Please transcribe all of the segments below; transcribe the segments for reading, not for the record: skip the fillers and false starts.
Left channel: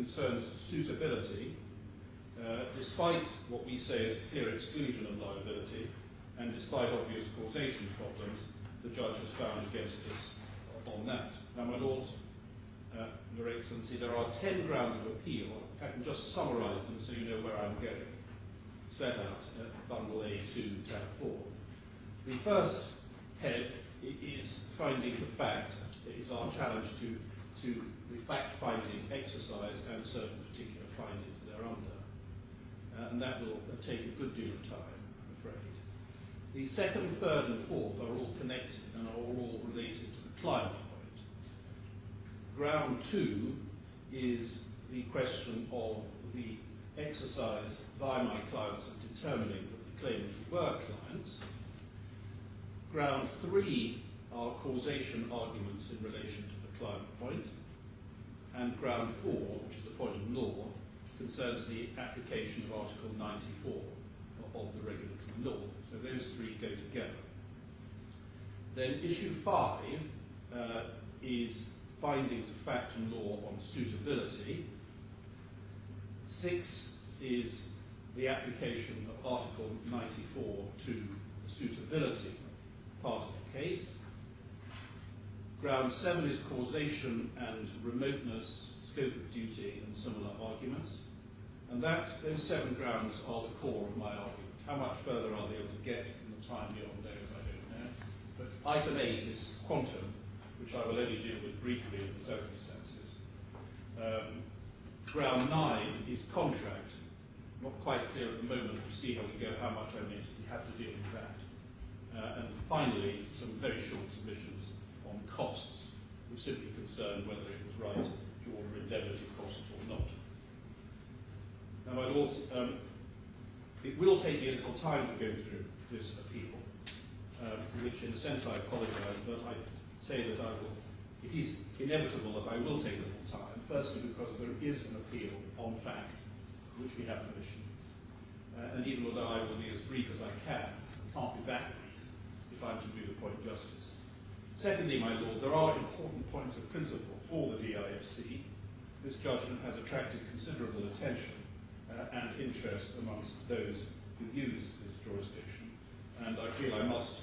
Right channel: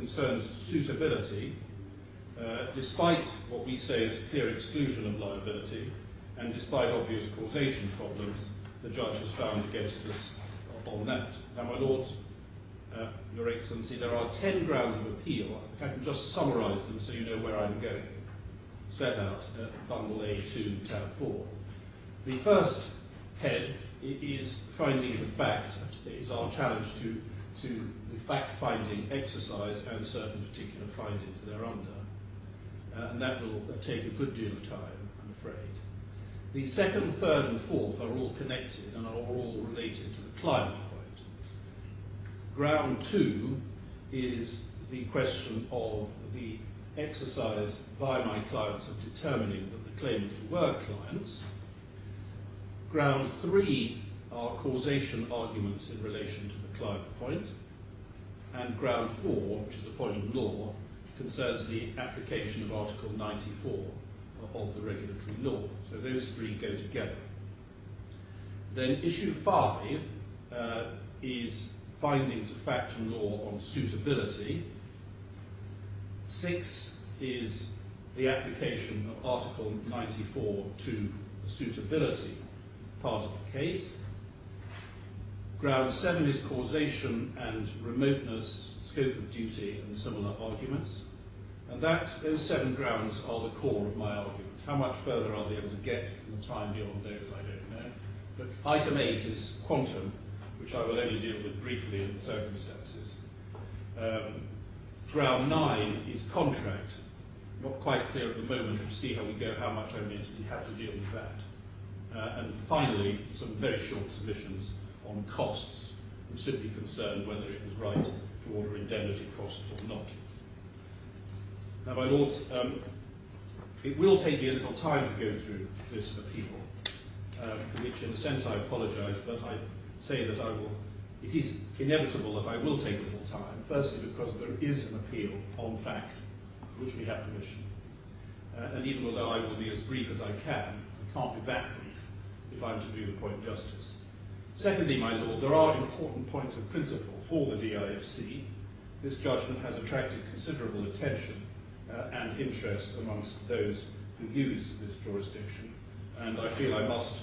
concerns suitability, despite what we say is clear exclusion of liability, and despite obvious causation problems, the judge has found against us on that. Now, my Lords, Your Excellency, there are 10 grounds of appeal. I can just summarise them so you know where I'm going. Set out at Bundle A2, Tab 4. The first head is findings of fact, is our challenge to the fact-finding exercise and certain particular findings thereunder. And that will take a good deal of time, I'm afraid. The second, third and fourth are all connected and are all related to the climate point. Ground 2 is the question of the exercise by my clients of determining that the claimants were clients. Ground 3 are causation arguments in relation to the climate point. And ground 4, which is a point of law, concerns the application of Article 94 of the regulatory law. So those three go together. Then issue 5 is findings of fact and law on suitability. 6 is the application of Article 94 to the suitability part of the case. Ground 7 is causation and remoteness, scope of duty and similar arguments. And those 7 grounds are the core of my argument. How much further I'll be able to get in the time beyond those, I don't know. But item 8 is quantum, which I will only deal with briefly in the circumstances. Ground 9 is contract. Not quite clear at the moment. We'll see how we go, how much I may have to deal with that. And finally, some very short submissions on costs, which simply concern whether it was right to order indemnity costs or not. Now, my Lords, it will take me a little time to go through this appeal, for which in a sense I apologise, but I say that it is inevitable that I will take a little time, firstly because there is an appeal on fact, for which we have permission. And even although I will be as brief as I can, I can't be that brief if I'm to do the point justice. Secondly, my Lord, there are important points of principle for the DIFC. This judgment has attracted considerable attention and interest amongst those who use this jurisdiction, and I feel I must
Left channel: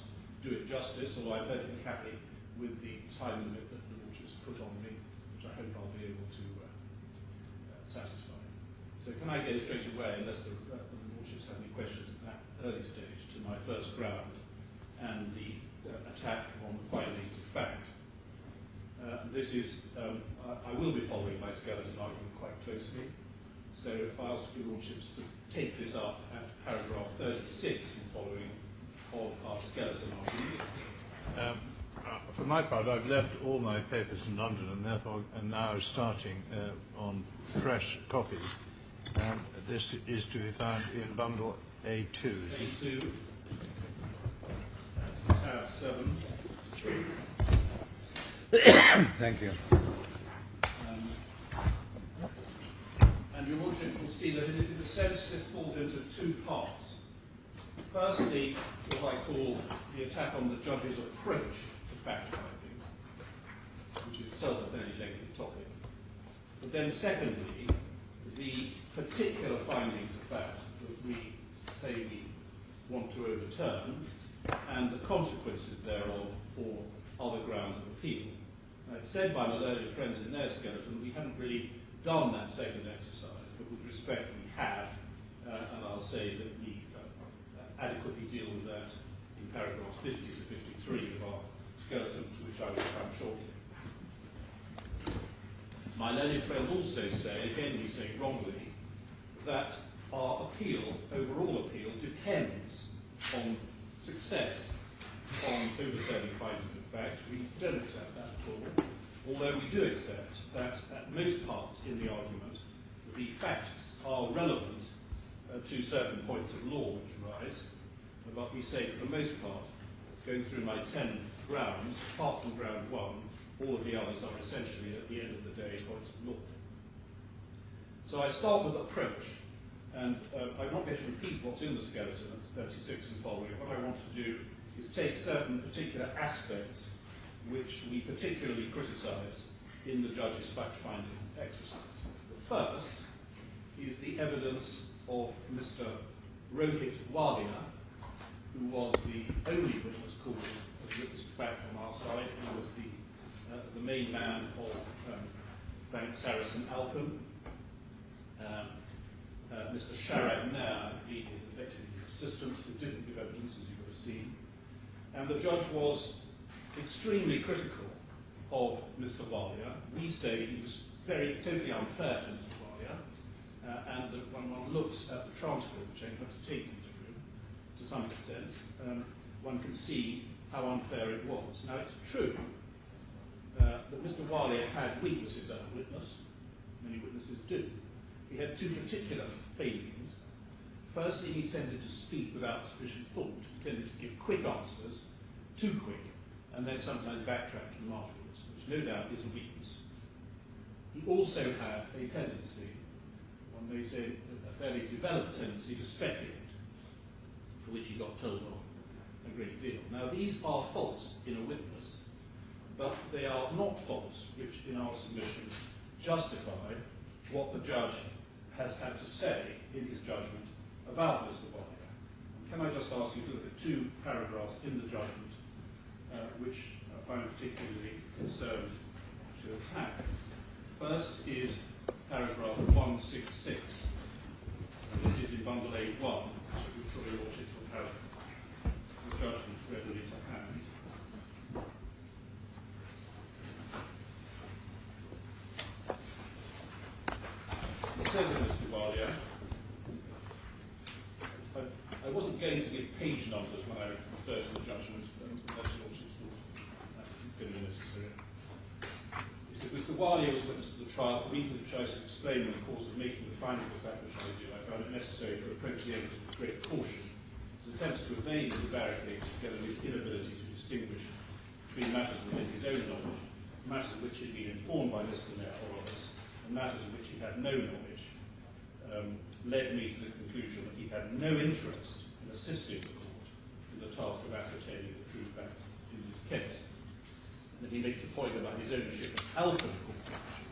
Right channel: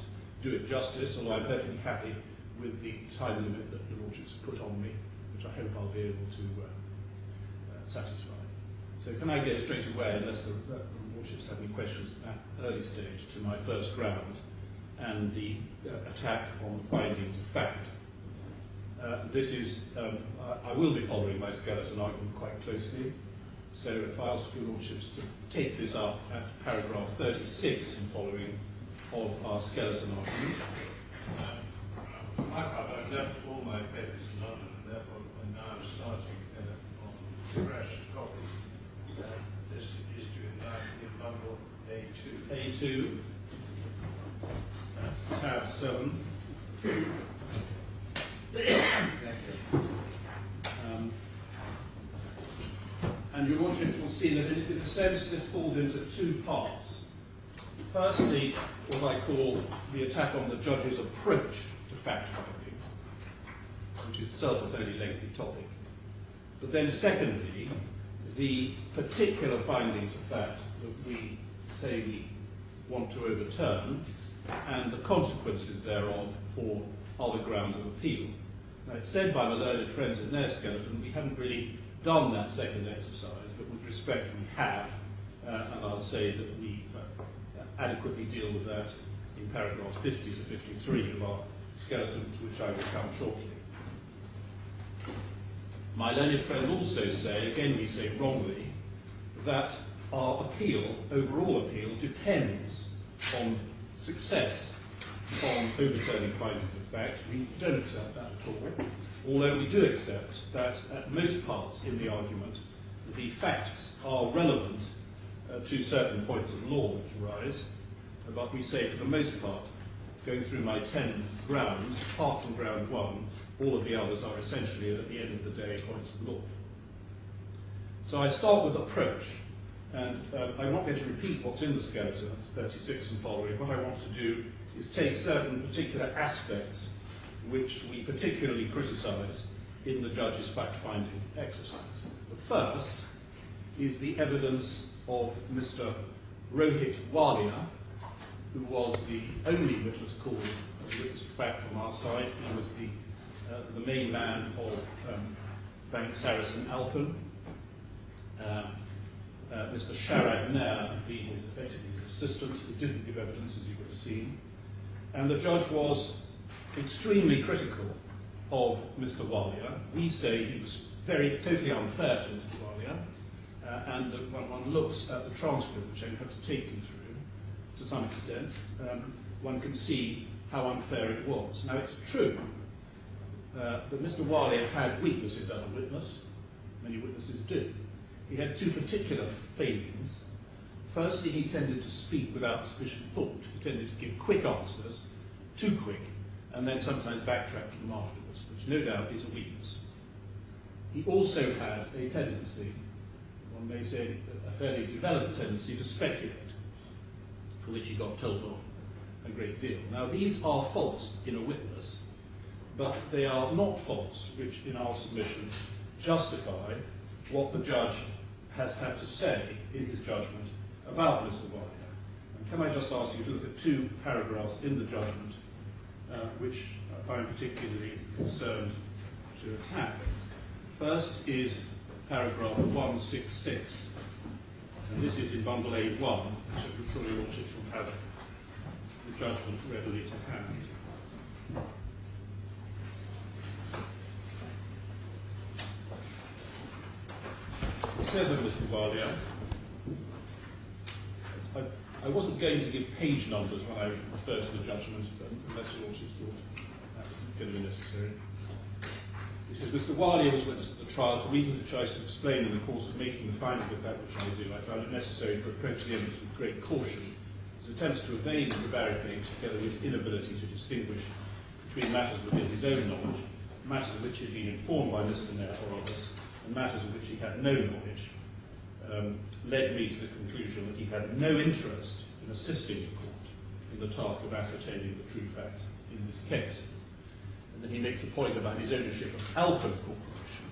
do it justice, although I'm perfectly happy with the time limit that the Lordships have put on me, which I hope I'll be able to satisfy. So can I go straight away, unless the Lordships have any questions at that early stage, to my first ground and the attack on the findings of fact. This is, I will be following my skeleton argument quite closely. So if I ask your Lordships to take this up at paragraph 36 and following of our skeleton argument. For my part, I've left all my papers in London and therefore am now starting on fresh copies. This is to be found in bundle A2. A2, that's tab 7. Thank you. And your Lordships will see that in a sense this falls into 2 parts. Firstly, what I call the attack on the judge's approach to fact-finding, which is itself a fairly lengthy topic. But then secondly, the particular findings of fact that we say we want to overturn and the consequences thereof for other grounds of appeal. Now, it's said by my learned friends in their skeleton we haven't really done that second exercise, but with respect we have, and I'll say that we adequately deal with that in paragraphs 50 to 53 of our skeleton, to which I will come shortly. My learned friends also say, again we say wrongly, that our appeal, overall appeal, depends on success on overturning findings of fact. We don't accept that at all, although we do accept that at most parts in the argument the facts are relevant to certain points of law which arise, but we say for the most part, going through my 10 grounds, apart from ground 1, all of the others are essentially at the end of the day points of law. So I start with approach, and I'm not going to repeat what's in the skeleton, it's 36 and following. What I want to do is take certain particular aspects which we particularly criticise in the judge's fact-finding exercise. The First is the evidence of Mr. Rohit Walia, who was the only witness called as a witness of fact on our side. He was the main man of Bank Sarasin-Alpen. Mr. Sharad Nair being effectively his assistant, who didn't give evidence, as you would have seen. And the judge was extremely critical of Mr. Walia. We say he was totally unfair to Mr. Walia, and that when one looks at the transcript, which I'm going to take you through to some extent, one can see how unfair it was. Now, it's true that Mr. Walia had weaknesses as a witness. Many witnesses do. He had two particular failings. Firstly, he tended to speak without sufficient thought. He tended to give quick answers, too quick, and then sometimes backtrack to them afterwards, which no doubt is a weakness. He also had a tendency, one may say a fairly developed tendency, to speculate, for which he got told off a great deal. Now, these are faults in a witness, but they are not faults which, in our submission, justify what the judge has had to say in his judgment about Mr. Walia. And can I just ask you to look at two paragraphs in the judgment which I'm particularly concerned to attack. First is paragraph 166, and this is in bundle A1, which I'm sure your lordships will have the judgment readily to hand. It says of Mr. Walia, I wasn't going to give page numbers when I referred to the judgment, unless your lordships thought that was going to be necessary. It says, Mr. Walia was witness to the trial for reasons which I shall explain in the course of making the findings of fact which I do. I found it necessary to approach the evidence with great caution. His attempts to evade the barricades, together with his inability to distinguish between matters within his own knowledge, matters of which he had been informed by Mr. Nair or others, and matters of which he had no knowledge, led me to the conclusion that he had no interest in assisting the court in the task of ascertaining the true facts in this case. And then he makes a point about his ownership of Alpen Corporation.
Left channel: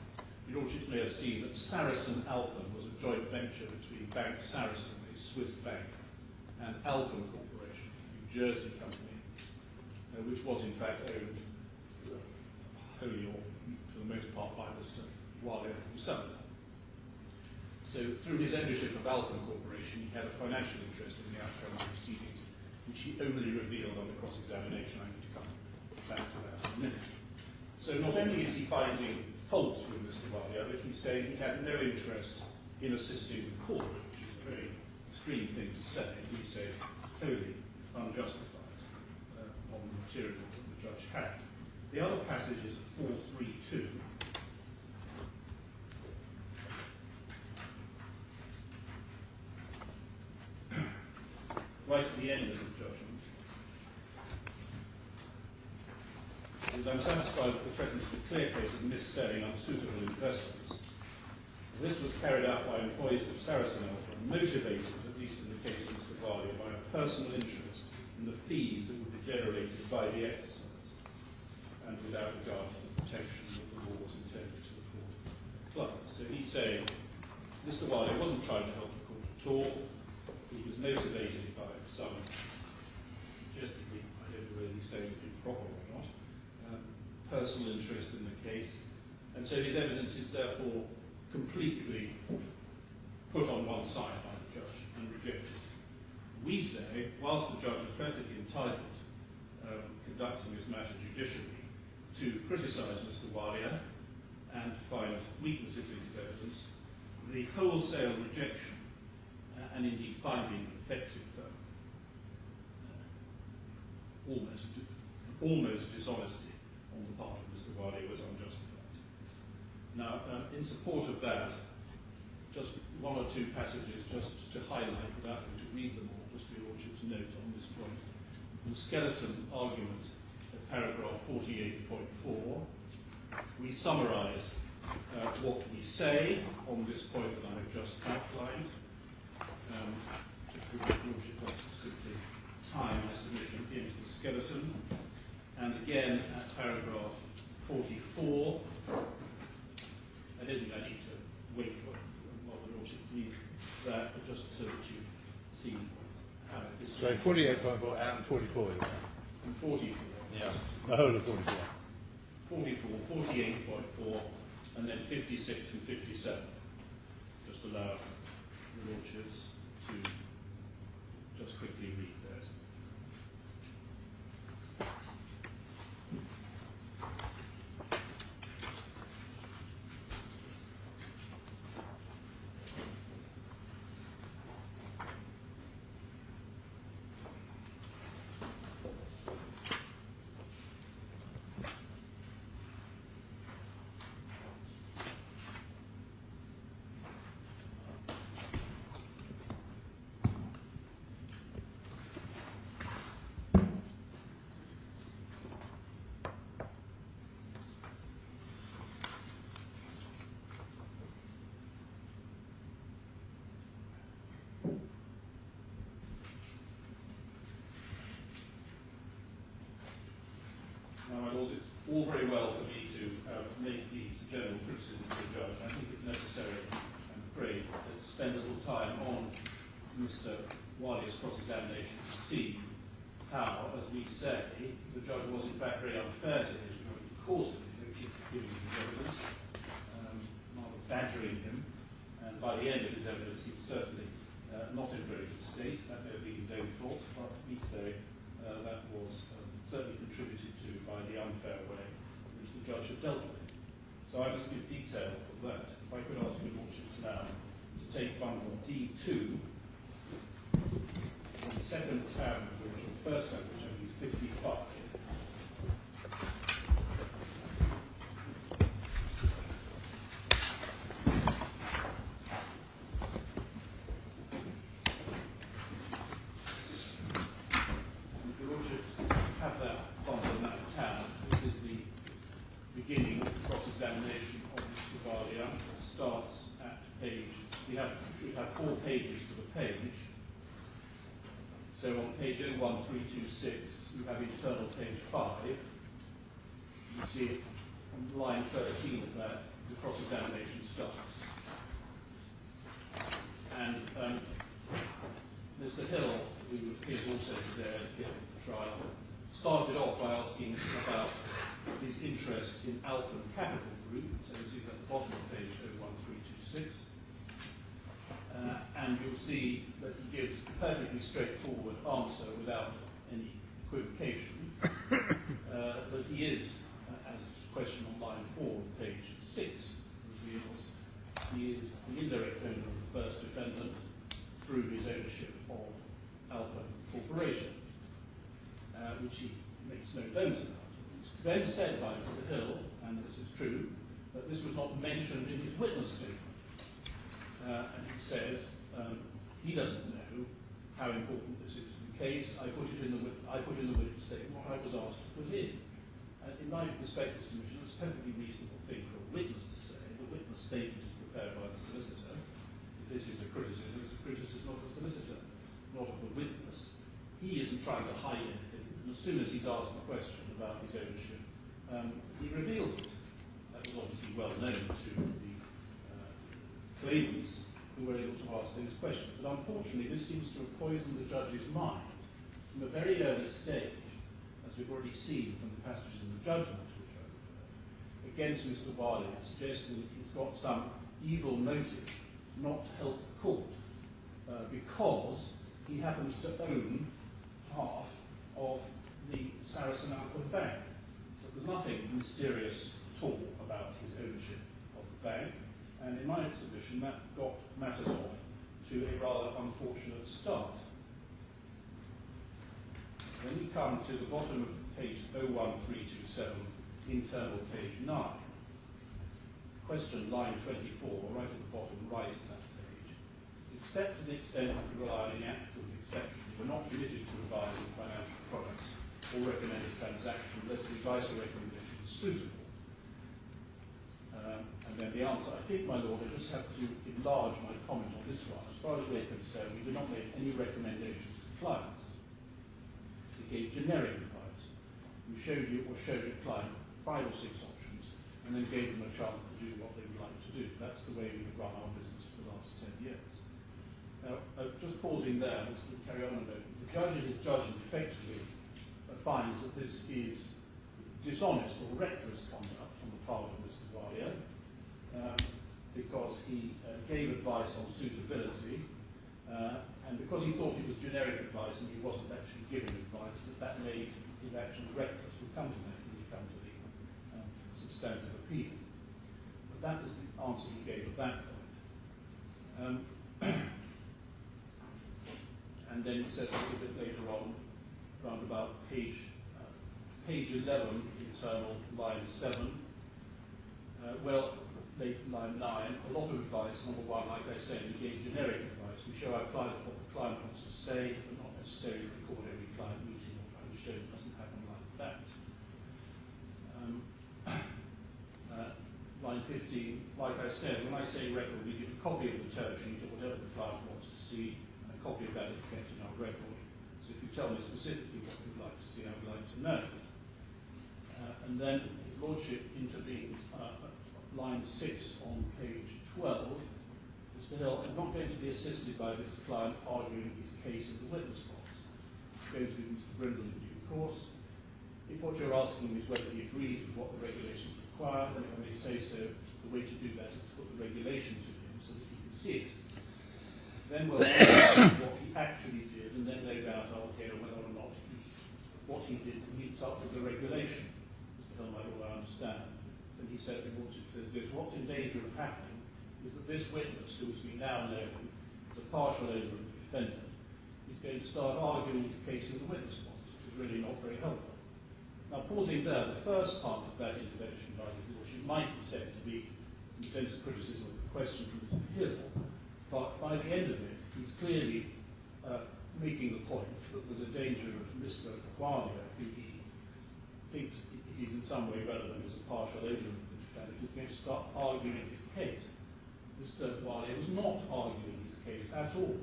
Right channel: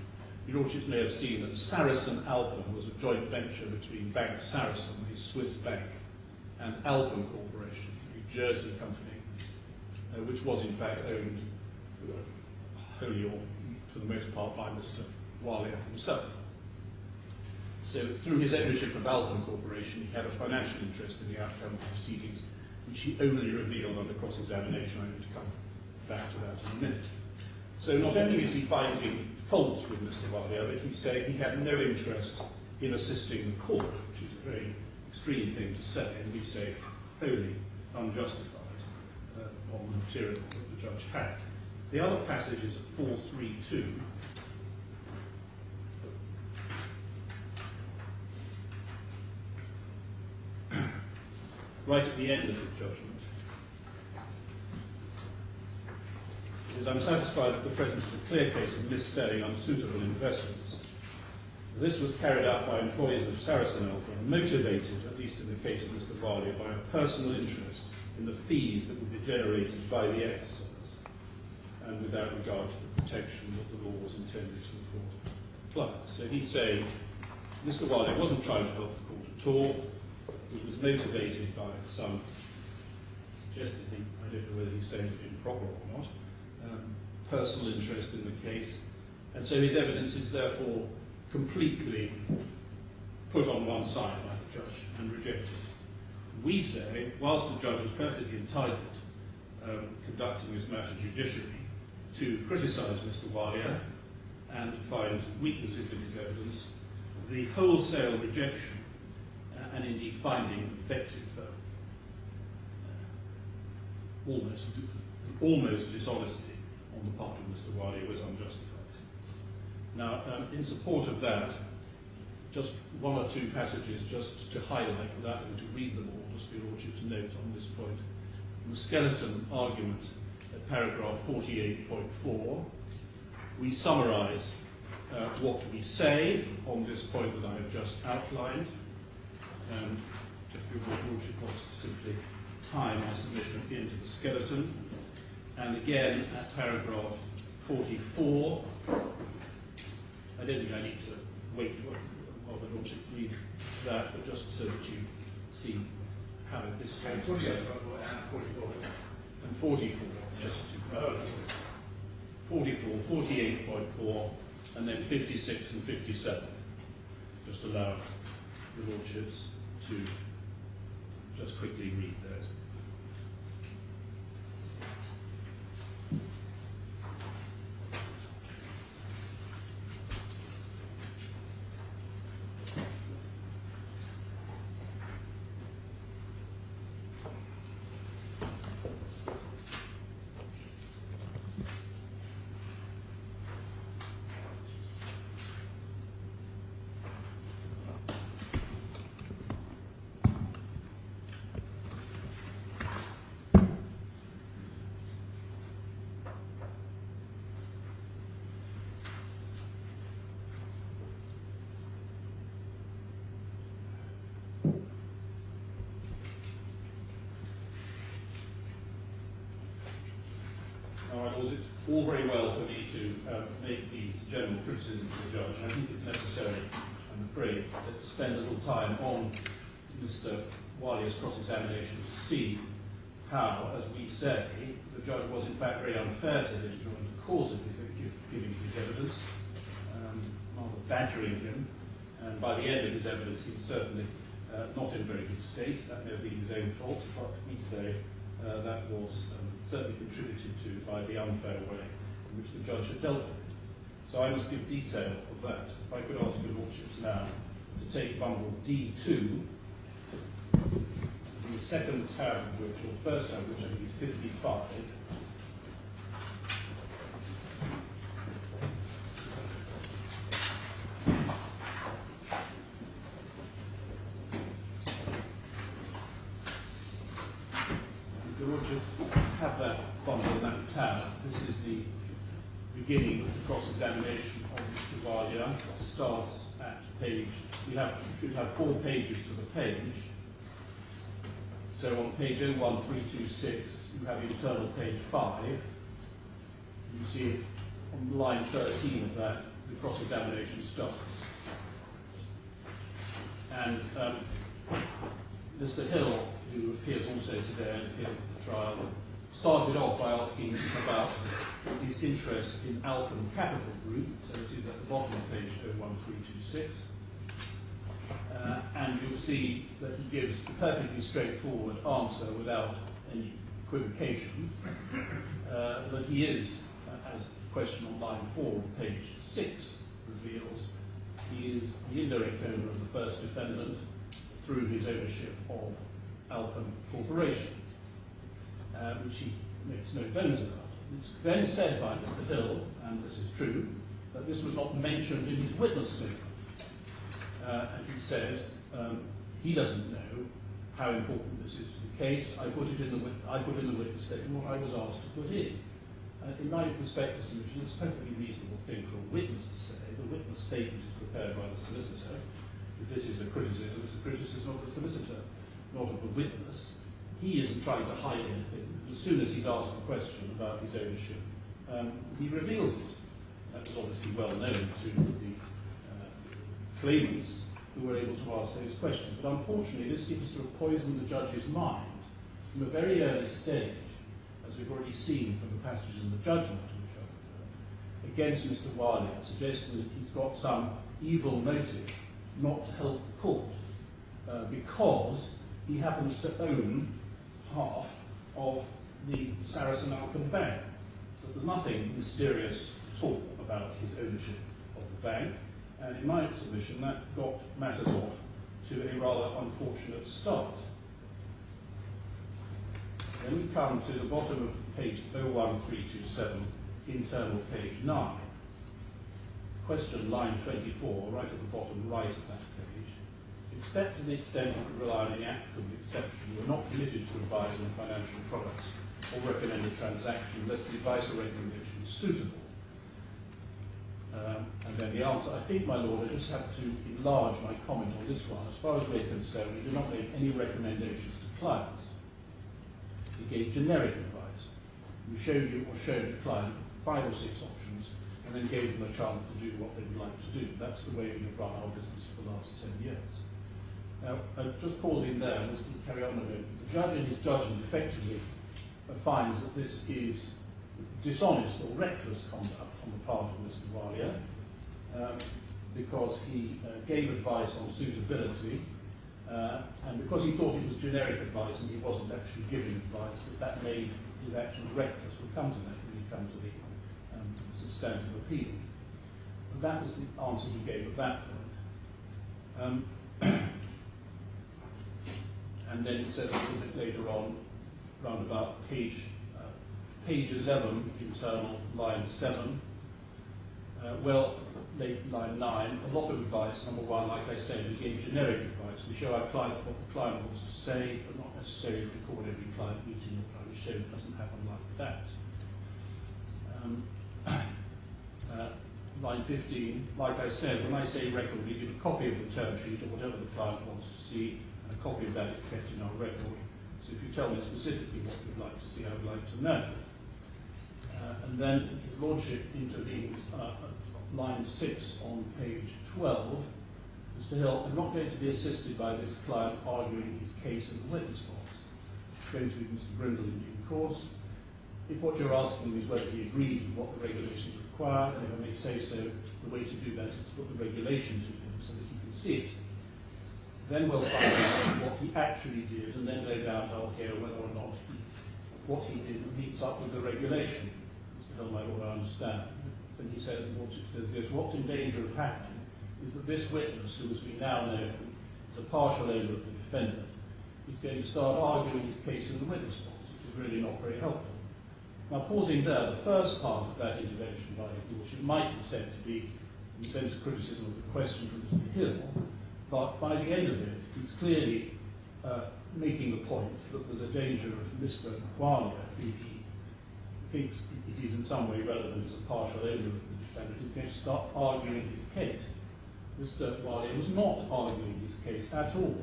Your lordships may have seen that Sarasin-Alpen was a joint venture between Bank Sarasin, a Swiss bank, and Alpen Corporation, a Jersey company, which was in fact owned wholly or for the most part by Mr. Walia himself. So through his ownership of Alpen Corporation, he had a financial interest in the outcome of the proceedings, which he only revealed under cross-examination. I'm going to come back to that in a minute. So not only is he finding faults with Mr. Walia, but he's saying he had no interest in assisting the court, which is a very extreme thing to say, and we say wholly unjustified on the material that the judge had. The other passage is at 432. Right at the end of his judgment. It says, I'm satisfied that the presence of a clear case of mis-selling unsuitable investments. This was carried out by employees of Sarasin-Alpen, motivated, at least in the case of Mr. Walia, by a personal interest in the fees that would be generated by the exercise, and without regard to the protection that the law was intended to afford clients. So he's saying Mr. Walia wasn't trying to help the court at all. He was motivated by some, suggestively, I don't know whether he's saying it improper or not, personal interest in the case, and so his evidence is therefore completely put on one side by the judge and rejected. We say, whilst the judge was perfectly entitled, conducting this matter judicially, to criticise Mr. Walia and to find weaknesses in his evidence, the wholesale rejection and indeed finding effective almost dishonesty on the part of Mr. Walia was unjustified. Now, in support of that, just one or two passages just to highlight, without having to read them all, just for your lordship's note on this point. In the skeleton argument at paragraph 48.4, we summarise what we say on this point that I have just outlined. If your lordship wants to simply tie my submission into the skeleton. And again, at paragraph 44, I don't think I need to wait while the Lordship read that, but just so that you see how this So 48.4 and 44. and 44. Yeah. Just The whole of 44. 44, 48.4, and then 56 and 57. Just allow the Lordships to just quickly read those. It's all very well for me to make these general criticisms of the judge. I think it's necessary, I'm afraid, to spend a little time on Mr. Walia's cross-examination to see how, as we say, the judge was in fact very unfair to him during the course of his giving his evidence, rather badgering him, and by the end of his evidence he was certainly not in very good state. That may have been his own fault, but we say that was certainly contributed to by the unfair way in which the judge had dealt with it. So I must give detail of that. If I could ask your Lordships now to take bundle D2, the second tab of which, or the first tab of which I think is 55. Have that bundle in that tab. This is the beginning of the cross-examination of Mr. Walia. It starts at page, we should have 4 pages to the page. So on page 01326, you have internal page 5. You see it on line 13 of that, the cross-examination starts. And Mr. Hill, who appears also today at the end of the trial, started off by asking about his interest in Alpen Capital Group, so this is at the bottom of page 01326, and you'll see that he gives a perfectly straightforward answer without any equivocation, that he is, as the question on line 4 of page 6 reveals, he is the indirect owner of the first defendant through his ownership of Alpen Corporation. Which he makes no bones about. It's then said by Mr. Hill, and this is true, that this was not mentioned in his witness statement. And he says he doesn't know how important this is to the case. I put in the witness statement what I was asked to put in. In my respect, the submission is a perfectly reasonable thing for a witness to say. The witness statement is prepared by the solicitor. If this is a criticism, it's a criticism of the solicitor, not of the witness. He isn't trying to hide anything. As soon as he's asked a question about his ownership, he reveals it. That was obviously well known to the claimants who were able to ask those questions. But unfortunately, this seems to have poisoned the judge's mind from a very early stage, as we've already seen from the passages in the judgment to which I refer, against Mr. Walia, suggesting that he's got some evil motive not to help the court because he happens to own half of the Sarasin-Alpen bank. So there's nothing mysterious at all about his ownership of the bank, and in my submission that got matters off to a rather unfortunate start. Then we come to the bottom of page 01327, internal page 9. Question line 24, right at the bottom right of that page. Except to the extent that we rely on any applicable exception, we're not permitted to advise on financial products or recommend a transaction unless the advice or recommendation is suitable. And then the answer, I think, my Lord, I just have to enlarge my comment on this one. As far as we're concerned, we do not make any recommendations to clients. We gave generic advice. We showed a client 5 or 6 options, and then gave them a chance to do what they would like to do. That's the way we have run our business for the last 10 years. Now, just pausing there, and let's carry on a minute. The judge in his judgment effectively finds that this is dishonest or reckless conduct on the part of Mr. Alia, because he gave advice on suitability, and because he thought it was generic advice and he wasn't actually giving advice, that made his actions reckless. We'll come to that when we come to the substantive appeal. But that was the answer he gave at that point. And then it says a little bit later on, round about page 11, internal, line 7. Line 9, a lot of advice. Number one, like I said, we gave generic advice. We show our clients what the client wants to say, but not necessarily record every client meeting or try to show it doesn't happen like that. Line 15, like I said, when I say record, we give a copy of the term sheet or whatever the client wants to see, and a copy of that is kept in our record. So if you tell me specifically what you'd like to see, I would like to know. And then His Lordship intervenes line 6 on page 12. Mr. Hill, I'm not going to be assisted by this client arguing his case in the witness box. It's going to be Mr. Brindle in due course. If what you're asking is whether he agrees with what the regulations require, and if I may say so, the way to do that is to put the regulation to him so that he can see it. Then we'll find out what he actually did, and then no doubt I'll hear whether or not what he did meets up with the regulation. Mr. Hill, my Lord, I understand. And he said, His Lordship says this, what's in danger of happening is that this witness, who as we now know is a partial owner of the defendant, is going to start arguing his case in the witness box, which is really not very helpful. Now, pausing there, the first part of that intervention by His Lordship might be said to be, in the sense of criticism of the question from Mr. Hill, but by the end of it, he's clearly making the point that there's a danger of Mr. Alia, who he thinks it is in some way relevant as a partial owner of the defendant, is going to start arguing his case. Mr. Alia was not arguing his case at all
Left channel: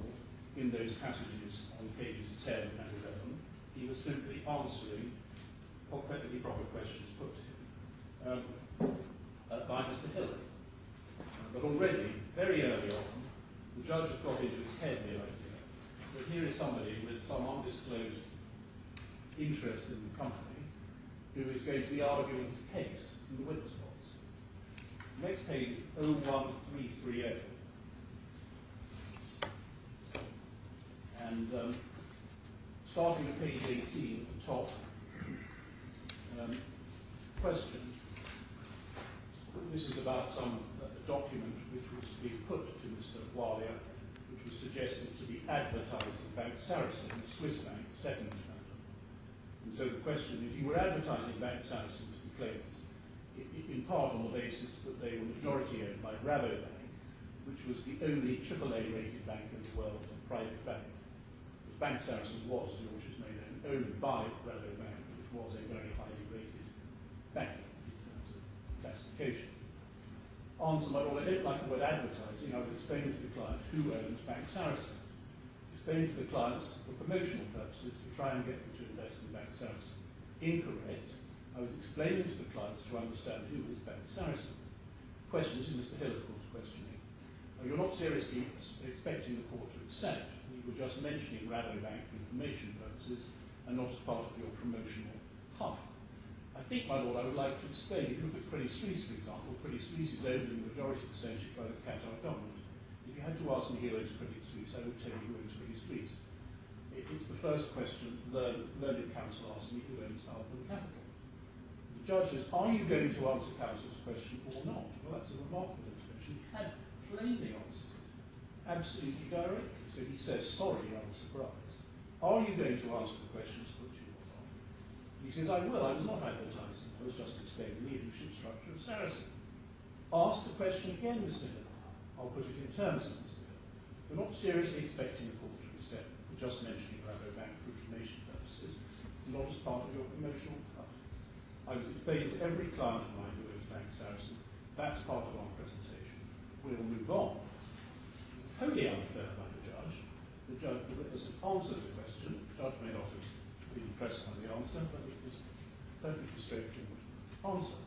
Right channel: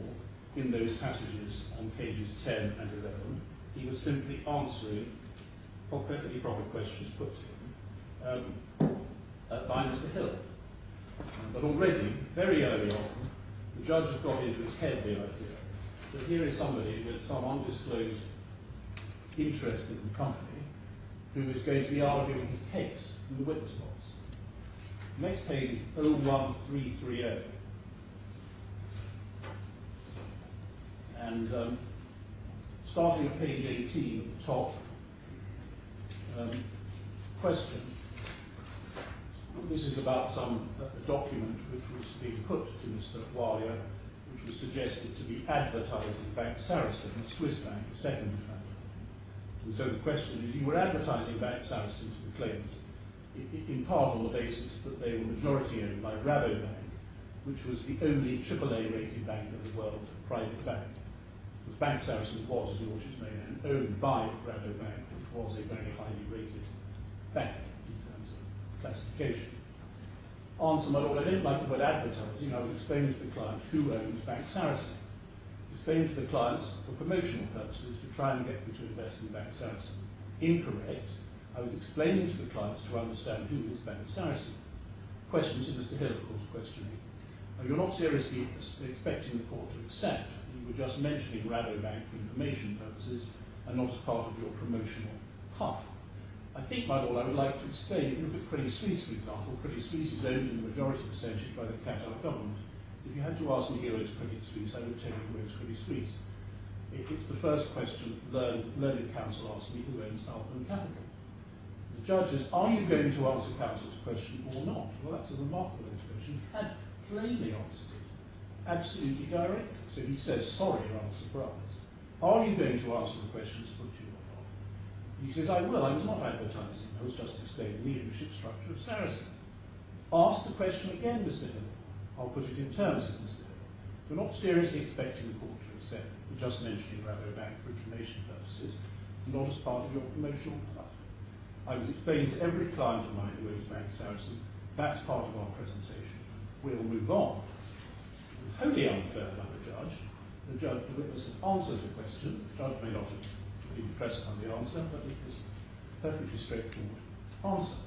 in those passages on pages 10 and 11. He was simply answering perfectly proper questions put to him by Mr. Hill. But already, very early on, the judge has got into his head the idea that here is somebody with some undisclosed interest in the company who is going to be arguing his case in the witness box. Next page is 01330. And starting at page 18 at the top, question. This is about a document which was being put to Mr. Alia, which was suggested to be advertising Bank Sarasin, a Swiss bank, the second defendant. And so the question is, you were advertising Bank Sarasin to the claimants, in part on the basis that they were majority owned by Rabobank, which was the only AAA rated bank in the world, a private bank. Because Bank Sarasin was, as you should know, owned by Rabobank, which was a very highly rated bank in terms of classification. Answer, my Lord, I don't like the word advertising. I was explaining to the client who owns Bank Sarasin. Explaining to the clients for promotional purposes to try and get them to invest in Bank Sarasin. Incorrect. I was explaining to the clients to understand who is Bank Sarasin. Questions in Mr. Hill, of course, questioning. You're not seriously expecting the court to accept. You were just mentioning Rabobank for information purposes and not as part of your promotional puff. I think, my Lord, I would like to explain, if you look at Credit Suisse, for example, Credit Suisse is owned in the majority percentage by the Qatar government. If you had to ask me who owns Credit Suisse, I would tell you who owns Credit Suisse. It's the first question learned counsel asked me, who owns Alpen Capital. The judge says, are you going to answer counsel's question or not? Well, that's a remarkable intervention. He had plainly answered it, absolutely directly. So he says, sorry, rather surprised. Are you going to answer the questions put to you or not? He says, I will. I was not advertising. I was just explaining the leadership structure of Sarasin. Ask the question again, Mr. Hill. I'll put it in terms, says Mr. Hill. You're not seriously expecting the court to accept. You're just mentioning Rabobank for information purposes, not as part of your promotional puff. I was explaining to every client of mine who owns Bank Sarasin, that's part of our presentation. We'll move on. Wholly unfair by the judge. The witness had answered the question. The judge may not have been impressed by the answer, but it was a perfectly straightforward answer.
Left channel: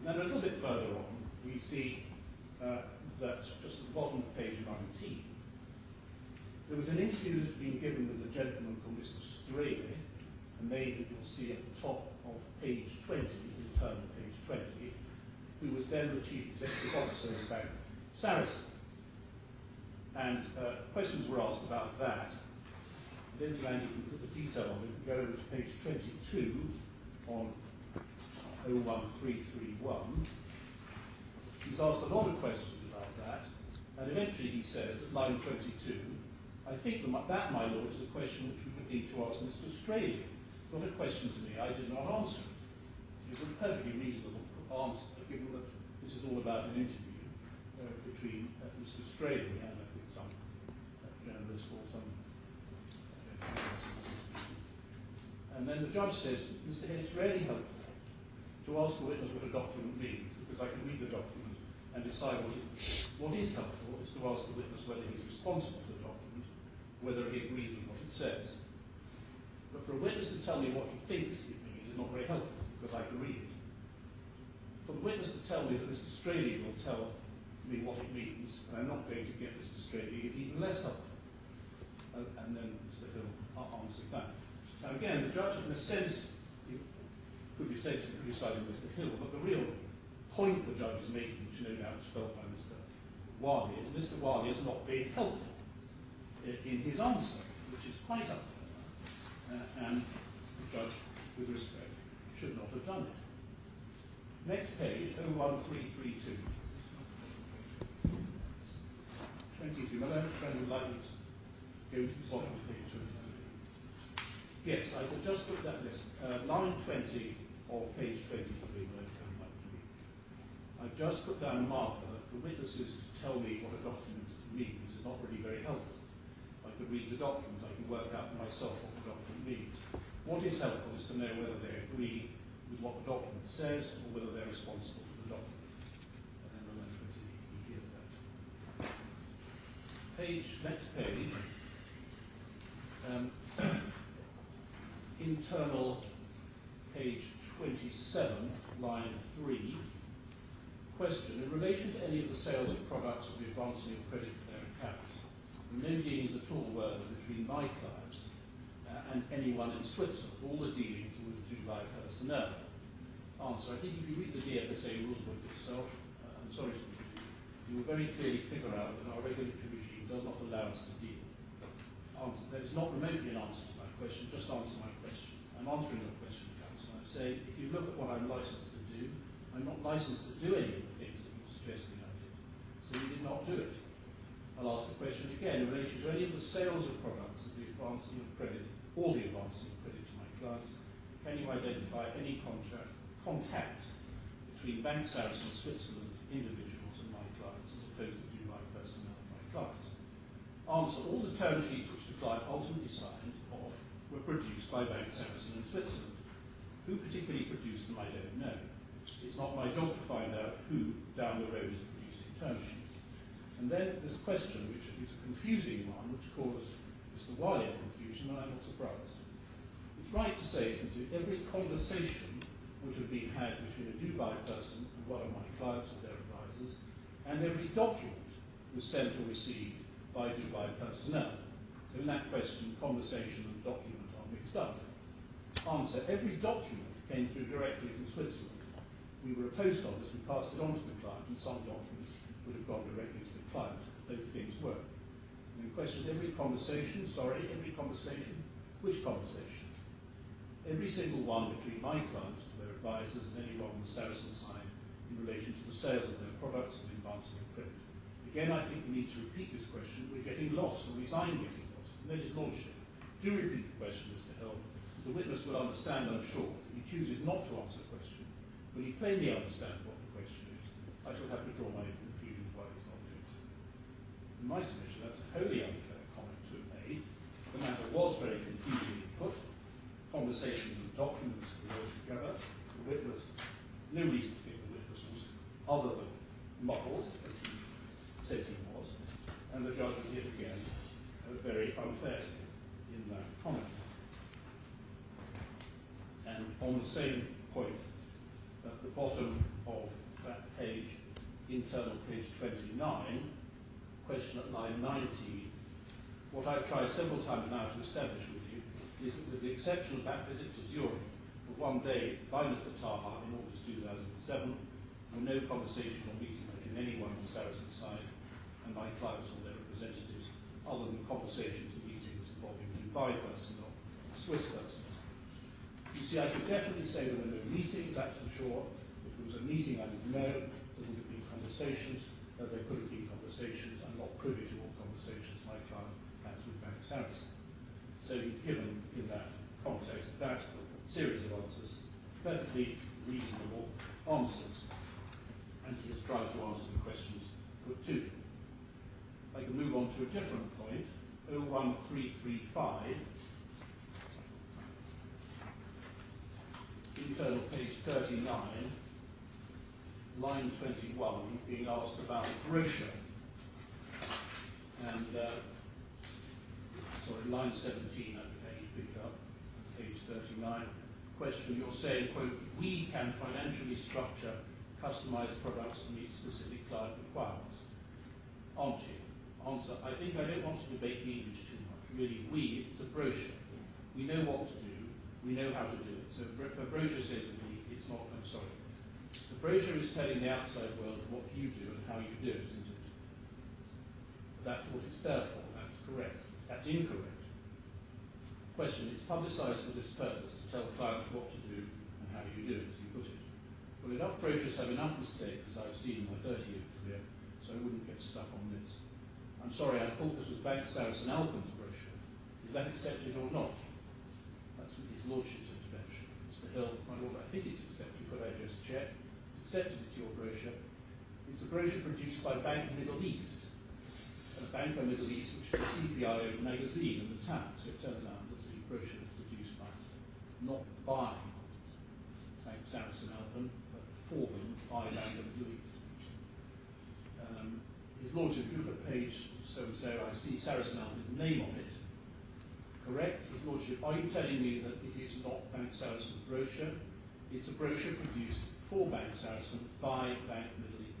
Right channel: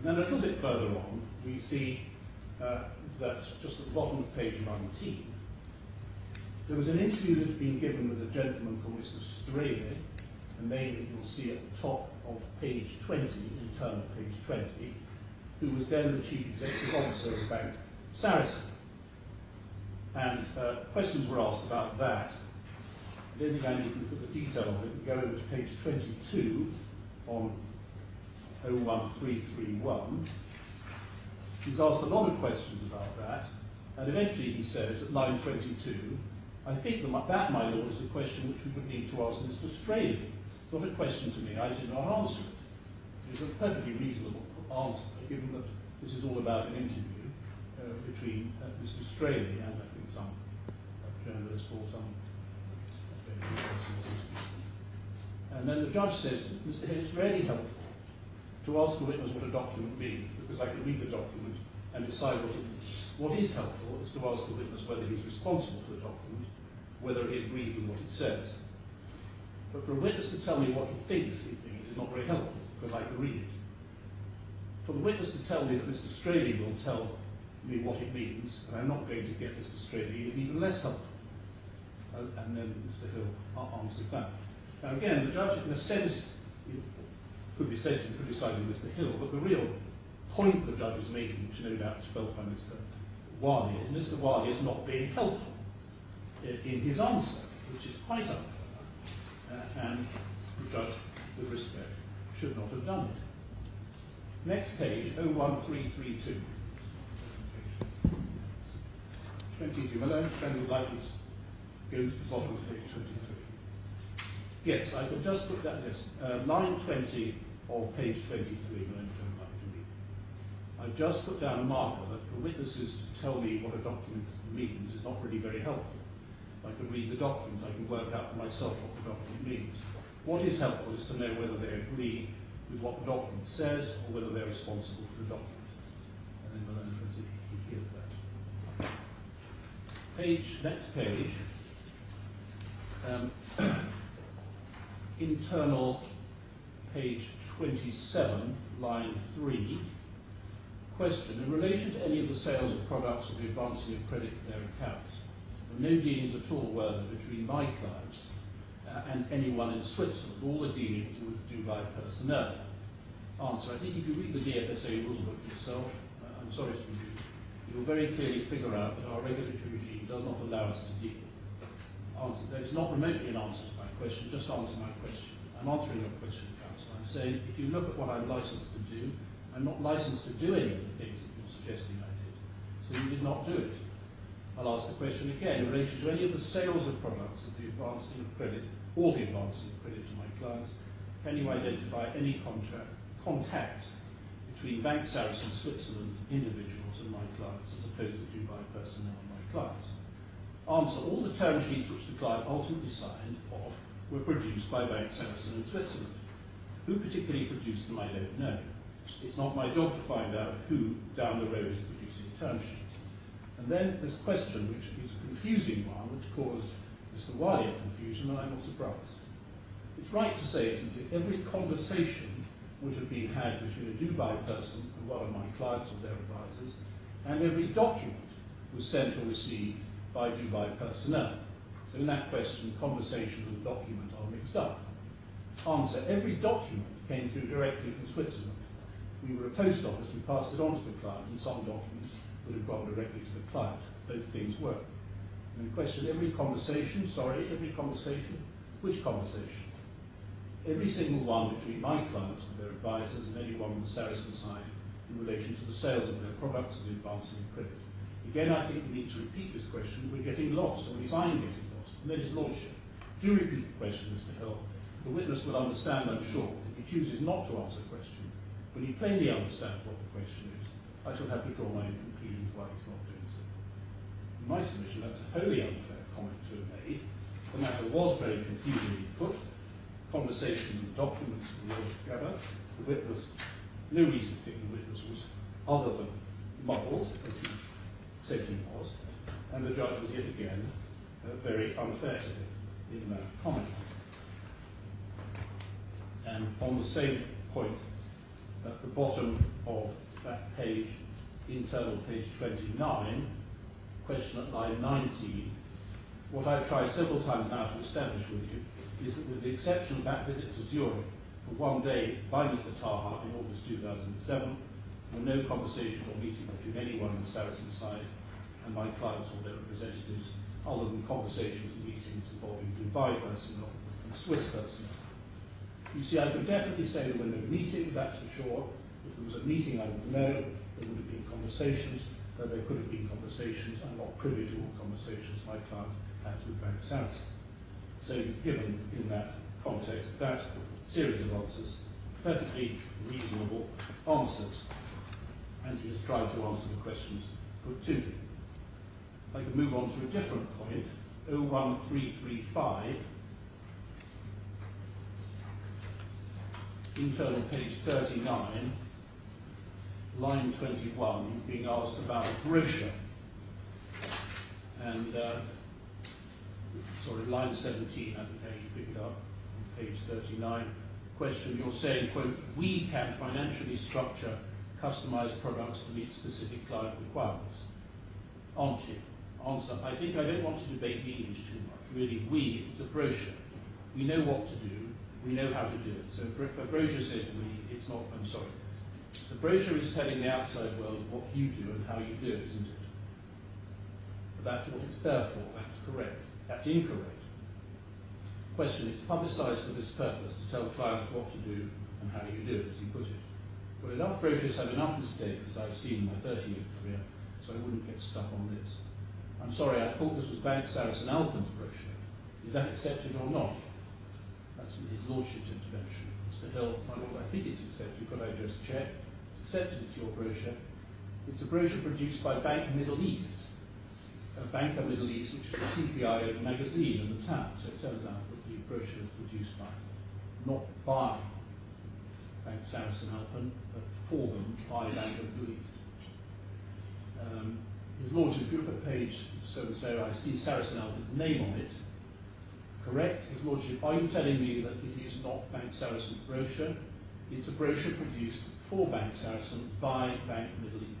And then a little bit further on, we see that just at the bottom of page 19, there was an interview that had been given with a gentleman called Mr. Straley, a name that you'll see at the top of page 20, internal page 20, who was then the Chief Executive Officer of the bank, Sarasin. And questions were asked about that. I don't think I need to put the detail of it. Go over to page 22 on 01331. He's asked a lot of questions about that, and eventually he says at line 22, I think that, my lord, is a question which we would need to ask Mr. Straley. Not a question to me, I did not answer it. It is a perfectly reasonable answer, given that this is all about an interview between Mr. Straley and I think some journalist or some and then the judge says, Mr. Hill, it's really helpful to ask the witness what a document means, because I can read the document and decide what it means. What is helpful is to ask the witness whether he's responsible for the document, whether he agrees with what it says. But for a witness to tell me what he thinks it means is not very helpful, because I can read it. For the witness to tell me that Mr. Straley will tell me what it means, and I'm not going to get Mr. Straley, is even less helpful. And then Mr. Hill answers that. Now again, the judge, in a sense, could be said to be criticising Mr. Hill, but the real point the judge is making, which no doubt is felt by Mr. Wali, is Mr. Wali is not being helpful in his answer, which is quite unfair, and the judge, with respect, should not have done it. Next page, 01332. 22. Malone, friend would like to go to the bottom of page 23. Yes, I could just put that, yes, line 20 of page 23, Malone, friend would like to read. I've just put down a marker that for witnesses to tell me what a document means is not really very helpful. I could read the document, I can work out for myself what the document means. What is helpful is to know whether they agree with what the document says or whether they're responsible for the document. And then Malone, friend, he hears that. Next page, internal page 27, line 3, question, in relation to any of the sales of products or the advancing of credit to their accounts, there were no dealings at all were there between my clients and anyone in Switzerland. All the dealings were with Dubai personnel. Answer, I think if you read the DFSA rulebook yourself, I'm sorry to read, you will very clearly figure out that our regulatory regime does not allow us to deal. Answer, that is not remotely an answer to my question, just answer my question. I'm answering your question, counsel. I'm saying, if you look at what I'm licensed to do, I'm not licensed to do any of the things that you're suggesting I did. So you did not do it. I'll ask the question again, in relation to any of the sales of products of the advancing of credit or the advancing of credit to my clients, can you identify any contact between Bank Sarasin Switzerland individuals and my clients as opposed to Dubai personnel and my clients? Answer, all the term sheets which the client ultimately signed off were produced by Bank Sarasin in Switzerland. Who particularly produced them, I don't know. It's not my job to find out who down the road is producing term sheets. And then this question, which is a confusing one, which caused Mr. Wiley a confusion, and I'm not surprised. It's right to say, isn't it, every conversation would have been had between a Dubai person and one of my clients or their advisors, and every document was sent or received by Dubai personnel. So in that question, conversation and document are mixed up. Answer, every document came through directly from Switzerland. We were a post office, we passed it on to the client, and some documents would have gone directly to the client. Both things work. And in question, every conversation, which conversation? Every single one between my clients and their advisors and anyone on the Sarasin side in relation to the sales of their products and the advancing of credit. Again, I think we need to repeat this question. We're getting lost, or at least I'm getting lost. And then his lordship. Do repeat the question, Mr. Hill. The witness will understand, I'm sure, if he chooses not to answer the question. When he plainly understands what the question is, I shall have to draw my conclusions why he's not doing so. In my submission, that's a wholly unfair comment to have made. The matter was very confusingly put. Conversation and documents were together. The witness, no reason to think the witness was other than muddled, as he says he was, and the judge was yet again very unfair to him in that comment. And on the same point, at the bottom of that page, internal page 29, question at line 19, what I've tried several times now to establish with you is that with the exception of that visit to Zurich for one day by Mr. Taha in August 2007, there were no conversations or meetings between anyone on the Saracen side and my clients or their representatives, other than conversations and meetings involving Dubai personnel and Swiss personnel. You see, I could definitely say there were no meetings, that's for sure. If there was a meeting, I would know. There would have been conversations. There could have been conversations. I'm not privy to all conversations my client has with Bank Saracen. So he's given, in that context, that series of answers, perfectly reasonable answers. And he has tried to answer the questions put to him. I can move on to a different point, 01335, internal page 39, line 21, he's being asked about a brochure. And, sorry, line 17, I think how you pick it up, on page 39. Question, you're saying, quote, we can financially structure customized products to meet specific client requirements. Aren't you? Answer, I think I don't want to debate the English too much. Really, it's a brochure. We know what to do. We know how to do it. So if a brochure says we, it's not, I'm sorry. The brochure is telling the outside world what you do and how you do it, isn't it? But that's what it's there for. That's correct. That's incorrect. Question, it's publicised for this purpose, to tell clients what to do and how you do it, as you put it. Well, enough brochures have enough mistakes, as I've seen in my 30-year career, so I wouldn't get stuck on this. I'm sorry, I thought this was Bank Sarasin-Alpen's brochure. Is that accepted or not? That's his lordship's intervention. Mr. Hill, my lord, I think it's accepted. Could I just check? It's accepted, it's your brochure. It's a brochure produced by Bank Middle East. Banker Middle East, which is a CPI magazine in the town. So it turns out that the brochure is produced by, not by Bank Sarasin-Alpen, but for them by Banker Middle East. His Lordship, if you look at page so-and-so, I see Sarasin-Alpen's name on it. Correct? His Lordship, are you telling me that it is not Bank Saracen's brochure? It's a brochure produced for Bank Saracen by Bank of Middle East.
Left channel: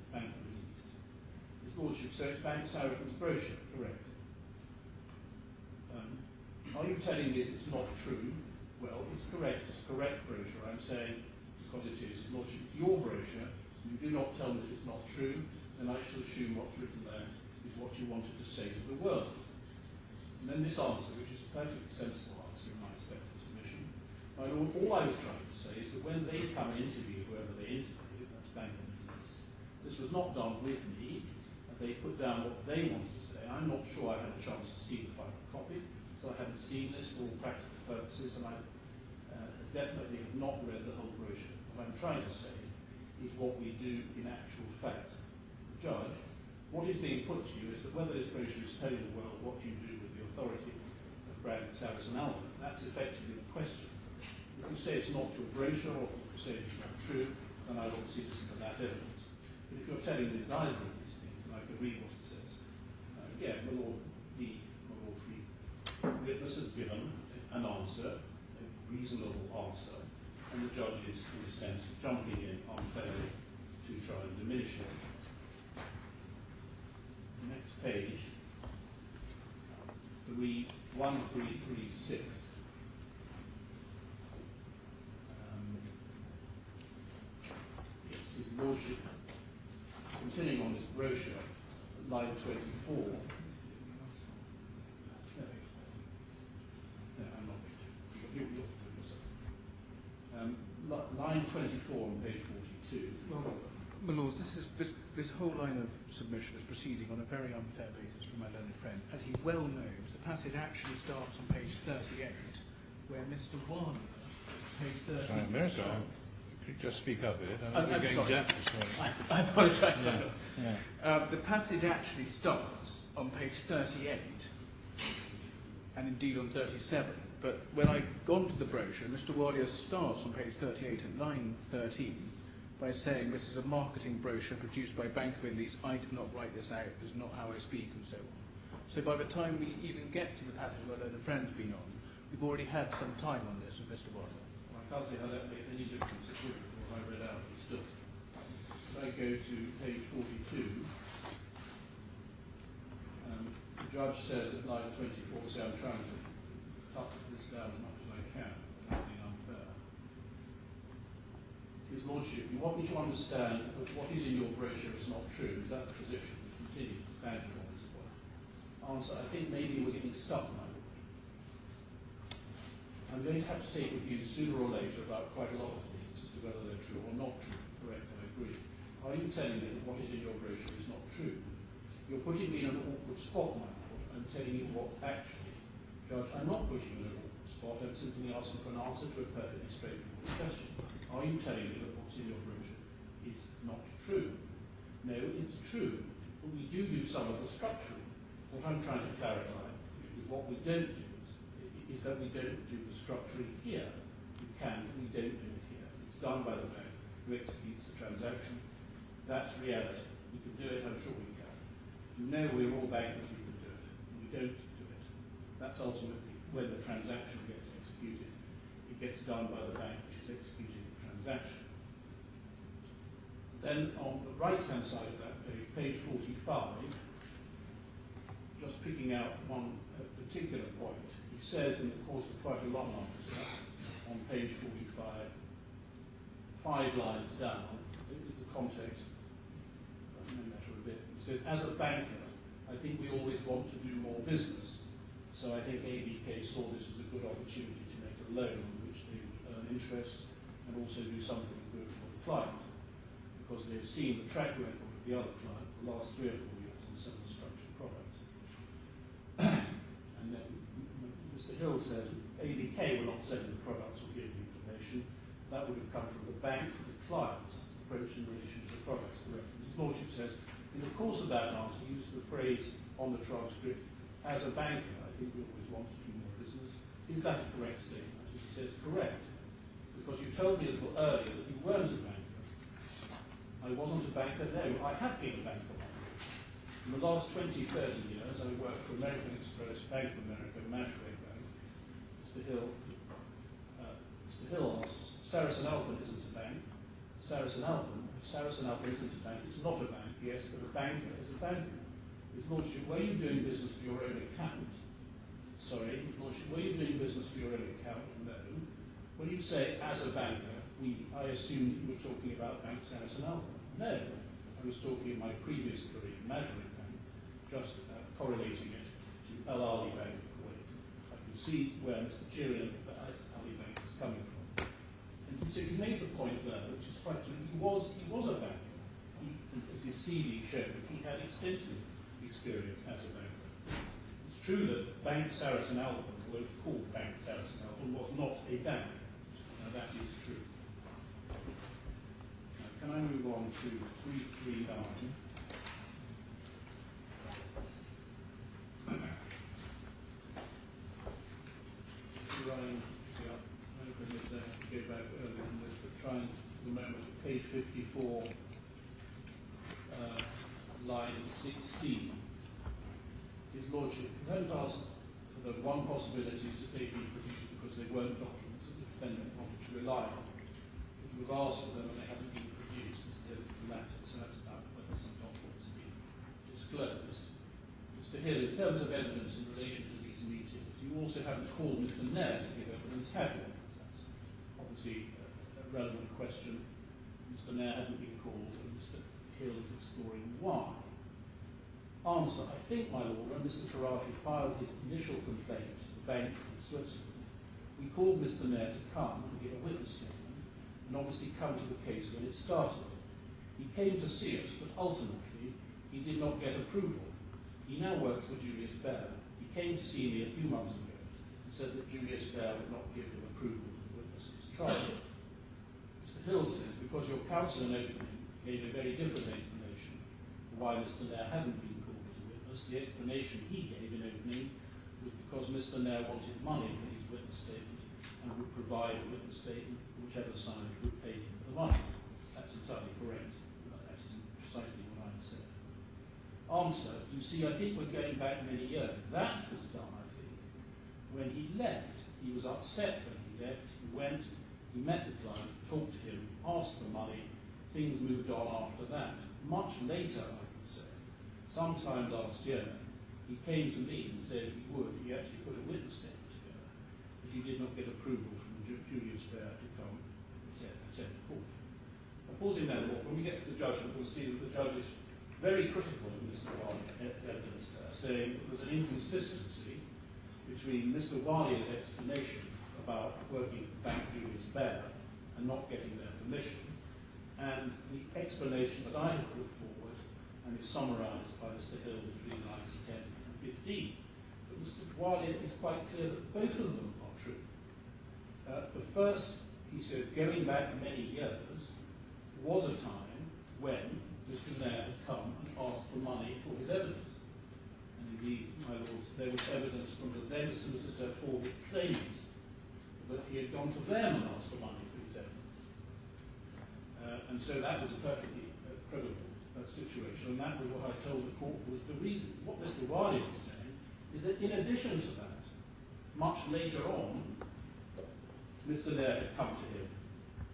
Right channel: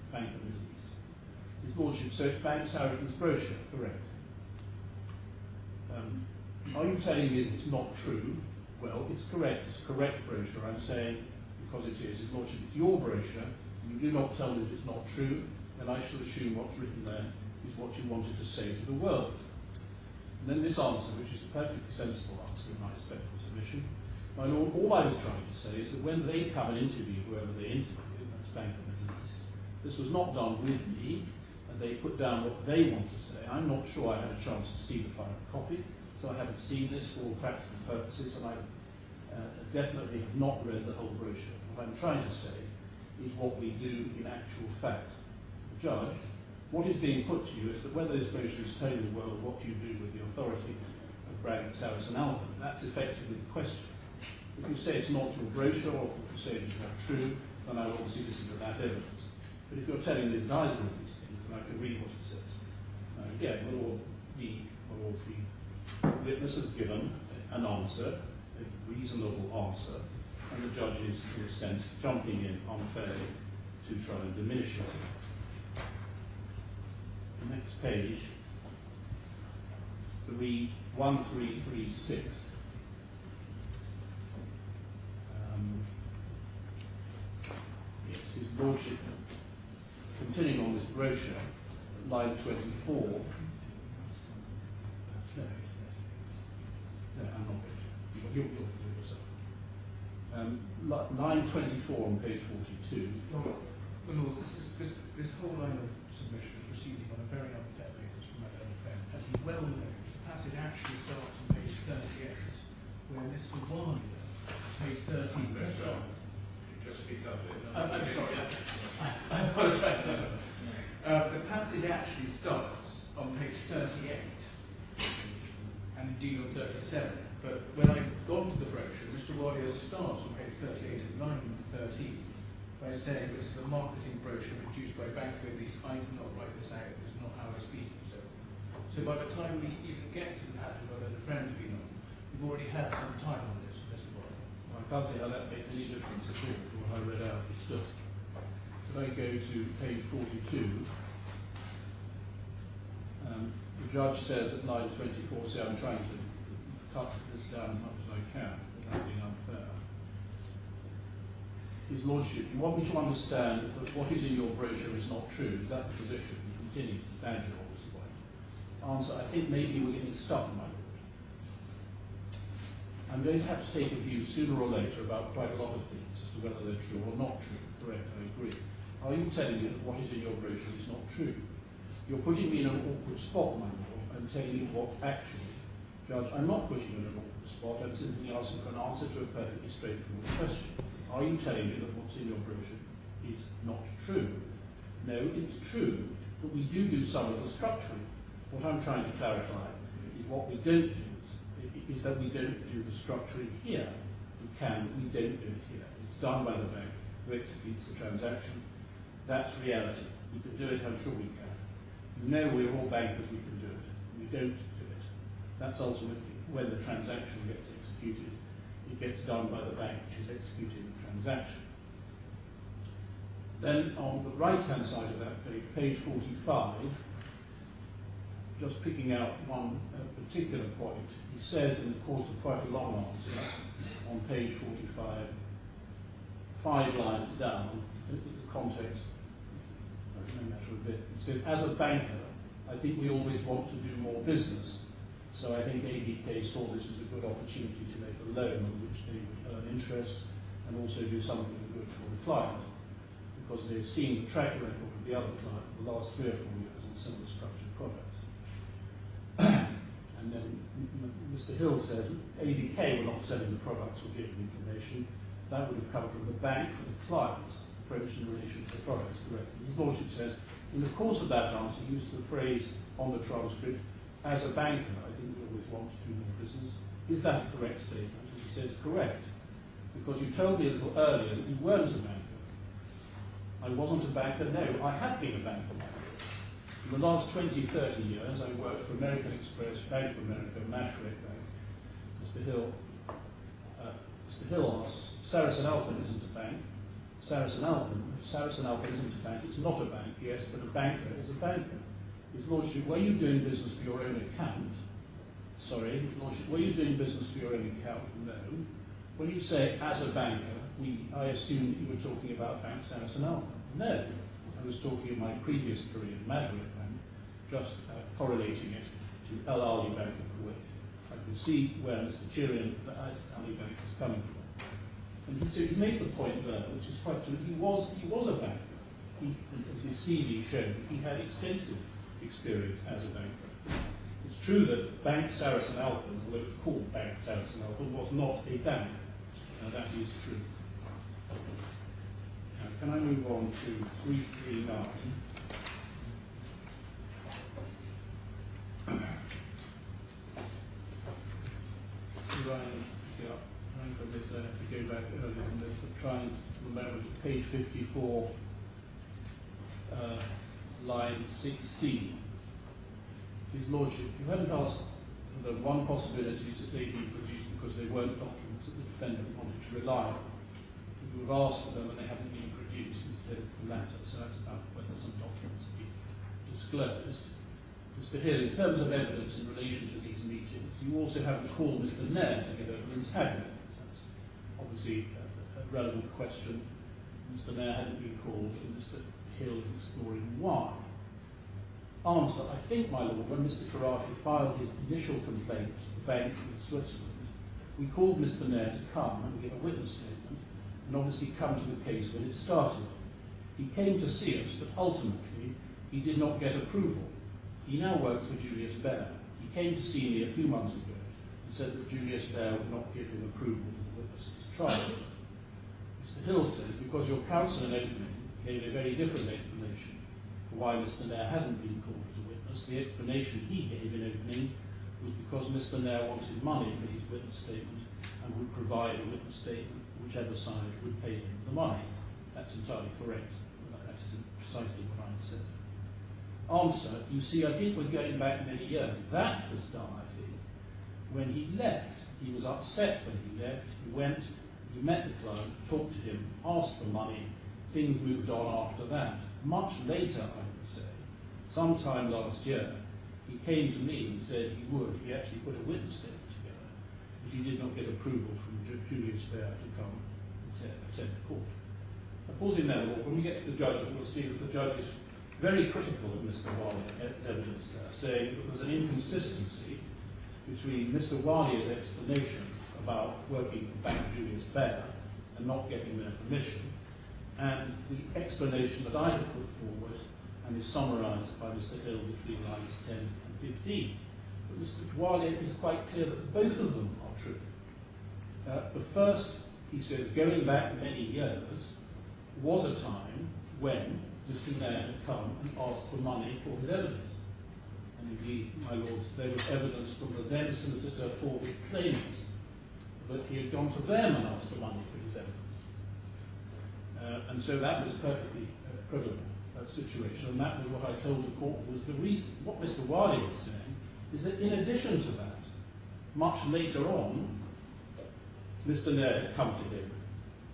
His Lordship, so it's Bank Saracen's brochure, correct? Are you telling me that it's not true? Well, it's correct. It's a correct brochure. I'm saying, because it is, His Lordship, it's your brochure. You do not tell me that it's not true, then I shall assume what's written there is what you wanted to say to the world. And then this answer, which is a perfectly sensible answer in my respectful submission. My Lord, all I was trying to say is that when they come and interview whoever they interview, that's Bank of Middle East, this was not done with me, and they put down what they want to say. I'm not sure I had a chance to see the final copy, so I haven't seen this for all practical purposes, and I definitely have not read the whole brochure. What I'm trying to say is what we do in actual fact. The judge, what is being put to you is that whether this brochure is telling the world what you do with the authority of Bank Sarasin-Alpen, that's effectively the question. If you say it's not your brochure, or if you say it's not true, then I will obviously listen to that evidence. But if you're telling me that either of these things, then I can read what it says. Again, my Lord, the witness has given an answer, a reasonable answer, and the judge is, in a sense, jumping in unfairly to try and diminish it. The next page, 1336. Yes, His Lordship, continuing on this brochure, line 24. No, I'm not going to. You'll do it yourself. Line 24 on page 42. Well, my lords, this whole line of submission is proceeding on a very unfair basis from my learned friend. As he well knows, the passage actually starts on page 38, where Mr. Walia, page 13. I'm sorry. Just speak up a bit. I'm sorry. I apologise. The passage actually starts on page 38, and indeed on 37. But when I've gone to the brochure, Mr. Walia starts on page 38 at line 13 by saying this is a marketing brochure produced by Bank of Middle East. I did not write this out. It's not how I speak, and so on. So by the time we even get to the passage where the friend's been on, we've already had some time on this with Mr. Walia. Well, I can't see how that makes any difference at all. what I read out. It's just, if I go to page 42, the judge says at line 24, see, I'm trying to cut this down as much as I can without being unfair. His Lordship, you want me to understand that what is in your brochure is not true? Is that the position? You continue to badger on this point. Answer, I think maybe we're getting stuck, my Lord. I'm going to have to take a view sooner or later about quite a lot of things as to whether they're true or not true. Correct, I agree. Are you telling me that what is in your brochure is not true? You're putting me in an awkward spot, my Lord. I'm telling you what actually. Judge, I'm not putting you in an awkward spot. I'm simply asking for an answer to a perfectly straightforward question. Are you telling me that what's in your brochure is not true? No, it's true, but we do some of the structuring. What I'm trying to clarify is what we don't do is that we don't do the structuring here. We can, but we don't do it here. It's done by the bank who executes the transaction. That's reality. We can do it, I'm sure we can. You know we're all bankers, we can do it. We don't do it. That's ultimately when the transaction gets executed. It gets done by the bank which is executing the transaction. Then on the right-hand side of that page, page 45, just picking out one particular point, he says in the course of quite a long answer, on page 45, 5 lines down, the context no matter a bit. He says, as a banker, I think we always want to do more business. So I think ABK saw this as a good opportunity to make a loan on which they would earn interest and also do something good for the client, because they've seen the track record of the other client for the last 3 or 4 years on similar structured products. And then Mr. Hill says, ABK were not selling the products or giving information. That would have come from the bank for the client's approach in relation to the products, correct? His Lordship says, in the course of that answer, he used the phrase on the transcript, as a banker, I think we always want to do more business. Is that a correct statement? And he says, correct. Because you told me a little earlier that you weren't a banker. I wasn't a banker, no, I have been a banker, my Lord. In the last 20, 30 years, I worked for American Express, Bank of America, Mohsen Bank. Mr. Hill asks, Sarasin-Alpen isn't a bank. Sarasin-Alpen isn't a bank, it's not a bank, yes, but a banker is a banker. His Lordship, were you doing business for your own account? Sorry, His Lordship, were you doing business for your own account? No. When you say as a banker, I assumed you were talking about Bank Sarasin-Alpen. No. I was talking of my previous career in Mohsen Bank, just correlating it to Alia Bank of Kuwait. I could see where Mr. Chirian of the Alia Bank is coming from. And so he made the point there, which is quite true. He was a banker. As his CV showed, he had extensive experience as a banker. It's true that Bank Sarasin-Alpen, although it's called Bank Sarasin-Alpen, was not a bank. That is true. Now, can I move on to 339? Trying for this, I have to go back earlier than this, but trying for the moment at page 54, line 16. His Lordship, you hadn't asked for the one possibility that they'd been produced because they weren't documents that the defendant wanted to rely on. You have asked for them and they haven't been produced. Instead, it's the latter. So that's about whether some documents have been disclosed. Mr. Hill, in terms of evidence in relation to these meetings, you also haven't called Mr. Nair to give evidence, have you? That's obviously a relevant question. Mr. Nair hadn't been called, and Mr. Hill is exploring why. Answer, I think, my Lord, when Mr. Khorafi filed his initial complaint to the bank in Switzerland, we called Mr. Nair to come and give a witness statement and obviously come to the case when it started. He came to see us, but ultimately he did not get approval. He now works for Julius Baer. He came to see me a few months ago and said that Julius Baer would not give him approval to the witness of his trial. Mr. Hill says, because your counsel in opening gave a very different explanation for why Mr. Nair hasn't been called as a witness, the explanation he gave in opening was because Mr. Nair wanted money for his witness statement and would provide a witness statement for whichever side would pay him the money. That's entirely correct. That is precisely what I said. Answer, you see, I think we're going back many years. That was done, I think, when he left. He was upset when he left. He went, He met the client, talked to him, asked for money, things moved on after that. Much later, I would say, sometime last year, he came to me and said he would. He actually put a witness statement together, but he did not get approval from Julius Baer to come attend court. Pausing there, when we get to the judgment, we'll see that the judge is very critical of Mr. Wali's evidence there, saying that there's an inconsistency between Mr. Wali's explanation about working for Bank Julius Baer and not getting their permission, and the explanation that I have put forward and is summarised by Mr. Hill between lines 10 and 15. But Mr. Wali is quite clear that both of them are true. The first, he says, going back many years, was a time when Mr. Nair had come and asked for money for his evidence. And indeed, my lords, there was evidence from the then solicitor for the claimants that he had gone to them and asked for money for his evidence. And so that was a perfectly credible situation, and that was what I told the court was the reason. What Mr. Wali was saying is that in addition to that, much later on, Mr. Nair had come to him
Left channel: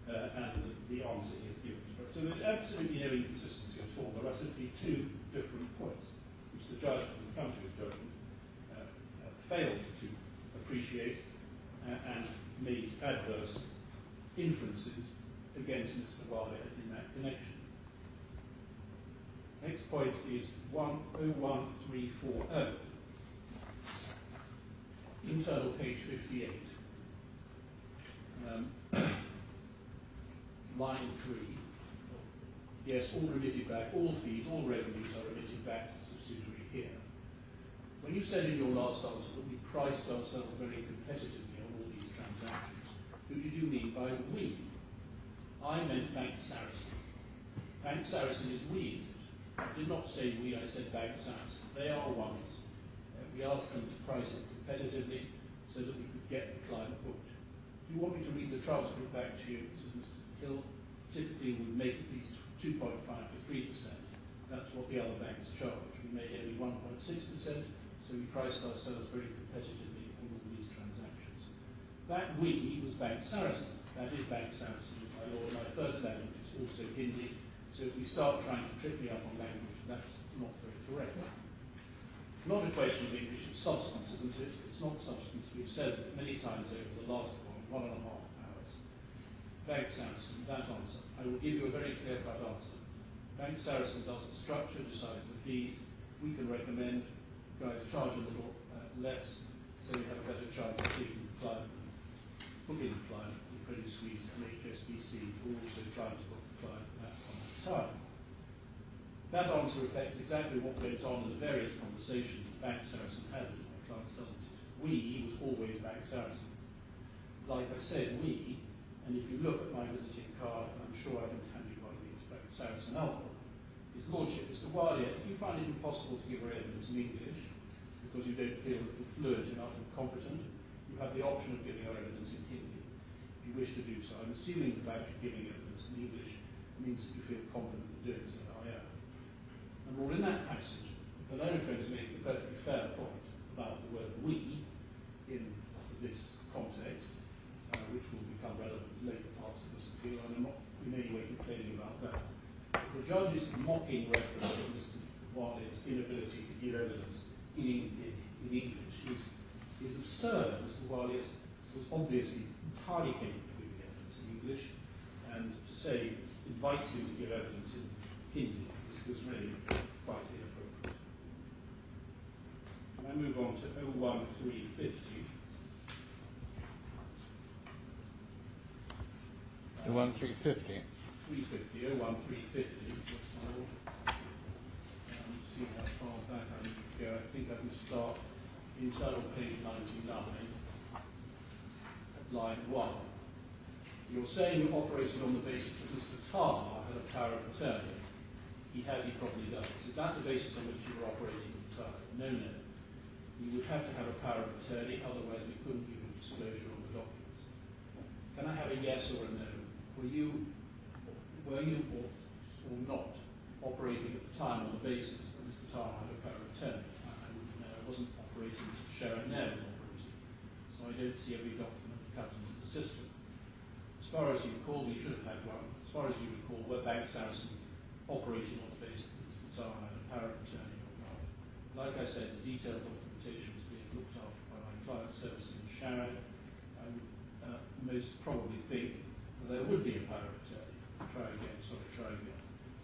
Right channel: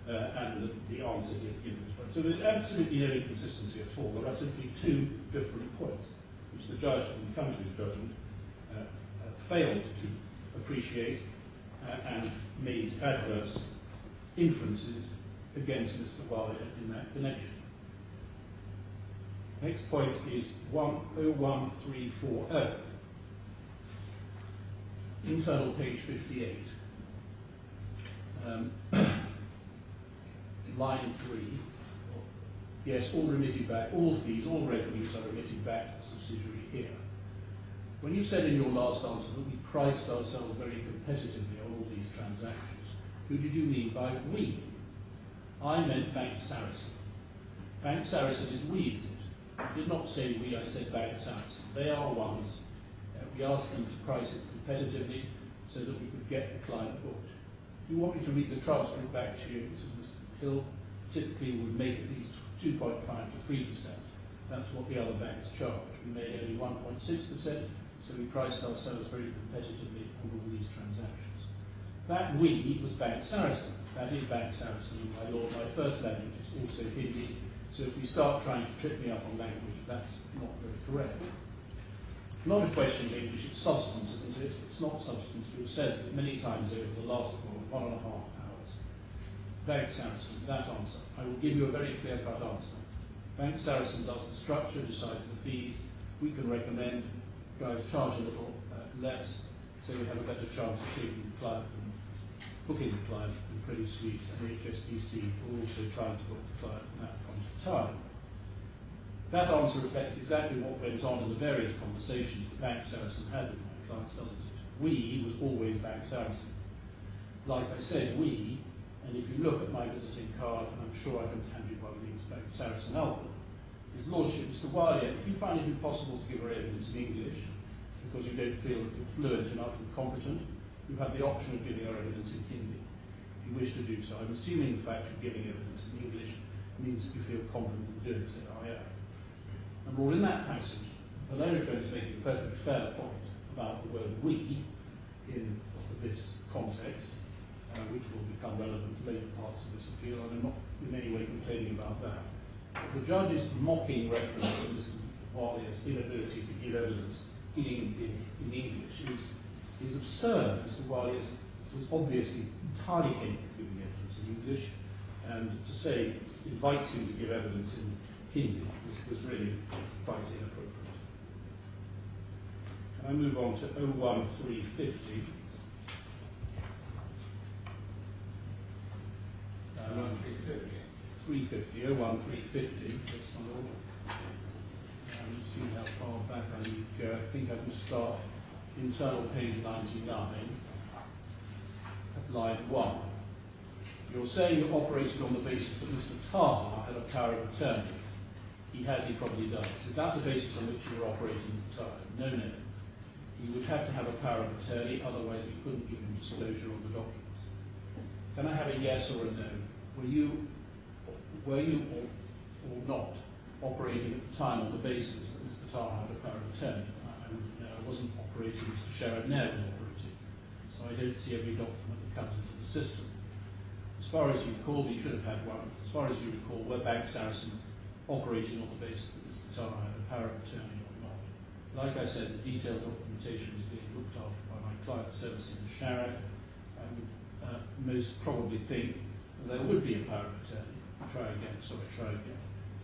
and the answer he has given is right. So there's absolutely no inconsistency at all. There are simply two different points, which the judge, when he come to his judgment, failed to appreciate and made adverse inferences against Mr. Wali in that connection. Next point is 1.01340. Internal page 58. Line 3. Yes, all remitted back, all fees, all revenues are remitted back to the subsidiary here. When you said in your last answer that we priced ourselves very competitively on all these transactions, who did you mean by we? I meant Bank Saracen. Bank Saracen is we, is it? I did not say we, I said Bank Saracen. They are ones. We asked them to price it competitively so that we could get the client booked. Do you want me to read the transcript back to you? This is Mr. Hill. Typically we would make at least 2.5 to 3%. That's what the other banks charge. We made only 1.6%, so we priced ourselves very competitively on all these transactions. That we was Bank Saracen. That is Bank Saracen, my lord. My first language is also Hindi, so if we start trying to trip me up on language, that's not very correct. Not a question of English, it's substance, isn't it? It's not substance. We've said it many times over the last 1.5 hours. Bank Saracen, that answer. I will give you a very clear-cut answer. Bank Saracen does the structure, decides the fees. We can recommend guys charge a little less, so we have a better chance of taking the client and booking the client in Credit Suisse and HSBC. We're also trying to book the client at that point in time. That answer reflects exactly what went on in the various conversations that Bank Saracen had with my clients, doesn't it? We was always Bank Saracen. Like I said, we, and if you look at my visiting card, and I'm sure I can hand you one of these, Bank Sarasin-Alpen, His Lordship, Mr. Alia, if you find it impossible to give her evidence in English, because you don't feel that you're fluent enough and competent, you have the option of giving her evidence in Hindi, if you wish to do so. I'm assuming the fact you're giving evidence in English means that you feel confident in doing so. I am. And all in that passage, the learned friend is making a perfectly fair point about the word we in this context, which will become relevant in later parts of this appeal, and I'm not in any way complaining about that. But the judge's mocking reference to Mr. Wali's inability to give evidence in English is absurd. Mr. Wali was obviously entirely capable of giving evidence in English, and to say, invite him to give evidence in Hindi was really quite inappropriate. And I move on to 01350. 01350. 350, 01350. That's my order. See how far back I need to go. I think I can start internal page 99 at line 1. You're saying you operated on the basis that Mr. Taha had a power of attorney. He has, he probably does. Is that the basis on which you were operating at the time? No, no. He would have to have a power of attorney, otherwise we couldn't give him disclosure on the documents. Can I have a yes or a no? Were you or not operating at the time on the basis that Mr. Taha had a power of attorney? I wouldn't know. I wasn't operating, Mr. Sheriff Nair was operating. So I don't see every document that comes into the system. As As far as you recall, you should have had one. As far as you recall, were Bank Saracen operating on the basis that Mr. Taha had a power of attorney or not? Like I said, the detailed documentation was being looked after by my client servicing in Sharad. I would most probably think that there would be a power of attorney. Try again. As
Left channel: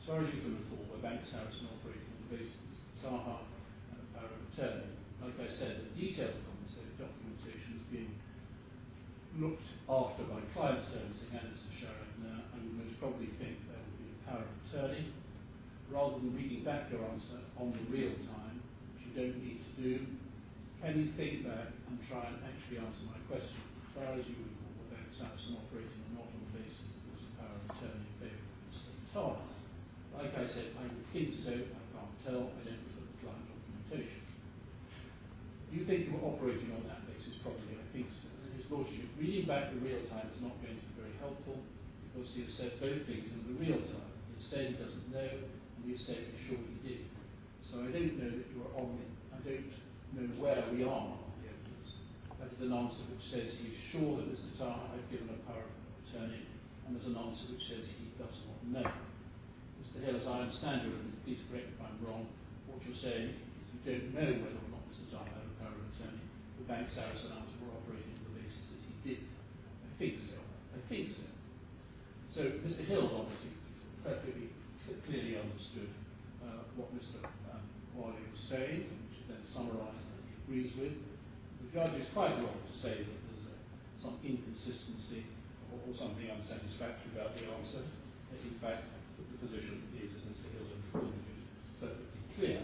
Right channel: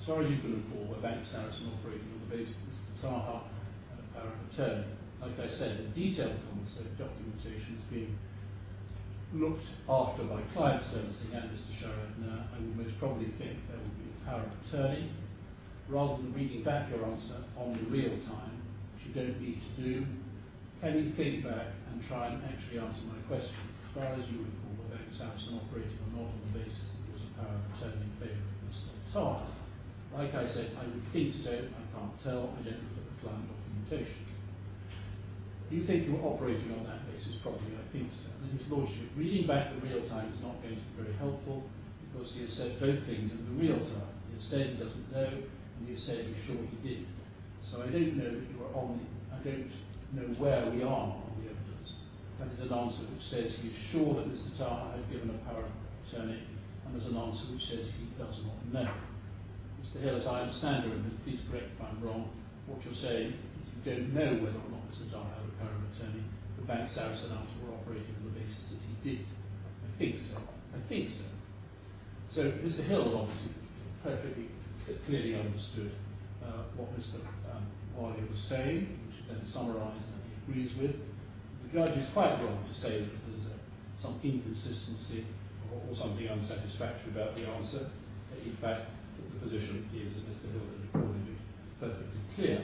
far as you can recall, were Bank Saracen operating on the basis that Mr. Taha had a power of attorney? Like I said, the detailed documentation is being looked after by client servicing and Mr. Sharad. Now, I would most probably think there would be a power of attorney. Rather than reading back your answer on the real time, which you don't need to do, can you think back and try and actually answer my question? As far as you recall, were Bank Saracen operating or not on the basis that there was a power of attorney in favour of Mr. Taha? Like I said, I would think so. I can't tell. I don't look at the client documentation. You think you were operating on that basis? Probably, I think so. And his lordship, reading back the real time is not going to be very helpful because he has said both things in the real time. He has said he doesn't know, and he has said he's sure he did. So I don't know that you are on the, I don't know where we are on the evidence. That is an answer which says he is sure that Mr. Taha has given a power of attorney, and there's an answer which says he does not know. Mr. Hill, as I understand your evidence, please correct if I'm wrong, what you're saying is you don't know whether or not Mr. Taha had a power of attorney. The Bank Sarasin-Alpen were operating on the basis that he did. I think so. So Mr. Hill obviously perfectly clearly understood what Mr. Alia was saying, which he then summarised and he agrees with. The judge is quite wrong to say that there's some inconsistency or something unsatisfactory about the answer. In fact, the position is, as Mr. Hill has recorded it, perfectly clear.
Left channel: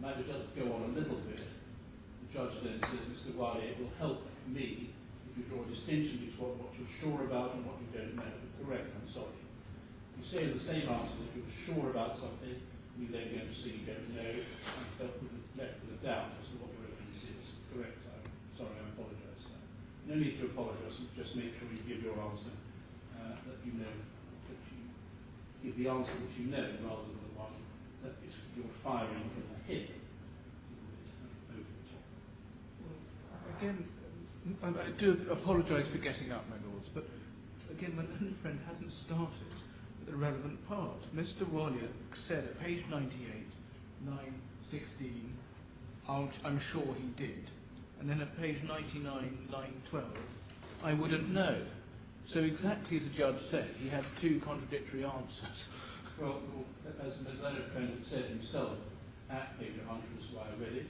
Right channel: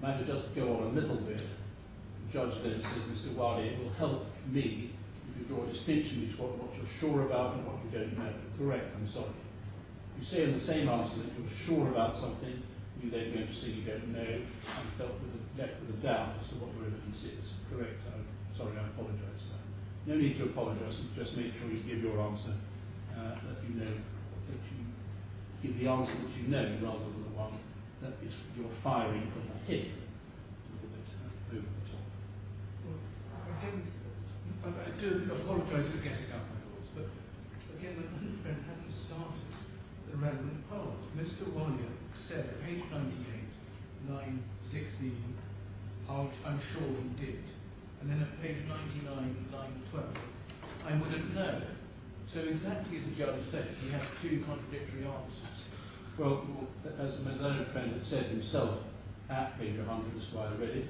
The matter does go on a little bit. The judge then says, Mr. Alia, it will help me if you draw a distinction between what you're sure about and what you don't know. Correct, I'm sorry. You say in the same answer that you're sure about something, you then go to say you don't know, and left with a doubt as to what your evidence is. Correct, I'm sorry, I apologise, sir. No need to apologise, just make sure you give your answer, that you know, that you give the answer that you know, rather than the one that is you're firing from the hip, a little bit over the top. Well, again, I do apologise for getting up, my lords, but again, my friend hasn't started the relevant part. Mr. Alia said at page 98, line 16, I'm sure he did. And then at page 99, line 12, I wouldn't know. So exactly as the judge said, he had two contradictory answers. Well, as my learned friend had said himself at page 100, that's why I read it,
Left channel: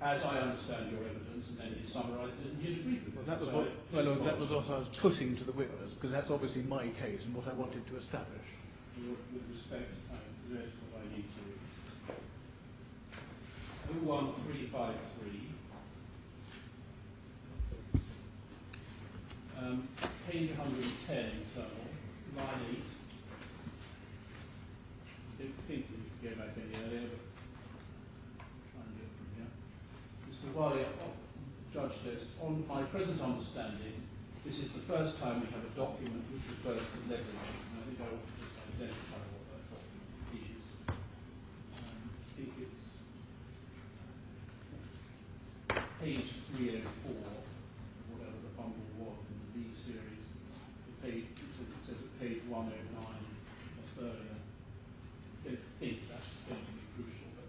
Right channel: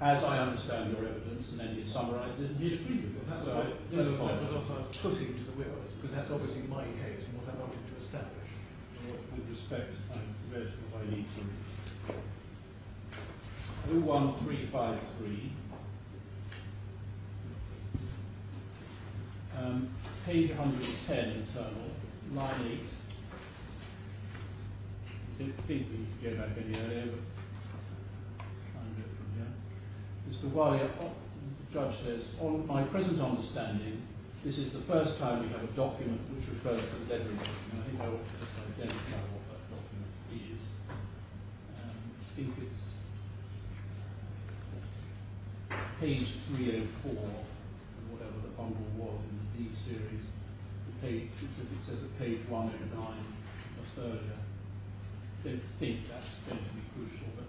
as I understand your evidence, and then he summarised it and he agreed with it. Well, that was, that was what I was putting to the witness, because that's obviously my case and what I wanted to establish. With respect, I've read what I need to read. 01353, page 110 internal, line 8. I don't think we could go back any earlier, but try and do it from here. Mr. Alia, the judge says, on my present understanding, this is the first time we have a document which refers to leveraging. And I think I ought to just identify what that document is. I think it's page 304, or whatever the bundle was in the D series. It says at page 109, just earlier. I don't think that's going to be crucial, but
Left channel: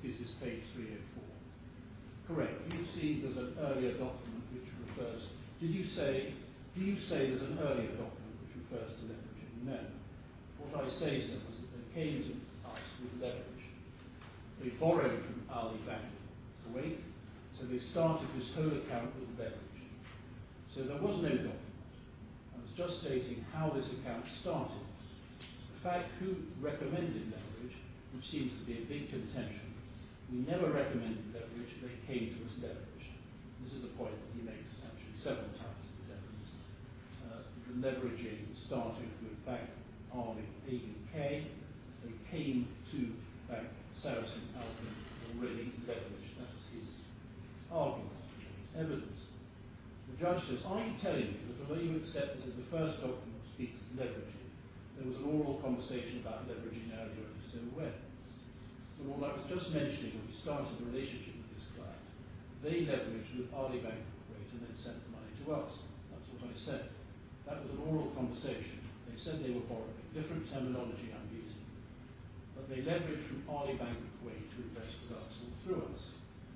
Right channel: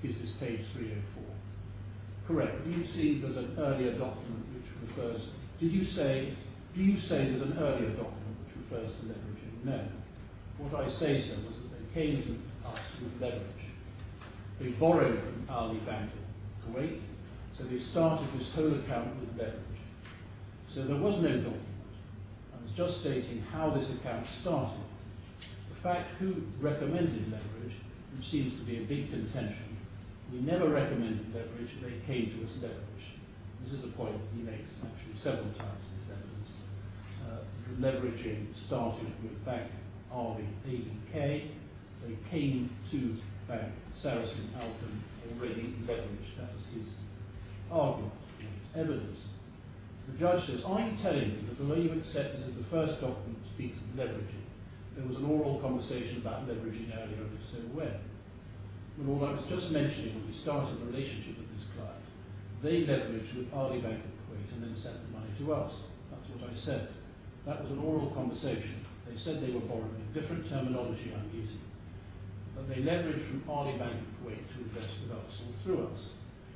this is page 304. Correct. Do you see there's an earlier document which refers? Do you say there's an earlier document which refers to leveraging? No. What I say, sir, was that they came to us with leverage. They borrowed from Ali Bank in Kuwait, so they started this whole account with leverage. So there was no document. I was just stating how this account started. The fact who recommended leverage, which seems to be a big contention, we never recommended leverage, they came to us leverage. This is the point that he makes actually several times in his evidence. The leveraging started with Bank Ali ABK. They came to Bank Sarasin-Alpen already leveraged. That was his argument, his evidence. The judge says, are you telling me that although you accept this as the first document that speaks of leveraging, there was an oral conversation about leveraging earlier, and if so, when? Well, all I was just mentioning when we started the relationship with this client, they leveraged with Ali Bank of Kuwait and then sent the money to us. That's what I said. That was an oral conversation. They said they were borrowing different terminology I'm using, but they leveraged from Alia Bank of Kuwait to invest with us or through us.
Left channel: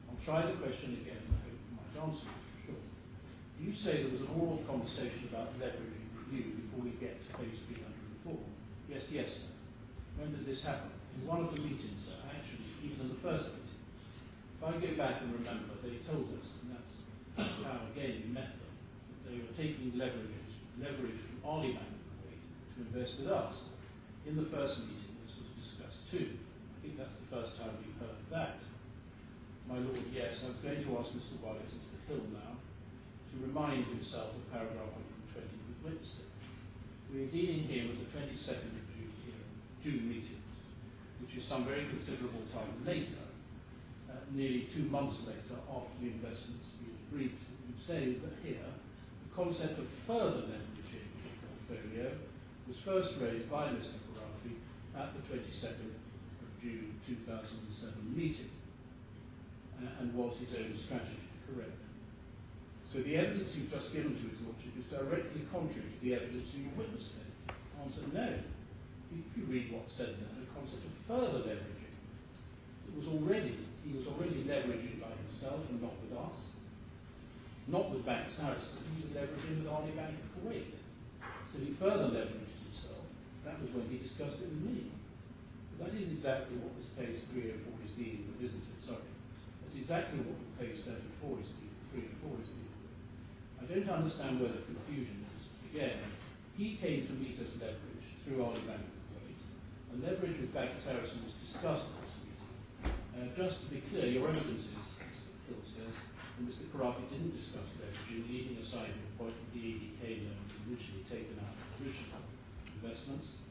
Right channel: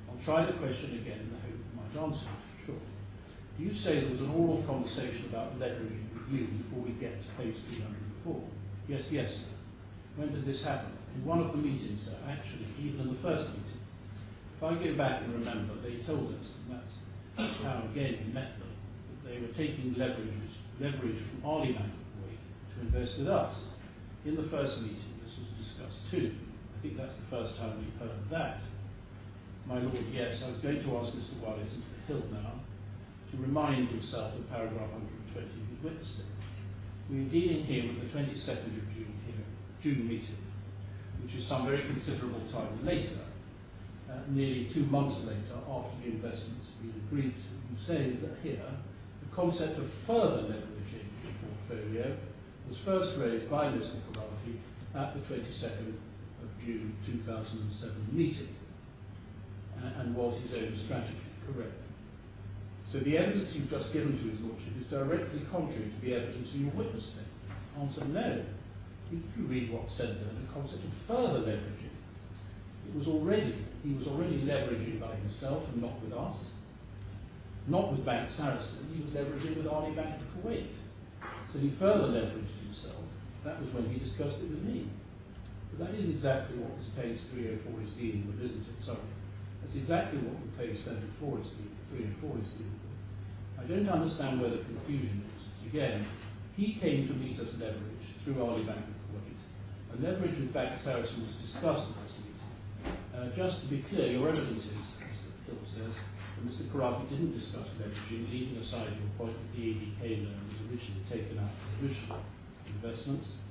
I'll try the question again in the hope you might answer it. Sure. You say there was an oral conversation about leveraging with you before we get to page 304. Yes, sir. When did this happen? In one of the meetings, sir. Actually, even in the first meeting. If I go back and remember, they told us, and that's how, again, we met them, that they were taking leverage from Alia Bank of Kuwait to invest with us. In the first meeting, this was discussed too. I think that's the first time we've heard that. My Lord, yes, I was going to ask Mr. Wallace into the Hill now to remind himself of paragraph 120 of his witness statement. We are dealing here with the 22nd of June meeting, which is some very considerable time later, nearly 2 months later after the investment's been agreed to. You say that here, the concept of further leveraging the portfolio was first raised by Mr. Khorafi at the 22nd of June 2007 meeting, and was his own strategy, correct? So the evidence you've just given to his lordship is directly contrary to the evidence in your witness statement. Answer, no. If you read what's said there, the concept of further leveraging, he was already leveraging by himself and not with us, not with Bank Sarasin, he was leveraging with Alia Bank of Kuwait. So he further leveraged himself. That was when he discussed it with me. But that is exactly what this page 304 is dealing with, isn't it? Sorry. That's exactly what page 304 is dealing with. I don't understand where the confusion is. Again, he came to meet us leverage through Alia Bank of Kuwait. And leverage with Bank Sarasin was discussed at this meeting. Just to be clear, your evidence is, Mr. Hill says, that Mr. Khorafi didn't discuss leveraging, leaving aside your point that the ABK loan was originally taken out of original investments.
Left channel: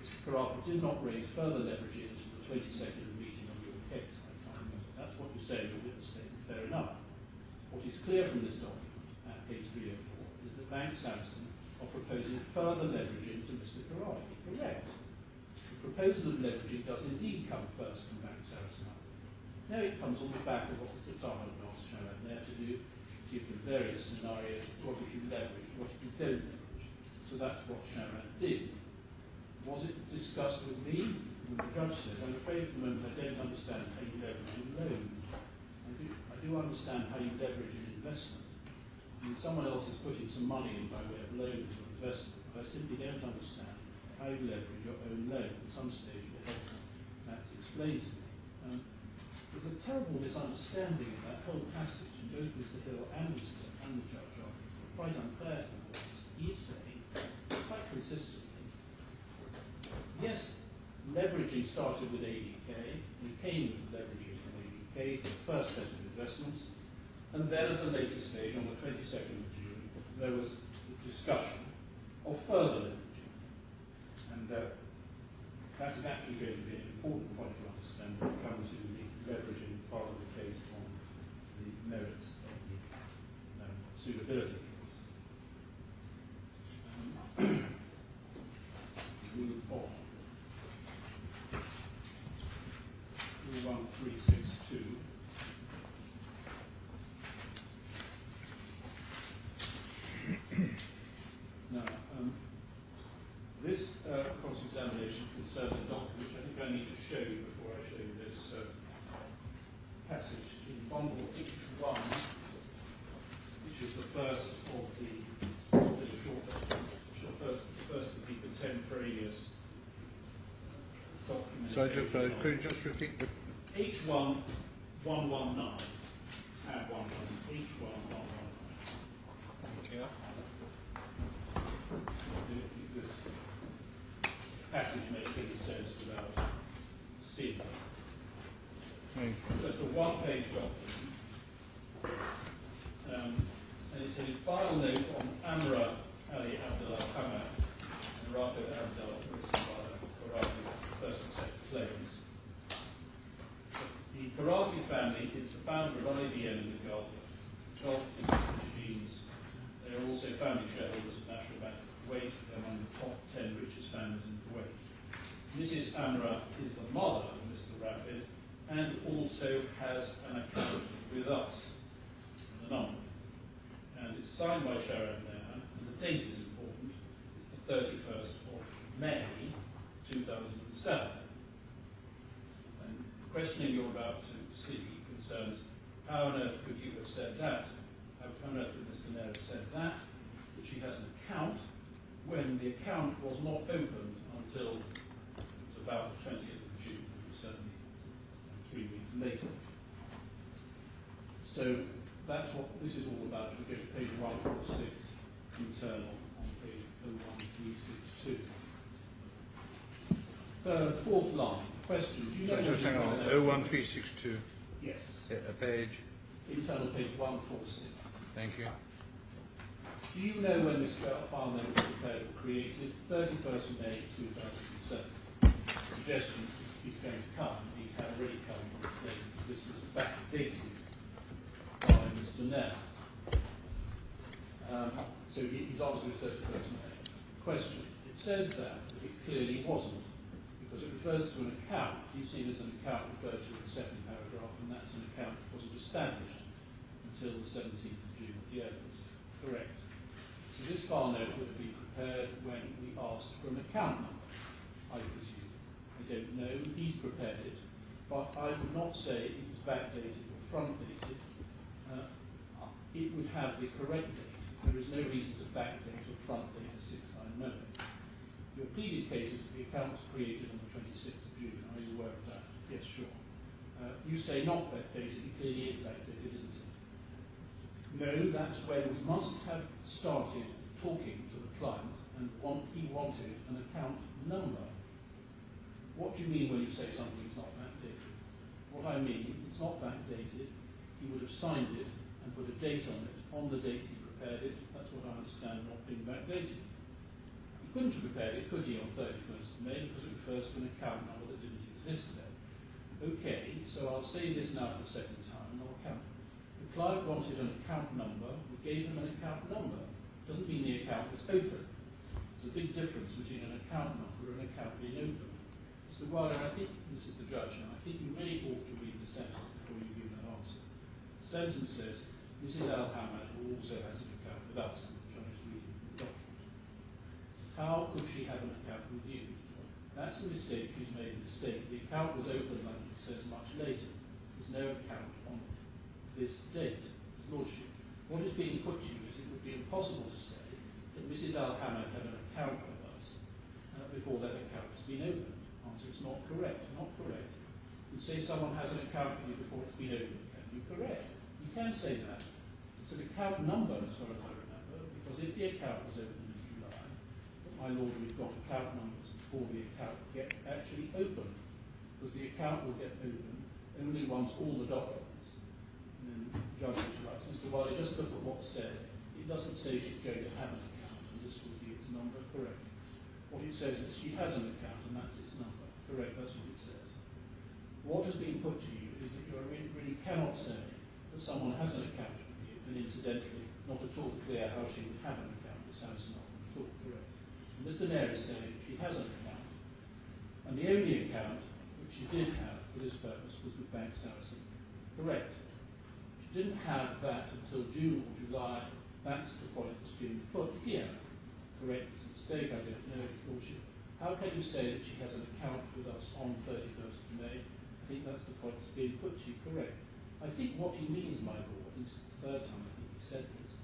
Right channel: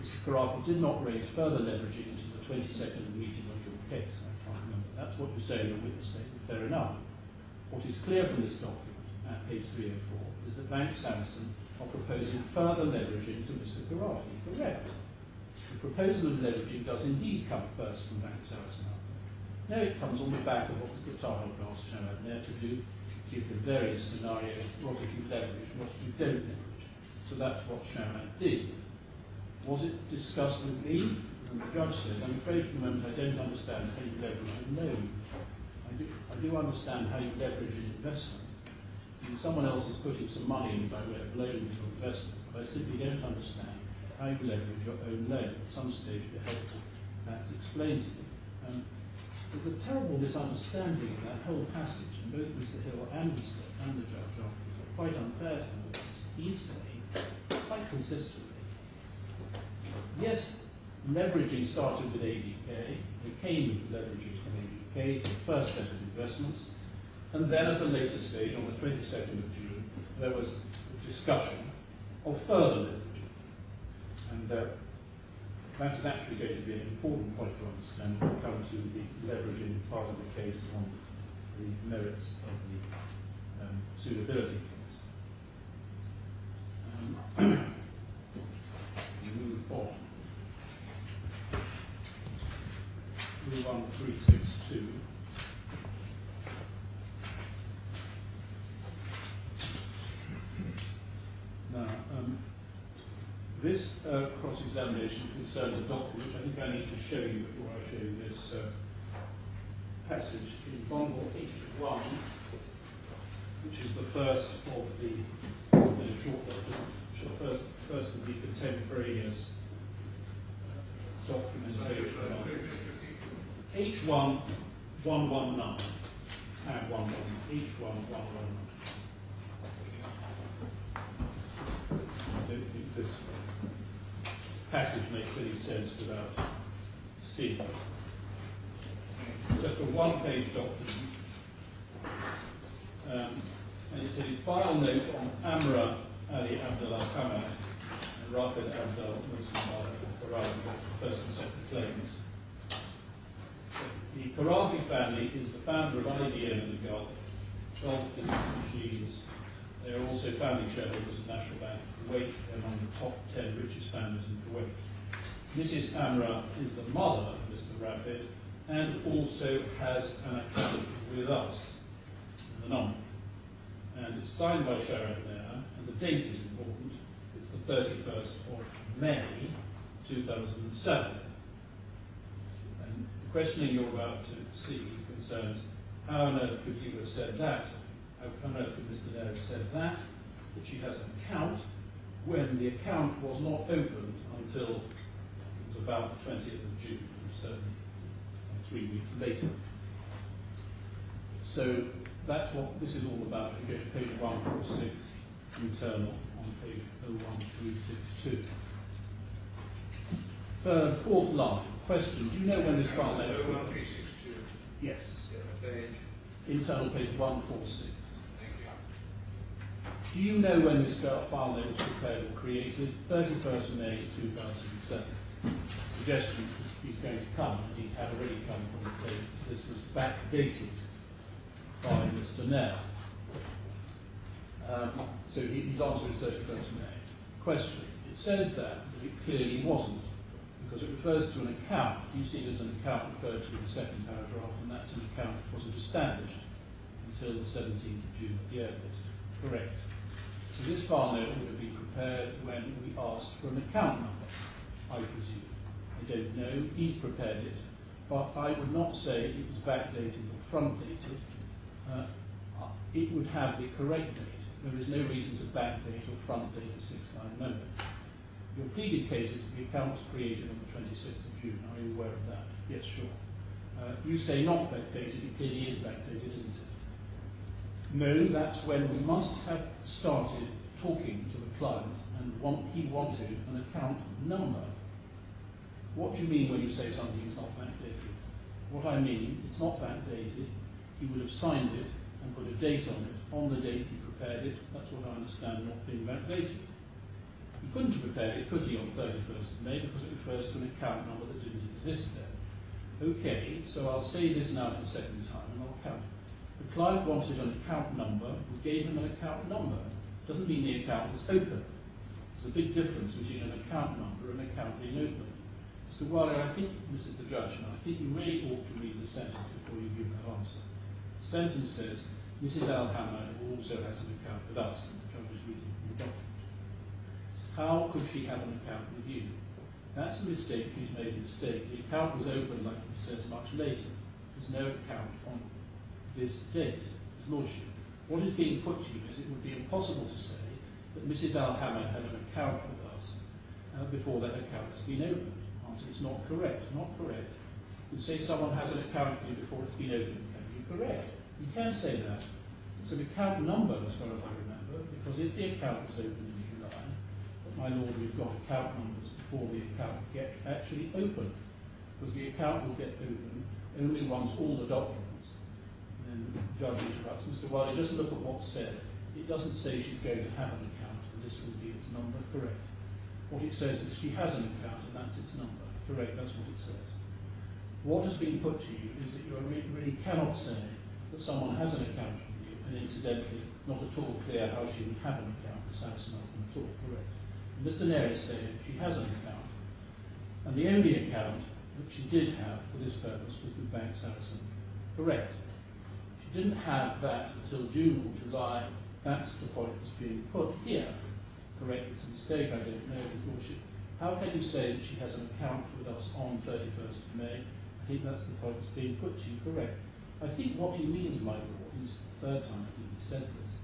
Mr. Khorafi did not raise further leveraging until the 22nd meeting on your case. I can't remember. That's what you say in your witness statement. Fair enough. What is clear from this document at page 304 is that Bank Sarasin are proposing further leveraging to Mr. Khorafi. Correct. The proposal of leveraging does indeed come first from Bank Sarasin-Alpen. Now it comes on the back of what Mr. Tahal asked Hamad to do, give the various scenarios, what if you leverage, what if you don't leverage. So that's what Hamad did. Was it discussed with me? And the judge says, I'm afraid for the moment I don't understand how you leverage a loan. I do understand how you leverage an investment. Someone else is putting some money in by way of loan to your investment, but I simply don't understand how you leverage your own loan. At some stage it would be helpful perhaps explain to me. There's a terrible misunderstanding of that whole passage, and both Mr. Hill and the judge are quite unfair to him. He's saying, quite consistently, yes, leveraging started with ABK, we came with leveraging from ABK for the first set of investments, and then at a later stage, on the 22nd of June, there was a discussion of further leveraging. And that is actually going to be an important point to understand when it comes to the leveraging part of the case on the merits of the suitability case. Move on. Move on 362. Now, this cross-examination concerns a document which I think I need to show you before I show you this passage in bundle H1, which is the first of the short document, first of the contemporaneous documentation. Sorry, could you just repeat? H1 119. Tab 119. H1 119. I don't think this passage makes any sense without seeing it. Just a one-page document. And it's a file note on Amrah, Alia, Abdel, Hamad, and Rifai, Abdel, Khorafi. That's the first and second claims. The Khorafi family is the founder of IBM in the Gulf Business Machines. They are also family shareholders of National Bank of Kuwait, among the top 10 richest families in Kuwait. Mrs. Amrah is the mother of Mr. Rafed and also has an account with us, the number. And it's signed by Sharon there, and the date is in 31st of May 2007. And the questioning you're about to see concerns how on earth could you have said that? How on earth could Mr. Nair have said that she has an account when the account was not opened until it was about the 20th of June, certainly 3 weeks later. So that's what this is all about. We go to page 146, internal, on page 01362. Fourth line, question, do you know when this file left? 01362. Yes. Page. Internal page 146. Thank you. Do you know when this file name was prepared or created? 31st of May 2007. Suggestion he's going to come, and he had already come from the date. This was backdated by Mr. Nair. So his answer is 31st of May. Question. It says that, but it clearly wasn't, because it refers to an account. You see there's an account referred to in the second paragraph, and that's an account that wasn't established until the 17th of June at the earliest. Correct. So this file note would have been prepared when we asked for an account number, I presume. I don't know. He's prepared it, but I would not say it was backdated or front-dated. It would have the correct date. There is no reason to backdate or front-date a 6-line memo. Your pleaded case is the account was created on the 26th of June. Are you aware of that? Yes, sure. You say not backdated. It clearly is backdated, isn't it? No, that's when we must have started talking to the client and he wanted an account number. What do you mean when you say something is not backdated? What I mean, it's not backdated. He would have signed it and put a date on the date he prepared it. That's what I understand not being backdated. He couldn't have prepared it, could he, on 31st of May, because it refers to an account number that didn't exist there. Okay, so I'll say this now for the second time and I'll count. The client wanted an account number, we gave him an account number. Doesn't mean the account was open. There's a big difference between an account number and an account being open. Mr. Wiley, I think, this is the judge, and I think you may ought to read the sentence before you give that answer. The sentence says, Mrs. Hamad also has an account with us, and the judge is reading from the document. How could she have an account with you? That's a mistake she's made a mistake. The account was opened, like it says, much later. There's no account on this date, His Lordship. What is being put to you is it would be impossible to say that Mrs. Hamad had an account with us before that account has been opened. Answer, it's not correct. Not correct. You say someone has an account with you before it's been opened. Can you correct? You can say that. It's an account number, as far as I remember, because if the account was opened in July, but my lord, we've got account numbers before the account get actually opened, because the account will get opened only once all the documents. And then the judge interrupts. Mr. Wiley, just look at what's said. It doesn't say she's going to have an account, and this will be its number. Correct. What it says is she has an account, and that's its number. Correct, that's what it says. What has been put to you is that you really cannot say that someone has an account with you, and incidentally, not at all clear how she would have an account with Sarasin-Alpen at all. Correct. And Mr. Nair is saying she has an account, and the only account that she did have for this purpose was with Bank Saracen. Correct. She didn't have that until June or July. That's the point that's being put here. Correct, it's a mistake, I don't know, His Lordship. How can you say that she has an account with us on 31st of May? I think that's the point that's being put to you. Correct. I think what he means, my lord, and it's the third time I think he said this,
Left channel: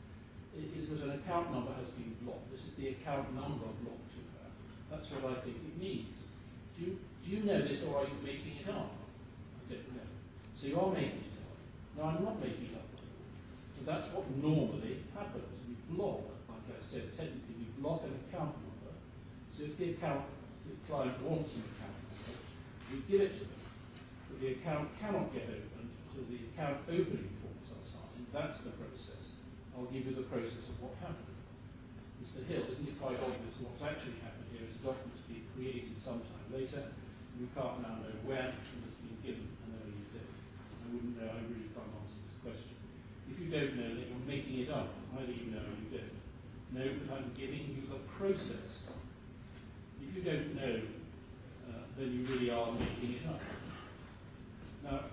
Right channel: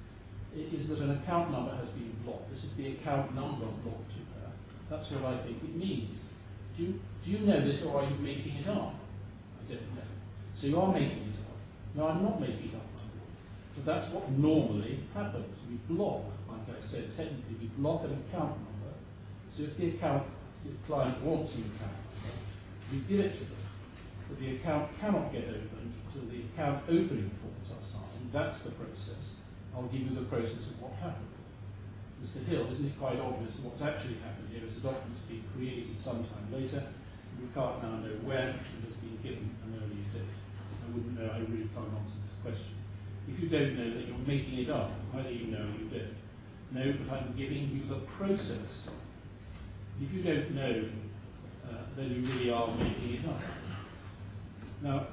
is that an account number has been blocked. This is the account number blocked to her. That's what I think it means. Do you know this, or are you making it up? I don't know. So you are making it up. No, I'm not making it up, my lord. But that's what normally happens. We block, like I said, technically we block an account number. So if the client wants an account number, we give it to them. But the account cannot get opened until the account opening forms are signed. That's the process. I'll give you the process of what happened. Mr. Hill, isn't it quite obvious that what's actually happened here is a document's been created sometime later, and we can't now know when it has been given an earlier date. I wouldn't know, I really can't answer this question. If you don't know, then you're making it up. Either you know or you don't. No, but I'm giving you the process. If you don't know, then you really are making it up. Now,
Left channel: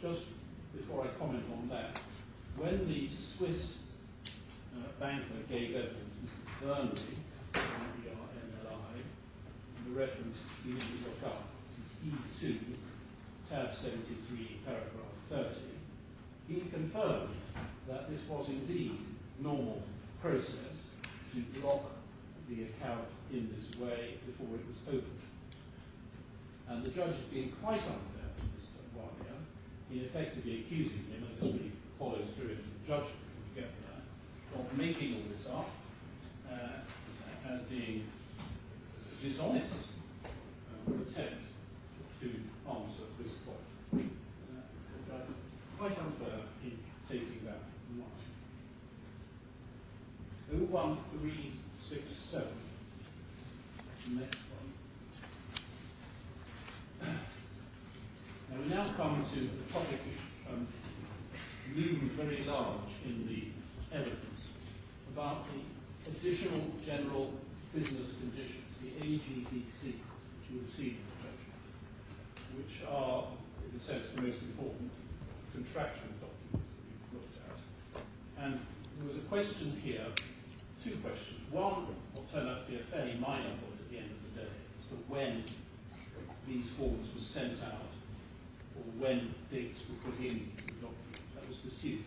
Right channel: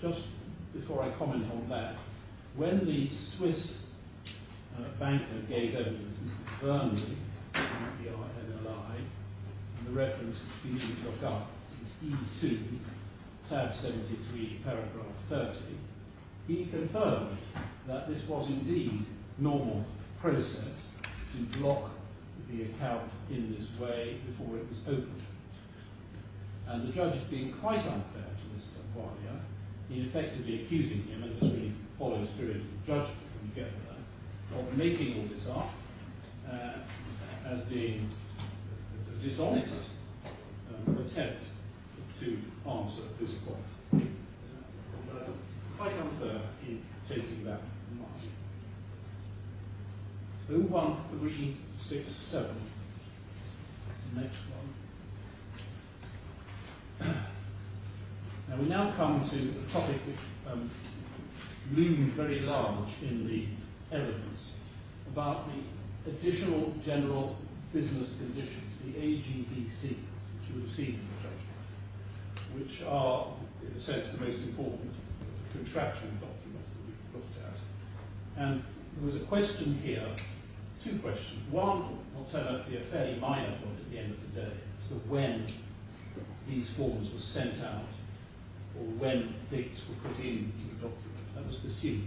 just before I comment on that, when the Swiss banker gave evidence, Mr. Burnley, reference you didn't look up, is E2, tab 73, paragraph 30, he confirmed that this was indeed normal process to block the account in this way before it was opened. And the judge is being quite unfair to Mr. Alia in effectively accusing him, and this really follows through into the judgment when you get there, of making all this up as being a dishonest attempt to answer this point. Quite unfair in taking that in mind. 01367, the next one. Now we now come to a topic which loomed very large in the evidence about the additional general business conditions, the AGBCs, which you would have seen in the judgment, which are, in a sense, the most important contractual documents that we've looked at. And there was a question here, two questions. One, what turned out to be a fairly minor point at the end of the day, as to when these forms were sent out, or when dates were put in the document. That was pursued.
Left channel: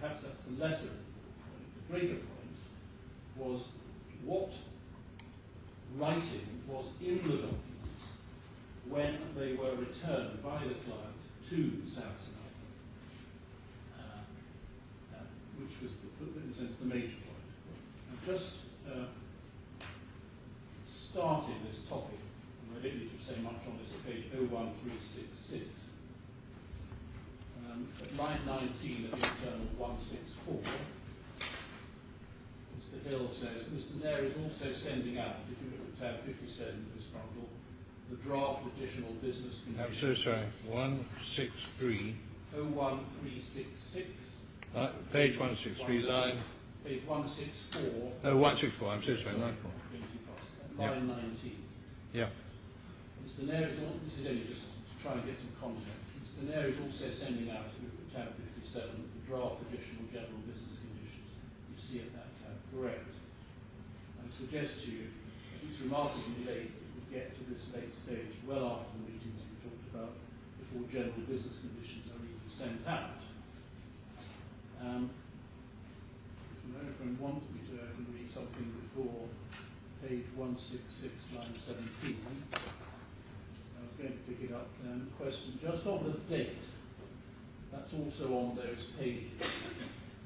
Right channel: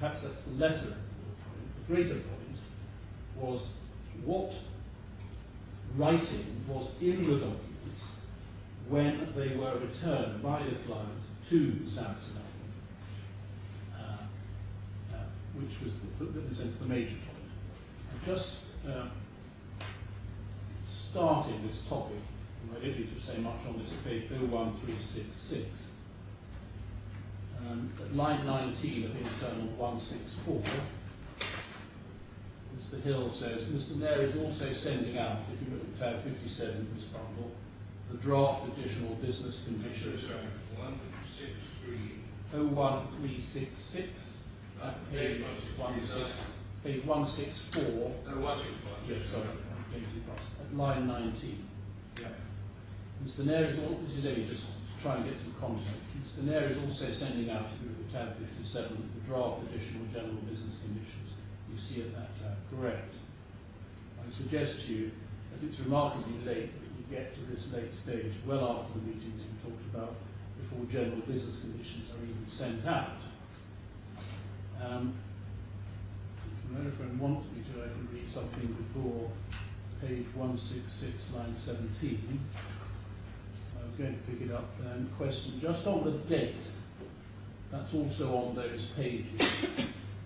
Perhaps that's the lesser point. The greater point was what writing was in the documents when they were returned by the client to Sarasin-Alpen, which was, in a sense, the major point. And just starting this topic, and I don't need to say much on this at page 01366, at line 19 of the internal 164, Mr. Hill says, Mr. Nair is also sending out, if you look at tab 57 of this bundle, the draft additional business conditions. I'm so sorry, 163. 01366. Page 163, line. Page 164. Oh, 164, I'm so sorry. Going too fast. At line 19. Yeah. Mr. Nair is this is only just to try and get some context. Mr. Nair is also sending out, if you look at tab 57, the draft additional general business conditions. You see at that tab, correct. I suggest to you that it's remarkably late that we get to this late stage, well after the meetings we talked about, before general business conditions are even sent out. If a friend wants me to, I can read something before page 166, line 17. I was going to pick it up then. Question just on the date. That's also on those pages.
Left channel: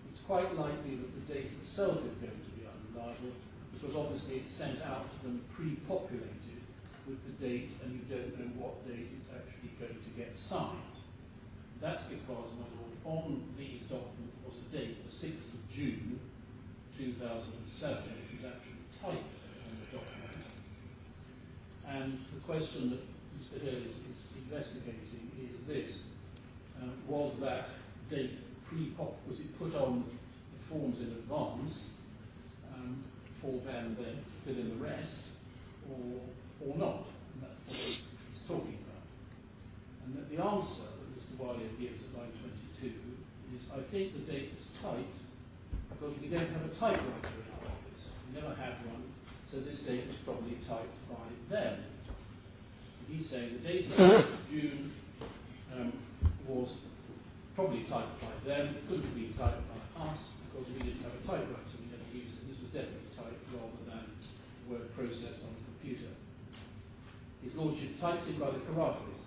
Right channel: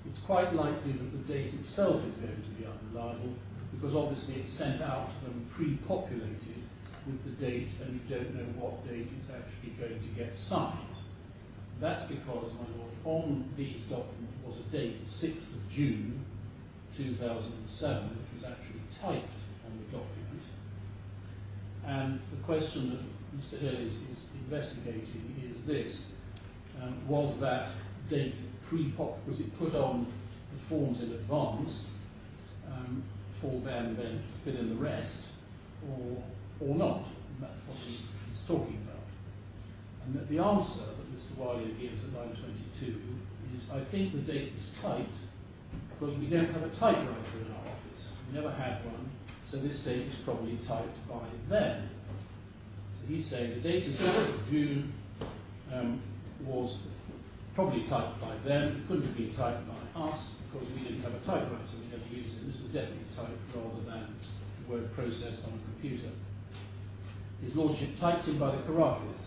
It's quite likely that the date itself is going to be unreliable because obviously it's sent out to them pre-populated with the date and you don't know what date it's actually going to get signed. That's because, my lord, on these documents was a date, the 6th of June 2007, which was actually typed on the document. And the question that Mr. Hill is investigating is this. Was that date was it put on the forms in advance for them then to fill in the rest, or not? And that's what he's talking about. And that the answer that Mr. Wiley gives at line 22 is, I think the date was typed because we don't have a typewriter in our office. We never had one, so this date was probably typed by them. So he's saying the date of June was probably typed by them. It couldn't have been typed by us because we didn't have a typewriter. We never used it. This was definitely typed rather than the word processed on a computer. His Lordship typed in by the Khorafis.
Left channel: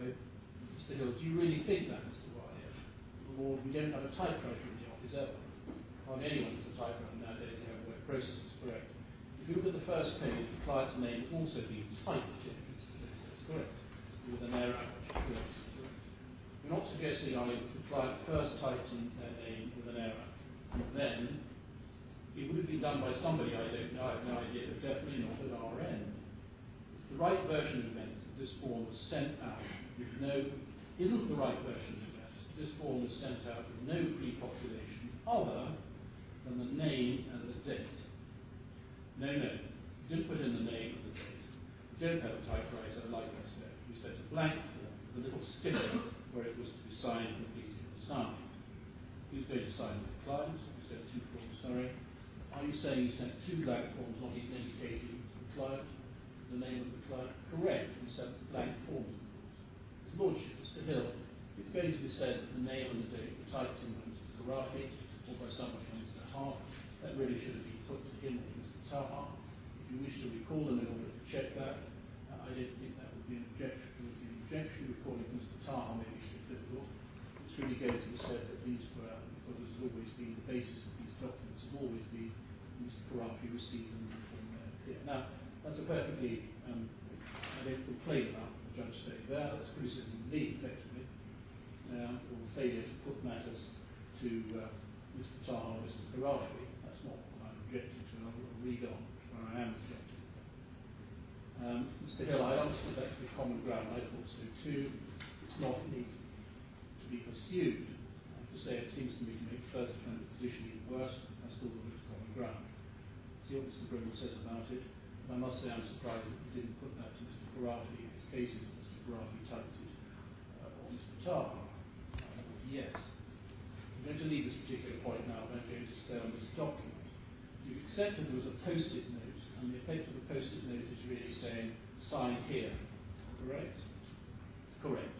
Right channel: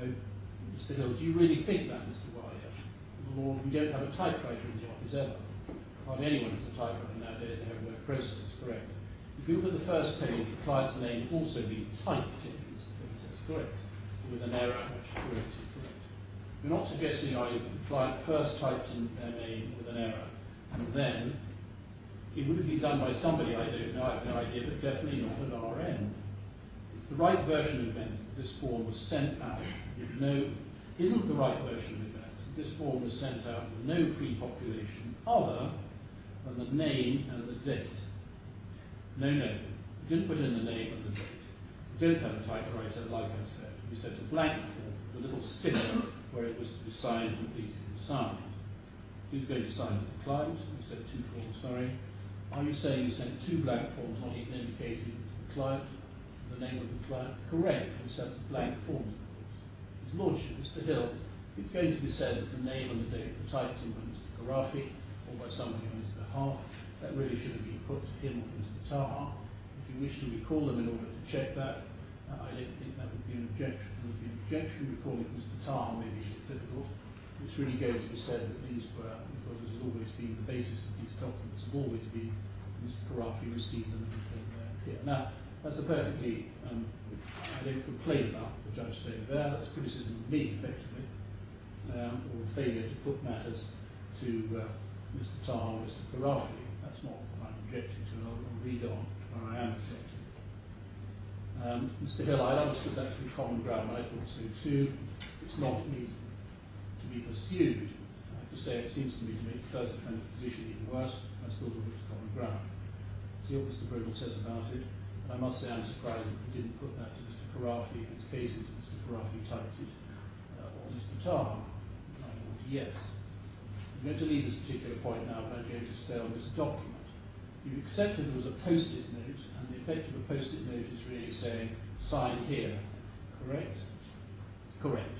Mr. Hill, do you really think that, Mr. Wiley? Lord, we don't have a typewriter in the office ever. Hardly anyone has a typewriter nowadays. They have word processors, correct. If you look at the first page, the client's name has also been typed in. That's correct. With an error, which is correct. You're not suggesting, are you, that the client first typed in their name with an error, and then it would have been done by somebody, I don't know, I have no idea, but definitely not at our end. It's the right version of events that this form was sent out with isn't the right version of events. This form was sent out with no pre-population other than the name and the date. No, you didn't put in the name and the date. You don't have a typewriter, like I said. You sent a blank form with a little sticker where it was to be signed, completed, and signed. Who's going to sign it? The client? You sent two forms, sorry. Are you saying you sent two blank forms, not even indicating to the client? the name of the client correct and sent blank forms, of course. His Lordship, Mr. Hill, it's going to be said that the name and the date were typed in by Mr. Khorafi or by somebody on his behalf. That really should have been put to him or Mr. Taha. If you wish to recall them in order to check that, I don't think that would be an objection. There would be an objection. Recalling Mr. Taha may be a bit difficult. It's really going to be said that these were, because this has always been the basis of these documents, have always been Mr. Khorafi received them and from here. Now, that's a perfectly, I don't complain about the judge staying there. That's criticism of me, effectively, or a failure to put matters to Mr. Taha or Mr. Khorafi. That's not what I'm objecting to. I'll read on where I am objecting. Mr. Hill, I understood that to be common ground. I thought so too. It's not, it needs to be pursued. I have to say, it seems to me to make the first defendant's position even worse. I still thought it was common ground. See what Mr. Brindle says about it. And I must say I'm surprised that he didn't put that to Mr. Khorafi in his cases that Mr. Khorafi typed it, or Mr. Taha. I thought yes. I'm going to leave this particular point now, but I'm going to stay on this document. You accepted there was a post-it note, and the effect of a post-it note is really saying, sign here. Correct? Correct.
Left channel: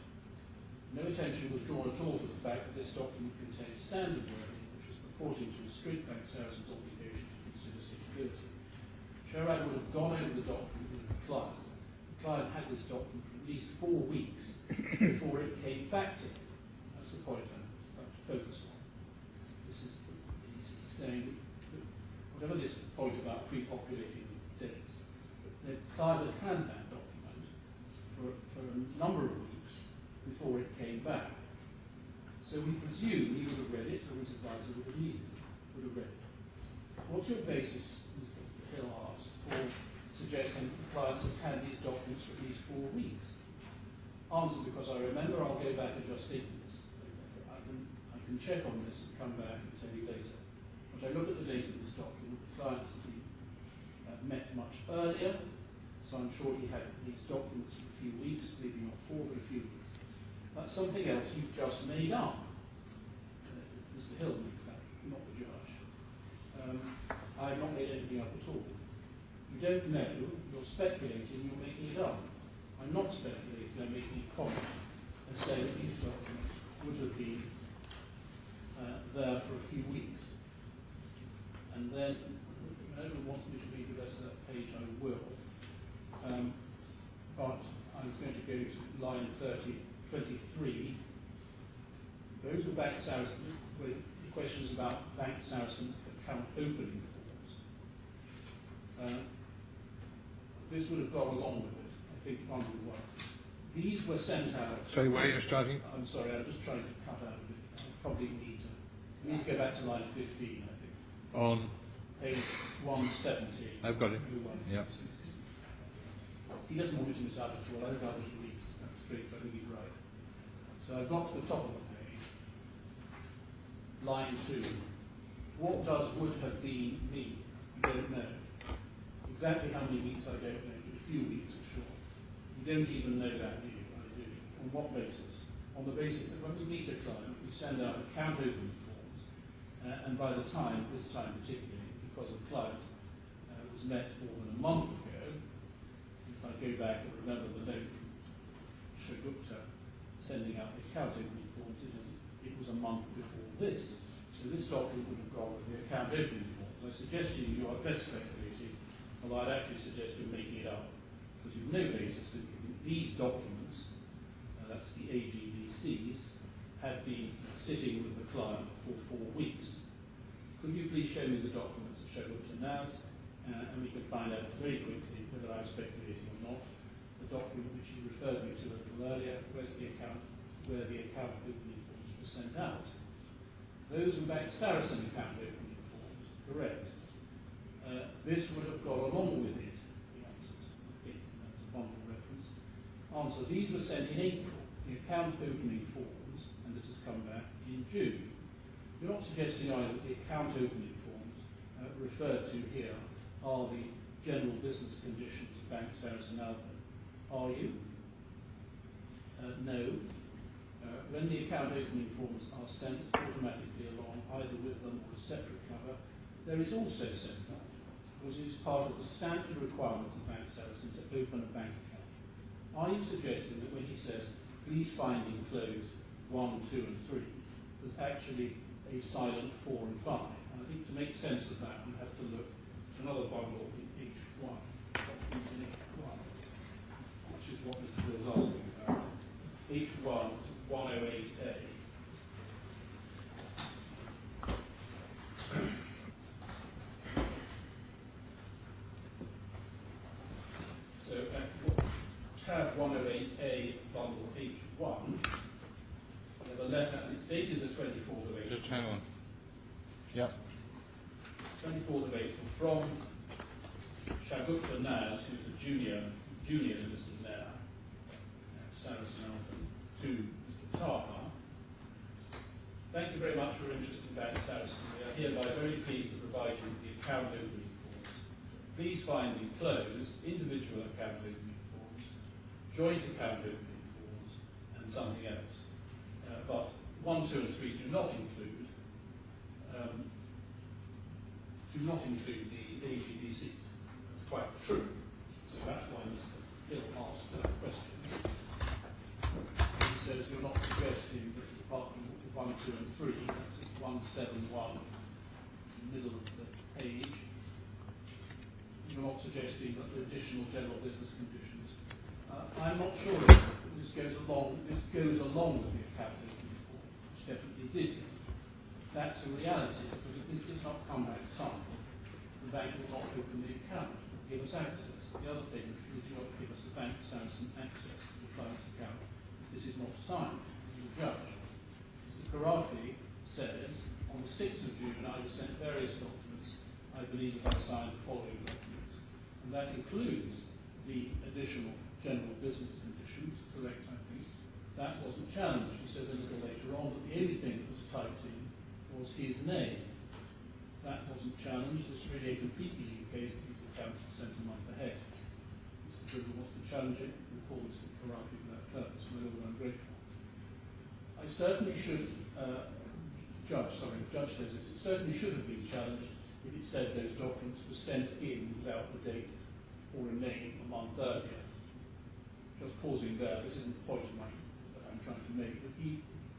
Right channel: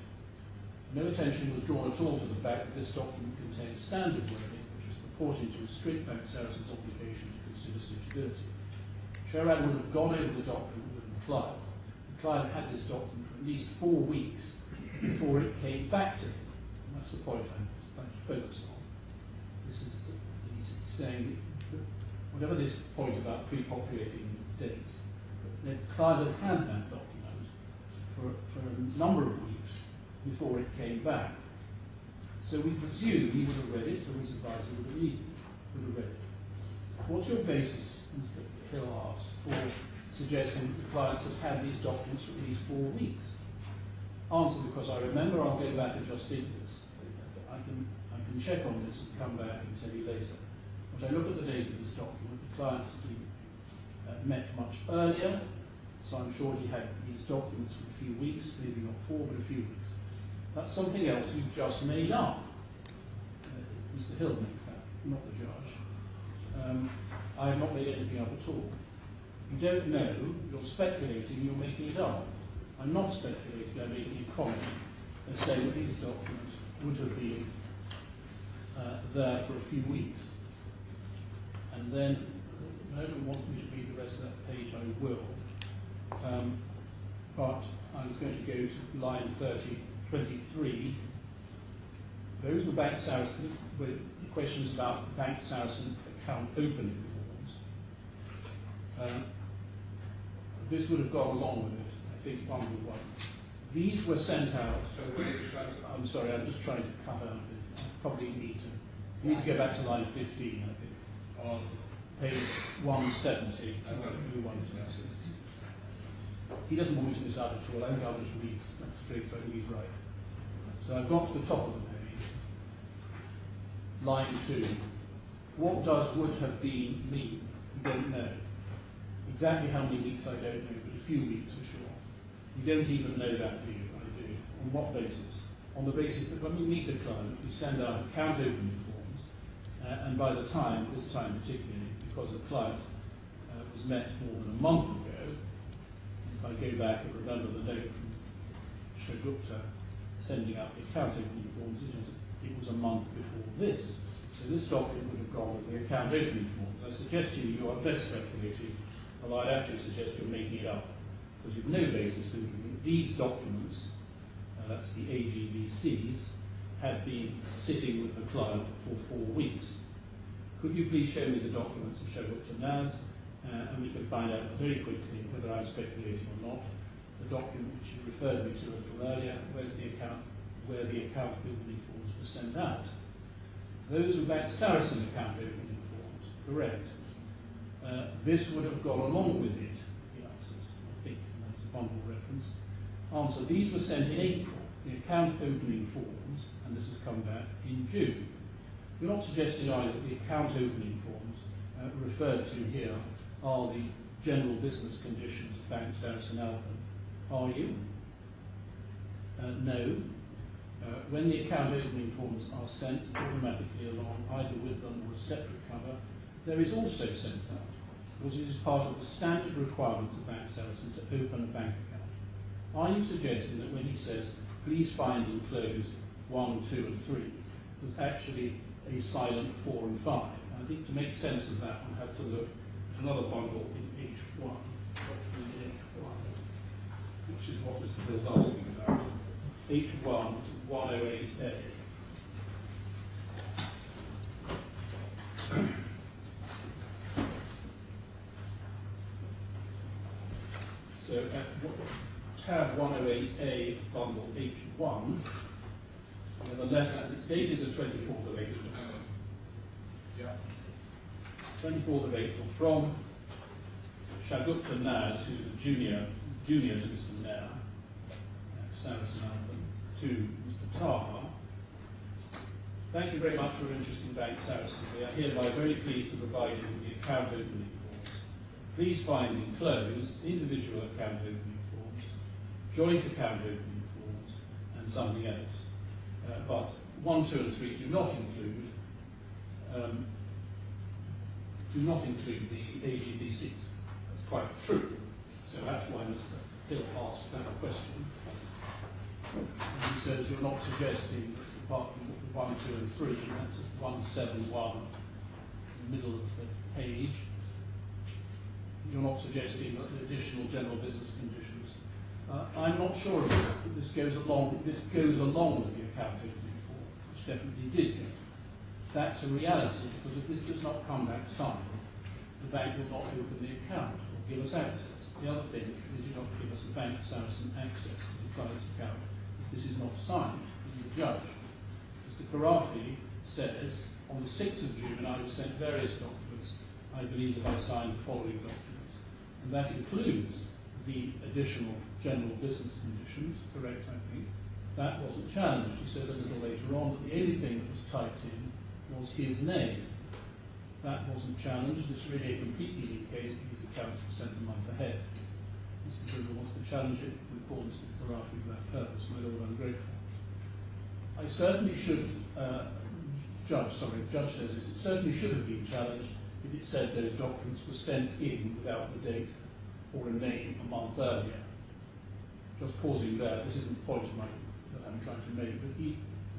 No attention was drawn at all to the fact that this document contains standard wording, which was purporting to restrict Bank Sarasin's obligation to consider suitability. Sherrod would have gone over the document with the client. The client had this document for at least 4 weeks before it came back to him. And that's the point I'm trying to focus on. This is he's saying that whatever this point about pre-populating dates, the client had had that document for a number of weeks before it came back. So we presume he would have read it, or his advisor would have read it. What's your basis, Mr. Hill asks, for suggesting that the clients have had these documents for at least 4 weeks? Answer, because I remember. I'll go back and just think this. I can check on this and come back and tell you later. But I look at the date of this document. The client has been met much earlier, so I'm sure he had these documents for a few weeks, maybe not 4, but a few weeks. That's something else you've just made up. Mr. Hill makes that, not the judge. I have not made anything up at all. You don't know, you're speculating, you're making it up. I'm not speculating, I'm making a comment and saying that these documents would have been there for a few weeks. And then, if anyone wants me to read the rest of that page, I will. But I was going to go to line 23. Those were Bank Sarasin, with the questions about Bank Sarasin account opening forms. This would have gone along with it, I think, one to one. These were sent out. So where are you starting? I'm sorry, I'm just trying to cut out a bit. I probably need to go back to line 15, I think. On page 170. I've got it. Yeah. He doesn't want me to miss out at all. I think I'll just read that straight, so I think he's right. So I've got to the top of the page. Line 2. What does would have been mean? You don't know. Exactly how many weeks I don't know, but a few weeks for sure. You don't even know that, do you? I do. On what basis? On the basis that when we meet a client, we send out account opening forms, and by the time, this time particularly, because a client was met more than a month ago, if I go back and remember the note from Shogupta sending out the account opening forms, it was a month before this. So this document would have gone with the account opening forms. I suggest to you, you are best speculating, although I'd actually suggest you're making it up, because you've no basis for thinking these documents, that's the AGBCs, have been sitting with the client for 4 weeks. Could you please show me the documents of Shogupta Naz, and we can find out very quickly whether I'm speculating or not. The document which you referred me to a little earlier, where the account opening forms were sent out. Those were Bank Sarasin account opening forms, correct. This would have gone along with it, he answers, I think, and that's a bundle reference. Answer, these were sent in April, the account opening forms, and this has come back in June. You're not suggesting either that the account opening forms referred to here are the general business conditions of Bank Sarasin-Alpen, are you? No. When the account opening forms are sent automatically along, either with them or a separate cover, there is also sent out because it is part of the standard requirements of Bank Saracen to open a bank account. Are you suggesting that when he says, please find enclosed 1, 2 and 3, there's actually a silent 4 and 5? And I think to make sense of that, one has to look at another bundle in H1, which is what Mr. Bill's asking about. H1 108A. So at tab 108A, bundle H1, we have a letter, and it's dated the 24th of April. Just hang on. Yeah. 24th of April, from Shagupta Naz, who's a junior to Mr. Nair at Sarasin-Alpen, to Mr. Taha. Thank you very much for your interest in Bank Saracen. We are hereby very pleased to provide you with the account opening forms. Please find enclosed individual account opening forms, joint account opening forms, and something else. But 1, 2 and 3 do not include the AGBCs. That's quite true. So that's why Mr. Hill asked that question. He says you're not suggesting that apart from 1, 2 and 3, that's 171, in the middle of the page. You're not suggesting that the additional general business conditions. I'm not sure of that, but this goes along with the account opening form, which definitely did go. That's a reality, because if this does not come back signed, the bank will not open the account or give us access. The other thing is they do not give us the Bank Saracen access to the client's account if this is not signed by the judge. Mr. Khorafi says, on the 6th of June, I was sent various documents. I believe that I signed the following documents. And that includes the additional general business conditions, correct, I think. That wasn't challenged. He says a little later on that the only thing that was typed in was his name. That wasn't challenged. It's really a completely new case. These accounts were sent a month ahead. Mr. Bridle wants to challenge it. We call Mr. Khorafi for that purpose. My Lord, I'm grateful. I certainly should, Judge says it certainly should have been challenged if it said those documents were sent in without the date or a name a month earlier. Just pausing there, this isn't the point that I'm trying to make, but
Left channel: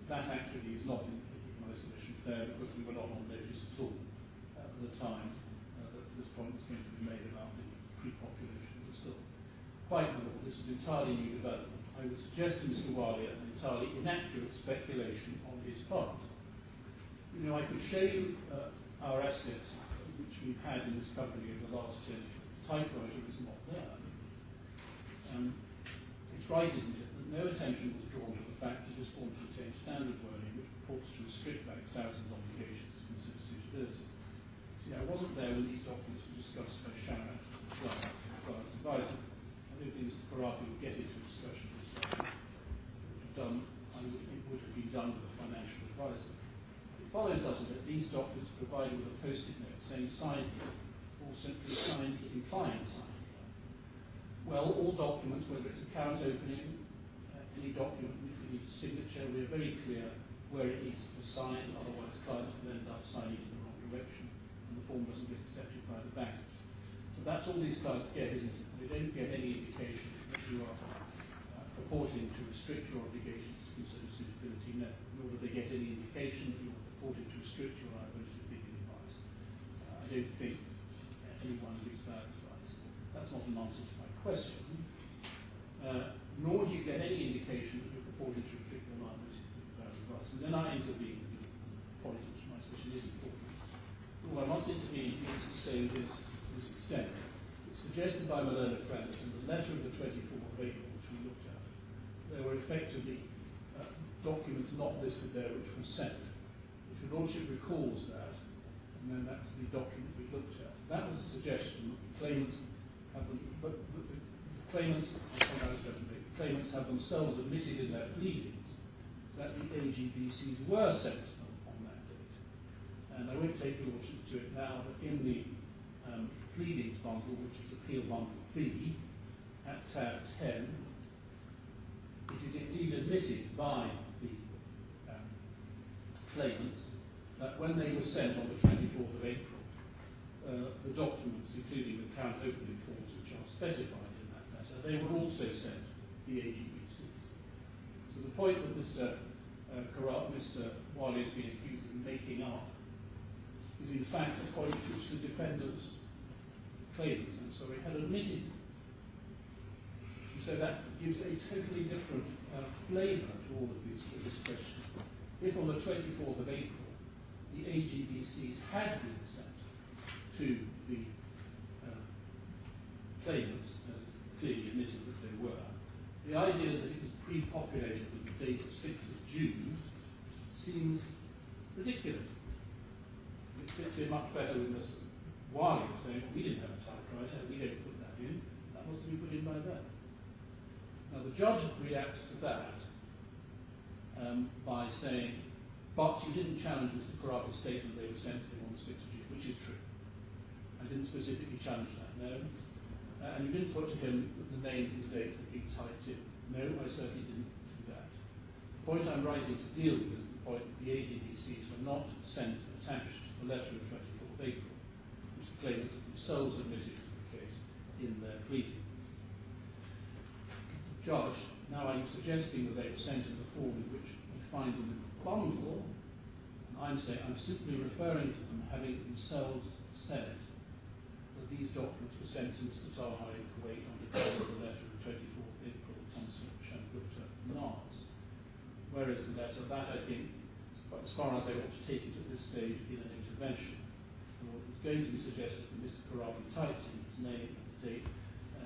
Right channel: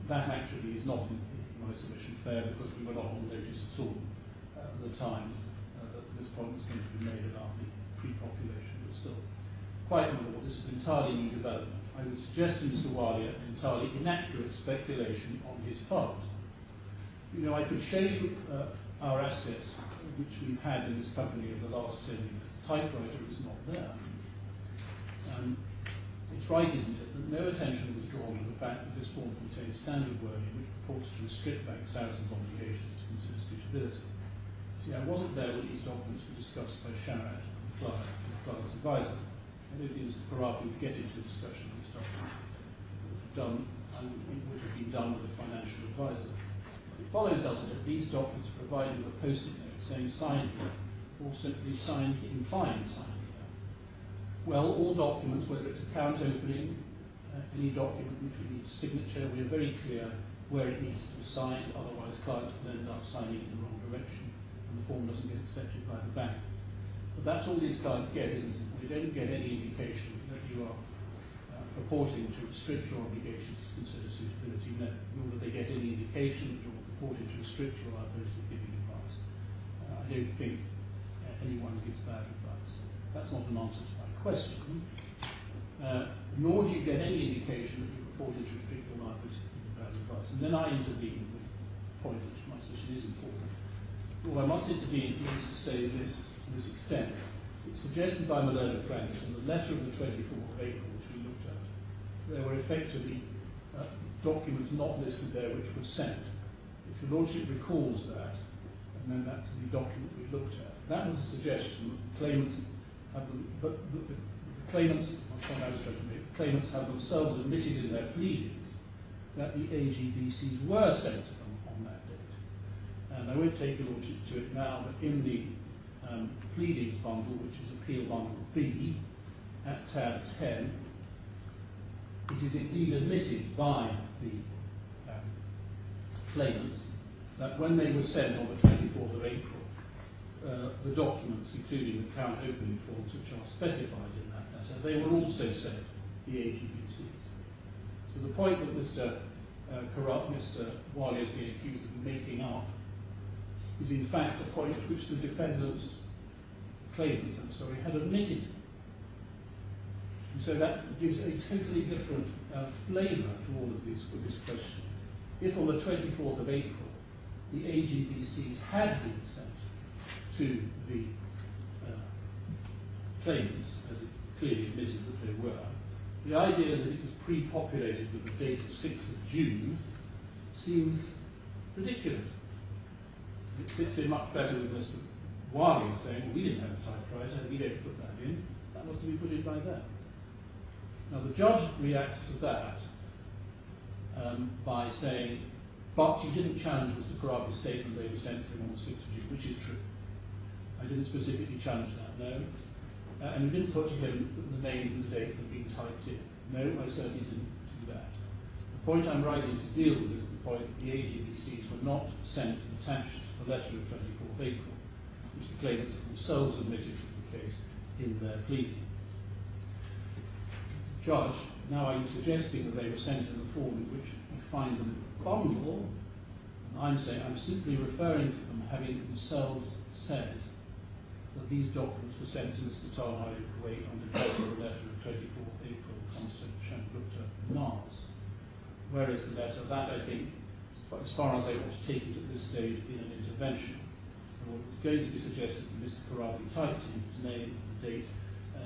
that actually is not in my submission fair, because we were not on notice at all at the time that this point was going to be made about the pre-population, but still. Quite normal, this is an entirely new development. I would suggest to Mr. Alia an entirely inaccurate speculation on his part. You know, I could show you our assets, which we've had in this company over the last 10 years. The typewriter is not there. It's right, isn't it, that no attention was drawn to the fact that this form contains standard wording which purports to restrict Bank Saracen's obligations to consider suitability. See, I wasn't there when these documents were discussed by Hamad, the client's advisor. I don't think Mr. Khorafi would get into a discussion of this document. It would have been done with a financial advisor. It follows, doesn't it, these documents are provided with a post-it note saying sign here, or simply sign, implying sign here. Well, all documents, whether it's account opening, any document which needs a signature, we are very clear where it needs to be signed, otherwise clients will end up signing in the wrong direction and the form doesn't get accepted by the bank. But that's all these clients get, isn't it? They don't get any indication that you are purporting to restrict your obligations to consider suitability, no, nor do they get any indication that you're purporting to restrict your liability to giving advice. I don't think anyone gives bad advice. That's not an answer to my question, nor do you get any indication that you're purporting to restrict your liability to giving bad advice. And then I intervene with the point which my session is important. Well, I must intervene, please, to say this to this extent. It's suggested by my learned friend in the letter of the 24th of April, which we looked at, there were effectively documents not listed there which were sent. If your Lordship recalls that, and then that's the document we looked at, that was a suggestion that the claimants have them, but the claimants, the point I was trying to make, the claimants have themselves admitted in their pleadings that the AGBCs were sent to them on that date. And I won't take your Lordship to it now, but in the pleadings bundle, which is Appeal Bundle B, at tab 10, it is indeed admitted by the claimants that when they were sent on the 24th of April, the documents, including the account opening forms which are specified in that letter, they were also sent the AGBCs. So the point that Mr. Wali is being accused of making up is in fact a point which the defendants, claimants, had admitted. And so that gives a totally different flavour to all of this question. If on the 24th of April the AGBCs had been sent to the claimants, as it's clearly admitted that they were, the idea that it was pre-populated with the date of 6th of June seems ridiculous. It fits in much better with Mr. Wali saying, well, we didn't have a typewriter, we don't put that in, that was to be put in by them. Now the judge reacts to that by saying, but you didn't challenge Mr. Khorafi's statement they were sent to him on the 6th of June, which is true. I didn't specifically challenge that, no. And you didn't put to him the names and the date had been typed in. No, I certainly didn't do that. The point I'm rising to deal with is the point that the AGBCs were not sent attached to the letter of 24th April, which the claimants themselves admitted was the case in their pleading. Judge, now are you suggesting that they were sent in the form in which you find them in the bundle? And I'm saying I'm simply referring to them having themselves said that these documents were sent to Mr. Talha in Kuwait on the cover of the letter of 24th April from Shamgupta Nars. Whereas the letter, that I think, as far as I want to take it at this stage, in an intervention. And what was going to be suggested that Mr. Khorafi typed in his name and the date,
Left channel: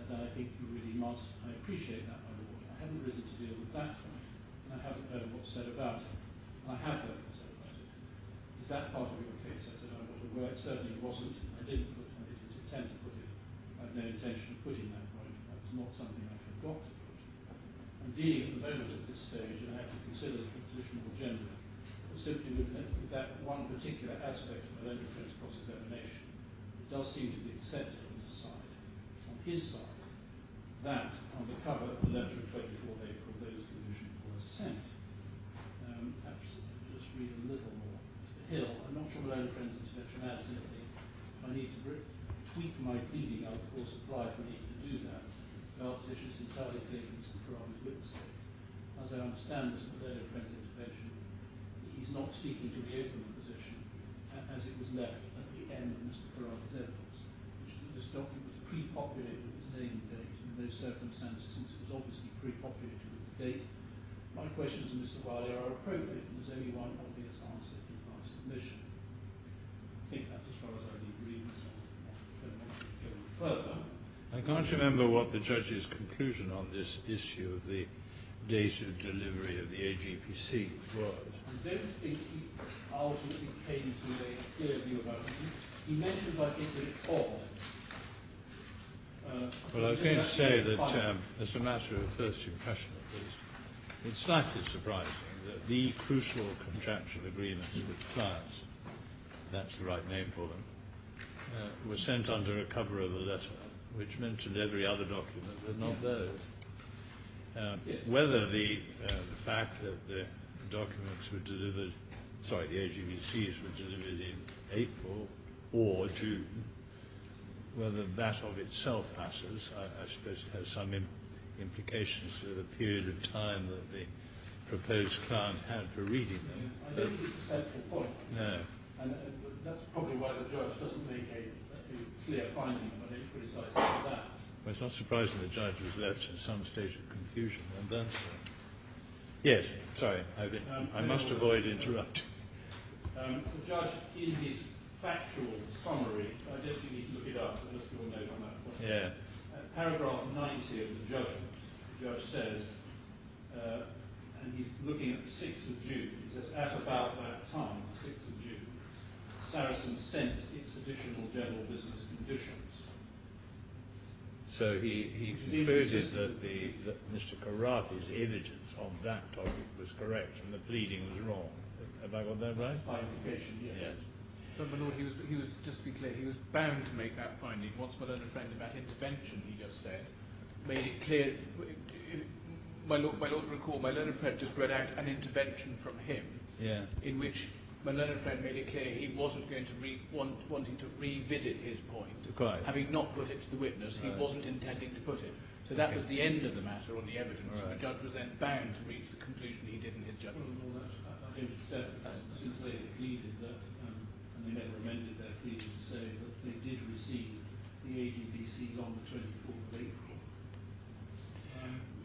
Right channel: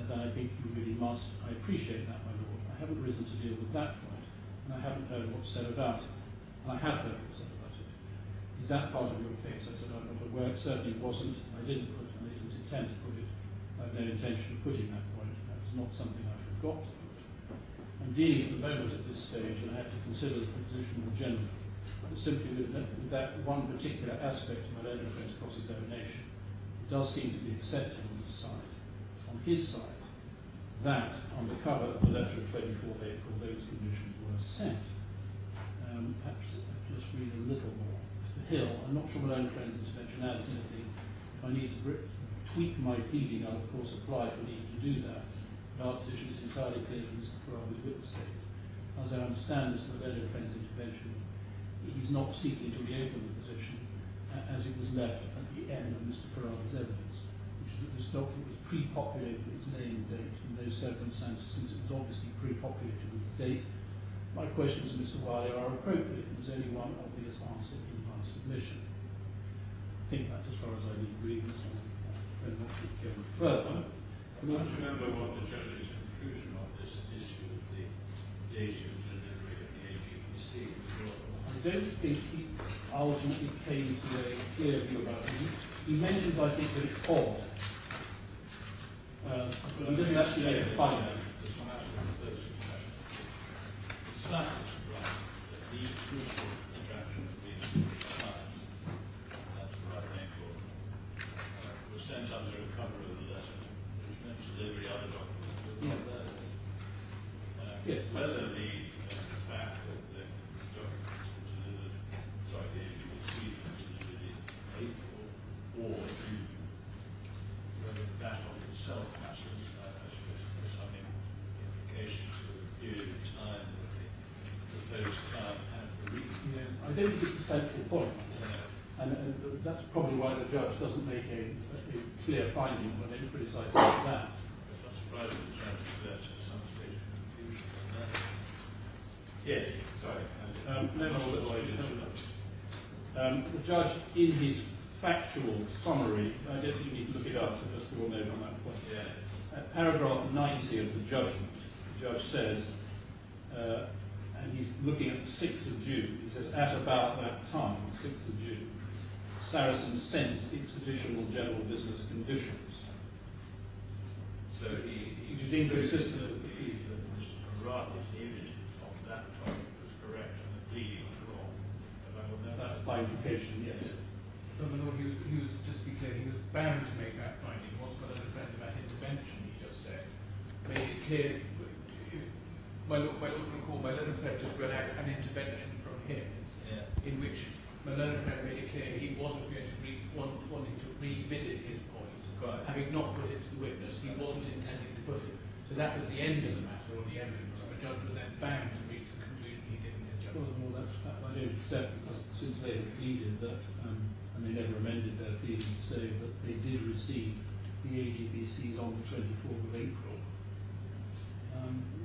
then I think you really must. I appreciate that, my lord. I haven't risen to deal with that point, and I haven't heard what's said about it. And I have heard what's said about it. Is that part of your case? I said, I'm not aware. It certainly wasn't. I didn't put, and I didn't intend to put it. I have no intention of putting that point. That was not something I forgot to put. I'm dealing at the moment at this stage, and I have to consider the position more generally. But simply with that one particular aspect of my own friend's cross-examination, it does seem to be accepted on his side, that on the cover of the letter of 24th April, those conditions were sent. Perhaps I'll just read a little more. Mr. Hill, I'm not sure my own friend's intervention adds anything. If I need to tweak my pleading, I'll of course apply for leave to do that. But our position is entirely clear from Mr. Khorafi's witness statement. As I understand this, my own friend's intervention, he's not seeking to reopen the position as it was left at the end of Mr. Khorafi's evidence, which is that this document was pre-populated with its name and date in those circumstances, since it was obviously pre-populated with the date. My questions to Mr. Wali are appropriate, and there's only one obvious answer in my submission. I think that's as far as I need reading, so I'm not going further. I can't remember what the judge's conclusion on this issue of the date of delivery of the AGPC was. I don't think he ultimately came to a clear view about it. He mentions, I think, that it's odd. Well, I was going to say that as a matter of first impression, it's slightly surprising that the crucial contractual agreements with clients, that's the right name for them, were sent under a cover of a letter, which mentioned every other document, but not those. Yes. Whether the fact that the documents were delivered, the AGBCs were delivered in April or June, whether that of itself passes, I suppose has some implications for the period of time that the proposed client had for reading. Yes. I don't think it's a central point. No. And that's probably why the judge doesn't make a clear finding when they criticise that. Well, it's not surprising the judge was left at some stage of confusion on that. Yes, sorry, I must avoid interrupting. The judge, in his factual summary, I don't think you need to look it up, so just your note on that point. Yeah. Paragraph 90 of the judgment, the judge says, and he's looking at the 6th of June, he says, at about that time, the 6th of June, Sarasin sent its additional general business conditions. So he which is inconsistent that Mr. Khorafi's evidence on that topic was correct and the pleading was wrong. Have I got that right? By implication, yes. So, my lord, he was just to be clear, he was bound to make that finding. What's my learned friend about intervention, he just said, made it clear. My lord recall, my learned friend just read out an intervention from him, in which when Leonard Friend made it clear he wasn't going to wanting to revisit his point, Quite. having not put it to the witness, he wasn't intending to put it. So that was the end of the matter on the evidence, and the judge was then bound to reach the conclusion he did in his judgment. Well, that I don't accept, because since they have pleaded that, and they never amended their plea to say that they did receive the AGBCs on the 24th of April.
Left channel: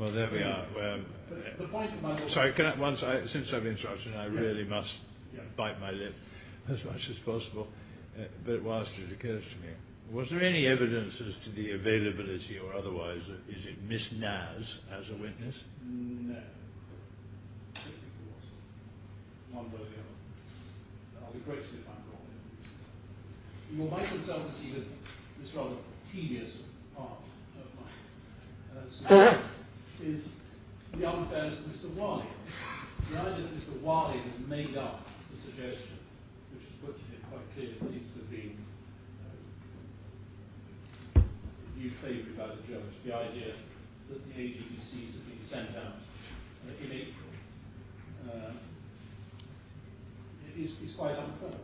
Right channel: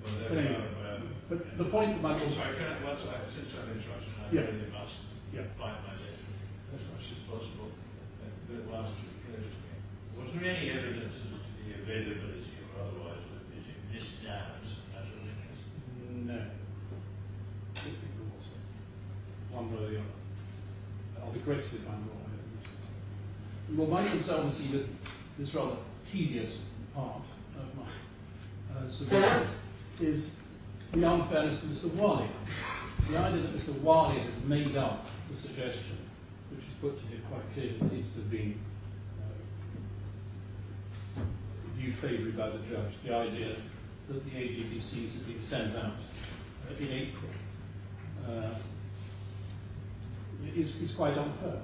Well, there we are. But the point of my... Sorry, since I've interrupted, I really must bite my lip as much as possible. But whilst it occurs to me, was there any evidence as to the availability or otherwise? Is it Miss Naz as a witness? No. I don't think there was. One way or the other. I'll be corrected if I'm wrong. Well, my concern with this rather tedious part of my suggestion is the unfairness to Mr. Wali. The idea that Mr. Wali has made up the suggestion, which was put to him quite clearly, it seems to have been viewed favourably by the judge, the idea that the AGBCs had been sent out in April is quite unfair.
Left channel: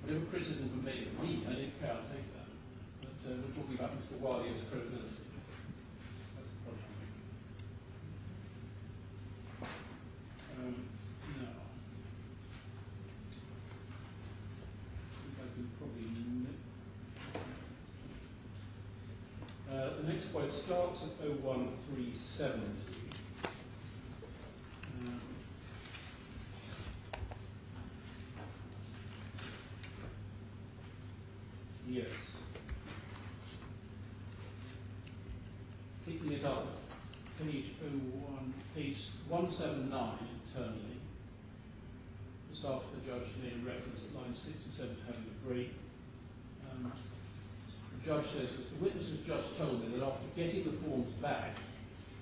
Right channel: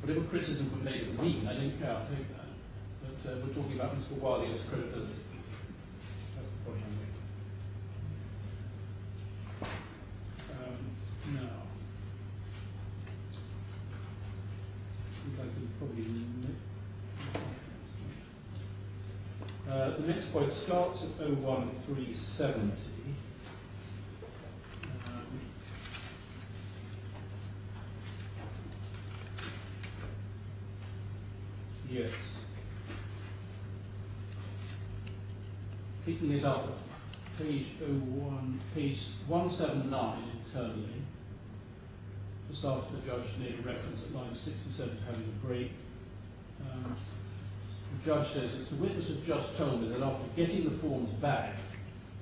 Whatever criticism could make of me, I don't care, I'll take that. But we're talking about Mr. Wali's credibility. That's the point I'm making. Now, I think I could probably... the next point starts at 01370. Yes. Picking it up, page 179 internally, just after the judge made a reference at lines 6 and 7 to having a break. The judge says, as the witness has just told me that after getting the forms back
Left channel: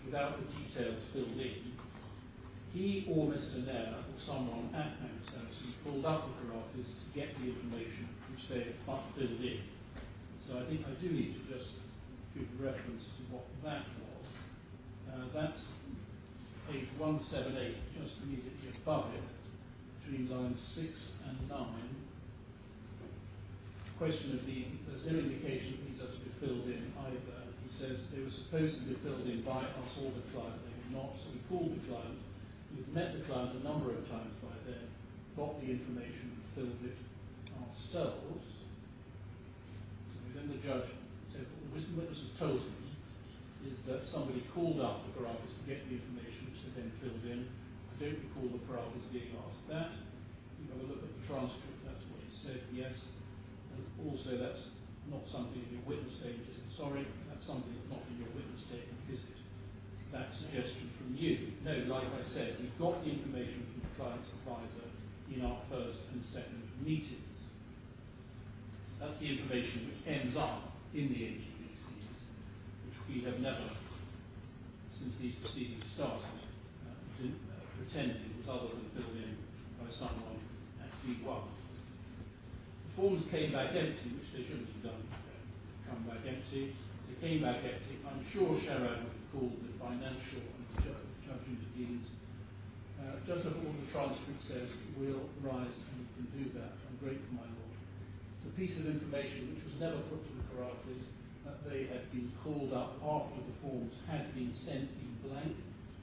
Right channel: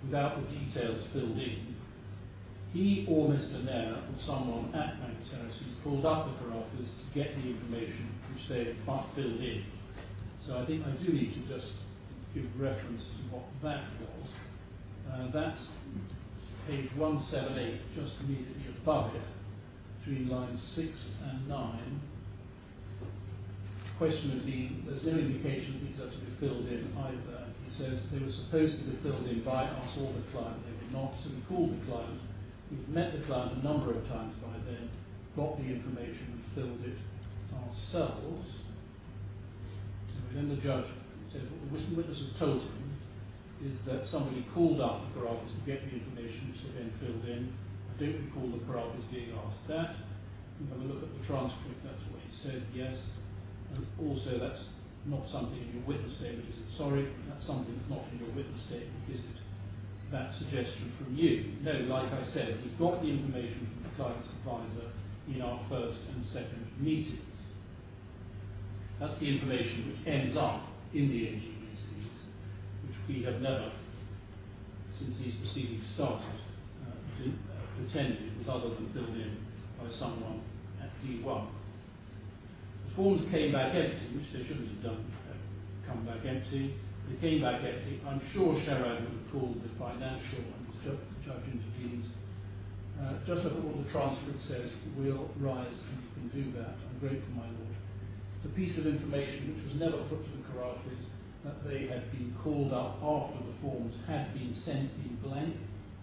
without the details filled in, he or Mr. Nair or someone at Bank Sarasin pulled up the Khorafis to get the information which they had filled in. So I think I do need to just give reference to what that was. That's page 178, just immediately above it, between lines 6 and 9. The question would be, there's no indication that these are to be filled in either. He says they were supposed to be filled in by us or the client. They were not, so we called the client. We've met the client a number of times by then, got the information and filled it ourselves. Then the judge said what the witness has told him is that somebody called up the Khorafis to get the information which they then filled in. I don't recall the Khorafis being asked that. You have a look at the transcript, that's what he said, yes. And also that's not something in your witness statement. He said, sorry, that's something that's not in your witness statement because that suggestion from you. No, like I said, we got the information from the client's advisor in our first and second meetings. That's the information which ends up in the NGBCs, which we have never, since these proceedings started, pretended it was other than filled in by someone at D1. The forms came back empty, which they shouldn't have done, come back empty. They came back empty. I'm sure Sharad would have called the financial, and the judge intervenes. Just look at what the transcript says. We'll rise and you can do that. I'm grateful, my lord. It's a piece of information which was never put to the Khorafis, that they had been called up after the forms had been sent in blank,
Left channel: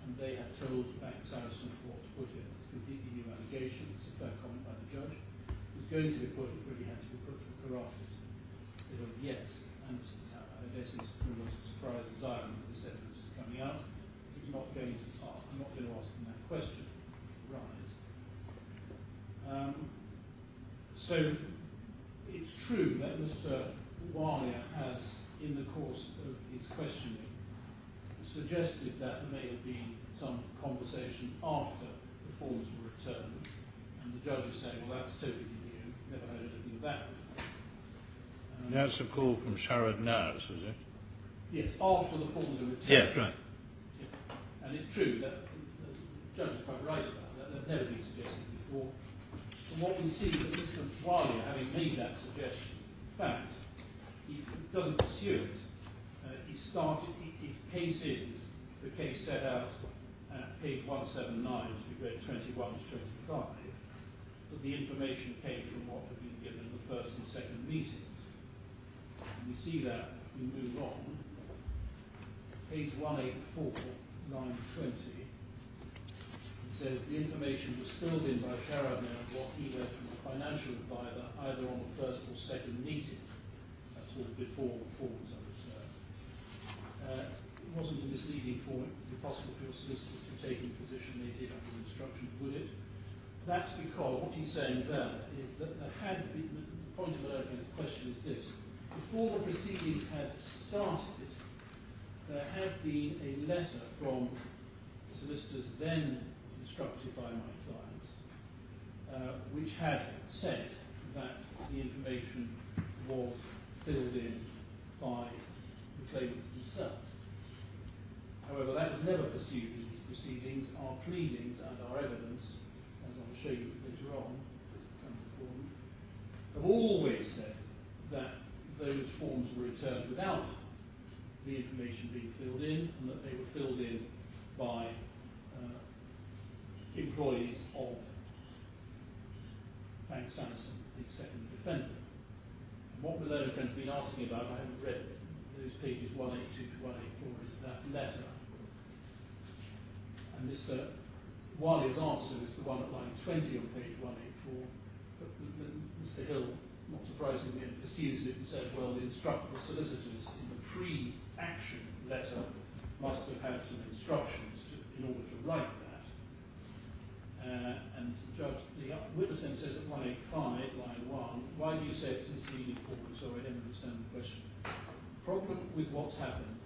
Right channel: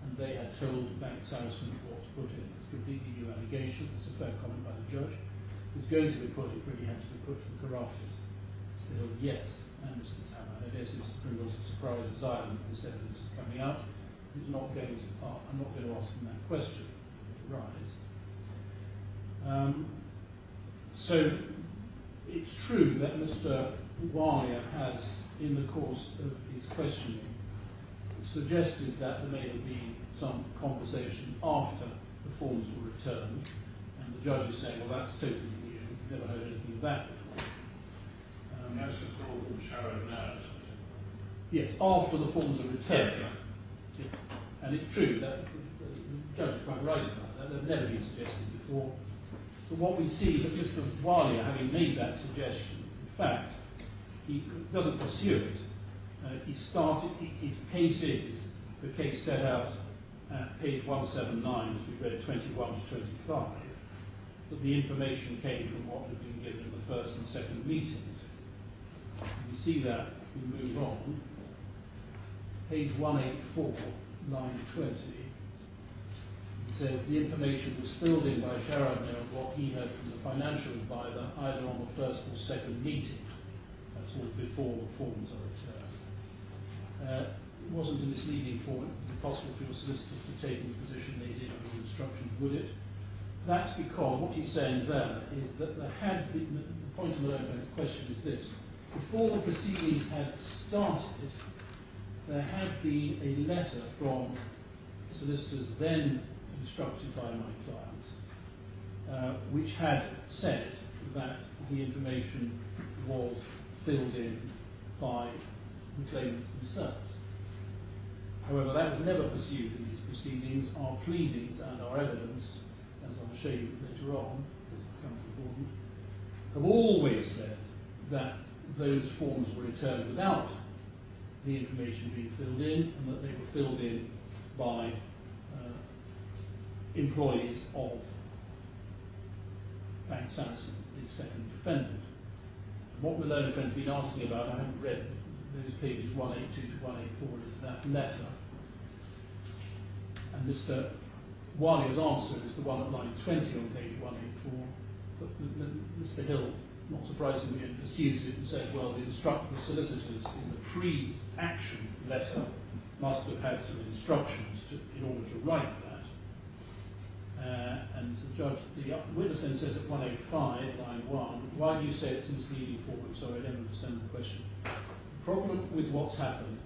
and they had told Bank Sarasin what to put in. It's a completely new allegation. It's a fair comment by the judge. It was going to be put, it really had to be put to the Khorafis. They said, yes, and Mrs. Hamad, I guess it's criminals as surprised as I am that this evidence is coming out. It's not going to, I'm not going to ask them that question. Rise. So it's true that Mr. Walia has, in the course of his questioning, suggested that there may have been some conversation after the forms were returned, and the judge is saying, well, that's totally new. Never heard anything of that before. That's a call from Sharad Naras, is it? Yes, after the forms are returned. Yes, right. Yeah. And it's true that the judge is quite right about that. They've never been suggested before. So what we see that Mr. Walia, having made that suggestion, in fact, he doesn't pursue it. He started, his case is the case set out at page 179, as we read 21 to 25. that the information came from what had been given in the first and second meetings. And we see that if we move on. Page 184, line 20, it says the information was filled in by Sharadner of what he heard from the financial advisor either on the first or second meeting. That's all before the forms are returned. It wasn't a misleading form. It would be possible for your solicitors to take in the position they did under the instructions, would it? That's because what he's saying there is that there had been, the point of Malone's question is this: before the proceedings had started, there had been a letter from solicitors then instructed by my clients, which had said that the information was filled in by the claimants themselves. However, that was never pursued in these proceedings. Our pleadings and our evidence, as I'll show you later on, as it becomes important, have always said that those forms were returned without the information being filled in, and that they were filled in by employees of Bank Sarasin, the second defendant. And what Malone and Friends have been asking about, I haven't read those pages 182 to 184, is that letter. And Mr. Walia's answer is the one at line 20 on page 184, but Mr. Hill, not surprisingly, pursues it and says, well, the solicitors in the pre-action letter must have had some instructions in order to write that. And the witness then says at 185, line 1, why do you say it's misleading forward? Sorry, I don't understand the question. The problem with what's happened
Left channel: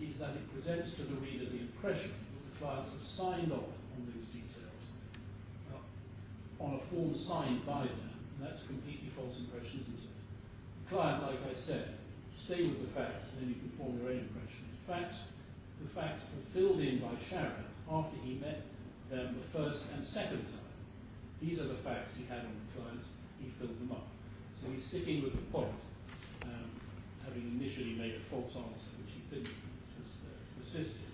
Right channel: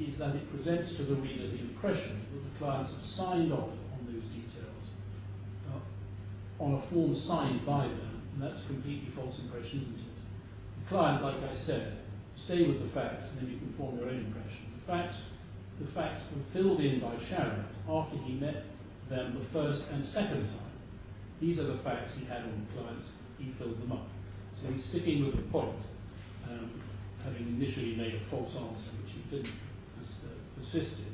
is that it presents to the reader the impression that the clients have signed off on those details on a form signed by them, and that's a completely false impression, isn't it? The client, like I said, stay with the facts and then you can form your own impression. The facts were filled in by Sharon after he met them the first and second time. These are the facts he had on the clients, he filled them up. So he's sticking with the point, having initially made a false answer, which he didn't persist in.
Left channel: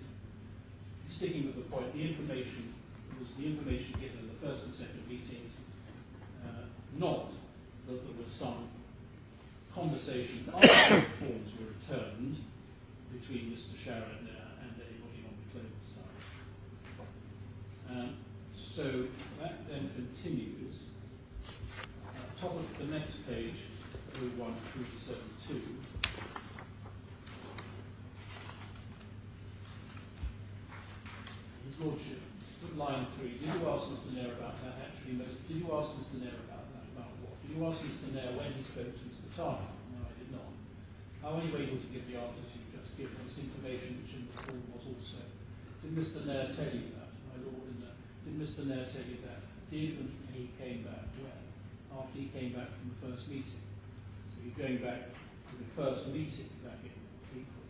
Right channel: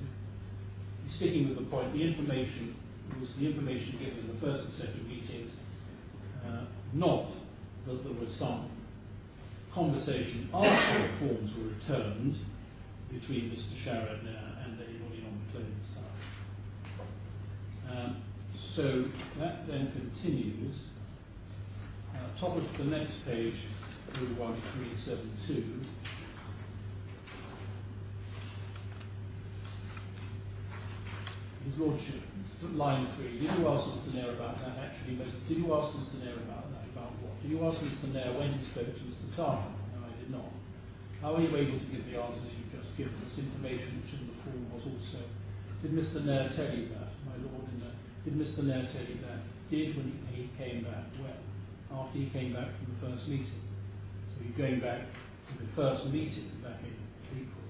He's sticking with the point. The information was the information given in the first and second meetings, not that there was some conversation after the forms were returned between Mr. Sharadner and anybody on the claimant's side. So that then continues. Top of the next page, 01372. His Lordship, line 3. Did you ask Mr. Nair about that? Actually, did you ask Mr. Nair about that? About what? Did you ask Mr. Nair when he spoke to Mr. Taha? No, I did not. How are you able to give the answers you've just given us, information which in the form was also? Did Mr. Nair tell you that, my Lord? Did Mr. Nair tell you that? Did when he came back? Well, after he came back from the first meeting. So you're going back to the first meeting back in April.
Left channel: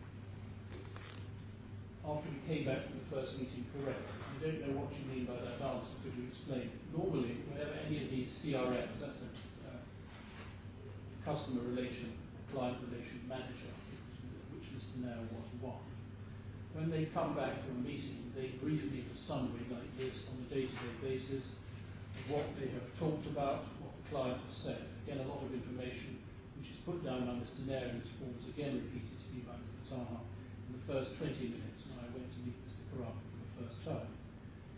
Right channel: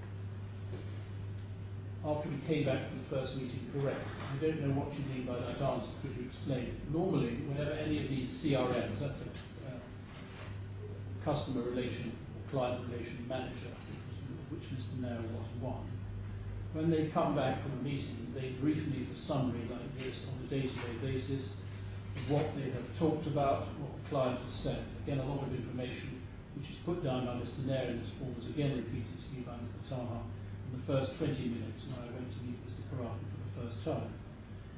After he came back from the first meeting, correct. I don't know what you mean by that answer. Could you explain? Normally, whenever any of these CRMs, that's a customer relation or client relation manager, which Mr. Nair was one, when they come back from a meeting, they brief me with a summary like this on a day-to-day basis of what they have talked about, what the client has said. Again, a lot of information which is put down by Mr. Nair in this form was again repeated to me by Mr. Taha in the first 20 minutes when I went to meet Mr. Khorafi for the first time.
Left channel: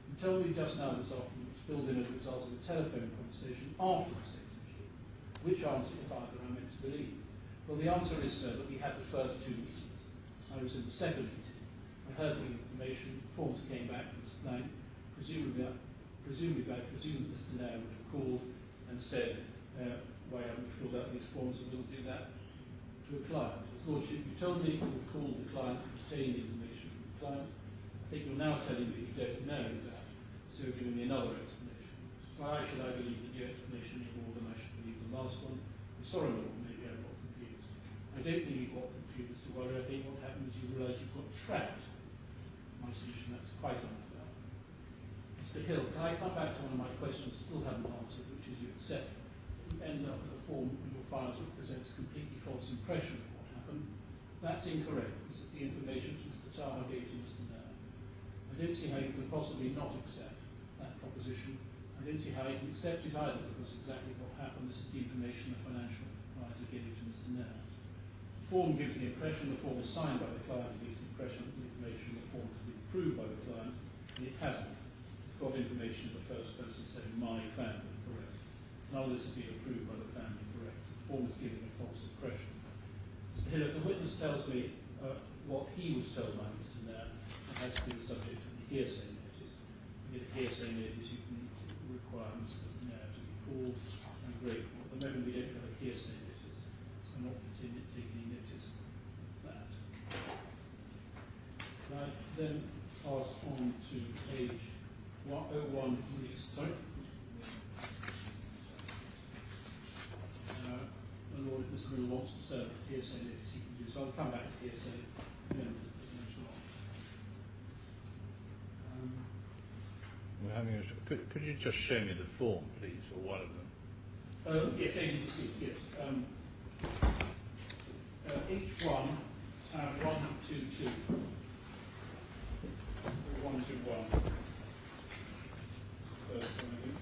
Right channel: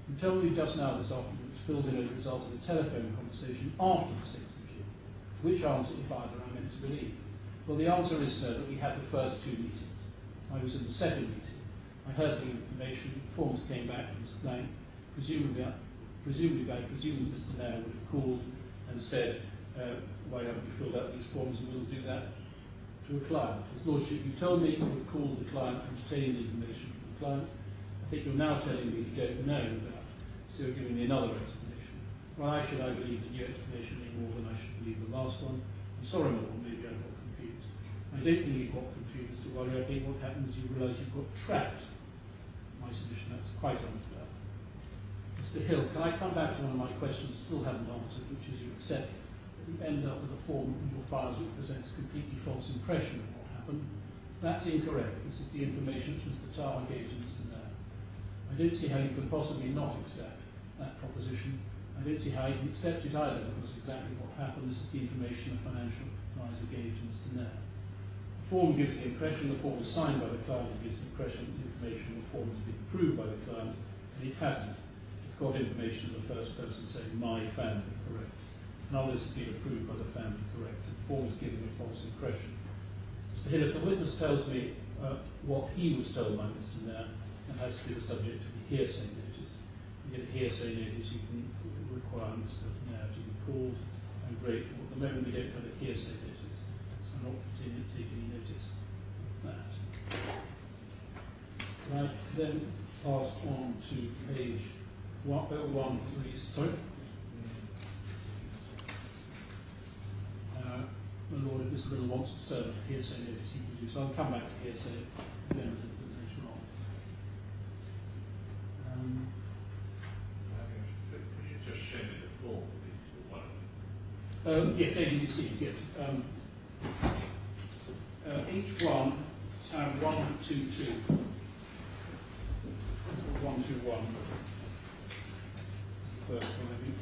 You told me just now this afternoon it was filled in as a result of a telephone conversation after the 6th of June. Which answer, if either, am I meant to believe? Well, the answer is, sir, that we had the first two meetings. I was in the second meeting. I heard the information, forms came back from Mr. Blank, presumably I presume Mr. Nair would have called and said, why haven't you filled out these forms, and we'll do that to a client. His Lordship, you told me you would call the client and obtain the information from the client. I think you're now telling me you don't know that, so you're giving me another explanation. Why should I believe the new explanation any more than I should believe the last one? I'm sorry, my Lord, maybe I got confused. I don't think you got confused, Mr. Waller. I think what happened is you realise you got trapped. My submission, that's quite unfair. Mr. Hill, can I come back to one of my questions I still haven't answered, which is you accept that you end up with a form in your files which presents a completely false impression of what happened. That's incorrect. This is the information which Mr. Taha gave to Mr. Nair. I don't see how you can possibly not accept that proposition. I don't see how he can accept it either, because exactly what happened. This is the information the financial advisor gave to Mr. Nair. The form gives the impression the form is signed by the client, it gives the impression that the information in the form has been approved by the client, and it hasn't. It's got information in the first person saying, my family, correct. None of this has been approved by the family, correct. So the form is giving a false impression. Mr. Hill, if the witness tells me what he was told by Mr. Nair, it has to be the subject of the hearsay notice. You get a hearsay notice, you can require Mr. Nair to be called. I'm grateful. At the moment we don't have a hearsay notice, so I'm not taking any notice of that. Can I then pass on to page 1013, sorry? My Lord, if Mr. Miller wants to serve a hearsay notice, he can do so. I'll come back to hearsay then later on. Could you just show me the form, please, or one of them? Yes, AGDCs, yes. H1, tab 122. 121. First one, I think.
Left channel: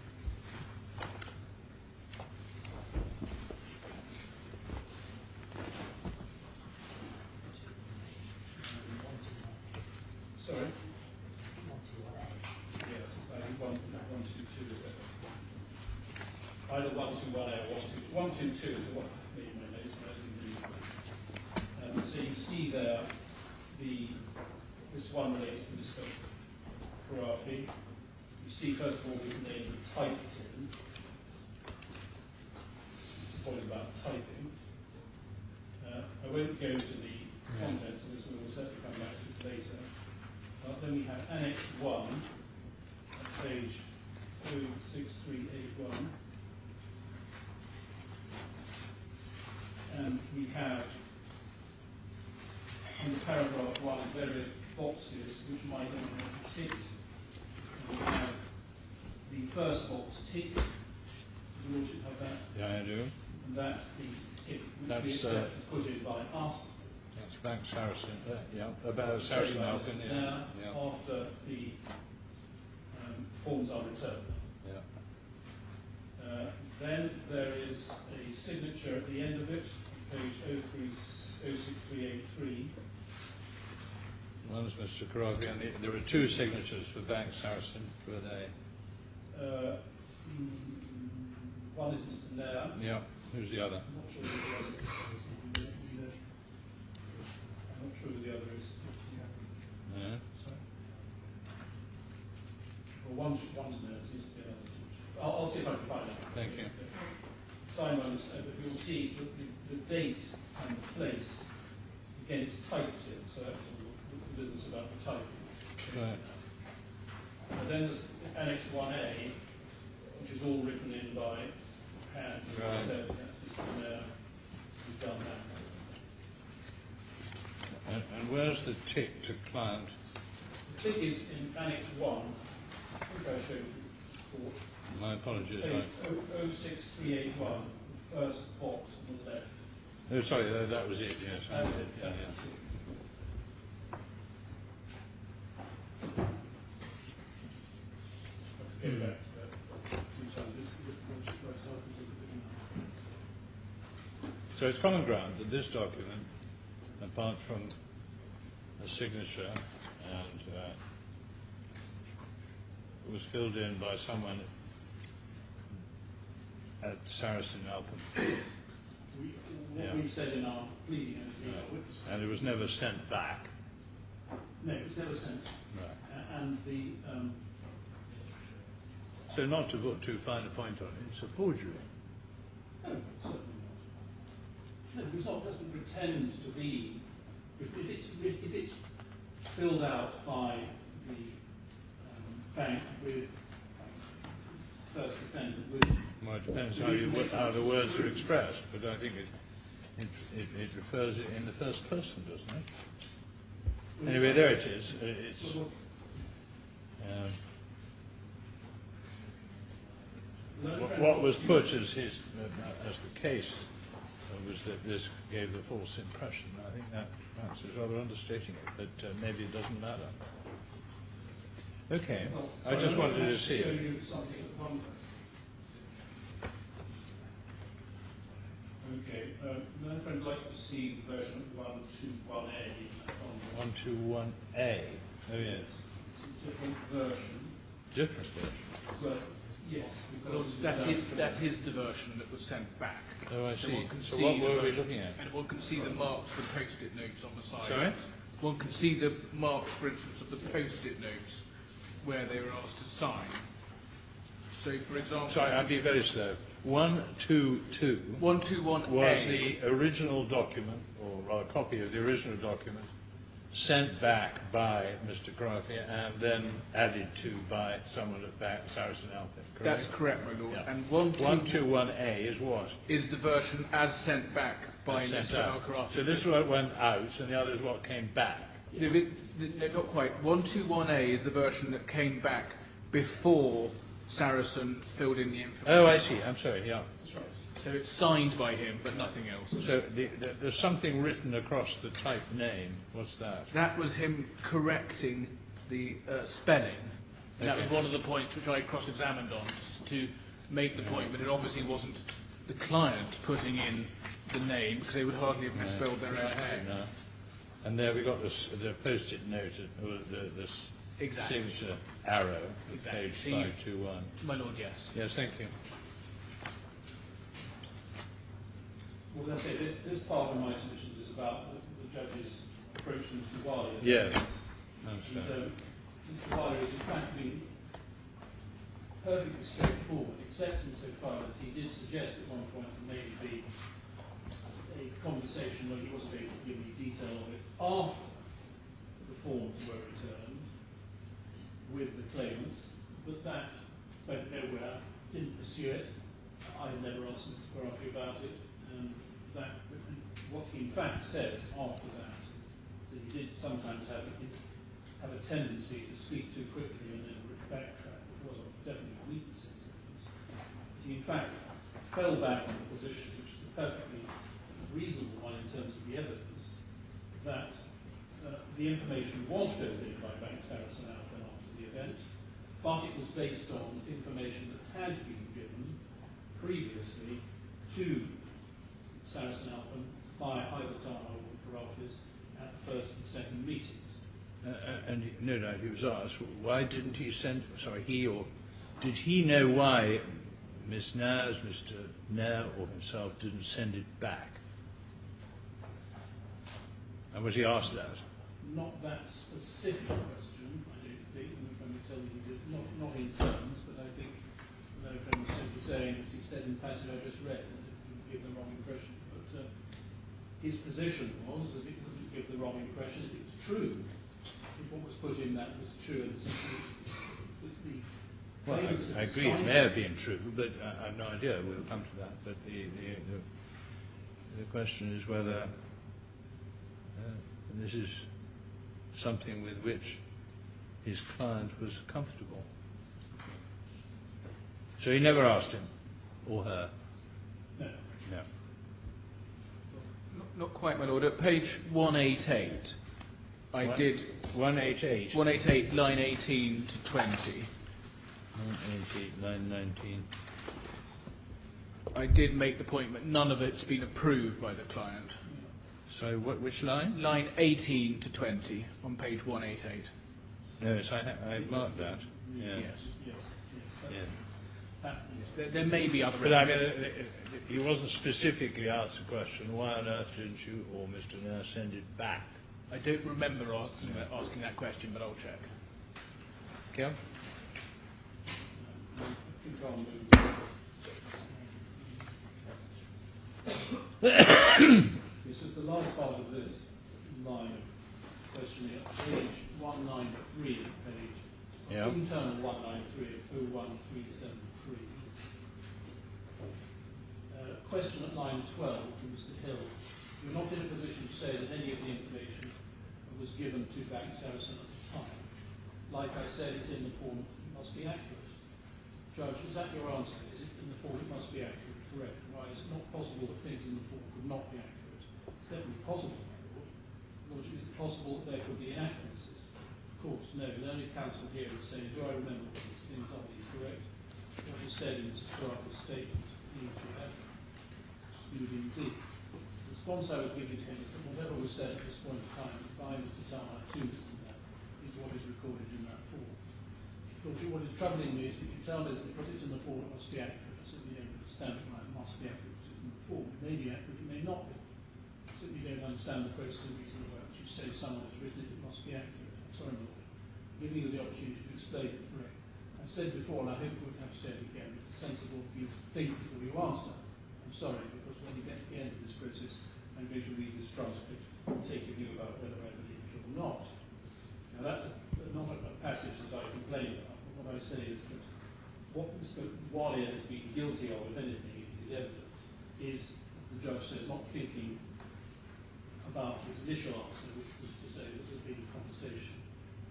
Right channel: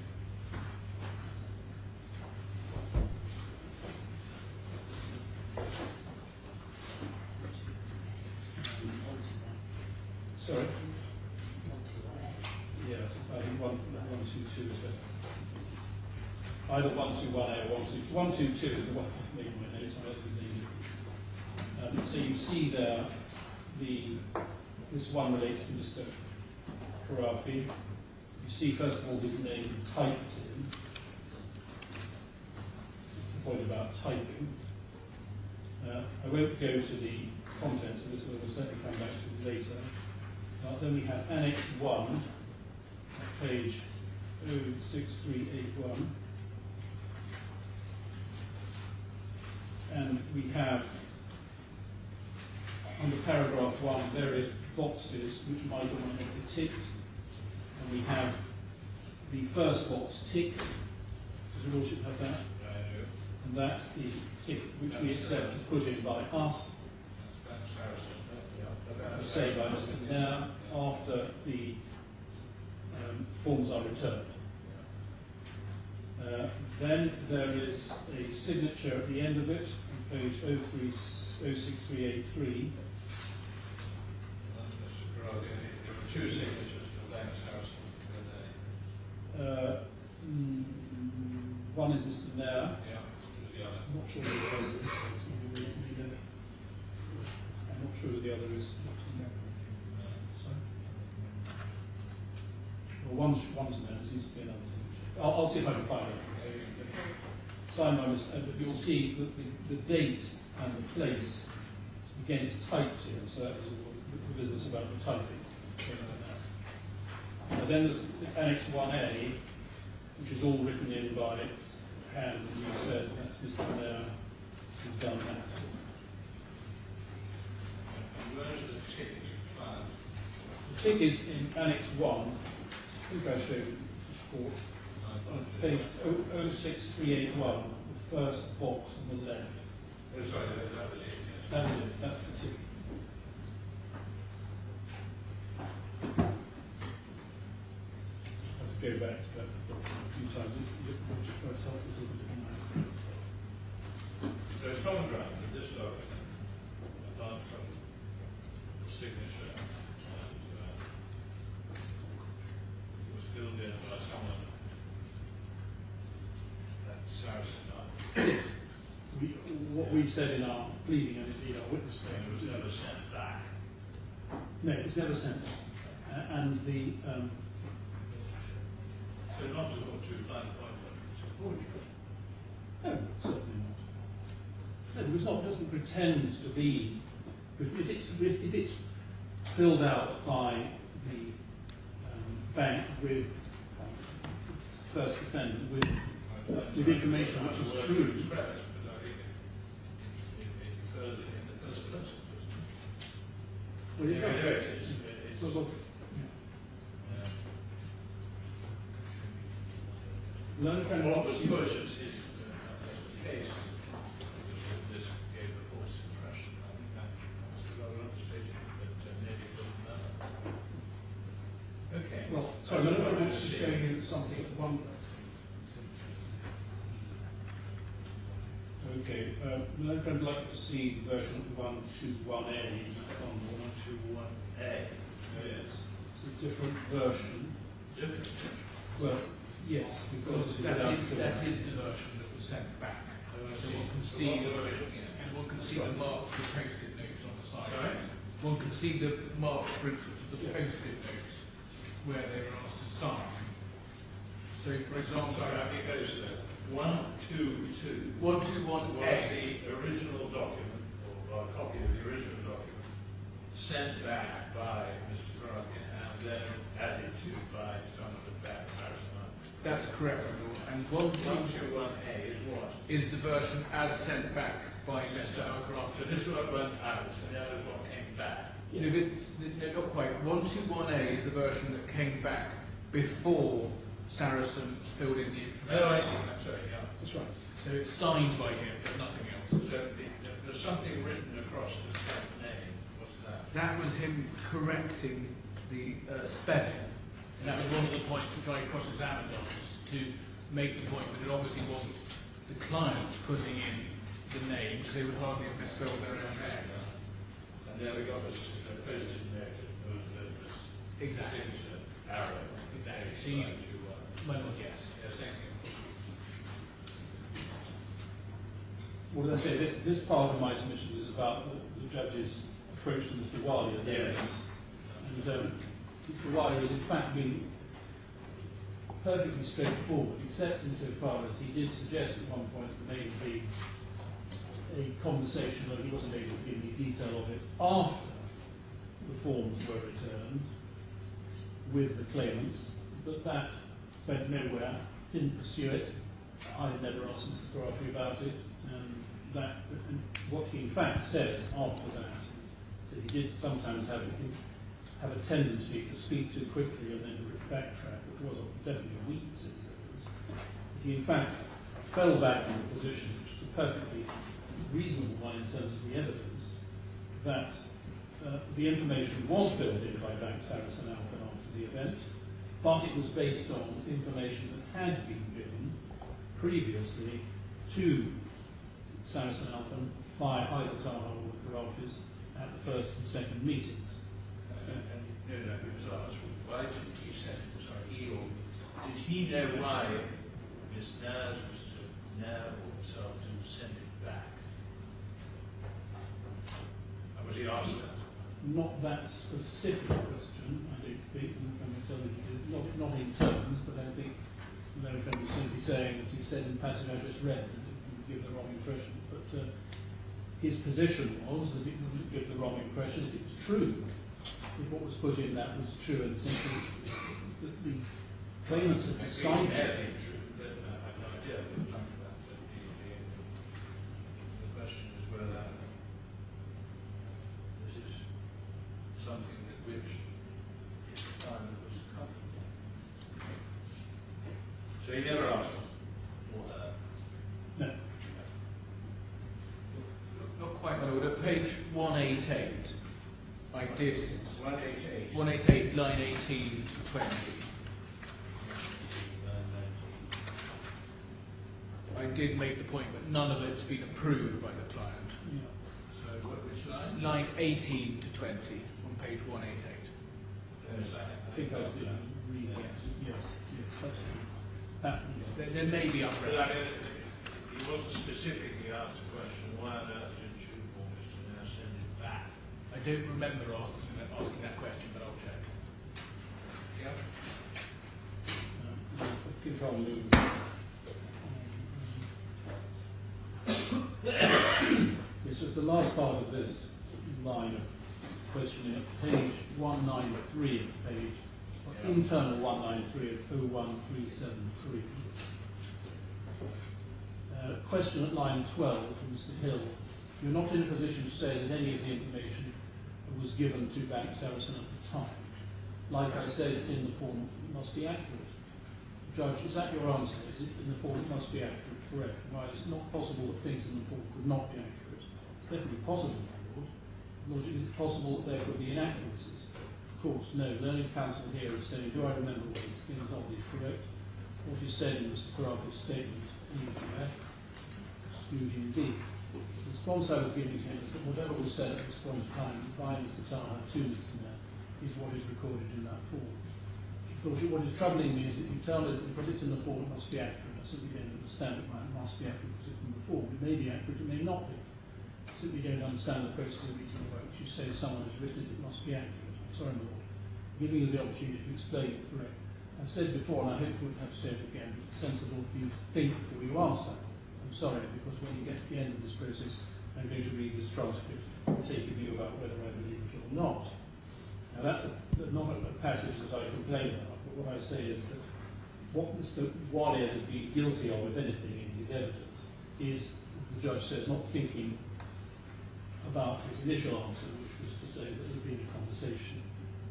Sorry? Yes, it's I think 122 is better. Either 121A or 122. 122 is the one I've made my notes. I actually named it. So you see there, this one relates to Mr. Khorafi. You see, first of all, his name typed in. That's the point about typing. I won't go to the contents of this, and we'll certainly come back to it later. Then we have Annex 1, page 06381. And we have, under paragraph 1, various boxes which might or might not be ticked. And we have the first box ticked. Does your Lordship have that? Yeah, I do. And that's the tick which we accept is put in by us. That's back Saracen. Yeah, about Say by us Sarasin-Alpen. now, after the forms are returned. Yeah. Then there is a signature at the end of it, on page 06383. One's Mr. Khorafi, and there are two signatures for Bank Saracen with a. One is Mr. Nair. Yeah, who's the other? I'm not sure who the other is. I'm not sure who the other is. Yeah. Sorry? Well, one's Nair, there seems to be another signature. I'll see if I can find it. Thank you. Signed by Mr. You'll see the date and the place. Again, it's typed in, so that was all the business about the typing. Then there's Annex 1A, which is all written in by hand, as I said. That's Mr. Nair who's done that. And where's the tick to client? The tick is in Annex 1. I think I showed it before. My apologies. Page 06381, the first box on the left. Oh, sorry, that was it, yes. That's it, that's the tick. I have to go back to that a few times. It's a little bit So it's common ground that this document, apart from a signature and was filled in by someone at Sarasin-Alpen. What we said in our pleading and in our witness statement. And it was never sent back. No, it was never sent. And the So not to put too fine a point on it, it's a forgery. no, certainly not. No, because it doesn't pretend to be. If it's filled out by the bank with first defendant with information how which the is words true. are expressed, but I think it refers it in the first person, doesn't it? Well, Anyway, there it is. It's, what was put as the case was that this gave the false impression. I think that perhaps is rather understating it, but maybe it doesn't matter. Okay. Well, I just wanted to show see. you something at one Okay, my friend would like to see version 121A on 121A. Oh yes. It's a different version. Different. Well, yes, Well, because that's his version that was sent back. Oh, I So see. one can So see what the were we version, looking at? and one can see the marks, the post-it notes on the side. Sorry? One can see the marks, for instance, of the post-it notes where they were asked to sign. So, for example, Sorry, I'll be very slow. 122 121A was the original document, or rather copy of the original document, sent back by Mr. Khorafi and then added to by someone at back Sarasin-Alpen. That's correct, my lord. Yeah. And 121A is what? is the version as sent back by Sent Mr. out. Al-Khorafi. So this is what went out, and the other is what came back. No, not quite. 121A is the version that came back before Saracen filled in the information. Oh, I see. I'm sorry. Yeah. That's right. So it's signed by him, but nothing else. So there's something written across the type name. What's that? That was him correcting the spelling. And that was one of the points which I cross-examined on, to make the point, but it obviously wasn't the client putting in the name, because they would hardly have misspelled their own name. No. And there we got this, the post-it note, this Exactly. signature arrow. Exactly. Page So you- 521. My lord, yes. Yes, thank you. Well, let's say this part of my submissions is about the judge's approach to Mr. Wali. Yes. And Mr. Wali has in fact been perfectly straightforward, except insofar as he did suggest at one point that maybe a conversation, though he wasn't able to give me detail of it, after the forms were returned with the claimants, but that went nowhere, didn't pursue it. I had never asked Mr. Khorafi about it, and what he in fact said after that is that he did sometimes have a tendency to speak too quickly and then backtrack, which was definitely a weakness in his evidence. But he in fact fell back on the position, which is a perfectly reasonable one in terms of the evidence, that the information was filled in by Bank Sarasin-Alpen after the event, but it was based on information that had been given previously to Sarasin-Alpen by either Taha or the Khorafis at the first and second meetings. And no doubt he was asked, why didn't he send, sorry, he or, did he know why Miss Naz, Mr. Nair or himself didn't send it back? And was he asked that? Not that specific question, I don't think, and the friend will tell me he did, not in terms, but I think the friend was simply saying, as he said in the passage I just read, that it would give the wrong impression. But his position was that it wouldn't give the wrong impression if it's true. If what was put in that was true and simply that the claimants I had agree, decided. it may have been true, but I have no idea. We'll come to that. But the question is whether this is something with which his client was comfortable. So he never asked him, or her. No. Yeah. Not quite, my lord. At page 188, I did 188. 188, line 18 to 20. 188, line 19. I did make the point that none of it's been approved by the client. Yeah. So which line? Line 18 to 20 on page 188. Yes, I marked that. Yeah. Yes. Yes. That's true. That, There may be other But I mean, references. he wasn't specifically asked the question, why on earth didn't you or Mr. Nair send it back? I don't remember asking that question, but I'll check. Okay. I think I'll move. It's just the last part of this line of questioning at page 193 of the page, Yeah. internal 193 of 01373. Question at line 12 from Mr. Hill. You're not in a position to say that any of the information was given to Bank Saracen at the time. Like I said, it's in the form, it must be accurate. Judge, is that your answer? Is it in the form, it must be accurate? Correct. Why is it not possible that things in the form could not be accurate? It's definitely possible, my lord. Lordship, is it possible that there could be inaccuracies? Of course, no. Learned counsel here is saying, do I remember all these things? Are these correct? What you said in Mr. Khorafi's statement, E to F, excluding B. response I was giving to him is that whatever was said at this point in time by Mr. Taha to Mr. Mayor is what is recorded in that form. Of course, what is troubling me is that you tell me that because it's in the form it must be accurate. I simply don't understand it. It must be accurate because it's in the form. It may be accurate, it may not be. I simply don't understand the process of reason by which you say someone has written it, it must be accurate. I'm sorry, my lord. Giving you the opportunity to explain it correct. I've said before, and I hope you won't have to say it again, it's sensible for you to think before you answer. I'm sorry, because when you get to the end of this process, I'm going to read this transcript and take a view about whether I believe it or not. Now, that's not a passage that I complain about, but what I say is that what Mr. Alia has been guilty of, if anything, in his evidence is, as the judge says, not thinking about his initial answer, which was to say that there had been a conversation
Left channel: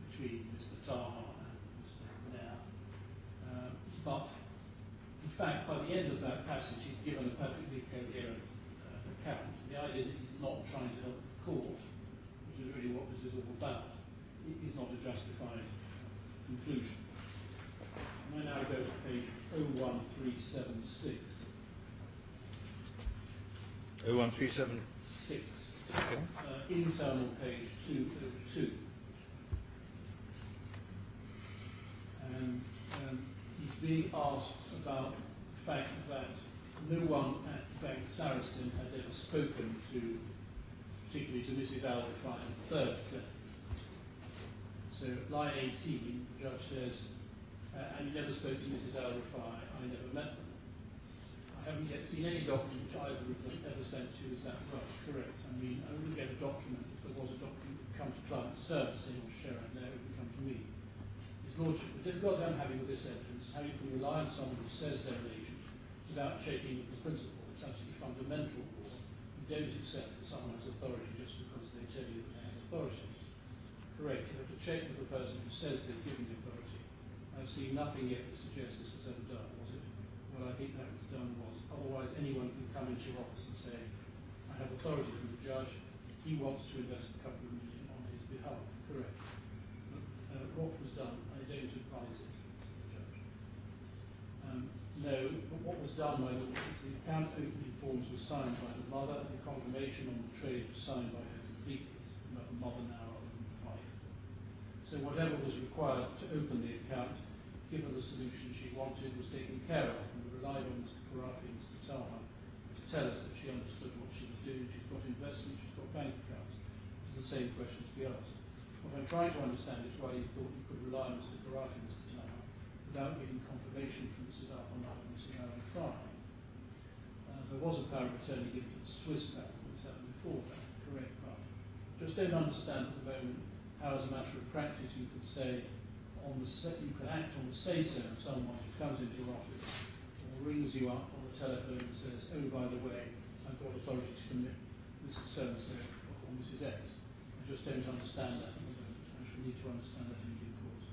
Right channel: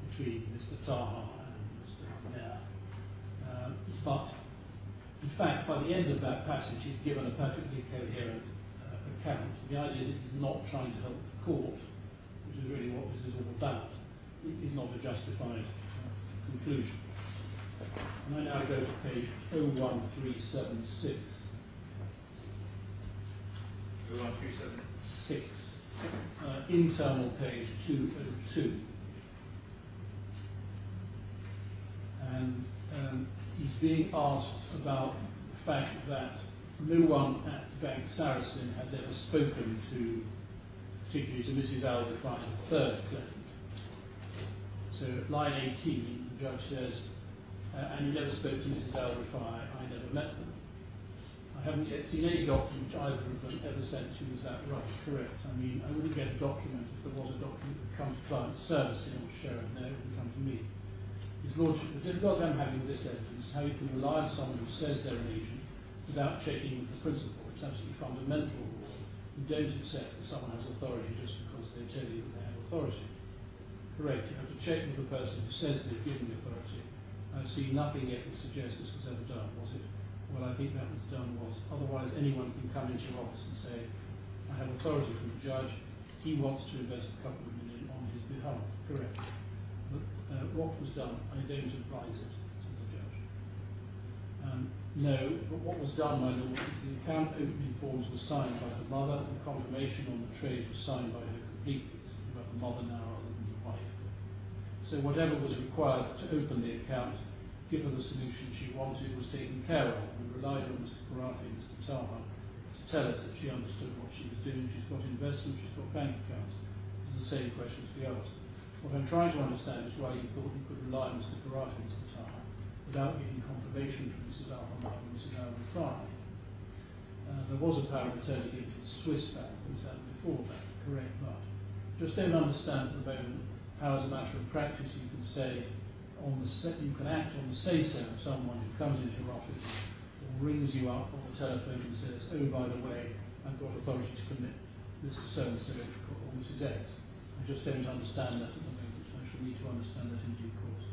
between Mr. Taha and Mr. Mayor. But, in fact, by the end of that passage, he's given a perfectly coherent account. The idea that he's not trying to help the court, which is really what this is all about, is not a justified conclusion. And I now go to page 01376. 01376. Internal page 202. And he's being asked about the fact that no one at Bank Sarasin had ever spoken to, particularly to Mrs. Al-Rifai, the third claimant. So at line 18, the judge says, and you never spoke to Mrs. Al-Rifai, I never met them. I haven't yet seen any document which either of them ever sent to you. Is that right? Correct. I mean, I wouldn't get a document if there was a document that would come to client servicing or Sharon. No, it would come to me. His Lordship, the difficulty I'm having with this evidence is how you can rely on someone who says they're an agent without checking with the principle. It's absolutely fundamental law. You don't accept that someone has authority just because they tell you that they have authority. Correct. You have to check with the person who says they've given the authority. I've seen nothing yet that suggests this was ever done, was it? What I think that was done was, otherwise anyone can come into your office and say, I have authority from the judge, he wants to invest a couple of million on his behalf. Correct. But what was done, I don't advise it to the judge. No, but what was done, my lord, is the account opening forms were signed by the mother, the confirmation on the trade was signed by her completely, about the mother now rather than the wife. So whatever was required to open the account, give her the solution she wanted, was taken care of. We relied on Mr. Khorafi and Mr. Taha to tell us that she understood what she was doing. She's got investments, she's got bank accounts. It's the same questions we asked. What I'm trying to understand is why you thought you could rely on Mr. Khorafi and Mr. Taha without getting confirmation from Mrs. Al-Hamad and Mrs. Al-Rifai. There was a power of attorney given to the Swiss bank, and this happened before that, correct? But just don't understand at the moment how, as a matter of practice, you can say you can act on the say-so of someone who comes into your office or rings you up on the telephone and says, oh, by the way, I've got authority to commit Mr. So-and-so or Mrs. X. I just don't understand that at the moment. I shall need to understand that in due course.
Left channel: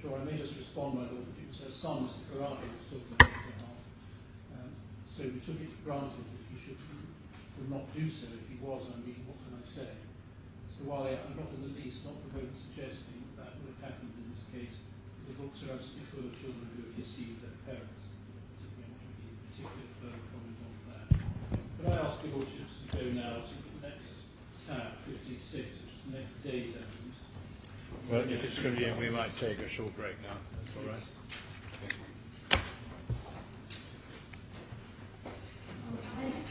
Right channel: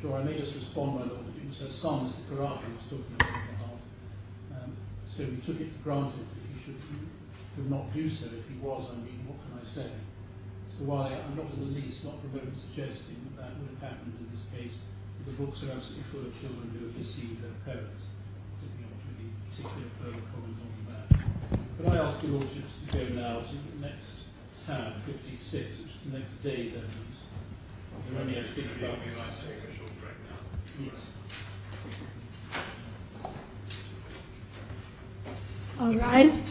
Sure, I may just respond, my lord, that it was her son, Mr. Khorafi, was talking on his behalf. So we took it for granted that he would not do so. If he was, I mean, what can I say? So while I'm not in the least, not for a moment suggesting that would have happened in this case, the books are absolutely full of children who have deceived their parents. I don't think I want to really particular further comment on that. But I ask your lordships to go now to the next tab, 56, which is the next day's evidence. Well, if it's convenient, we might take a short break now. Yes. All rise.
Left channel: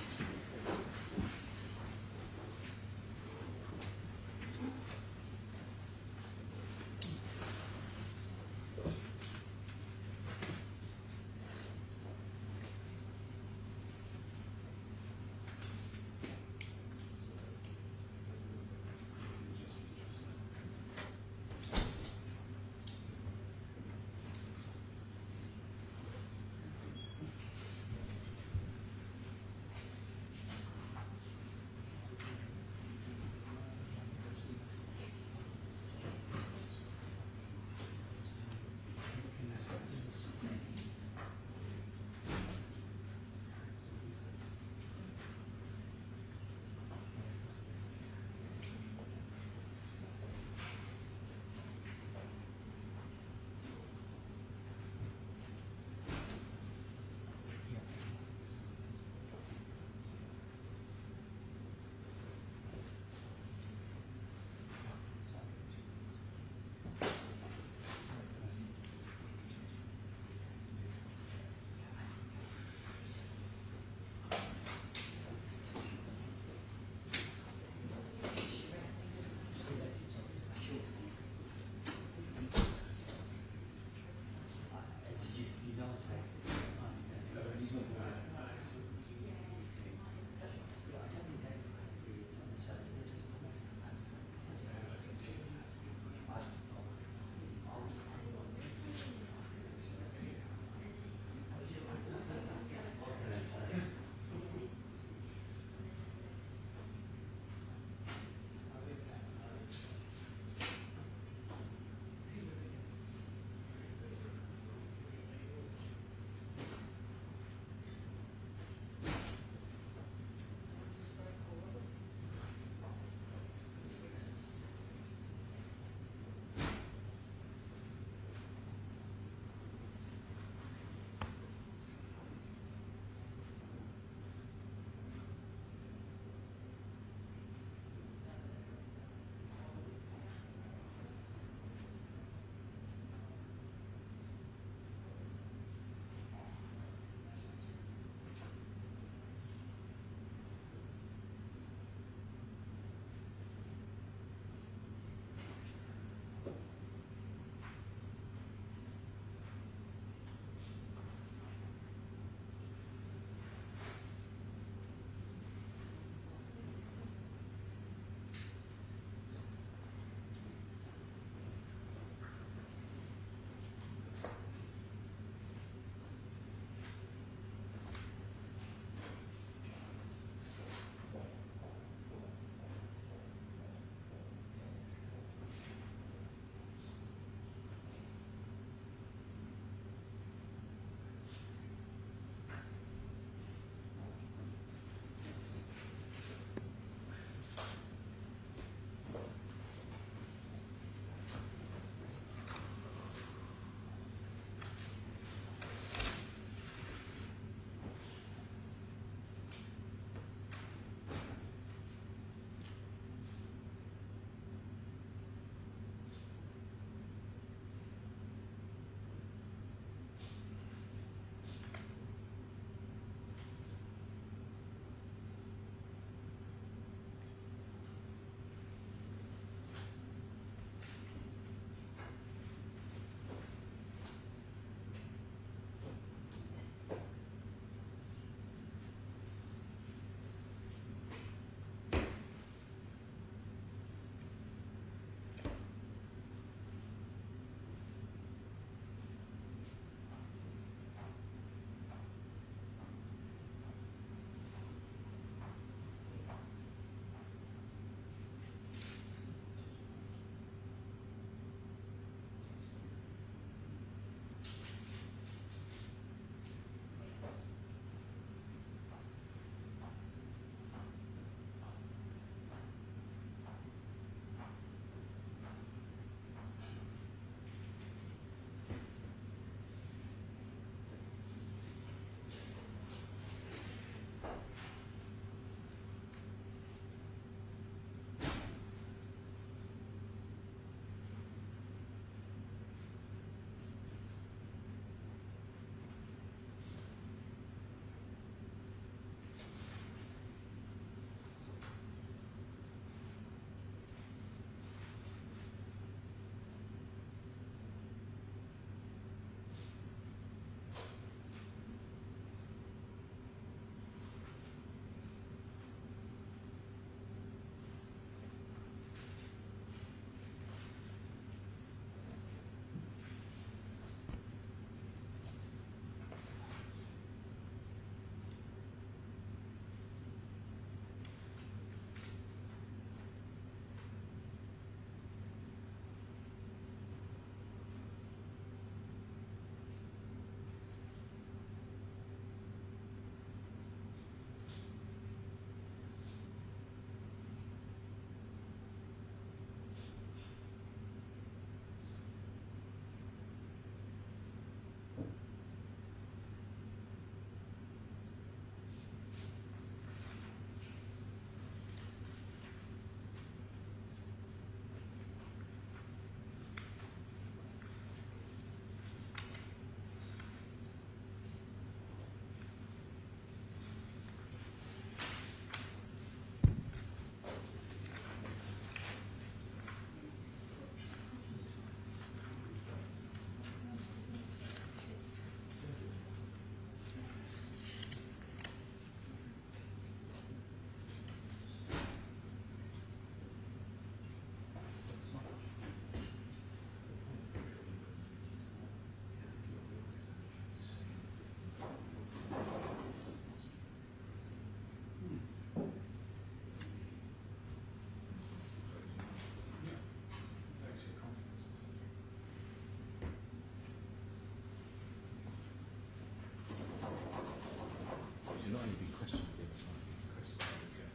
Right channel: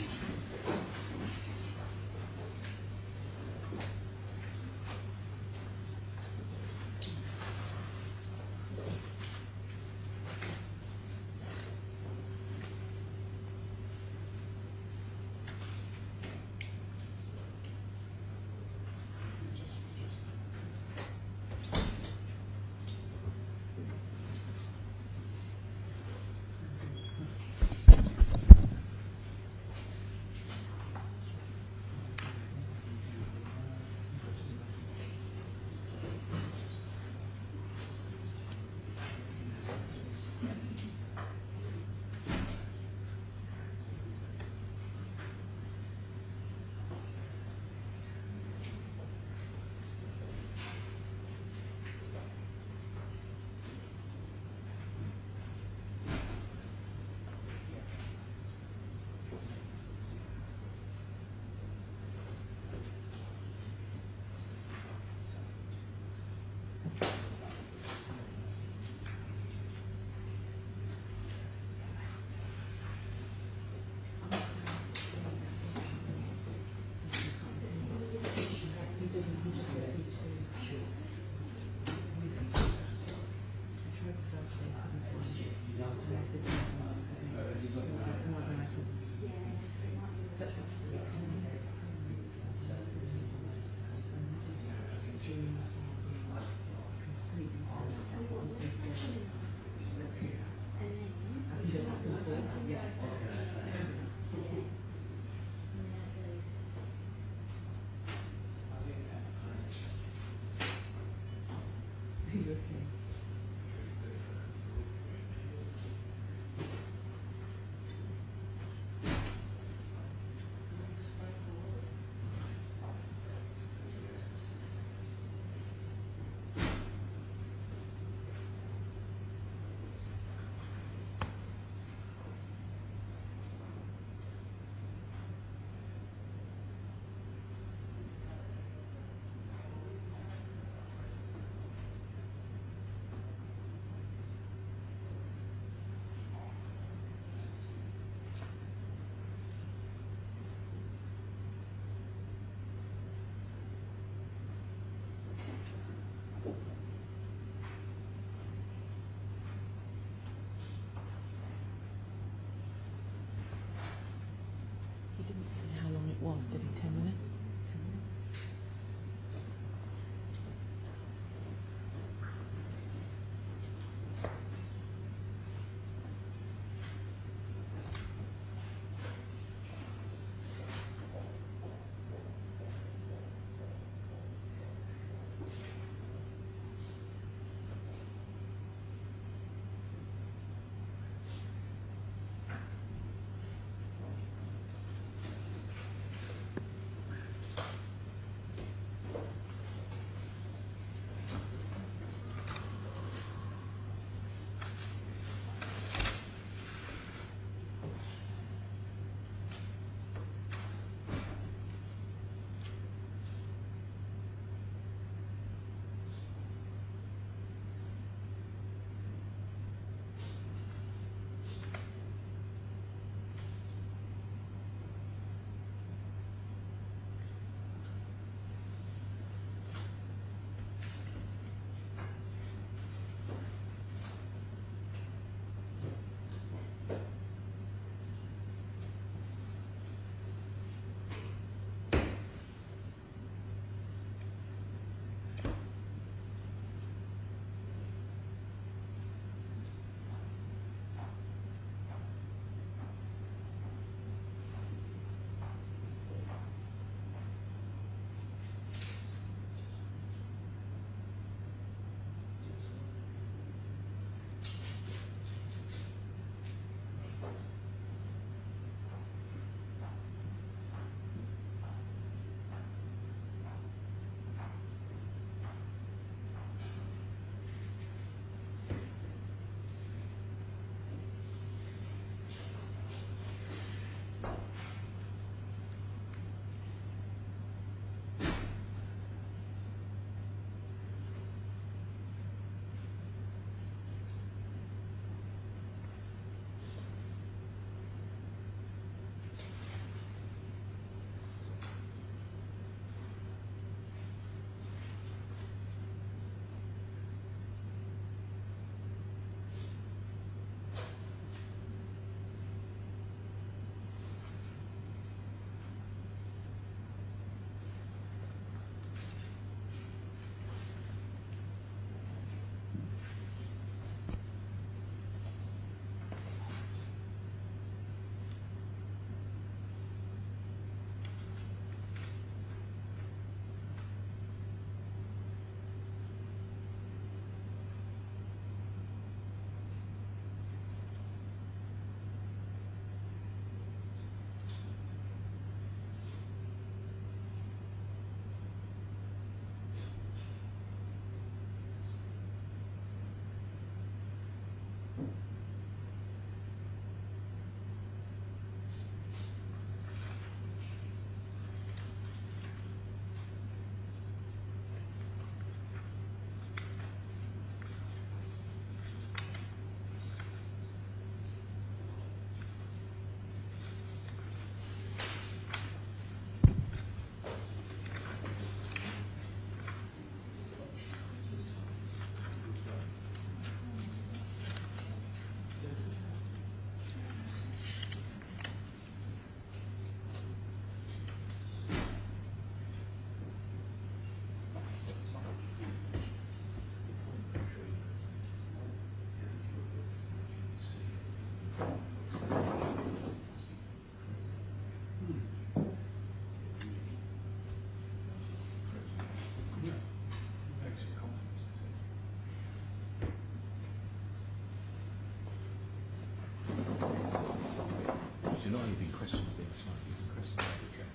not only been questioned being slightly, been questioned by the objectives.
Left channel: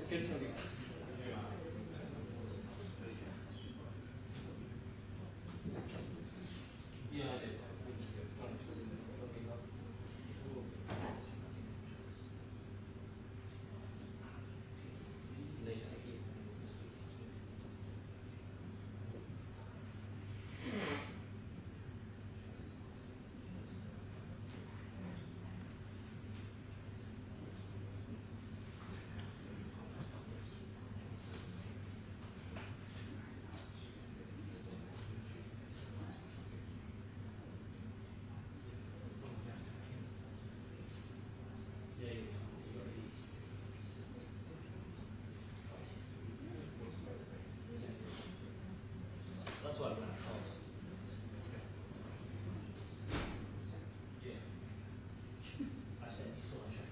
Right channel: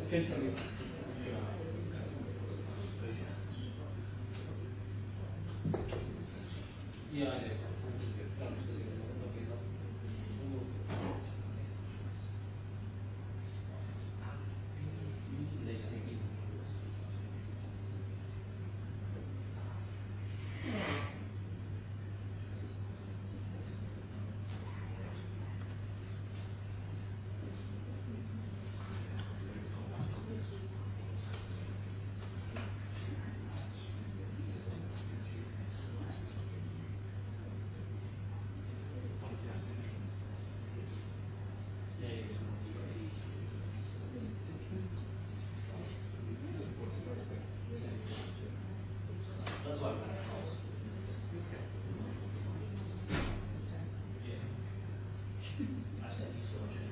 It's going to tell you. Yeah, I do. That's why I ran across. I said you saw it.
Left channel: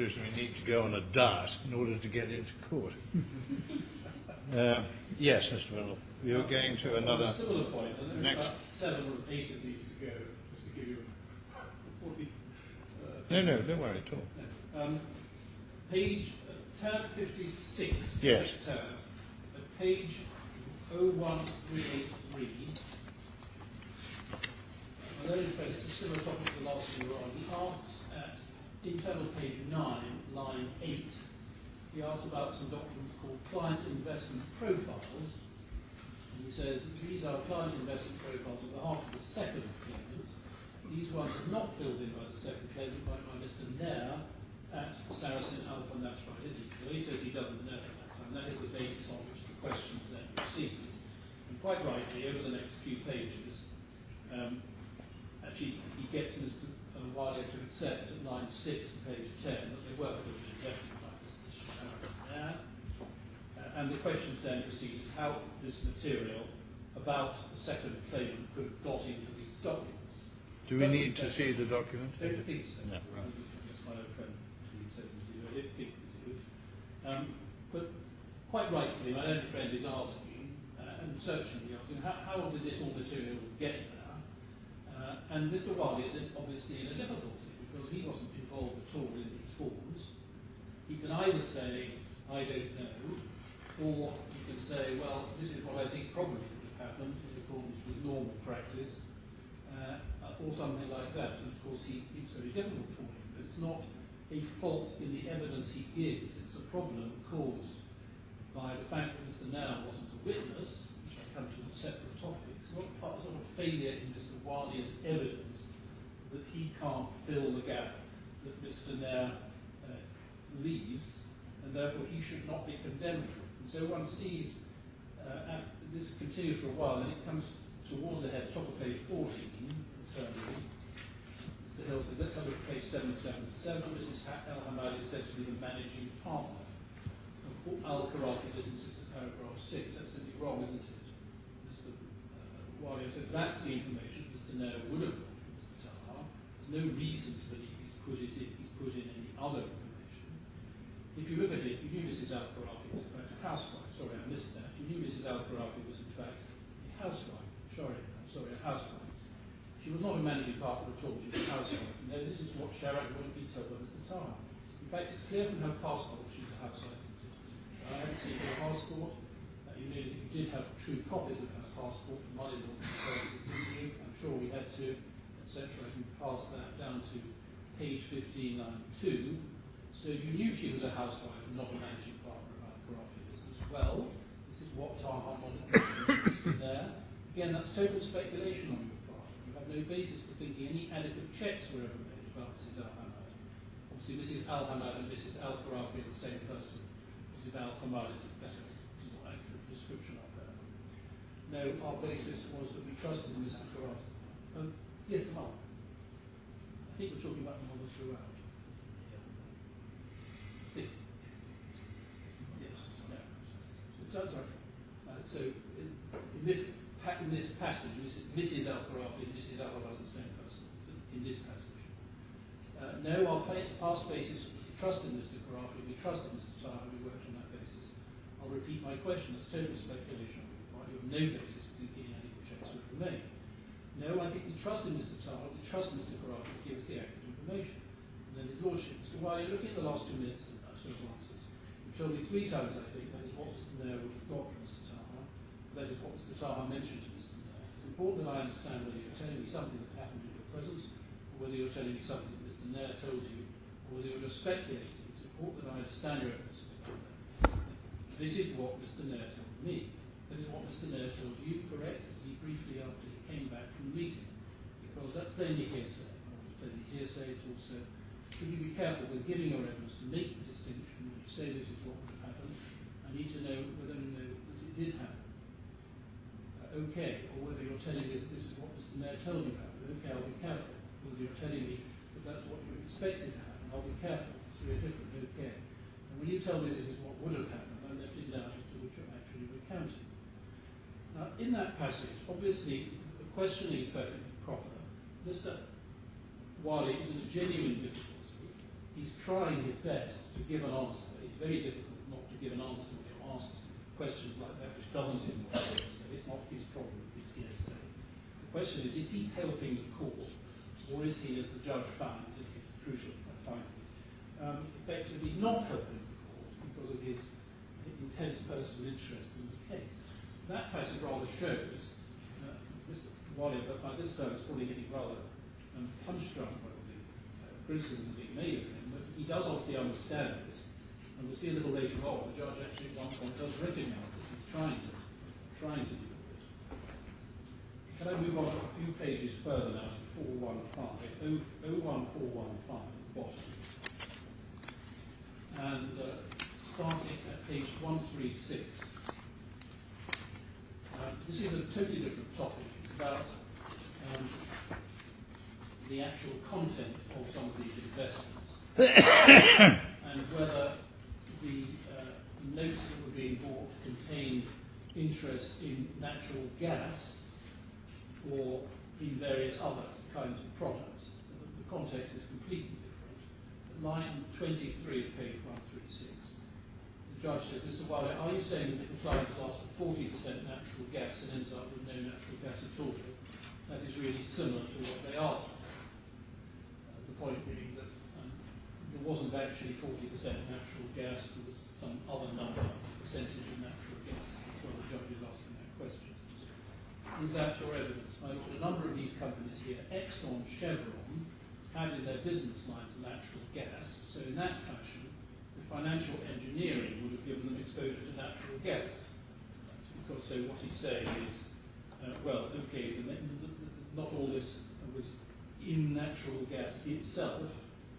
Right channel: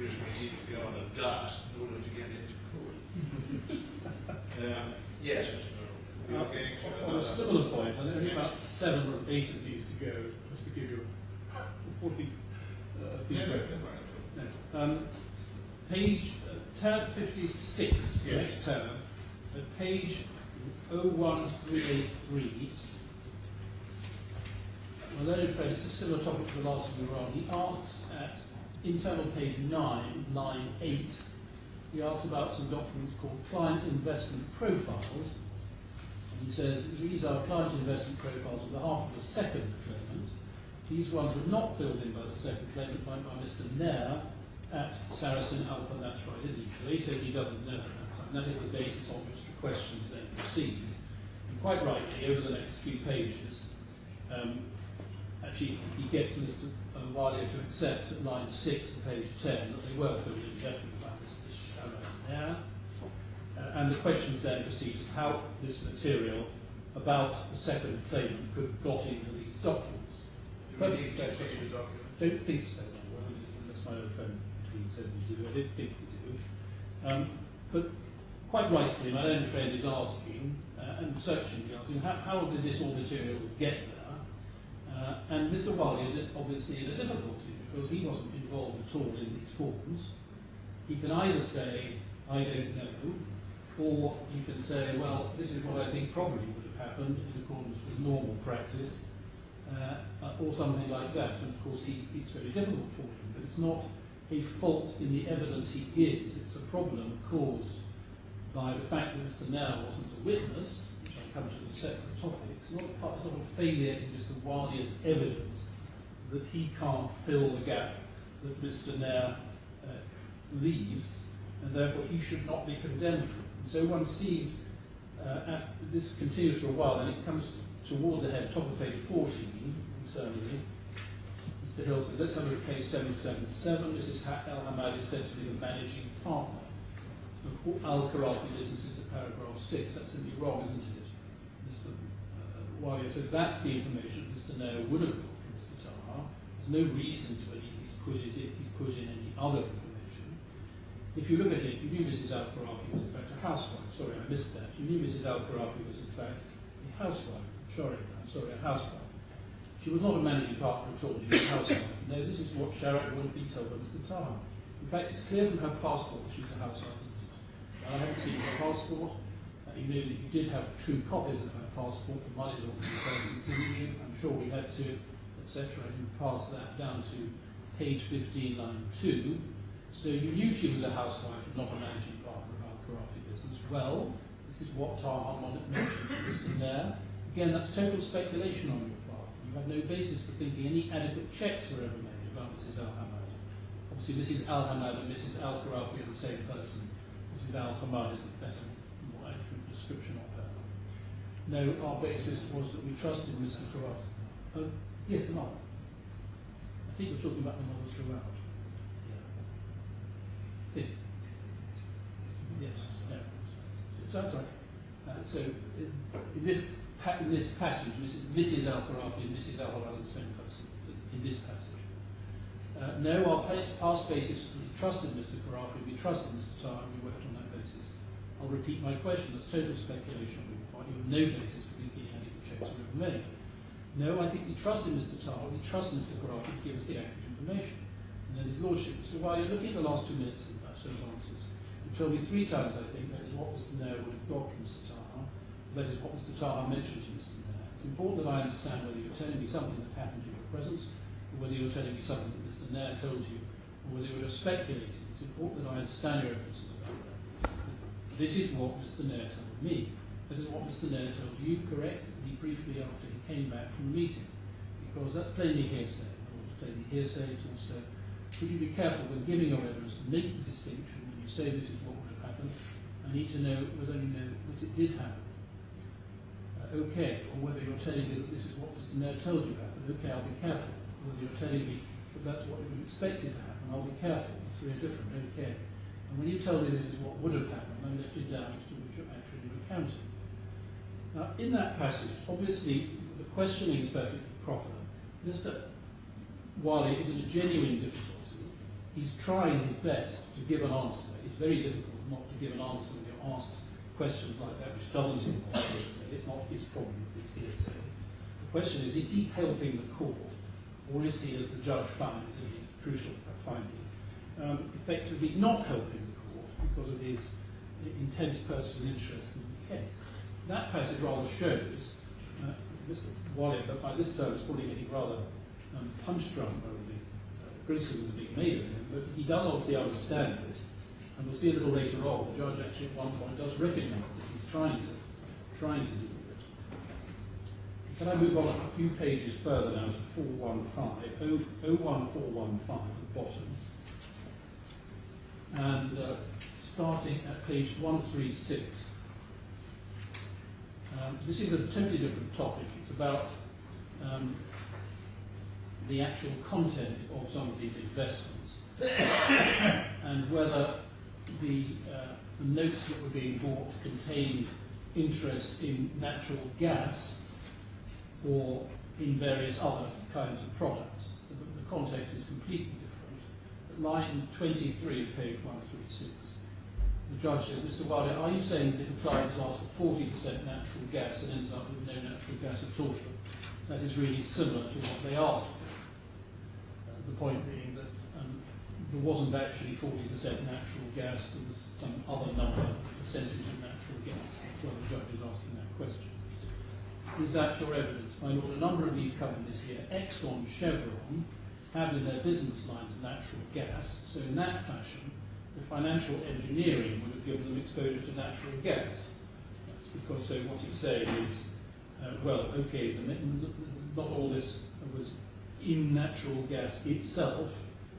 conclusion we need to go on a diet in order to get into court. Yes, Mr. Bennell, we were going to On another... a similar point, I think there's Next. about 7 or 8 of these to go, just to give you a 40... No, don't worry, talk. No. Page tab 56, Yes. next tab, at page 01383, well, then in fact it's a similar topic to the last one we were on. He asks at internal page 9, line 8, he asks about some documents called client investment profiles. And he says, these are client investment profiles on behalf of the second claimant. These ones were not filled in by the second claimant, by Mr. Nair at Sarasin-Alpen. That's right, isn't it? Well, he says he doesn't know at that time. That is the basis on which the questions then proceed. And quite rightly, over the next few pages, actually he gets Mr. Alia to accept at line 6 of page 10 that they were filled in definitely by Mr. Nair. And the questions then proceed how this material about the second claimant could have got into these documents. Do we need to see the document? I don't think so. Unless my old friend says we do. I don't think we do. But quite rightly, my own friend is asking, and searchingly asking, how did this all material get there? And Mr. Wiley is obviously in a difficulty because he wasn't involved at all in these forms. He can either say, I don't know, or he can say, well, this is what I think probably would have happened in accordance with normal practice, or something like that. And of course, it's very difficult for him, but it's not a fault in the evidence he gives. It's a problem caused by the fact that Mr. Nair wasn't a witness, which I'll come to as a separate topic. It's not a failure in Mr. Wiley's evidence that he can't fill the gap that Mr. Nair leaves, and therefore he should not be condemned for it. And so one sees, this continues for a while, and it comes towards the head, top of page 14, internally. Mr. Hill says, let's have a look at page 777. Mrs. Hamad is said to be the managing partner of Al-Khorafi businesses at paragraph 6. That's simply wrong, isn't it? Mr. Wiley says that's the information Mr. Nair would have got from Mr. Taha. There's no reason to believe he's put in any other information. If you look at it, you knew Mrs. Al-Khorafi was in fact a housewife. Sorry, I missed that. You knew Mrs. Al-Khorafi was in fact a housewife. Sorry, a housewife. She was not a managing partner at all. She was a housewife. No, this is what Sharat would have been told by Mr. Taha. In fact, it's clear from her passport that she's a housewife, isn't it? I haven't seen her passport. You know that you did have true copies of her passport for money laundering purposes, didn't you? I'm sure we had to, etc. You passed that down to page 15, line 2. So you knew she was a housewife and not a managing partner of Al-Khorafi business. Well, this is what Taha mentioned to Mr. Nair. Again, that's total speculation on your part. You have no basis for thinking any adequate checks were ever made about Mrs. Al-Hamad. Obviously, Mrs. Al-Hamad and Mrs. Al-Khorafi are the same person. Mrs. Al-Hamad is the better, more accurate description of her. No, our basis was that we trusted Mr. Khorafi. Yes, the mother. I think we're talking about the mother throughout. Yeah. Yes. No. So that's right. So in this passage, Mrs. Al-Khorafi and Mrs. Al-Hamad are the same person in this passage. No, our past basis was we trusted Mr. Khorafi, we trusted Mr. Taha, we worked on that basis. I'll repeat my question, that's total speculation on your part. You have no basis for thinking any adequate checks were ever made. No, I think we trusted Mr. Taha, we trust Mr. Khorafi to give us the accurate information. And then his lordship, so while you're looking at the last 2 minutes of those answers, you told me 3 times, I think, that is what Mr. Nair would have got from Mr. Taha. That is what Mr. Taha mentioned to Mr. Nair. It's important that I understand whether you're telling me something that happened in your presence, or whether you're telling me something that Mr. Nair told you, or whether you're just speculating. It's important that I understand your evidence about that. This is what Mr. Nair told me. That is what Mr. Nair told you, correct? He briefly after he came back from the meeting. Because that's plainly hearsay. Or it's plainly hearsay, it's also, could you be careful when giving your evidence to make the distinction when you say this is what would have happened? I need to know whether you know that it did happen. Okay, or whether you're telling me that this is what Mr. Nair told you happened. Okay, I'll be careful. Whether you're telling me that that's what you expected to happen, I'll be careful. It's very different. Okay. And when you tell me this is what would have happened, I'm left in doubt as to which you're actually recounting. Now, in that passage, obviously, the questioning is perfectly proper. Mr. Wiley is in a genuine difficulty he's trying his best to give an answer. It's very difficult not to give an answer when you're asked questions like that, which doesn't involve hearsay. It's probably hearsay. The question is he helping the court, or is he, as the judge found in his crucial finding, effectively not helping the court because of his intense personal interest in the case? That passage rather shows, Mr. Walia, that by this time is probably getting rather punch-drunk over the criticisms being made of him, but he does obviously understand it, and we'll see a little later on, the judge actually at one point does recognise that he's trying to deal with it. Can I move on a few pages further now to 415, 01415 at the bottom, and starting at page 136. This is a totally different topic. It's about the actual content of some of these investments and whether the notes that were being bought contained interest in natural gas or in various other kinds of products. So the context is completely different. At line 23 of page 136, the judge says, Mr. Wilder, are you saying that if a client has asked for 40% natural gas and ends up with no natural gas at all, that is really similar to what they asked for? The point being that there wasn't actually 40% natural gas, there was some other number, percentage of natural gas. That's why the judge is asking that question. Is that your evidence? My lord, a number of these companies here, Exxon, Chevron, have in their business lines natural gas, so in that fashion, the financial engineering would have given them exposure to natural gas. That's because, so what he's saying is, well, okay, not all this was in natural gas itself,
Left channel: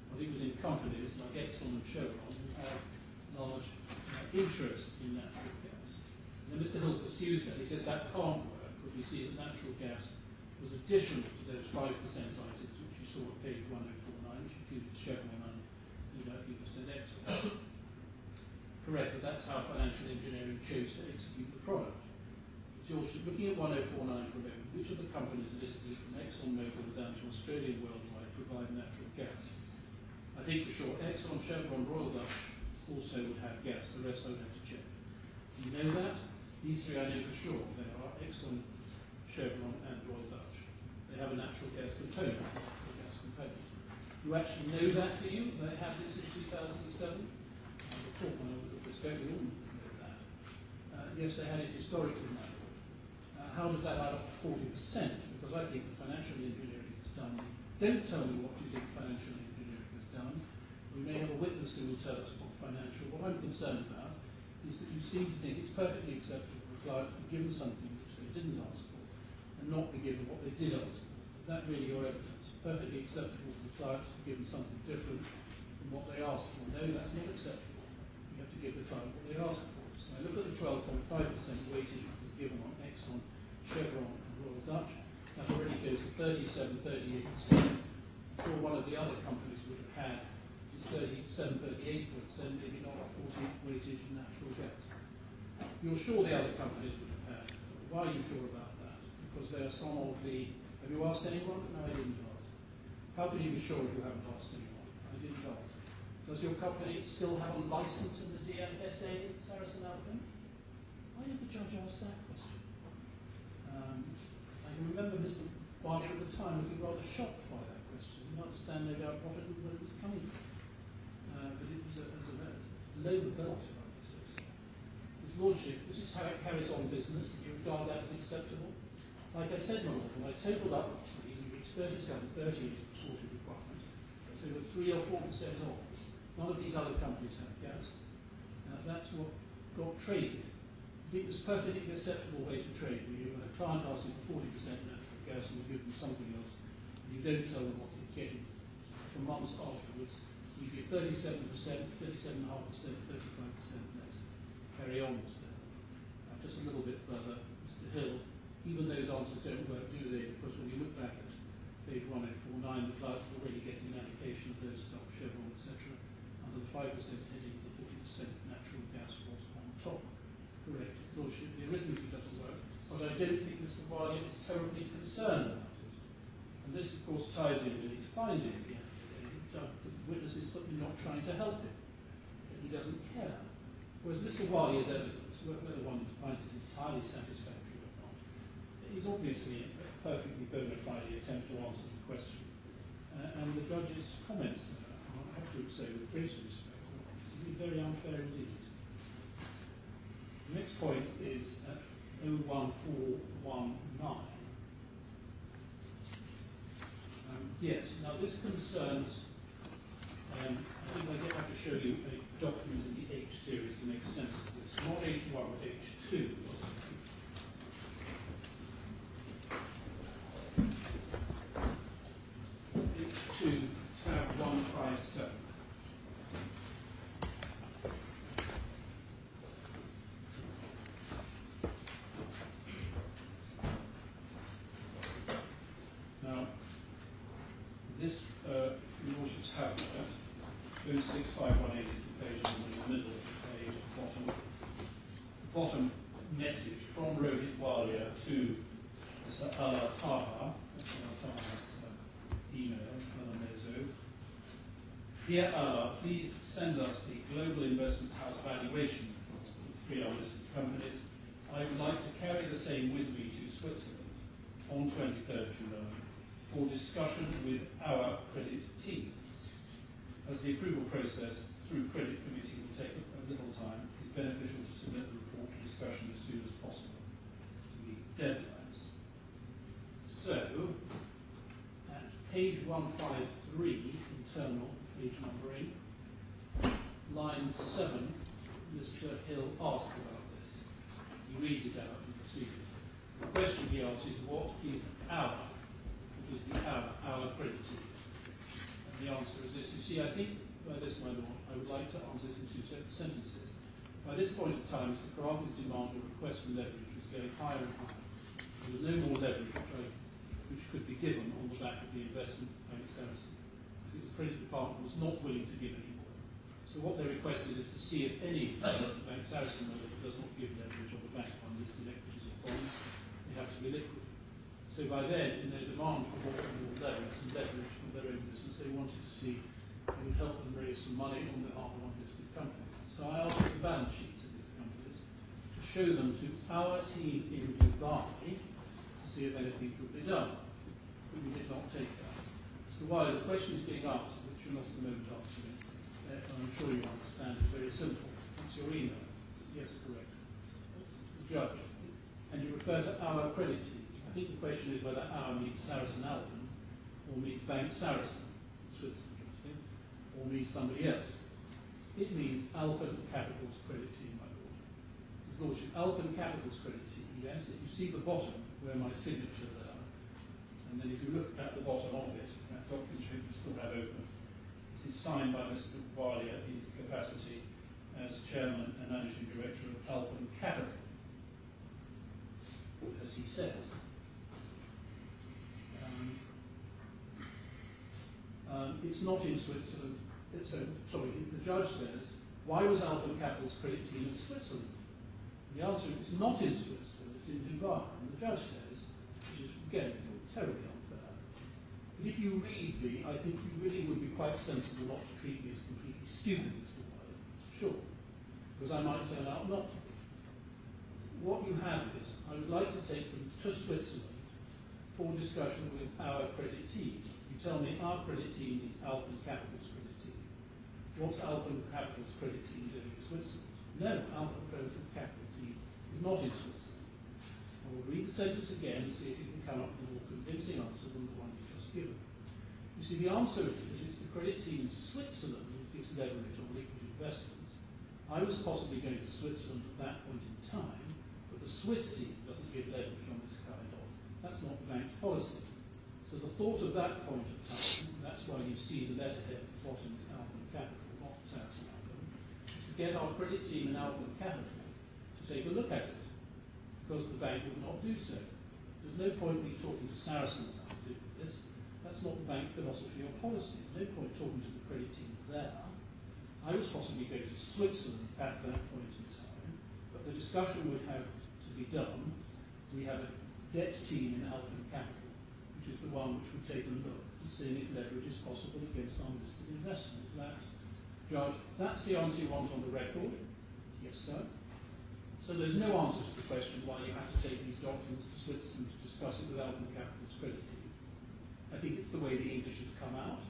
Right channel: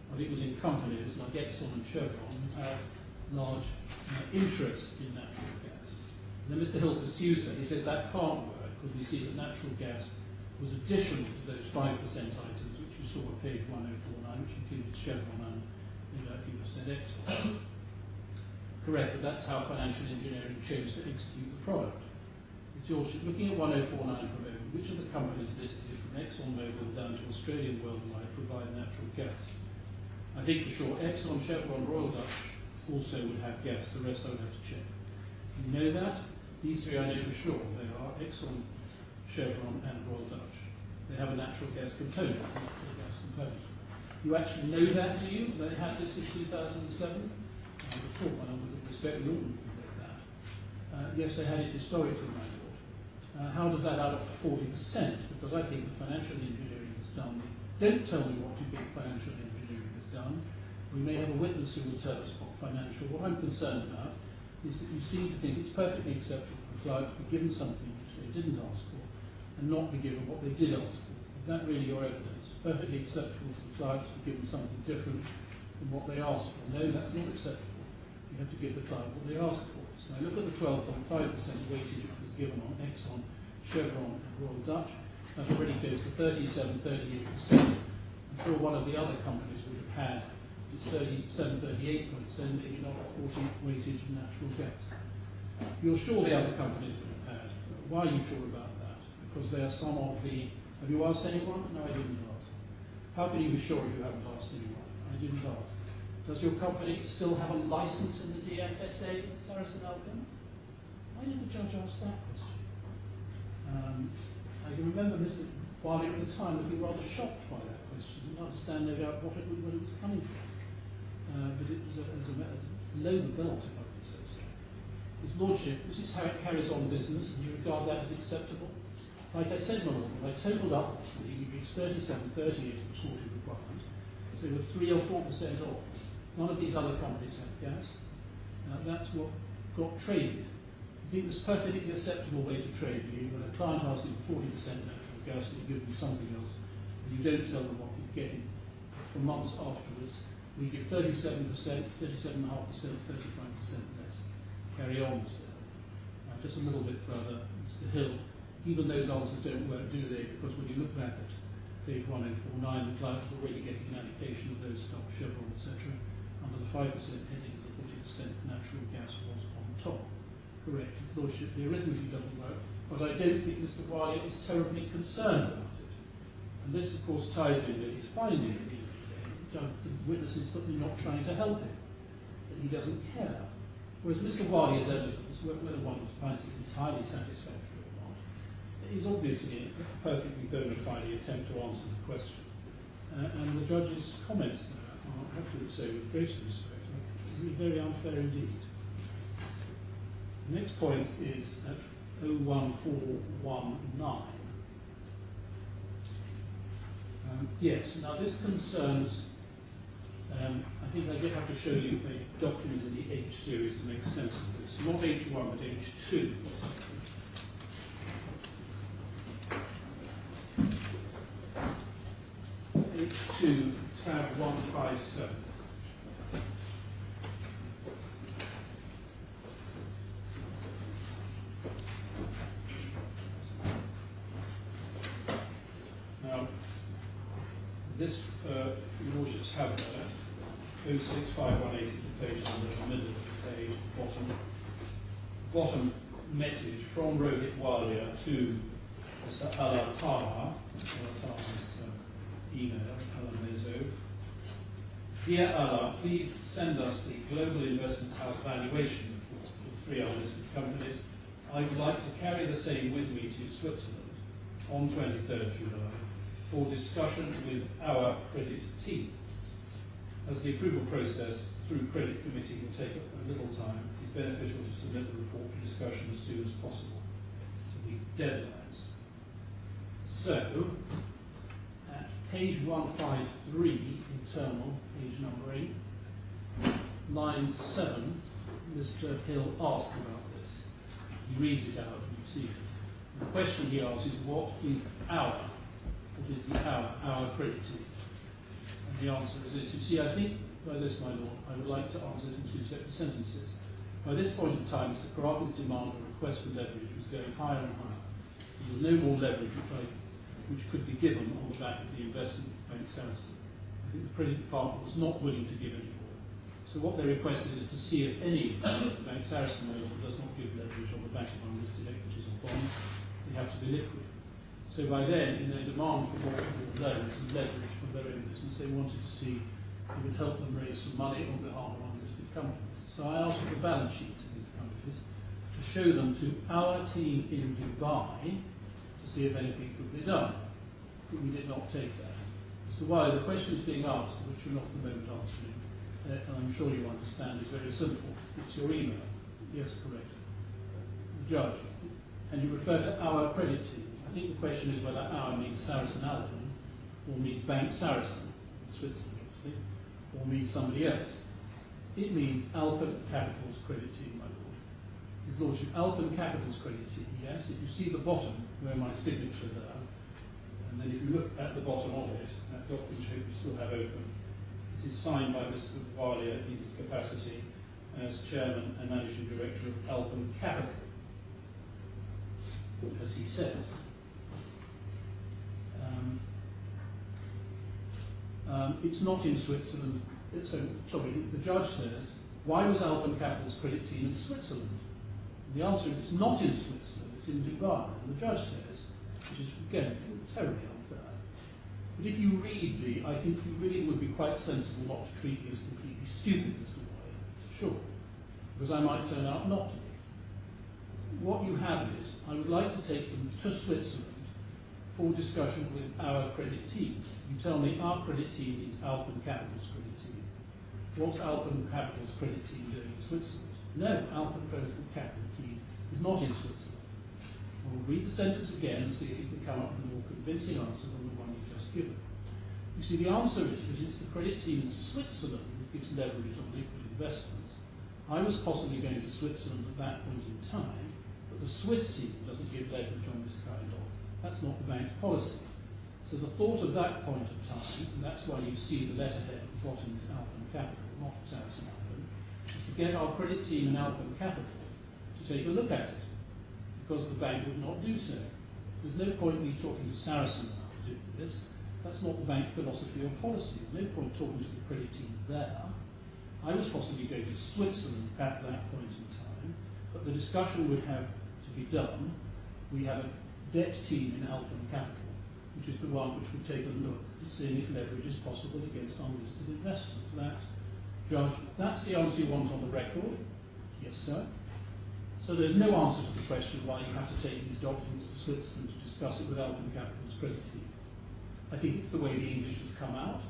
but it was in companies like Exxon and Chevron who had large interest in natural gas. And then Mr. Hill pursues that. He says that can't work because we see that natural gas was additional to those 5% items which you saw at page 1049, which included Chevron and, like people said, Exxon. Correct, but that's how financial engineering chose to execute the product. But you're looking at 1049 for a moment. Which of the companies listed from ExxonMobil down to Australian Worldwide provide natural gas? I think for sure Exxon, Chevron, Royal Dutch also would have gas. The rest I would have to check. You know that? These three I know for sure. They are Exxon, Chevron, and Royal Dutch. They have a natural gas component. You actually know that, do you? They had this in 2007? I would have thought, my lord, with respect, we all know that. Yes, they had it historically, my lord. How does that add up to 40%? Because I think the financial engineering is done. Don't tell me what you think financial engineering has done. We may have a witness who will tell us what financial. What I'm concerned about is that you seem to think it's perfectly acceptable for a client to be given something which they didn't ask for and not be given what they did ask for. Is that really your evidence? Perfectly acceptable for the client to be given something different from what they asked for. No, that's not acceptable. You have to give the client what they asked for. So I look at the 12.5% weightage which was given on Exxon, Chevron and Royal Dutch. That already goes to 37, 38%. I'm sure one of the other companies would have had its 37, 38%, maybe not a 40 weightage of natural gas. You're sure the other companies would have had. Why are you sure about that? Because they are some of the... Have you asked anyone? No, I didn't ask. How can you be sure if you haven't asked anyone? I didn't ask. Does your company still have a license in the DFSA, Sarasin-Alpen? Why did the judge ask that question? I can remember Mr. Wiley at the time looking rather shocked by that question. Didn't understand, no doubt, where it was coming from. But it was below the belt, if I may so say. His Lordship, this is how it carries on business, and you regard that as acceptable? Like I said, my lord, when I totaled up, we reached 37, 38 of the quarterly requirement, so we were 3 or 4% off. None of these other companies have gas. That's what got traded. I think it's a perfectly acceptable way to trade you. When a client asks you for 40% natural gas and you give them something else, and you don't tell them what he's getting for months afterwards, we give 37%, 37.5%, 35% less. Carry on, Mr. Hill. Just a little bit further, Mr. Hill. Even those answers don't work, do they? Because when you look back at page 1049, the client is already getting an allocation of those stocks, Chevron, etc. Under the 5% headings, the 40% natural gas was on top. Correct, His Lordship, the arithmetic doesn't work, but I don't think Mr. Wiley is terribly concerned about it. And this, of course, ties in with his finding at the end of the day. The witness is certainly not trying to help him, that he doesn't care. Whereas Mr. Wali's evidence, whether one finds it entirely satisfactory or not, is obviously a perfectly bona fide attempt to answer the question. And the judge's comments there, I have to say with great respect, are very unfair indeed. The next point is at 01419. Yes, now this concerns, I think I have to show you a document in the H series to make sense of this. Not H1, but H2. H2, tab 157. Now, this, you should have that. 06518 is the page in the middle of the page, bottom message from Rohit Walia to Mr. Alia Taha's email, Alamezo. Dear Alia, please send us the Global Investment House valuation report for 3 unlisted companies. I would like to carry the same with me to Switzerland on 23rd July for discussion with our credit team. As the approval process through credit committee will take a little time, it's beneficial to submit the report for discussion as soon as possible to meet deadlines. So, at page 153, internal, page numbering, line 7, Mr. Hill asks about this. He reads it out, you see it. The question he asks is, what is our credit team? The answer is this. You see, I think by this, my Lord, I would like to answer this in 2 separate sentences. By this point of time, Mr. Khorafi's demand or request for leverage was going higher and higher. There was no more leverage which could be given on the back of the investment bank Sarasin. I think the credit department was not willing to give any more. So what they requested is to see if any bank Sarasin does not give leverage on the back of unlisted equities or bonds, they have to be liquid. So by then, in their demand for more loans and leverage from their own business, they wanted to see if it would help them raise some money on behalf of unlisted companies. So I asked for the balance sheets of these companies to show them to our team in Dubai to see if anything could be done. But we did not take that. Mr. Wiley, the question is being asked, which you're not at the moment answering, and I'm sure you understand, is very simple. It's your email. Yes, correct. The judge. And you refer to our credit team. I think the question is whether our means Sarasin-Alpen or means Bank Sarasin, Switzerland, obviously, or means somebody else. It means Alpen Capital's credit team, my Lord. His Lordship, Alpen Capital's credit team, yes. If you see the bottom, where my signature there, and then if you look at the bottom of it, that document you still have open, this is signed by Mr. Walia in his capacity as Chairman and Managing Director of Alpen Capital, as he says. It's not in Switzerland. The judge says, why was Alpen Capital's credit team in Switzerland? And the answer is it's not in Switzerland, it's in Dubai. And the judge says, which is, again, terribly unfair. But if you read I think you really would be quite sensible not to treat me as completely stupid, Mr. Wiley, sure, because I might turn out not to be. What you have is, I would like to take them to Switzerland for discussion with our credit team. You tell me our credit team is Alpen Capital's credit team. What's Alpen Capital's credit team doing in Switzerland? No, Alpen Capital team is not in Switzerland. I will read the sentence again and see if you can come up with a more convincing answer than the one you've just given. You see, the answer is that it's the credit team in Switzerland that gives leverage on liquid investments. I was possibly going to Switzerland at that point in time, but the Swiss team doesn't give leverage on this kind of. That's not the bank's policy. So the thought of that point of time, and that's why you see the letterhead at the bottom is Alpen Capital, not Sarasin-Alpen, is to get our credit team in Alpen Capital to take a look at it, because the bank would not do so. There's no point me talking to Sarasin about doing this. That's not the bank philosophy or policy. There's no point talking to the credit team there. I was possibly going to Switzerland at that point in time, but the discussion would have to be done. We have a debt team in Alpen Capital, which is the one which would take a look seeing if leverage is possible against unlisted investment. Judge, that's the answer you want on the record? Yes, sir. So there's no answer to the question why you have to take these documents to Switzerland to discuss it with Alpen Capital's credit team. I think it's the way the English has come out,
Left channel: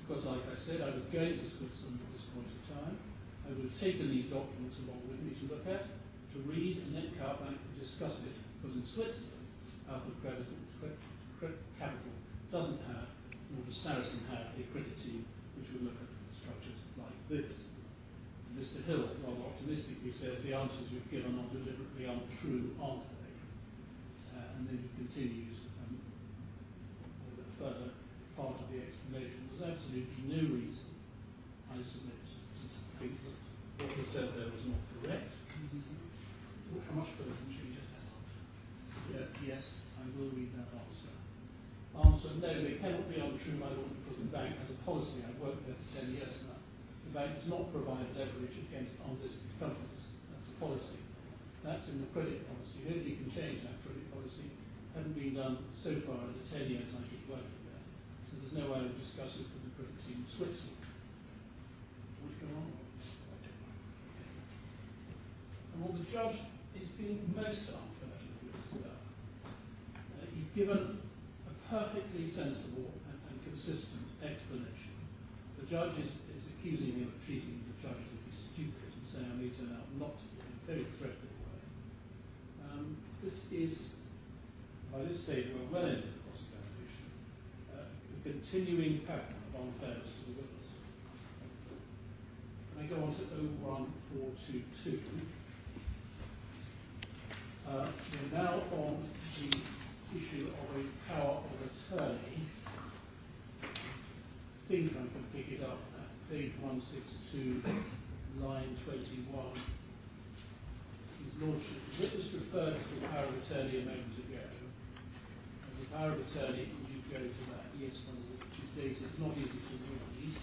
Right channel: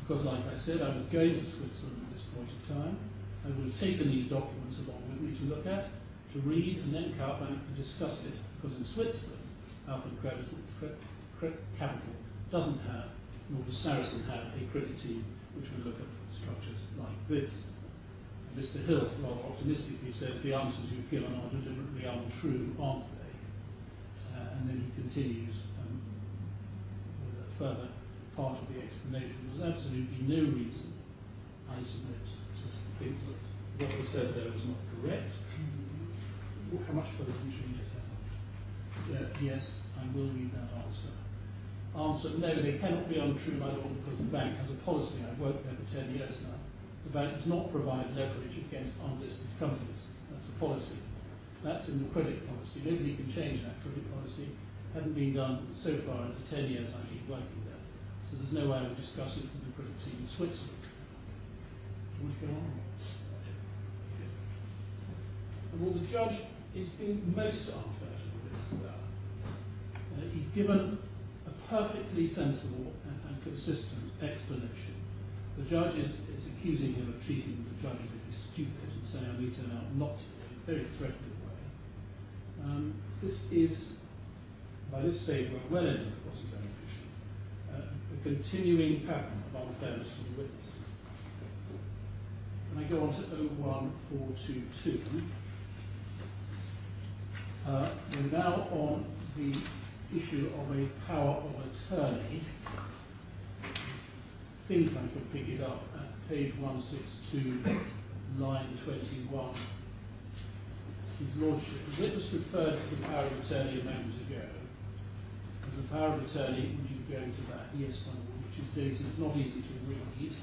because like I said, I was going to Switzerland at this point in time. I would have taken these documents along with me to look at, to read, and then come back and discuss it, because in Switzerland, Alpen Capital doesn't have, nor does Saracen have, a credit team which will look at structures like this. And Mr. Hill rather optimistically says the answers you've given are deliberately untrue, aren't they? And then he continues with a further part of the explanation. There's absolutely no reason, I submit, to think that what was said there was not correct. How much further would you need? Yes, I will read that answer. Answer, no, they cannot be untrue, my lord, because the bank has a policy. I've worked there for 10 years now. The bank does not provide leverage against unlisted companies. That's a policy. That's in the credit policy. Nobody can change that credit policy. Hasn't been done so far in the 10 years I've been working there. So there's no way I would discuss it with the credit team in Switzerland. Do you want to go on? And what the judge is being most unfair to is that he's given a perfectly sensible and consistent explanation. The judge is accusing him of treating the judge as if he's stupid and saying I may turn out not to be in a very threatening way. This is, by this stage, we're well into the cross-examination, a continuing pattern of unfairness to the witness. When I go on to 01422, we're now on the issue of a power of attorney. I think I can pick it up at page 162, line 21. His Lordship, the witness referred to the power of attorney a moment ago. And the power of attorney, would you go to that? Yes, my lord, which is dated. It's not easy to read.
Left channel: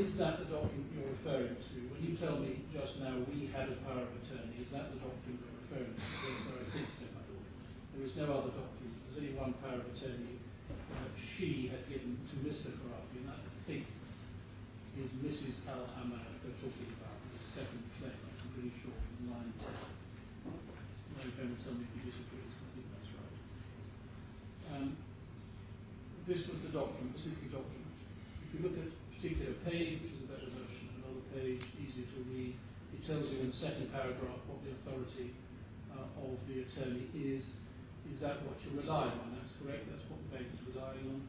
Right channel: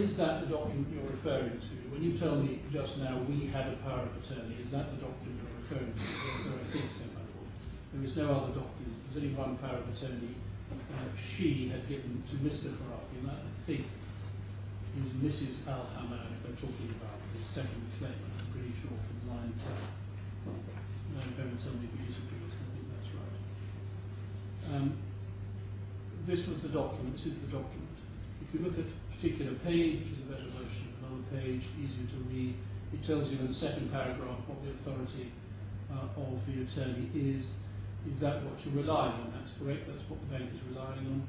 Is that the document you're referring to? When you tell me just now we had a power of attorney, is that the document you're referring to? Yes, sir, I think so, my lord. There is no other document. There's only one power of attorney she had given to Mr. Khorafi, and that, I think, is Mrs. Hamad, they're talking about the second claim. I'm pretty sure from line 10. No, don't tell me if you disagree, I think that's right. This was the document, this is the document. If you look at a particular page, which is a better version of another page, easier to read, it tells you in the second paragraph what the authority of the attorney is. Is that what you're relying on? That's correct, that's what the bank is relying on.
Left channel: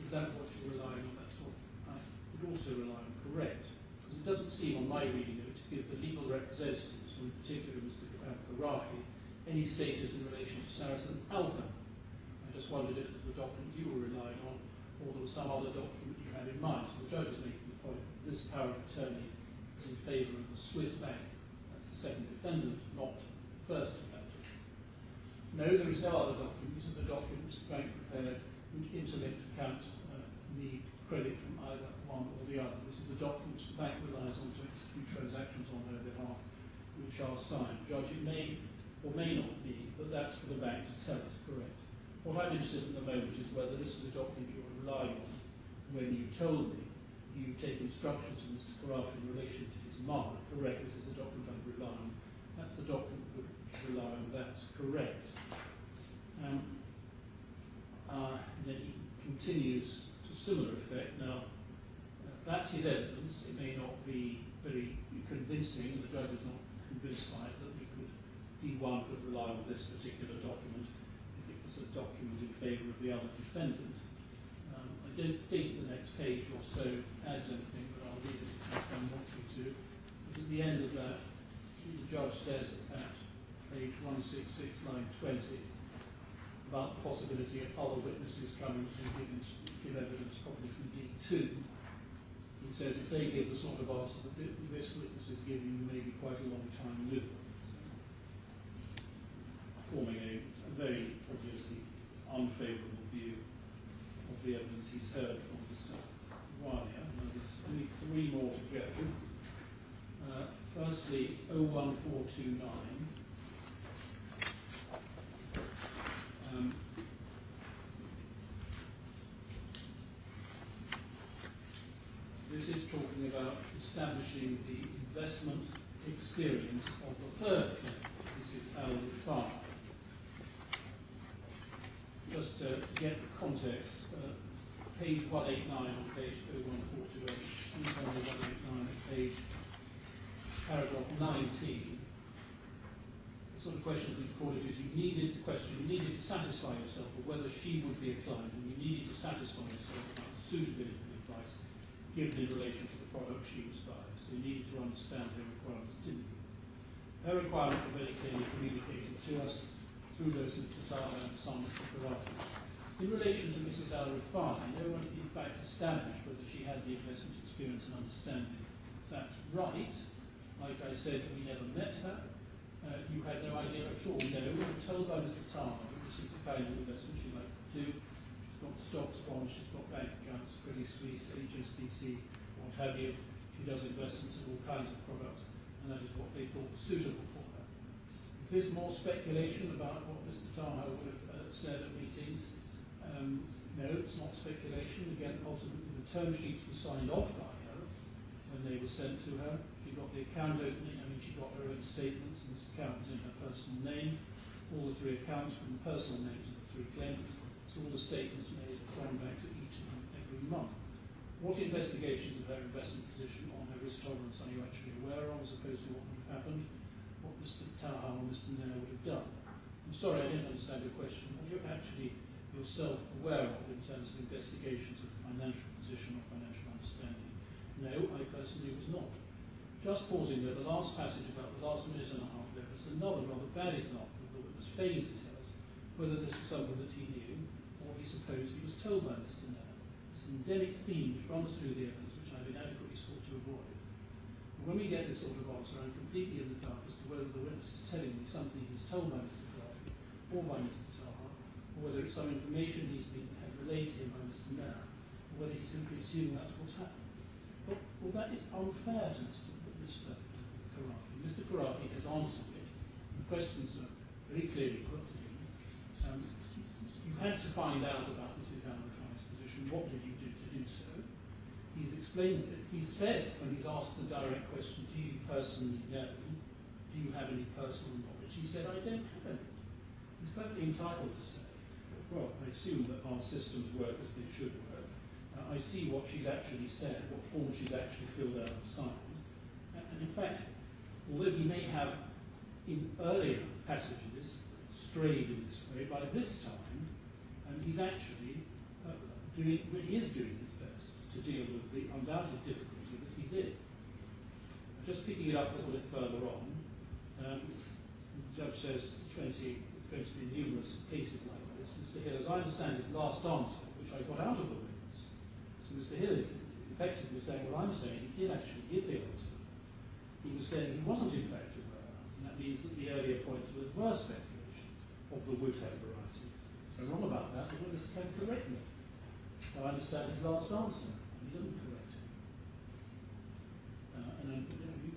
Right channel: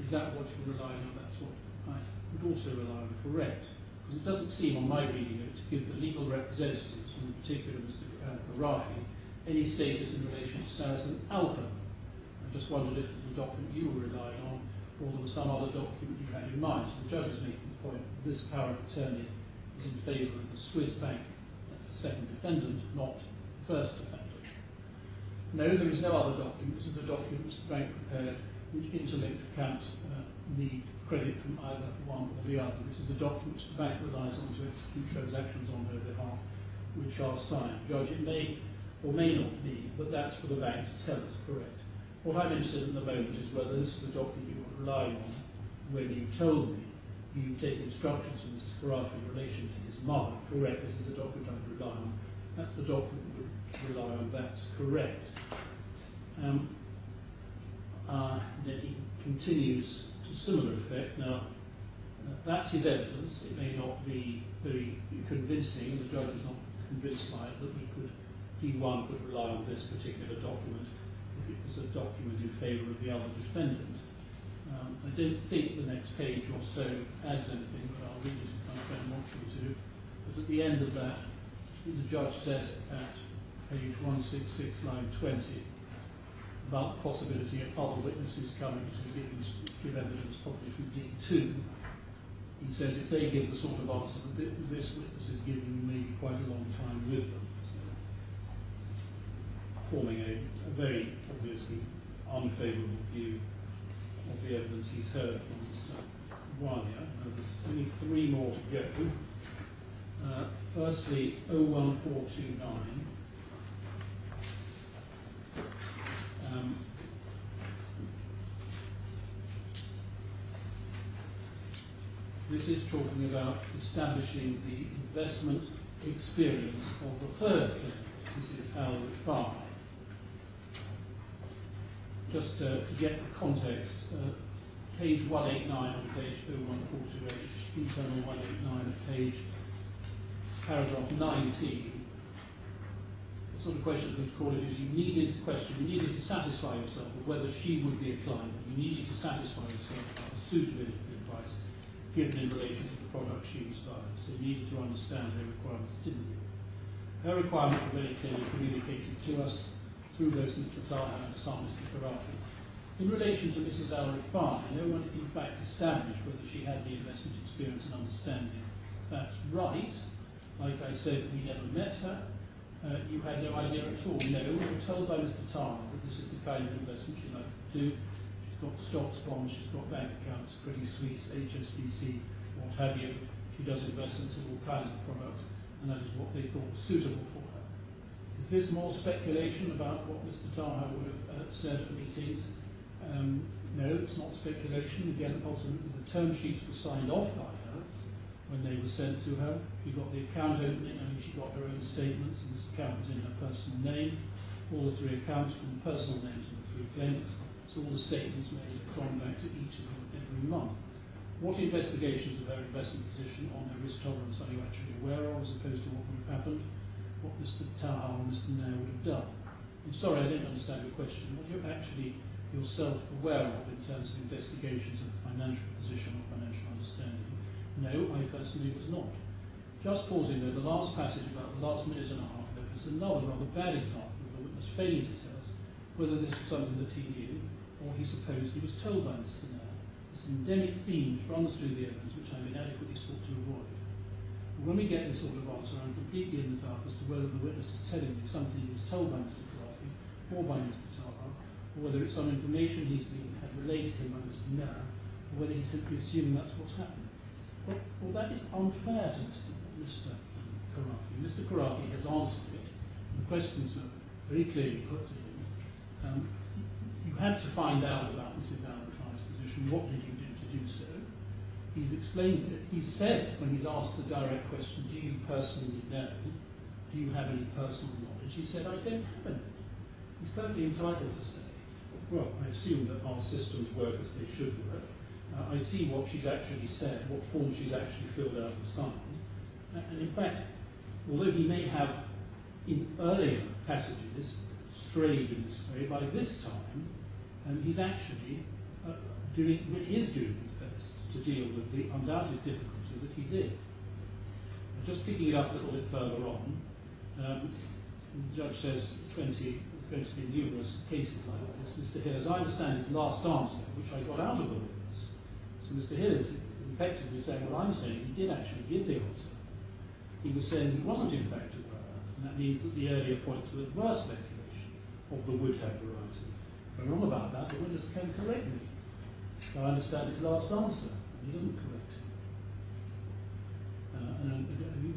Is that what you're relying on? That's what I would also rely on, correct. Because it doesn't seem, on my reading of it, to give the legal representatives, in particular Mr. Khorafi, any status in relation to Sarasin-Alpen. I just wondered if it was a document you were relying on, or there was some other document you had in mind. So the judge is making the point that this power of attorney is in favour of the Swiss bank. That's the second defendant, not the first defendant. No, there is no other document. This is a document the bank prepared which interlinked accounts need credit from either one or the other. This is a document which the bank relies on to execute transactions on their behalf, which are signed. Judge, it may or may not be, but that's for the bank to tell us, correct. What I'm interested in at the moment is whether this is the document you were relying on when you told me you take instructions from Mr. Khorafi in relation to his mother, correct. This is the document I rely on. That's the document we rely on, that's correct. Then he continues to similar effect. Now, that's his evidence. It may not be very convincing, and the judge is not convinced by it that P1 could rely on this particular document if it was a document in favour of the other defendant. I don't think the next page or so adds anything, but I'll read it if my friend wants me to. But at the end of that, the judge says at page 166, line 20, about the possibility of other witnesses coming to give evidence, probably from D2. He says if they give the sort of answer that this witness is giving, you may be quite a long time with them. So, forming a very obviously unfavourable view of the evidence he's heard from Mr. Alia. Now there's only three more to go. Firstly, 01429. this is talking about establishing the investment experience of the third claimant, Mrs. Rifai. Just to get the context, page 189 on page 01428, internal 189 at page paragraph 19. The sort of question that was called is you needed to satisfy yourself of whether she would be a client, and you needed to satisfy yourself about the suitability of advice given in relation to the product she was buying. So you needed to understand her requirements, didn't you? Her requirements were very clearly communicated to us through both Mr. Taha and son, Mr. Khorafi. In relation to Mrs. Rifai, no one in fact established whether she had the investment experience and understanding. That's right. Like I said, we never met her. You had no idea at all. No, we were told by Mr. Taha that this is the kind of investment she likes to do. She's got stocks, bonds, she's got bank accounts, Credit Suisse, HSBC, what have you. She does investments in all kinds of products, and that is what they thought was suitable for her. Is this more speculation about what Mr. Taha would have said at meetings? No, it's not speculation. Again, ultimately the term sheets were signed off by her when they were sent to her. She got the account opening, she got her own statements, and this account was in her personal name. All the three accounts from the personal names of the three claimants. So all the statements made have gone back to each of them every month. What investigations of her investment position on her risk tolerance are you actually aware of, as opposed to what would have happened, what Mr. Taha or Mr. Nair would have done? I'm sorry, I didn't understand your question. What you're actually yourself aware of in terms of investigations of the financial position or financial understanding? No, I personally was not. Just pausing there, the last passage about the last minute and a half there was another rather bad example of the witness failing to tell us whether this was something that he knew or he supposed he was told by Mr. Nair. This endemic theme which runs through the evidence, which I've inadequately sought to avoid. When we get this sort of answer, I'm completely in the dark as to whether the witness is telling me something he was told by Mr. Khorafi or by Mr. Taha, or whether it's some information had relayed to him by Mr. Nair, or whether he's simply assuming that's what's happened. Well, that is unfair to Mr. Khorafi. Mr. Khorafi has answered it. The questions are very clearly put to him. You had to find out about Mrs. Rifai's position. What did you do to do so? He's explained it. He said, when he's asked the direct question, do you personally know? Do you have any personal knowledge? He said, I don't have any. He's perfectly entitled to say, well, I assume that our systems work as they should work. I see what she's actually said, what form she's actually filled out and signed. And in fact, although he may have in earlier passages strayed in this way, by this time he's actually really is doing his best to deal with the undoubted difficulty that he's in. Just picking it up a little bit further on, the judge says 20, there's going to be numerous cases like this. Mr. Hill, as I understand his last answer, which I got out of the witness, so Mr. Hill is effectively saying what I'm saying, he did actually give the answer. He was saying he wasn't in fact aware, and that means that the earlier points were adverse speculation of the would have variety. If I'm wrong about that, the witness can correct me. So I understand his last answer. He doesn't correct him. And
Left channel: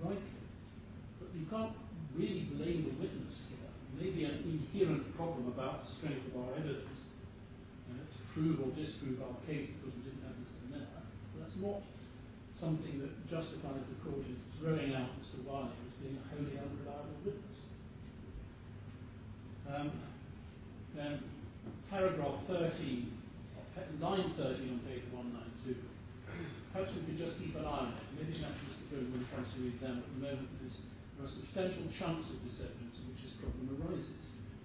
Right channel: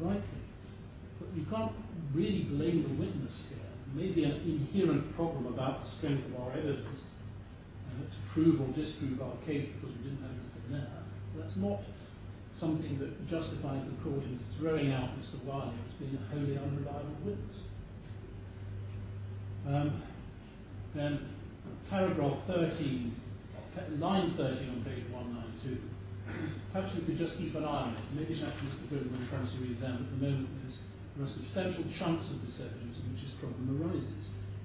rightly. But you can't really blame the witness here. Maybe an inherent problem about the strength of our evidence to prove or disprove our case because we didn't have Mr. Nair. But that's not something that justifies the court in throwing out Mr. Wiley as being a wholly unreliable witness. Then paragraph 13, line 13 on page 192. Perhaps we could just keep an eye on it. Maybe that's Mr. Goodman tries to re-examine at the moment. There are substantial chunks of this evidence in which this problem arises.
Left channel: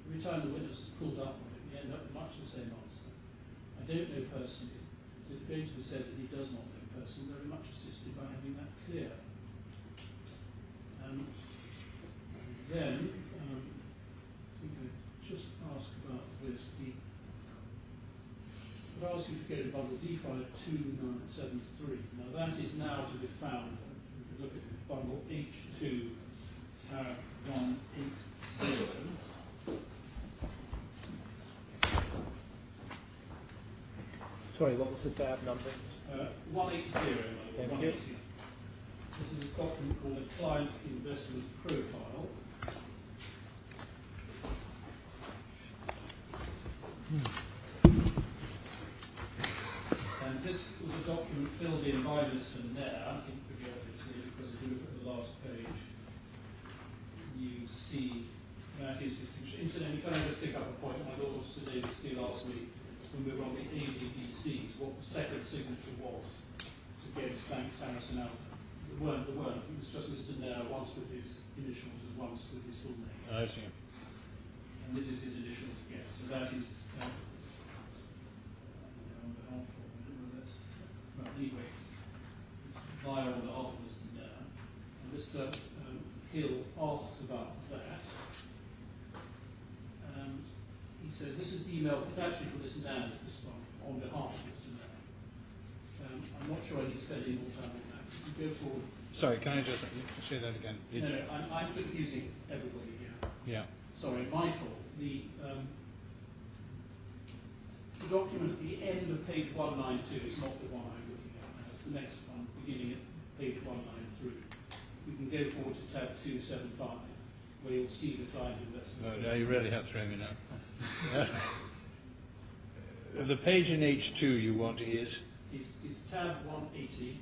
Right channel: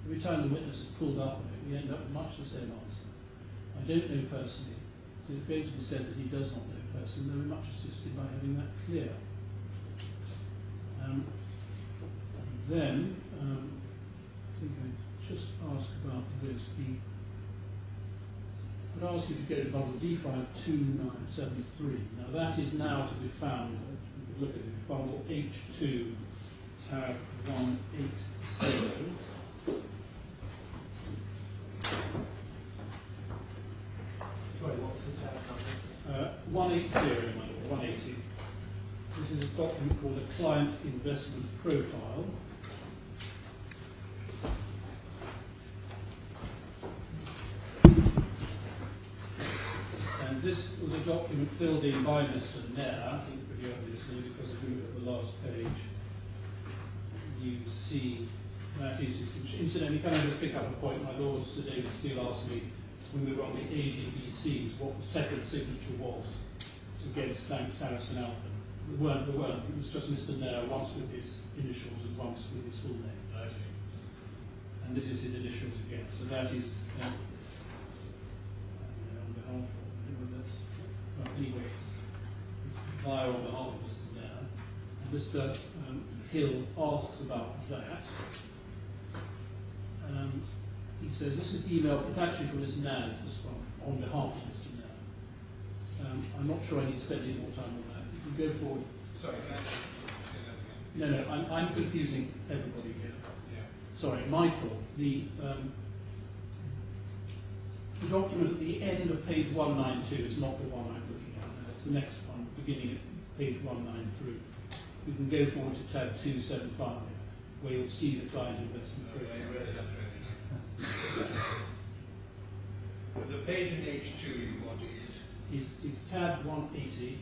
Every time the witness is pulled up on it, we end up with much the same answer. I don't know personally. So it's going to be said that he does not know personally. Very much assisted by having that clear. Then, I think I just ask about this. I'd ask you to go to bundle D52973. Now that is now to be found. We could look at it, bundle H2 180. Sorry, what was the tab number? 180, Michael, 180. This is a document called a Client Investment Profile. And this was a document document filled in by Mr. Nair, I think pretty obviously, because if you look at the last page, you see that is his signature. Incidentally, can I just pick up a point? My Lord Sir David Steele asked me when we were on the AGBCs what the second signature was against Bank Sarasin-Alpen. There weren't. It was just Mr. Nair, once with his initials and once with his full name. I see. And this is his initials again. So that is on behalf of this. Well, anyway, it's via on behalf of Mr. Nair. And Mr. Hill asks about that. He says, this is the email, it's actually from Mr. Nair, this one, on behalf of Mr. Nair. I'm not sure I need to spend any more time on that. You can go forward. Sorry, can I just say that again? No, I'm confusing everybody here. Yeah. Sorry, my fault. The document at the end of page 192 is not the one I'm looking at now. It's the next one, beginning at page 193. We can go forward to tab 275, where you'll see the client investment. No, you really have thrown me now. The page in H2 you want is? It's tab 180,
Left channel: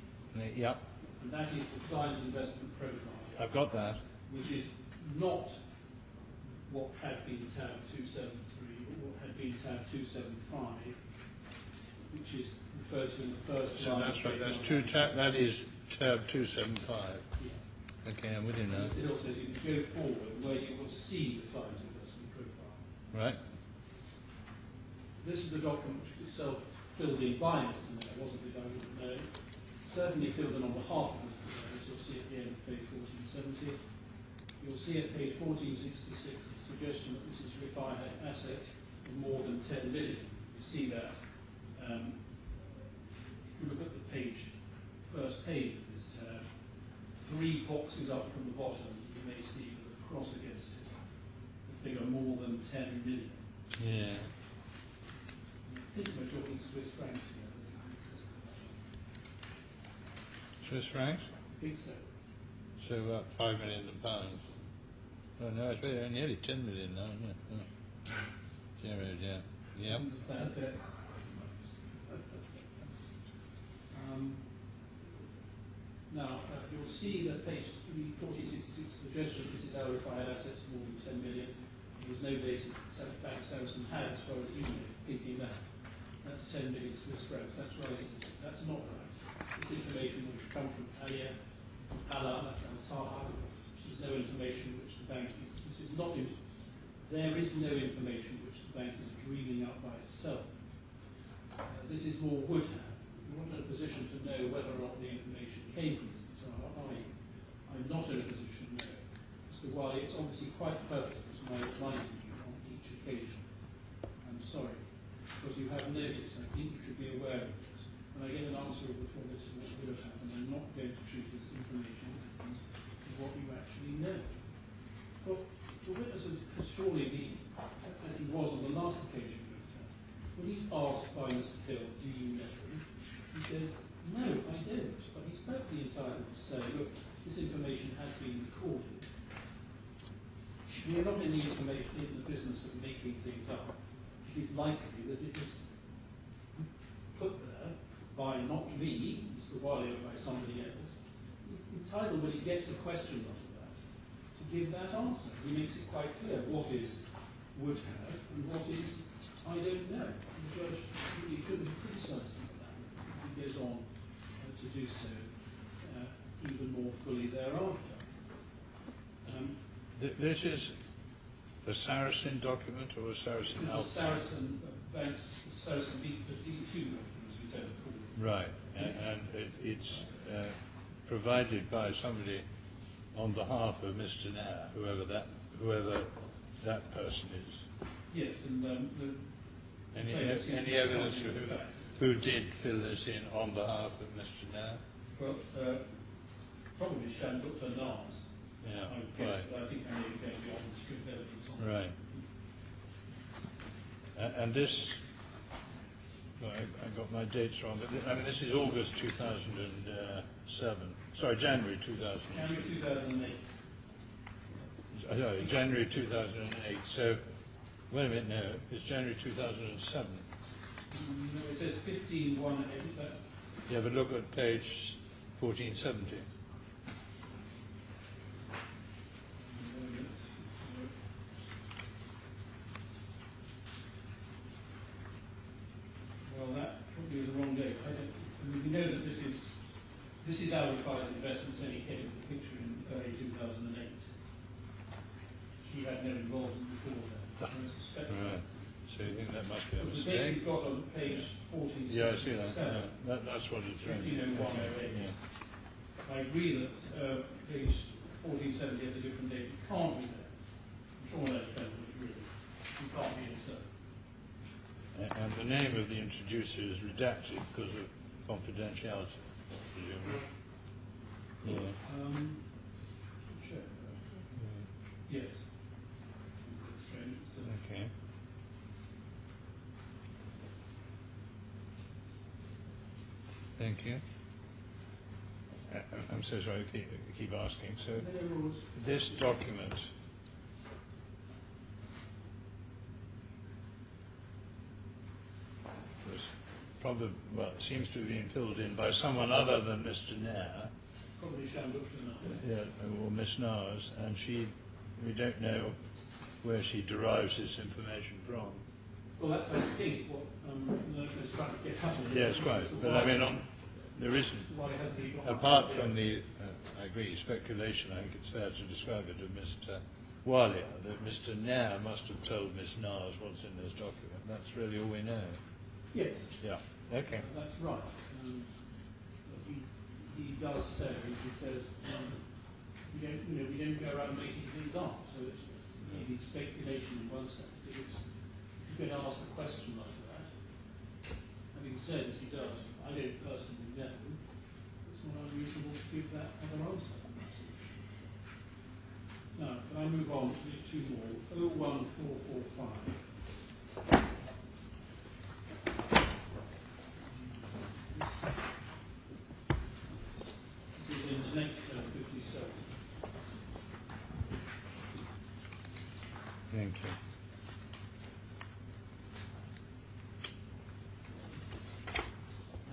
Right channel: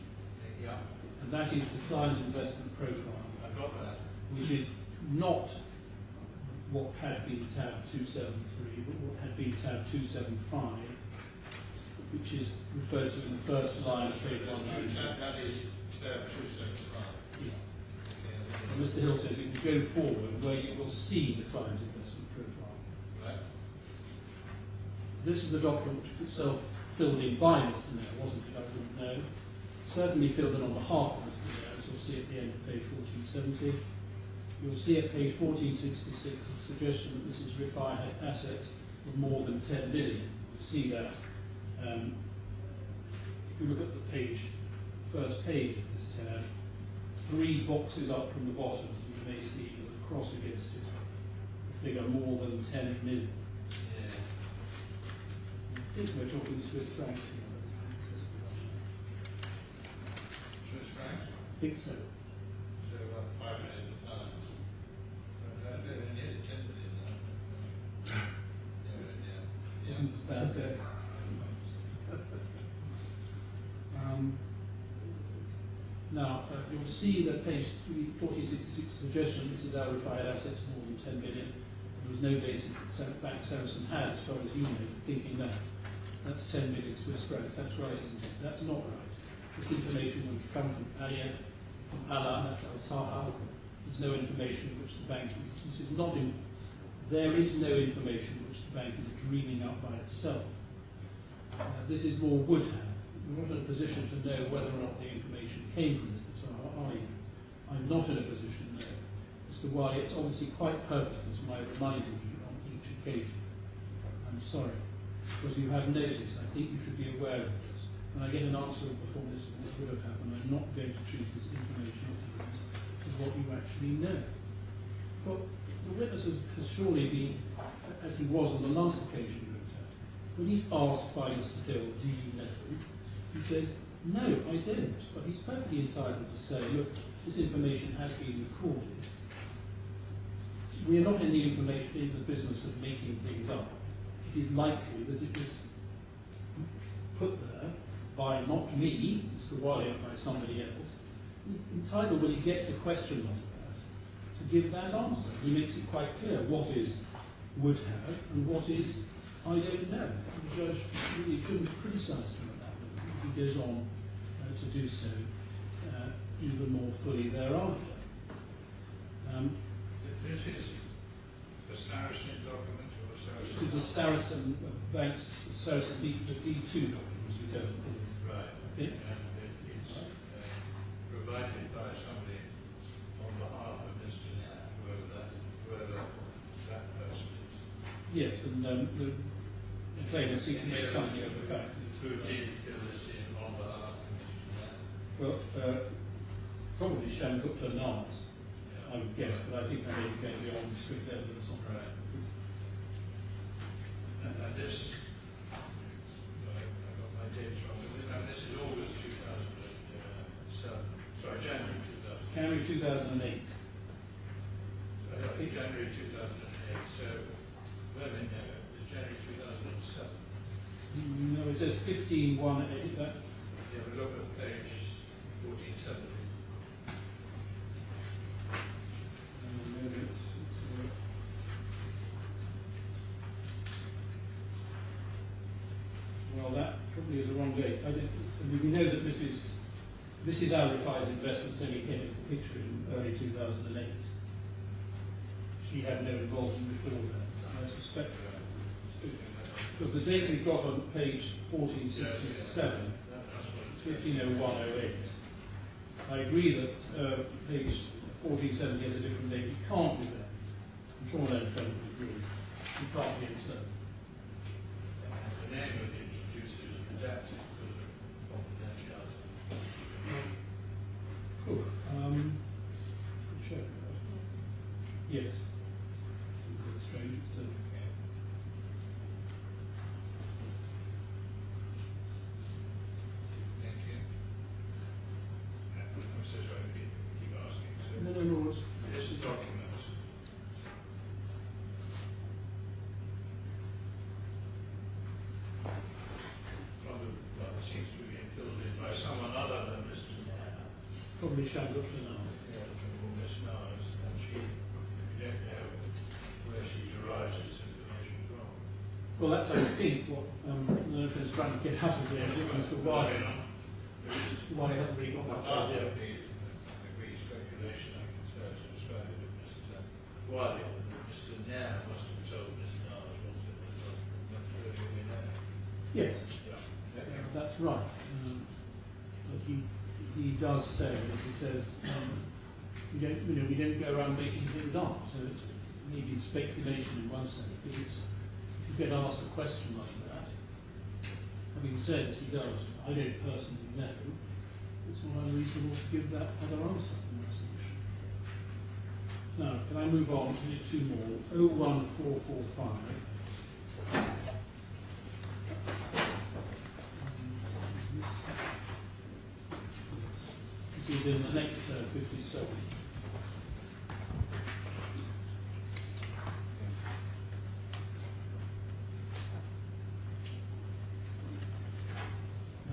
Yeah. and that is the client investment profile, I've got that. which is not what had been tab 273, but what had been tab 275, which is referred to in the first So line. that's right. That is tab 275. Yeah. Okay, I'm with And you Mr. Hill says you can go forward where you will see the client investment profile. now. Right. This is the document which was itself filled in by Mr. Nair, wasn't it? I wouldn't know. Certainly filled in on behalf of Mr. Nair, as you'll see at the end of page 1470. You'll see at page 1466 a suggestion that Mrs. Rifai had assets of more than 10 million. You see that. If you look at the first page of this tab, 3 boxes up from the bottom, you may see with a cross against it, the figure more than 10 million. Yeah. I think we're talking Swiss francs here. Swiss francs? I think so. So about £5 million. Oh no, it's nearly 10 million now, isn't it? No. Yeah. Isn't as bad there. Now, you'll see that page 1466 suggestion this is our required assets more than 10 billion. There was no basis that Bank Saracen had, as far as you know, for thinking that. That's 10 million Swiss francs. That's right, isn't it? That's not right. This information would come from Alia, from Alia, that's Al-Taha. There's no information which the bank is. This is not in. There is no information which the bank is dreaming up by itself. This is more would have. You're not in a position to know whether or not the information came from Mr. Taha, are you? I'm not in a position to know. Mr. Wiley, it's obviously quite purposeful, as I reminded you on each occasion. I'm sorry, because you have noticed, I think you should be aware of this. When I get an answer before this, what would have happened, I'm not going to treat this information as what you actually know. But the witness has surely been, as he was on the last occasion we looked at, when he's asked by Mr. Hill, do you know? He says, no, I don't. But he's perfectly entitled to say, look, this information has been recorded. We are not in the business of making things up. It is likely that it was put there by not me, Mr. Wiley, or by somebody else. He's entitled, when he gets a question like that, to give that answer. He makes it quite clear what is would have and what is I don't know. The judge really couldn't criticise him on that. He goes on to do so even more fully thereafter. This is a Saracen document or a Saracen? This is a Saracen Bank's Saracen D2 document, as we tend to call it. Right, and it's provided by somebody on behalf of Mr. Nair, whoever that person is. Yes, and the claimant seems to be evidence something of the fact. who did fill this in on behalf of Mr. Nair? Well, probably Shamgupta Nas, Yeah, I would guess, right. but I think I may be going beyond the strict evidence on Right. And this, I got my dates wrong, but this is August 2007. Sorry, January 2000. January 2008. January 2008. So, wait a minute, no, it's January 2007. No, it says 15-1-8. You have a look at page 1470. Well, that probably is the wrong date. I mean, we know that this is Rifai's investments edited picture in early 2008. She had no involvement before that, I suspect. Right. So you think that must be But a the date mistake? we've got on page 1467, That's what it's 150108. I agree that page 1470 has a different date. It can't be there. I'm sure no friend would agree. It can't be insert. And the name of the introducer is redacted because of confidentiality. Cool. Sure. Yes. It's strange. It's Okay. Thank you. I'm so sorry to keep asking. So no rules. this document probably, well, it seems to have been filled in by someone other than Mr. Nair, Probably shammed up to now. or Miss Nars, and we don't know where she derives this information from. Well, that's, I think, what Latif is trying to get out of it. Yes, right. But I mean, there isn't, Why it hasn't really got apart much from the, I agree, speculation, I think it's fair to describe it as Mr. Wali, that Mr. Nair must have told Miss Nars what's in this document. That's really all we know. Yes, Yeah. Okay. that's right. But he does say, as he says, we don't go around making things up. So it's maybe speculation in one sense, but it's, if you get asked a question like that, having said as he does, I don't personally know, it's not unreasonable to give that other answer on that solution. Now, can I move on to two more? 01445. This is in the next 57. Thank you.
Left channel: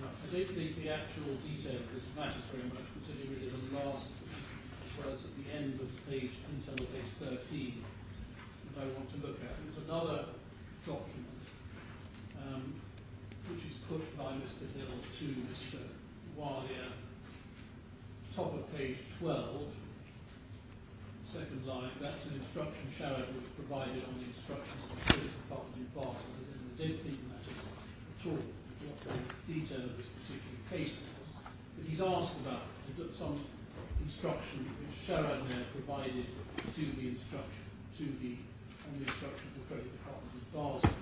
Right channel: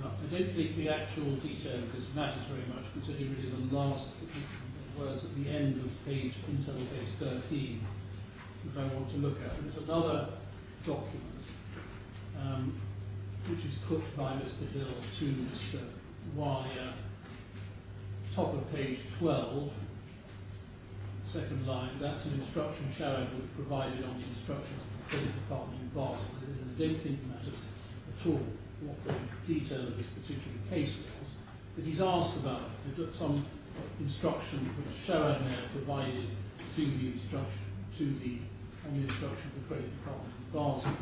Now, I don't think the actual detail of this matters very much, considering it is the last, as well as at the end of page, internal page 13, that I want to look at. There's another document which is put by Mr. Hill to Mr. Walia, top of page 12, second line. That's an instruction Shawad would have provided on the instructions to the Credit Department in Basel. And I don't think it matters at all what the detail of this particular case was. But he's asked about some instruction which Shawad may have provided to the instruction, on the instruction of the Credit Department in Basel.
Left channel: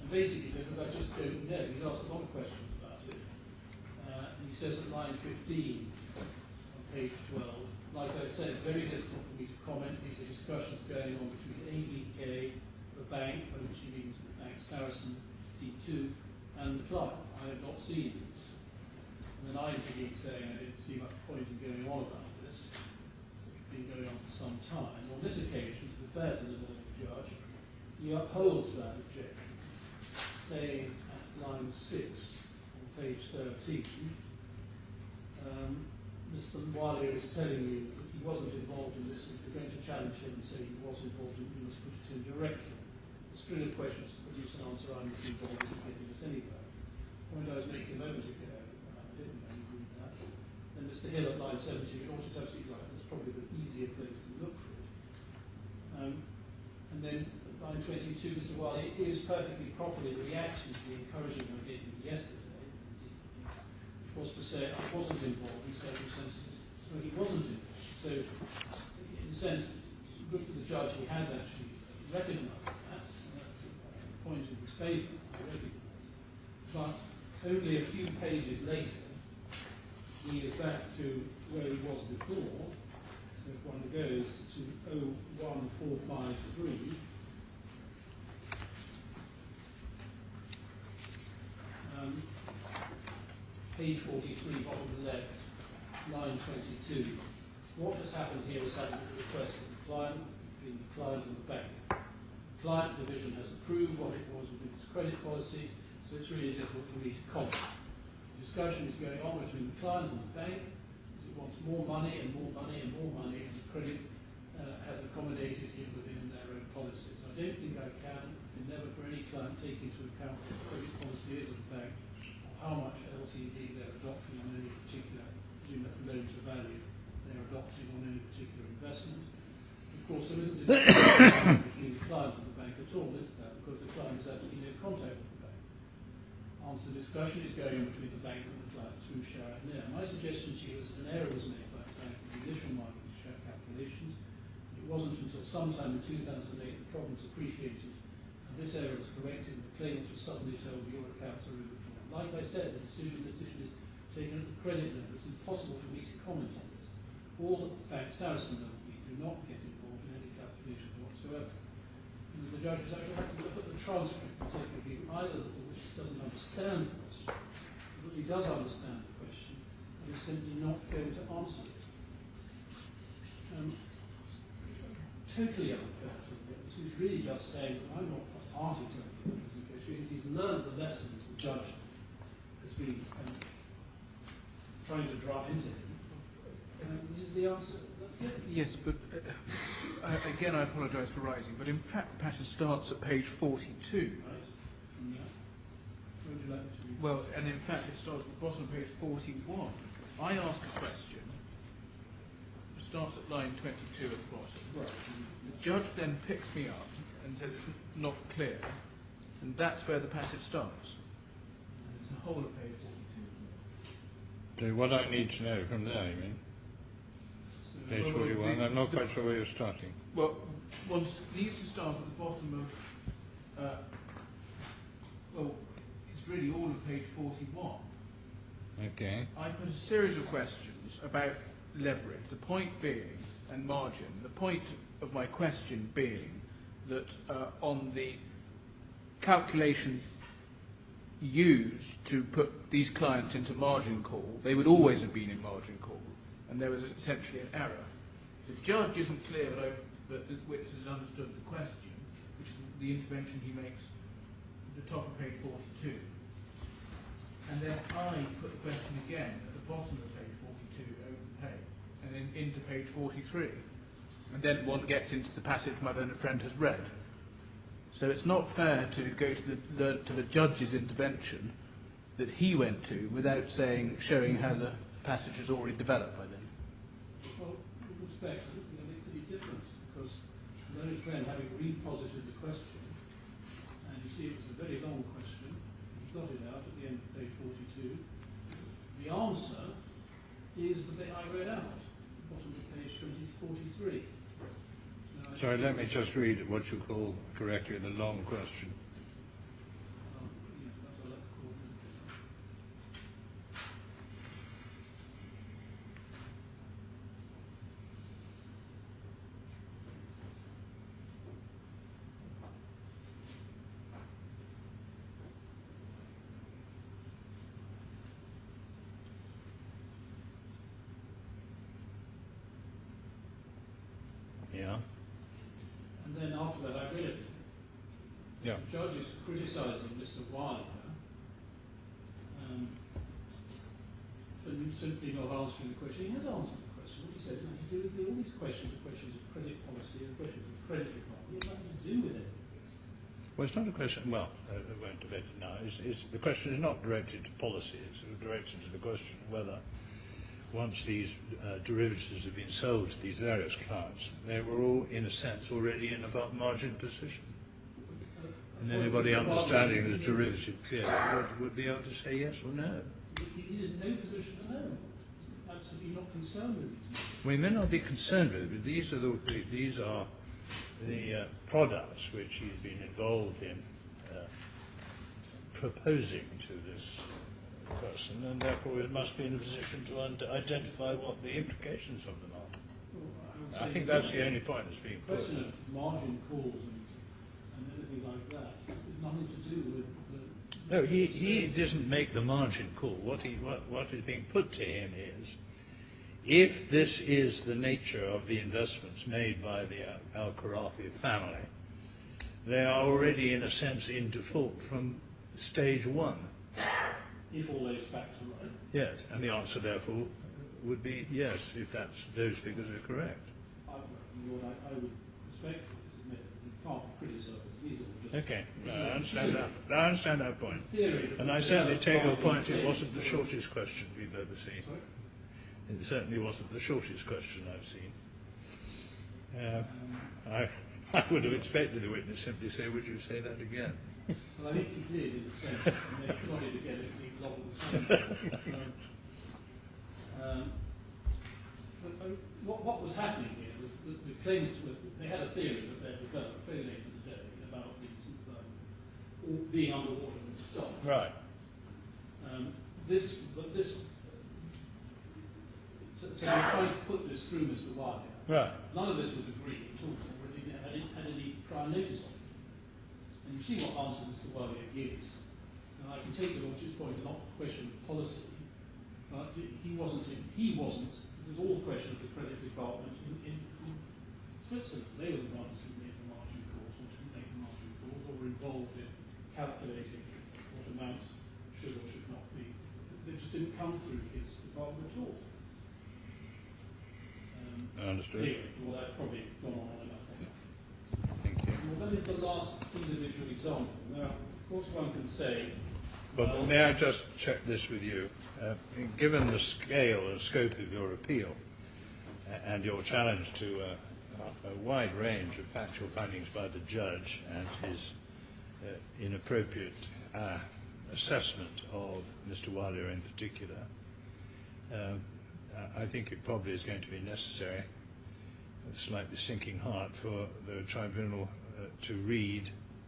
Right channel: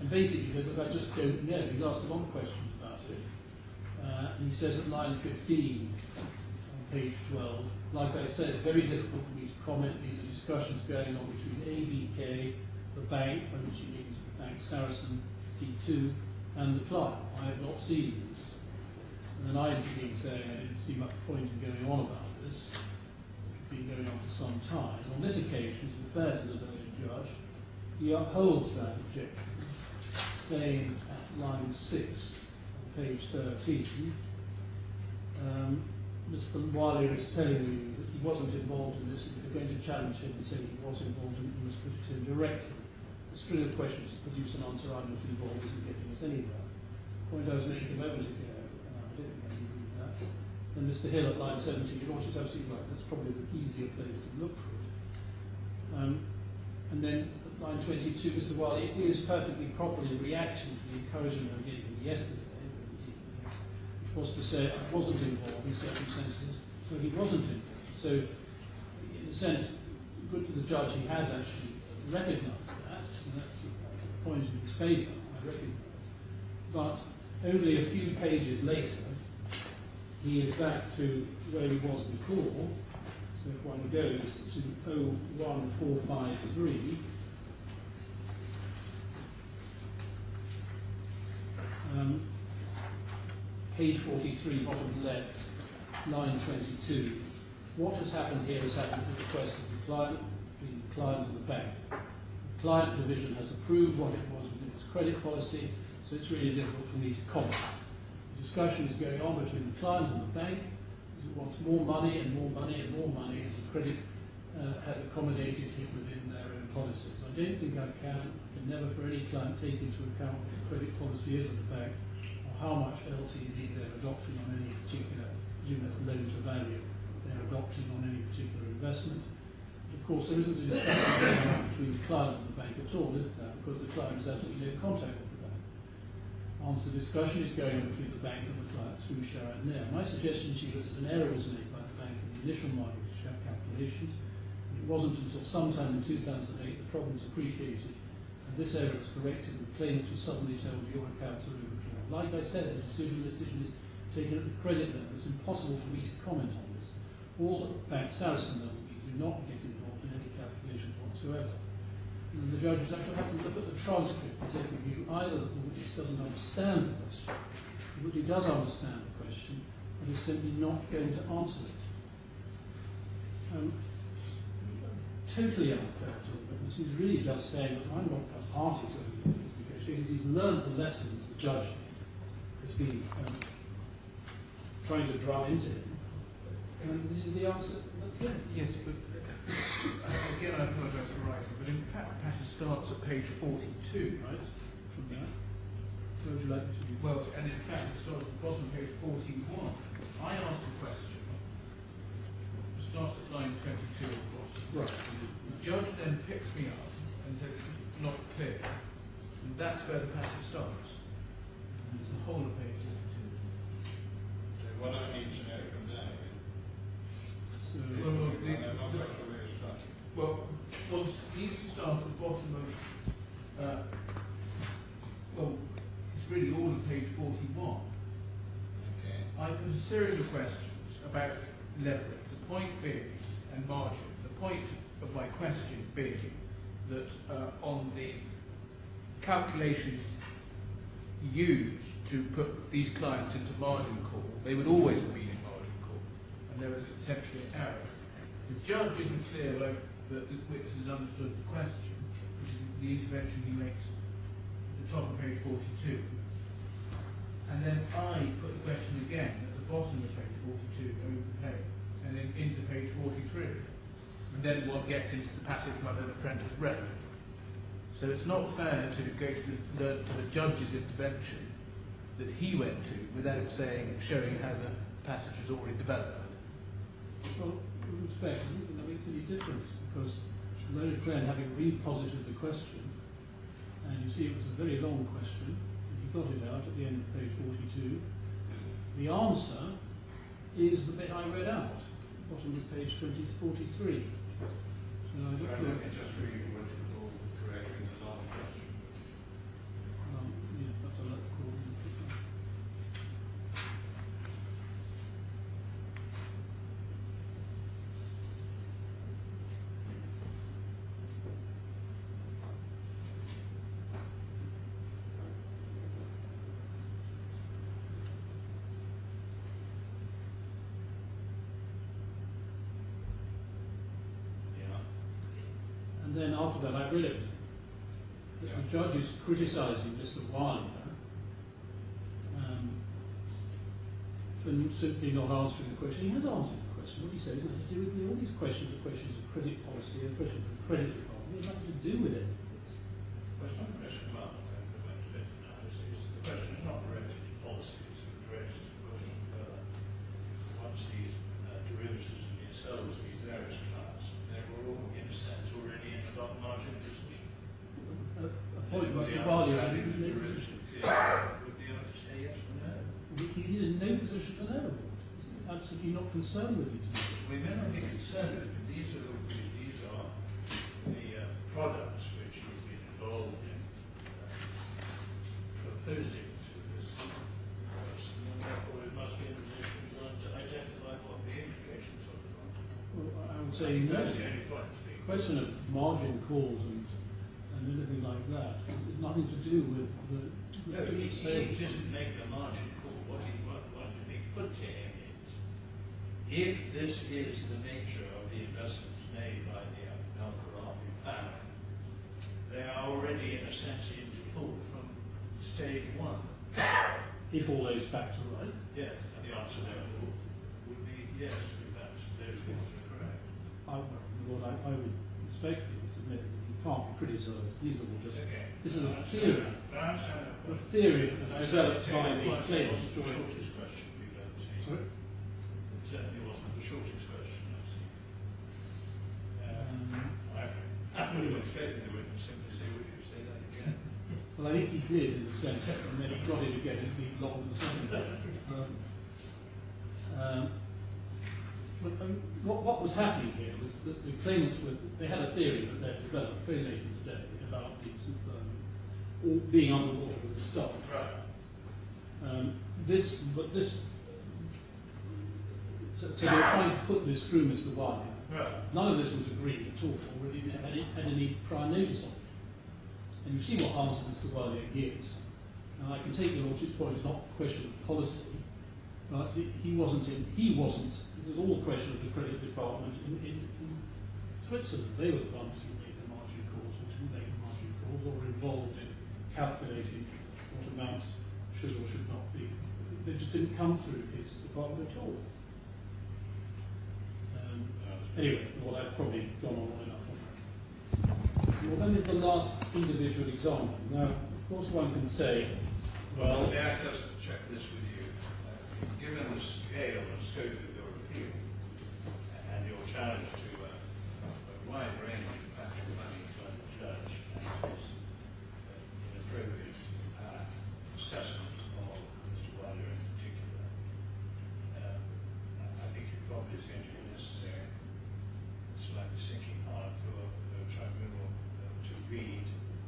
And basically he says, look, I just don't know. He's asked a lot of questions about it. And he says at line 15, on page 12, like I said, very difficult for me to comment. These are discussions going on between ABK, the bank, by which he means the bank Saracen, D2, and the client. I have not seen this. And then I intervened saying I didn't see much point in going on about this. It's been going on for some time. On this occasion, to be fair to the learned judge, he upholds that objection, saying at line 6 on page 13, Mr. Walia is telling you that he wasn't involved in this, and if you're going to challenge him and say he was involved in it, you must put it in directly. The string of questions to produce an answer I'm not involved isn't getting us anywhere. The point I was making a moment ago, I don't think I can read that. Then Mr. Hill at line 17, your Lordship's absolutely right, that's probably the easier place to look for it. And then at line 22, Mr. Walia is perfectly properly reacting to the encouragement I gave him yesterday, which was to say I wasn't involved in circumstances where he wasn't involved. So, in a sense, good for the judge, he has actually recognised that, and that's a point in his favour, I recognise. But only a few pages later, he is back to where he was before. So if one goes to 01453, page 43, bottom left, line 22. What has happened here has happened at the request of the client, between the client and the bank. The client division has approved what it was within its credit policy, so it's really difficult for me to comment. It discussion is going on between the client and the bank, as it wants more money and more money and more money, and the credit has accommodated him within their own policies. I don't think I can never for any client take into account what the credit policy is of the bank, or how much LTV they're adopting on any particular, presume that's loan to value, they're adopting on any particular investment. Of course, there isn't a discussion between the client and the bank at all, is there? Because the client has absolutely no contact with the bank. Once the discussion is going on between the bank and the client through Sharat Nair. My suggestion to you is that an error was made by the bank in the initial mortgage calculations. It wasn't until sometime in 2008 the problems appreciated, and this error was corrected, and the claimant was suddenly told your accounts are overdrawn. Like I said, the decision is taken at the credit level. It's impossible for me to comment on this. All at Bank Saracen level, we do not get involved in any calculations whatsoever. And the judges actually have to look at the transcript and take a view either that the witness doesn't understand the question, or that he does understand the question, and is simply not going to answer it. Totally unfair to the witness. He's really just saying that I'm not a party to any of these negotiations. He's learned the lessons the judge has been trying to drive into him. And this is the answer. That's it. Yes, but again, I apologise for writing, but in fact, the passage starts at page 42. Right, from that. Where would you like me to? Well, and in fact, it starts at the bottom of page 41. I ask a question. It starts at line 22 at the bottom. Right. The judge then picks me up and says it's not clear, and that's where the passage starts. It's the whole of page 42. So what I need to know from there, you mean? So, Page 41, I'm not quite sure where you're starting. Well, one needs to start at the bottom of, well, it's really all of page 41. Okay. I put a series of questions about leverage, the point being, and margin. The point of my question being that on the calculation used to put these clients into margin call, they would always have been in margin call, and there was essentially an error. The judge isn't clear about that the witness has understood the question, which is the intervention he makes at the top of page 42. And then I put the question again at the bottom of page 42 over the page, and then into page 43. And then one gets into the passage my learned friend has read. So it's not fair to go to the judge's intervention that he went to without showing how the passage has already developed by then. well, with respect, I don't think that makes any difference, because the learned friend, having reposited the question, and you see it was a very long question, he got it out at the end of page 42. The answer is the bit I read out, bottom of page 43. Sorry, let me just read what you call correctly the long question. Yes, that's a lot called. And then after that, I read it. Yeah. The judge is criticising Mr. Walia for simply not answering the question. He has answered the question. What he says is nothing to do with all these questions are questions of credit policy, are questions of credit economy. It has nothing to do with any of this. Well, it's not a question, well, I won't debate it now. The question is not directed to policy, it's directed to the question of whether once these derivatives have been sold to these various clients, they were all, in a sense, already in a margin position. Anybody understanding the derivative clearly would be able to say yes or no. He's in no position to know. He's absolutely not concerned with these matters. We may not be concerned with it, but these are the products which he's been involved in proposing to this person, and therefore it must be in a position to identify what the implications of them are. Well, I would I say think that's the only point that's being the question of margin calls and anything like that is nothing to do with the... No, he doesn't make the margin call. What is being put to him is, if this is the nature of the investments made by the Khorafi family, they are already, in a sense, in default from stage one. if all those facts are right. Yes, and the answer therefore would be yes, if those figures are correct. Lord, I would respectfully submit that you can't be criticised. These are all just Okay, this no, is I a understand theory. that. I understand that point. The theory, And I certainly take your point, it wasn't the shortest question we've ever seen. Sorry? It certainly wasn't the shortest question I've seen. I would have expected the witness simply say, would you say that again? Well, I think he did in a sense, and then he got it again indeed long and what was happening here was that the claimants they had a theory that they'd developed very late in the day about these all being underwater with the stop. Right. So they were trying to put this through Mr. Wilder. Right. None of this was agreed at all, or he had any prior notice of it. And you see what answer Mr. Wilder gives. Now, I can take your Lordship's point, it's not a question of policy, but he wasn't, this is all a question of the credit department in Switzerland. They were the ones who made the margin calls, or didn't make the margin calls, or were involved in calculating what amounts should or should not be. They just didn't come through his department at all. Anyway, well, I've probably gone on enough on that. Well, then is the last individual example. Now, of course, one can say, well, may I just check this with you? Given the scale and scope of your appeal and your challenge to a wide range of factual findings by the judge and his inappropriate assessment of Mr. Wilder in particular, I think it probably is going to be necessary, a slightly sinking heart, for the tribunal to read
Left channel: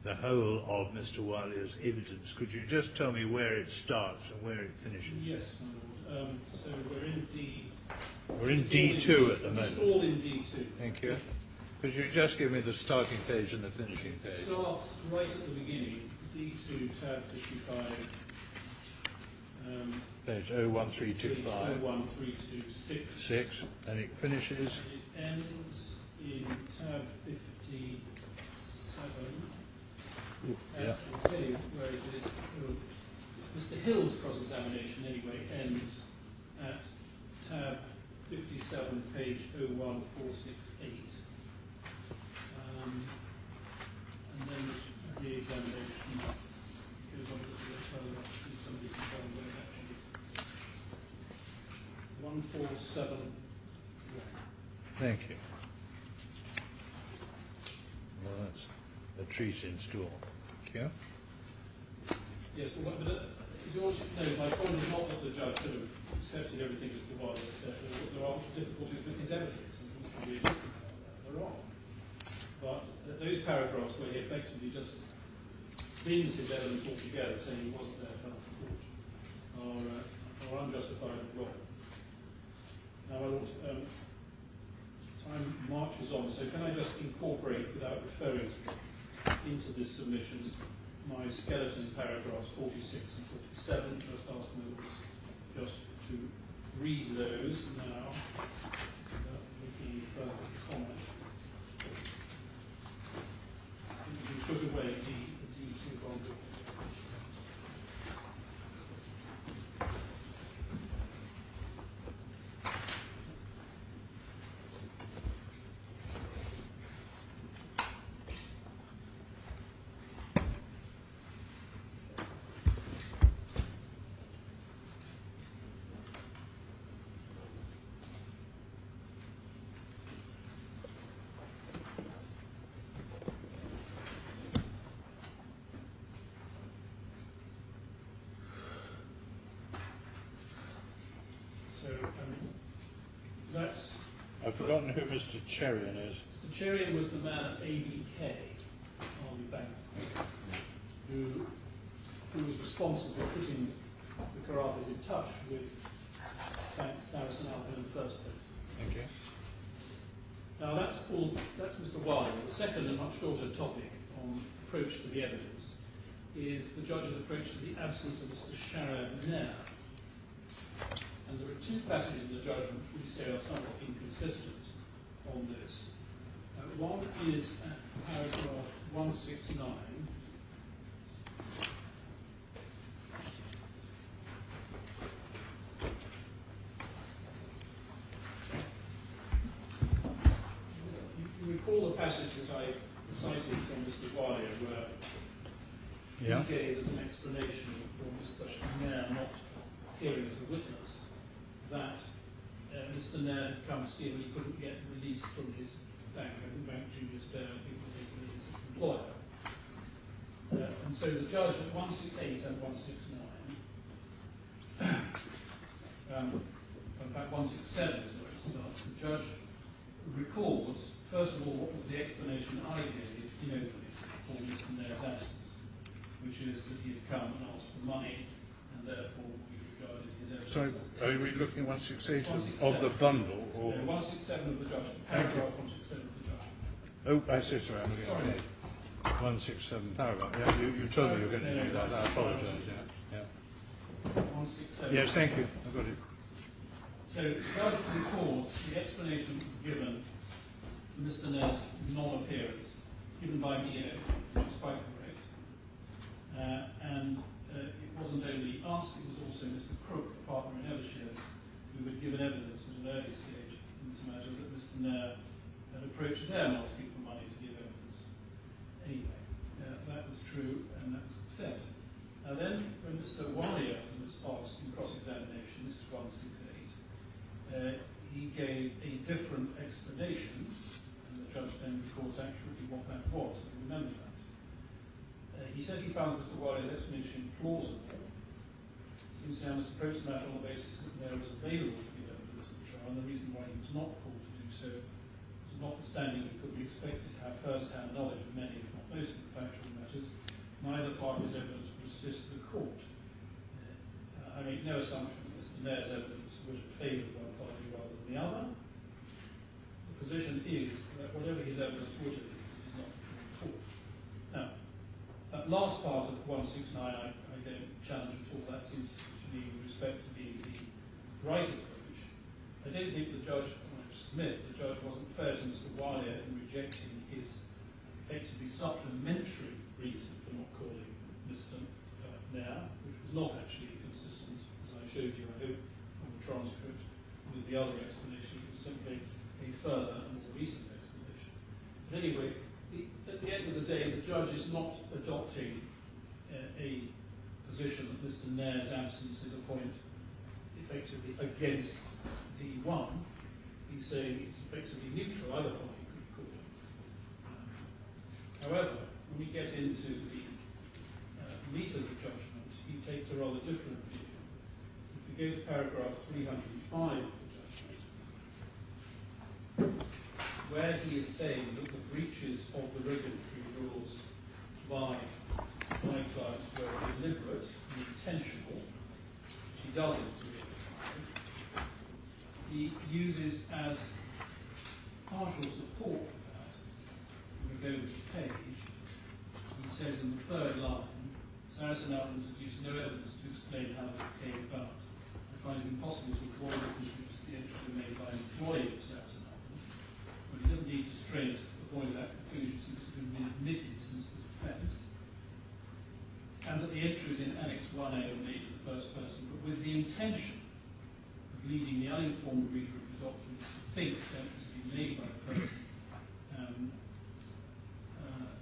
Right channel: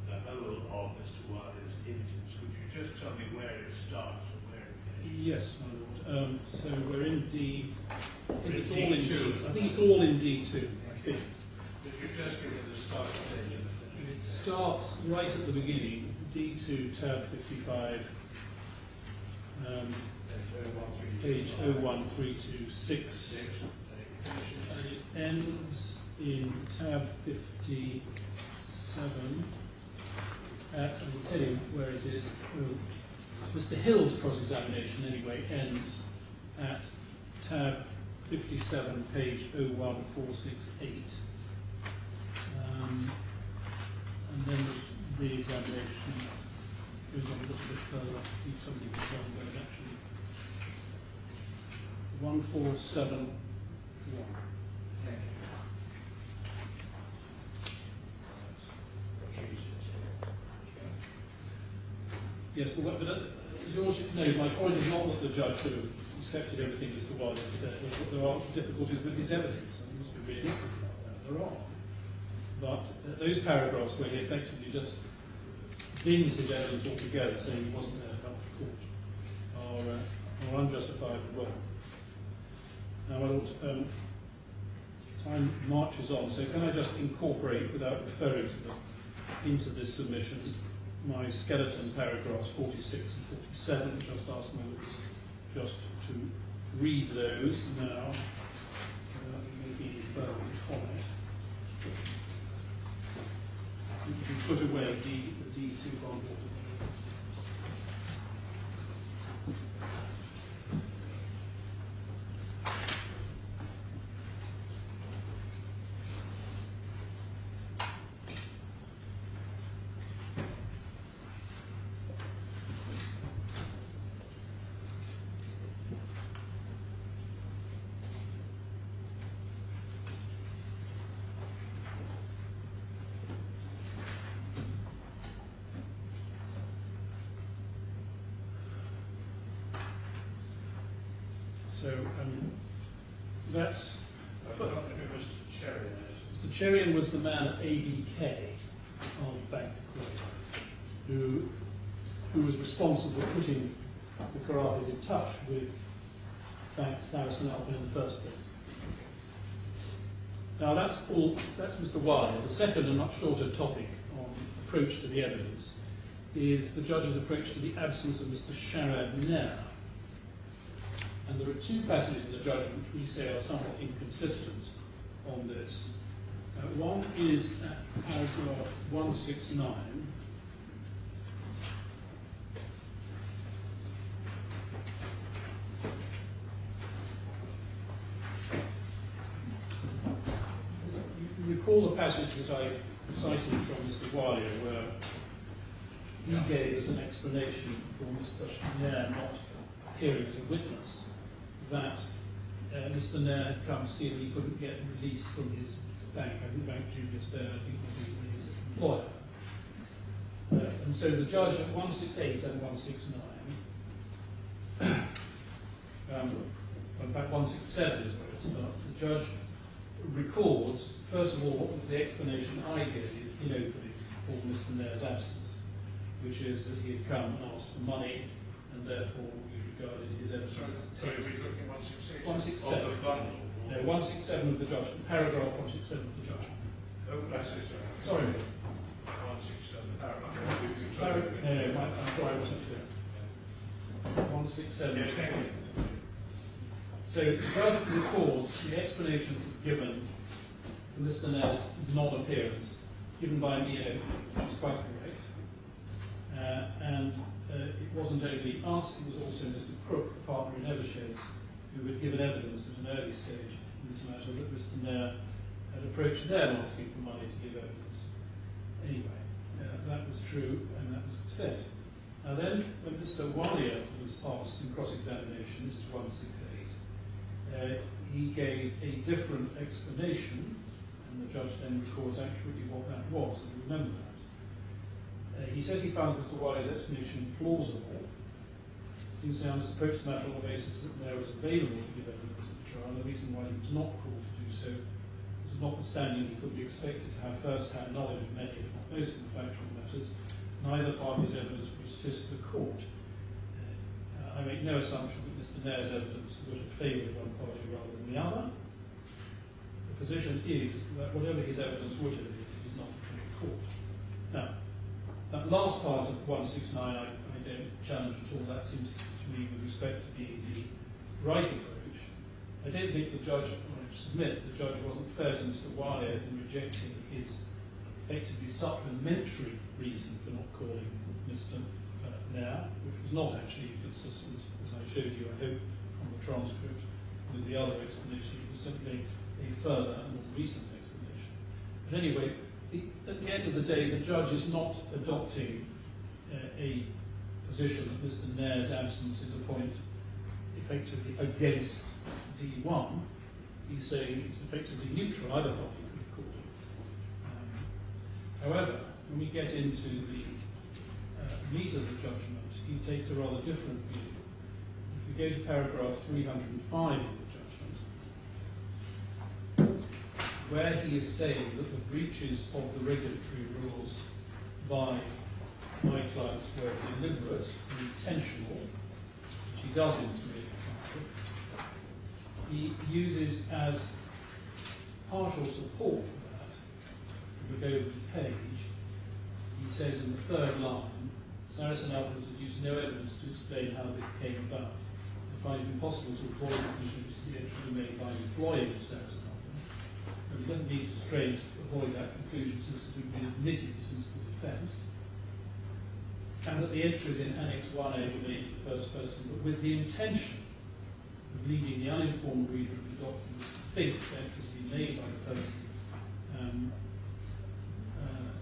the whole of Mr. Wilder's evidence. Could you just tell me where it starts and where it finishes? yes, my Lord. So we're in D. We're in D2 I at the think moment. it's all in D2. Thank you. Could you just give me the starting page and the finishing It page? starts right at the beginning, D2, tab 55. Page Page 01325. 01326. 6, and it finishes. And it ends in tab 57. I'll tell you where it is. Well, Mr. Hill's cross-examination, anyway, ends at tab 57, page 01468. And then the re-examination goes on a little bit further. If somebody can find where it actually 1471. Thank you. Well, that's a treat in store. Thank you. Yes, but as your Lordship knows, my point is not that the judge should have accepted everything Mr. Wilder said. There are difficulties with his evidence, and we must be realistic about that. There are. But those paragraphs where he effectively just bins his evidence altogether, saying he wasn't there in front of the court, are unjustified and wrong. Now, my Lord, time marches on, so can I just incorporate, without referring to them, into this submission, my skeleton paragraphs 46 and 47, just ask my Lords just to read those now, without making any further comment. We put away the D2 bond. So that's. I've forgotten who Mr. Cherian is. Mr. Cherian was the man at ABK on Bank who was responsible for putting the Khorafis in touch with Bank Sarasin-Alpen in the first place. Okay. Now that's Mr. Wilder. The second and much shorter topic on approach to the evidence is the judge's approach to the absence of Mr. Sharad Nair. And there are two passages in the judgment which we say are somewhat inconsistent on this. One is at paragraph 169, recall the passage that I cited from Mr. Walia, where Yeah. he gave as an explanation for Mr. Nair not appearing as a witness that Mr. Nair had come to see him and he couldn't get release from his bank. I think Bank Junius Bear, I think was his employer. And so the judge at 168 and 169, in fact 167 is where it starts, the judge records, first of all, what was the explanation I gave in opening for Mr. Nair's absence, which is that he had come and asked for money, and therefore we regarded his evidence as Sorry, are we looking at 168 167. of the bundle? Or? No, 167 of the judgment, paragraph 167 of the judgment. Oh, I see, sorry. Sorry. 167 paragraph. Yeah, you told me you were going to do No, that. sorry, I wasn't sure. Yeah. 167. Yes, thank you. Good. So the judge records the explanation that was given for Mr. Nair's non-appearance, given by me, which is quite correct. And it wasn't only us, it was also Mr. Crook, a partner in Eversheds, who had given evidence at an early stage in this matter that Mr. Nair had approached them asking for money to give evidence. Anyway, that was true and that was said. Now then, when Mr. Walia was asked in cross-examination, this is 168, he gave a different explanation, and the judge then records accurately what that was, and remember that. He says he found Mr. Walia's explanation plausible. Seems to have approached the matter on the basis that there was available to give evidence at the trial, and the reason why he was not called to do so was notwithstanding he could be expected to have first-hand knowledge of many, if not most, of the factual matters. Neither party's evidence would assist the court. I make no assumption that Mr. Nair's evidence would have favoured one party rather than the other. The position is that whatever his evidence would have been, it is not before the court. Now, that last part of 169 I don't challenge at all. That seems to me, with respect to being the right approach. I don't think the judge, I submit, the judge wasn't fair to Mr. Walia in rejecting his effectively supplementary reason for not calling Mr. Nair, which was not actually consistent, as I showed you, I hope, on the transcript, with the other explanation. It was simply a further and more recent explanation. But anyway, at the end of the day, the judge is not adopting a position that Mr. Nair's absence is a point effectively against D1. He's saying it's effectively neutral. Either party could have called him. However, when we get into the meat of the judgment, he takes a rather different view. If we go to paragraph 305 of the judgment, where he is saying that the breaches of the regulatory rules by my clients were deliberate and intentional, which he does in 385, he uses as partial support for that, if we go to the page, he says in the third line, Sarasin-Alpen has produced no evidence to explain how this came about. I find it impossible to avoid the conclusion the entry made by an employee of Sarasin-Alpen. But he doesn't need to strain to avoid that conclusion since it had been admitted since the defence. And that the entries in Annex 1A were made in the first person, but with the intention of leading the uninformed reader of the document to think the entries had been made by the person,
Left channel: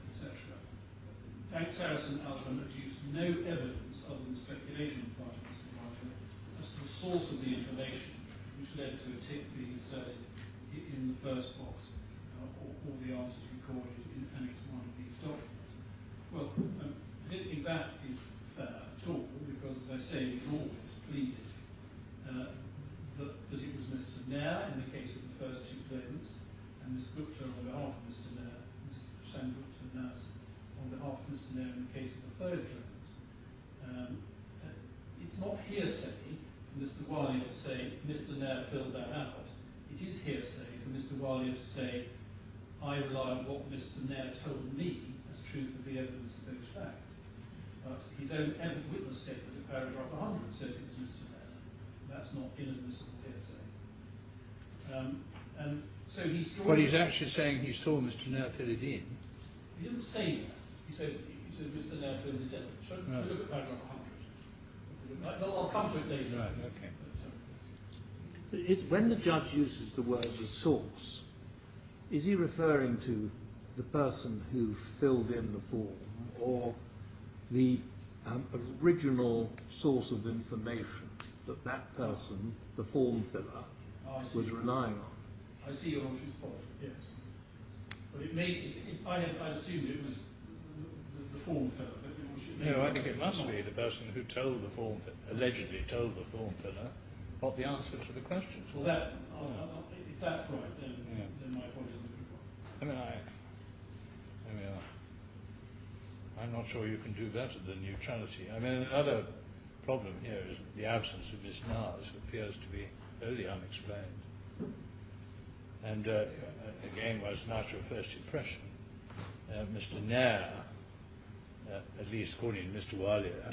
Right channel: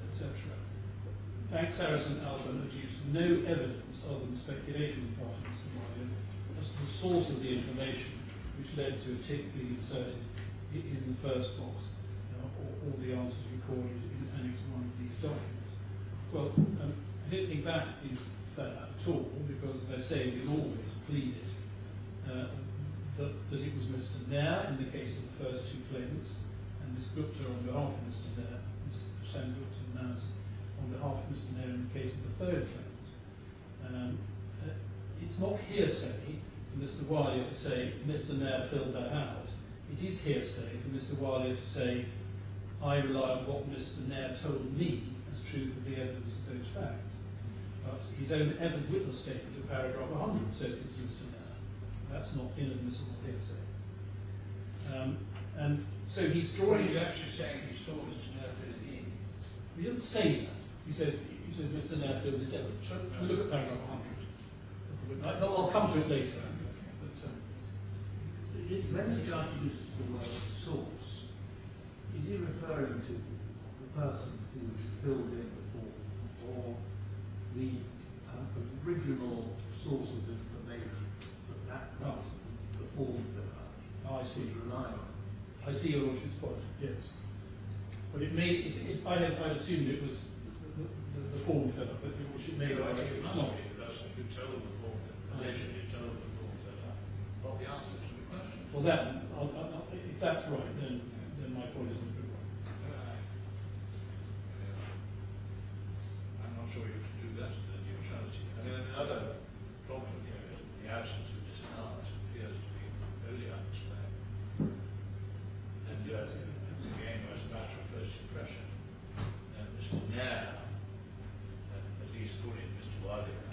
etc. Bank Sarasin-Alpen adduced no evidence other than speculation on the part of Mr. Mohamed as to the source of the information which led to a tick being inserted in the first box, or the answers recorded in Annex 1 of these documents. Well, I don't think that is fair at all, because, as I say, we always pleaded that it was Mr. Nair in the case of the first two claimants, and Ms. Gupta on behalf of Mr. Nair, Ms. Sen-Gupta now on behalf of Mr. Nair in the case of the third claimant. It's not hearsay for Mr. Walia to say Mr. Nair filled that out. It is hearsay for Mr. Walia to say I rely on what Mr. Nair told me as truth of the evidence of those facts. But his own witness statement in paragraph 100 says it was Mr. Nair. That's not inadmissible hearsay. And so he's drawing... But he's actually saying he saw Mr. Nair fill it in. He doesn't say that. He says Mr. Nair filled it in. Shall we look at paragraph 100? I'll come to it later. Okay. When the judge uses the word the source, is he referring to the person who filled in the form, or the original source of information that that person, the form filler, was relying on? I see your Lordship's point, yes. But it may, I assumed it was the form filler, but Your Lordship may... No, actually it must be the person who told the form, allegedly told the form filler, what the answer to the question. Well, that, if that's right, then my point is not wrong. I'm not sure you can do better than neutrality. I mean, another problem here is the absence of this NAS appears to be wholly unexplained. And it's again most natural first impression. Mr. Nair, at least according to Mr. Alia,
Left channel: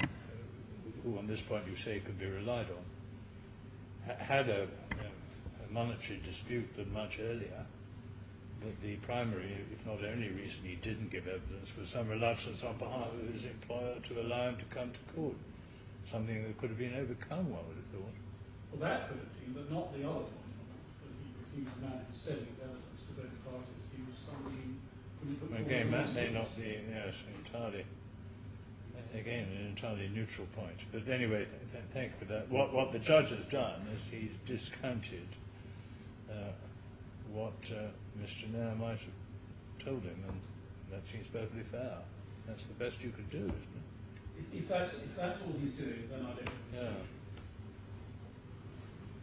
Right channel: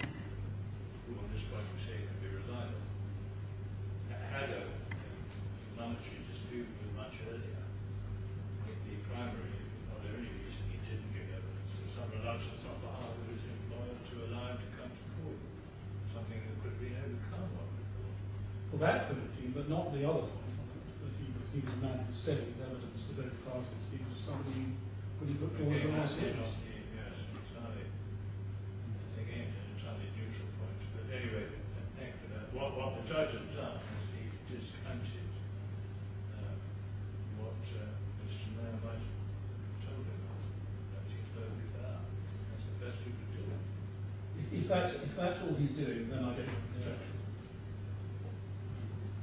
who on this point you say can be relied on, had a monetary dispute but much earlier. But the primary, if not only reason he didn't give evidence was some reluctance on behalf of his employer to allow him to come to court. Something that could have been overcome, one would have thought. Well, that could have been, but not the other point on it. But he was a man who said his evidence to both parties. He was somebody who couldn't put forward Again, that an may answer. not be entirely, again, an entirely neutral point. But anyway, thank you for that. What the judge has done is he's discounted what Mr. Nair might have told him, and that seems perfectly fair. That's the best you could do. If that's all he's doing, then I don't have an objection.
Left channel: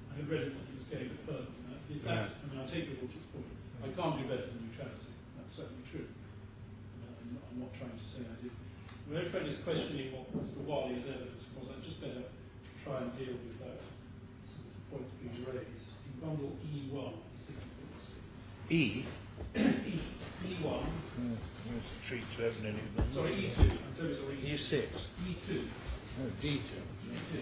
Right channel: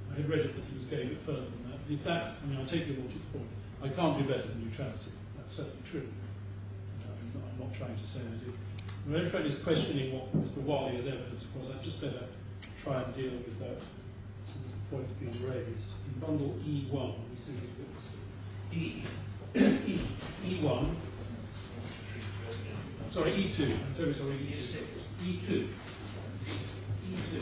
I had read it that he was going a bit further than that. But if that's, I mean, I take your Lordship's point. I can't do better than neutrality. That's certainly true. I'm not trying to say I do. My own friend is questioning what Mr. Wali's evidence was. I'd just better try and deal with that since the point's been raised. In bundle E1, he says he's got this. E1. Sorry, E2. I'm terribly sorry, E6. E2. Oh, D2. E2.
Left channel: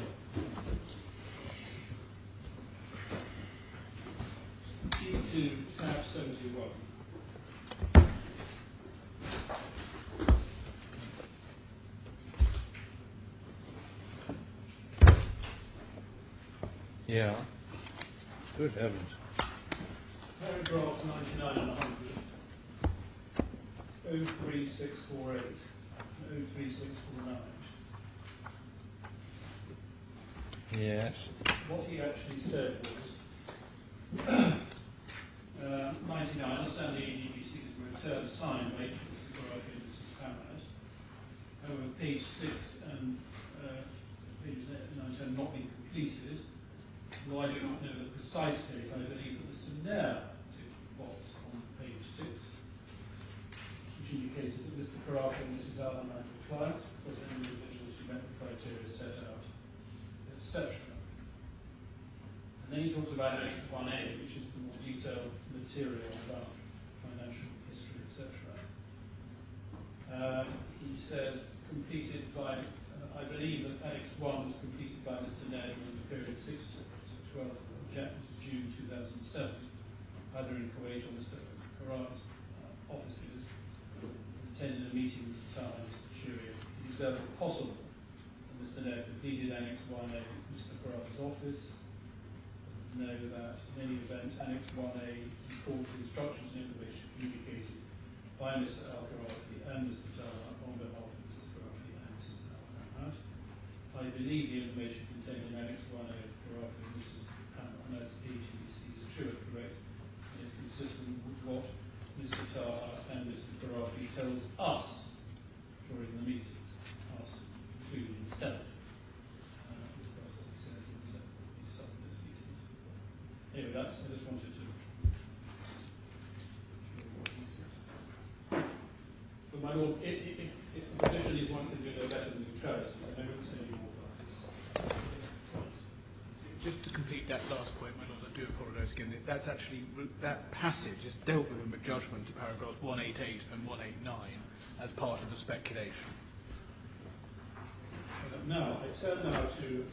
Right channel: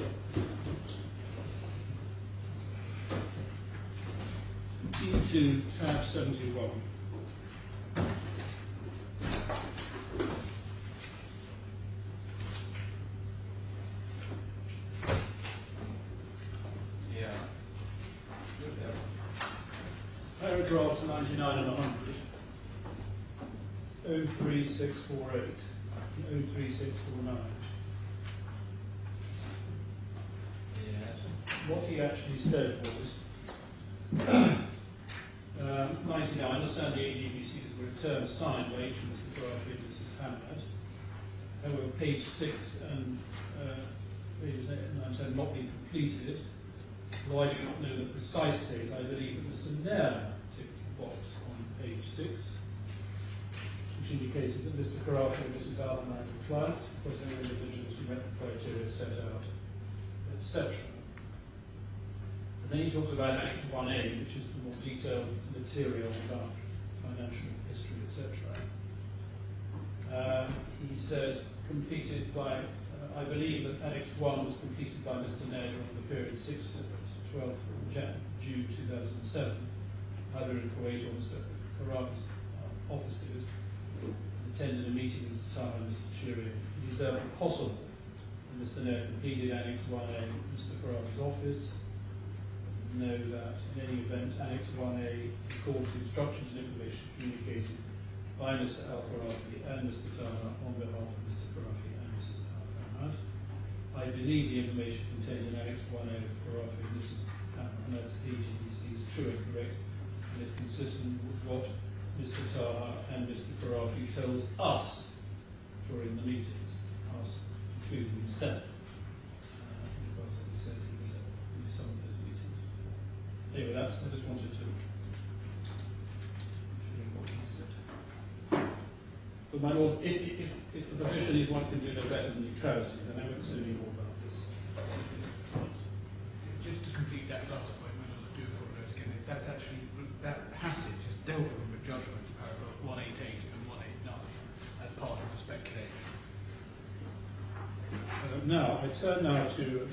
E2, tab 71. Yeah. Good heavens. Paragraphs 99 and 100. It's 03648 and 03649. Yes. What he actually said was 99, I understand the AGBC's return signed by each of Mr. Khorafi and Mrs. Hamad. However, page 6 and pages 8 and 9 10 not been completed. Though I do not know the precise date, I believe that Mr. Nair ticked the box on page 6, which indicated that Mr. Khorafi and Mrs. Alman were clients because they were individuals who met the criteria set out, etc. And then he talks about Act 1A, which is the more detailed material about financial history, etc. He says completed by, I believe that Annex 1 was completed by Mr. Nair during the period 6th to 12th June 2007, either in Kuwait or Mr. Khorafi's offices, attended a meeting with Mr. Taha and Mr. Shiri. It is therefore possible that Mr. Nair completed Annex 1A at Mr. Khorafi's office. Know that in any event, Annex 1A records instructions and information communicated by Mr. Al-Khorafi and Mr. Taha on behalf of Mr. Khorafi and Mrs. Al-Hamad. I believe the information contained in Annex 1A of Khorafi and Mrs. Hamad's AGBC is true and correct and is consistent with what Mr. Taha and Mr. Khorafi told us during the meetings, us including himself, because as he says he was at some of those meetings before. Anyway, I just wanted to show you what he said. But my Lord, if the position is one can do no better than neutrality, then I wouldn't say any more about this. Just to complete that last point, my Lord, I do apologise again. That's actually, that passage is dealt with in the judgment, paragraphs 188 and 189, as part of the speculation. Now, I turn now to the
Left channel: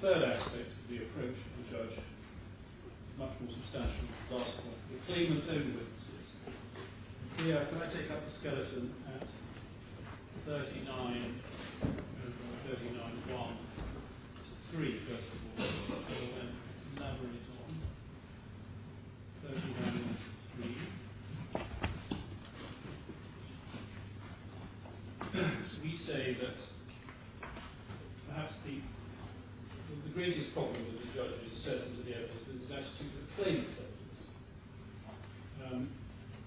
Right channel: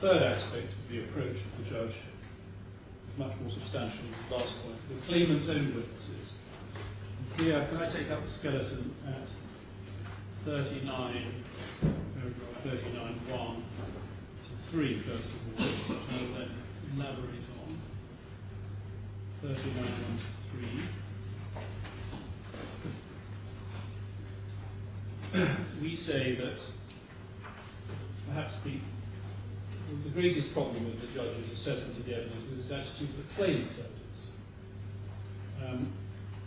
third aspect of the approach of the judge, much more substantial than the last point, the claimant's own witnesses. Here, can I take up the skeleton at 39, paragraph 39.1 to 3, first of all, which I will then elaborate on. 3913, we say that perhaps the greatest problem with the judge's assessment of the evidence was his attitude to the claimant's evidence.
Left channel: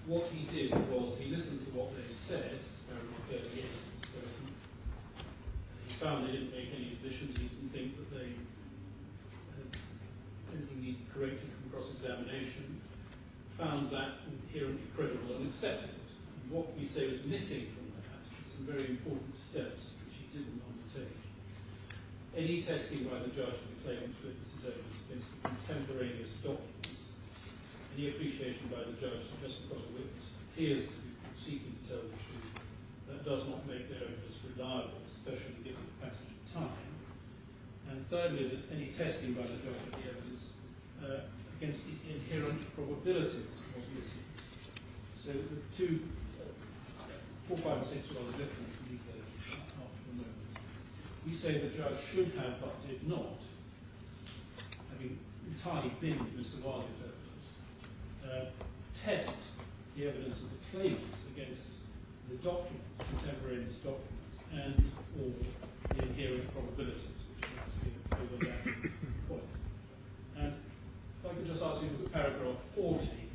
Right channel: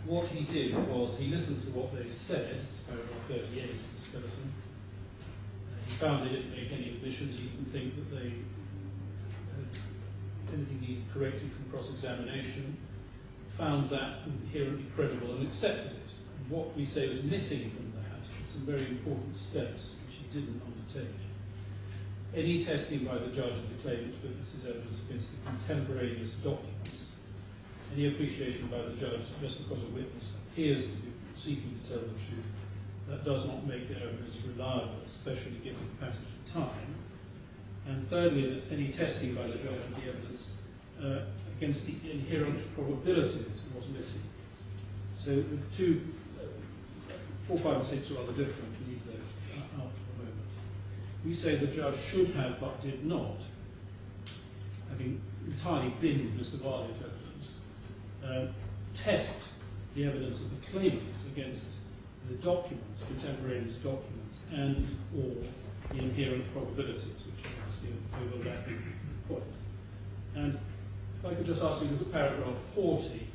What he did was he listened to what they said, paragraph 38 of the skeleton. He found they didn't make any additions. He didn't think that they had anything needed corrected from cross-examination. Found that inherently credible and accepted it. And what we say was missing from that is some very important steps which he didn't undertake. Any testing by the judge of the claimant's witnesses' evidence against the contemporaneous documents, any appreciation by the judge that just because a witness appears to be seeking to tell the truth, that does not make their evidence reliable, especially given the passage of time. And thirdly, that any testing by the judge of the evidence against the inherent probabilities was missing. So the 2, 4, 5 and 6 are rather different. We leave those out for the moment. We say the judge should have, but did not, having entirely binned Mr. Walia's evidence, test the evidence of the claimants against the documents, contemporaneous documents, and or the inherent probabilities, which is the overlapping point. And if I could just ask you to look at paragraph 40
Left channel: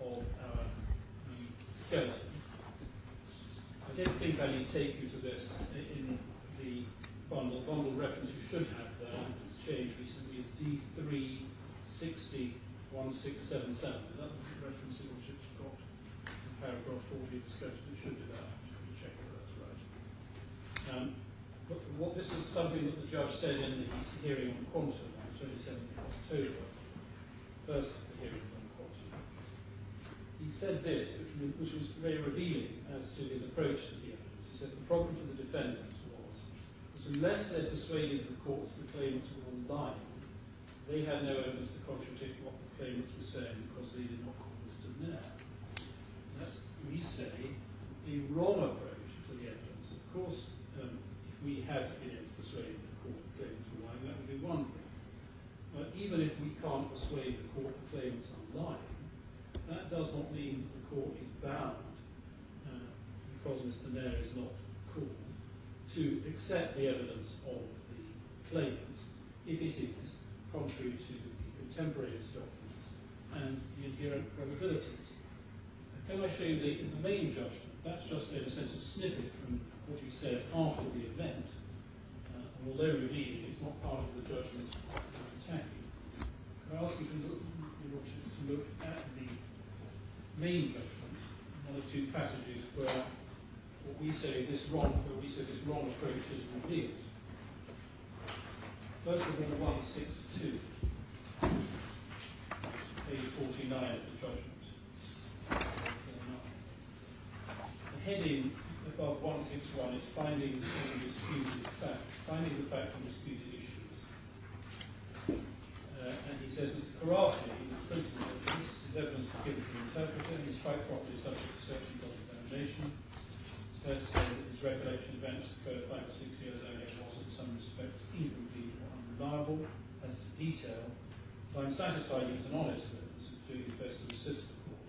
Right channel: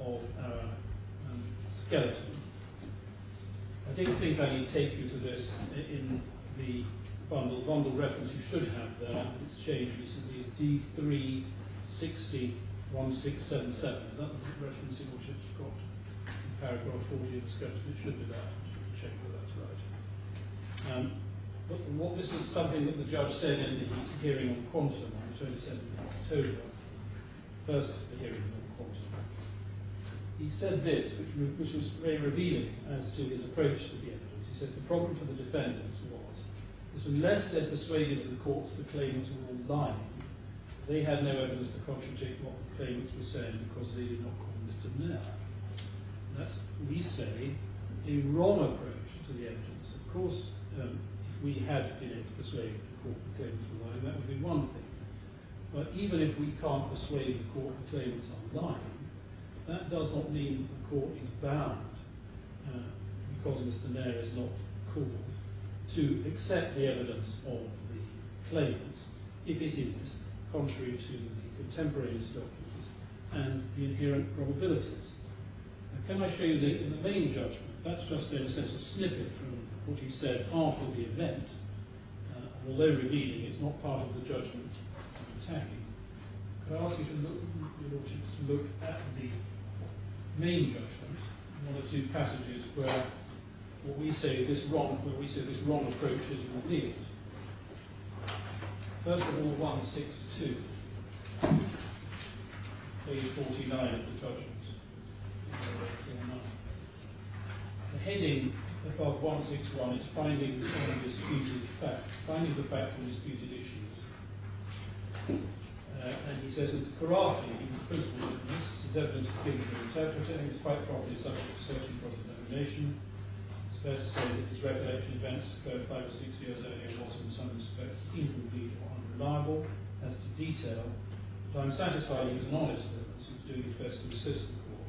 of our skeleton. I don't think I need to take you to this in the bundle. Bundle reference you should have there, and it's changed recently, is D3601677. Is that the reference in which it's got in paragraph 40 of the skeleton? It should be that. Just check that that's right. But this is something that the judge said in his hearing on quantum on the 27th of October. First of the hearings on quantum. He said this, which was very revealing as to his approach to the evidence. He says the problem for the defendants was that unless they'd persuaded the courts the claimants were all lying, they had no evidence to contradict what the claimants were saying because they did not call Mr. Nair. That's, we say, a wrong approach to the evidence. Of course, if we had been able to persuade the court the claimants were lying, that would be one thing. But even if we can't persuade the court the claimants are lying, that does not mean that the court is bound, because Mr. Nair is not called, to accept the evidence of the claimants if it is contrary to the contemporaneous documents and the inherent probabilities. Now, can I show you in the main judgment? That's just in a sense a snippet from what he said after the event. Although revealing, it's not part of the judgment I'm attacking. Could I ask you to look, your lordships, to look at the main judgment, one or two passages where we say this wrong approach is revealed. First of all, 162, page 49 of the judgment. The heading above 161 is findings on disputed fact. Findings of fact on disputed issues. And he says, Mr. Khorafi, he's the principal witness, his evidence was given to the interpreter, and his quite properly subject to search and cross-examination. It's fair to say that his recollection events occurred 5 or 6 years earlier was in some respects incomplete or unreliable as to detail, but I'm satisfied he was an honest witness who was doing his best to assist the court.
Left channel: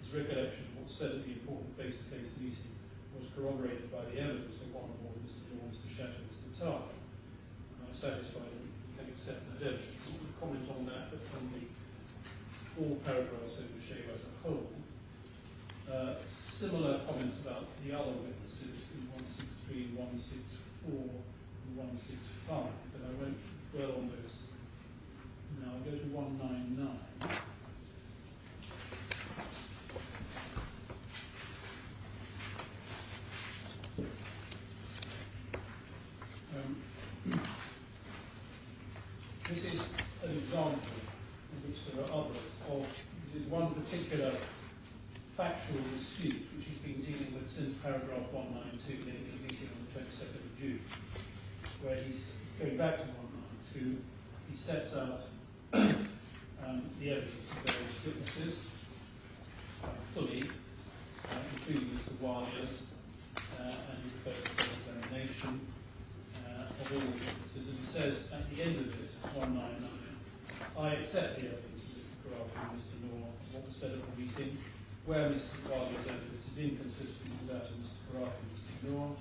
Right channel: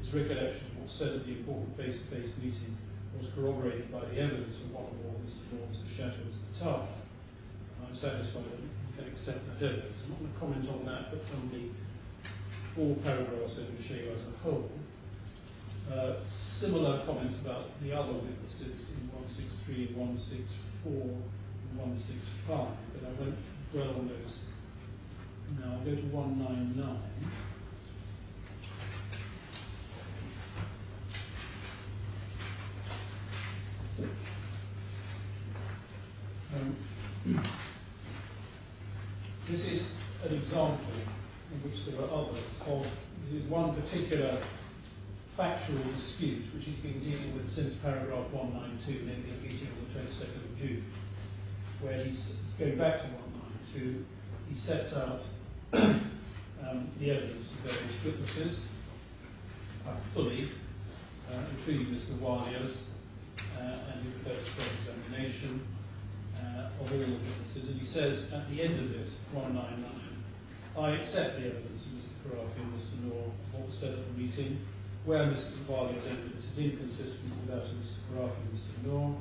His recollection of what was said at the important face-to-face meeting was corroborated by the evidence of one or more Mr. Moore, Mr. Shatter, Mr. Tar. And I'm satisfied that we can accept that evidence. I'm not going to comment on that, but from the 4 paragraphs over show you as a whole. Similar comments about the other witnesses in 163, 164, and 165, but I won't dwell on those now. I'll go to 199. This is an example, of which there are others, this is one particular factual dispute which he's been dealing with since paragraph 192, namely a meeting on the 22nd of June, where he's going back to 192. He sets out the evidence of various witnesses fully, including Mr. Walia's, and he refers to cross-examination of all the witnesses, and he says at the end of it, 199, I accept the evidence of Mr. Khorafi and Mr. Noor, what was said at the meeting, where Mr. Walia's evidence is inconsistent with that of Mr. Khorafi and Mr. Noor.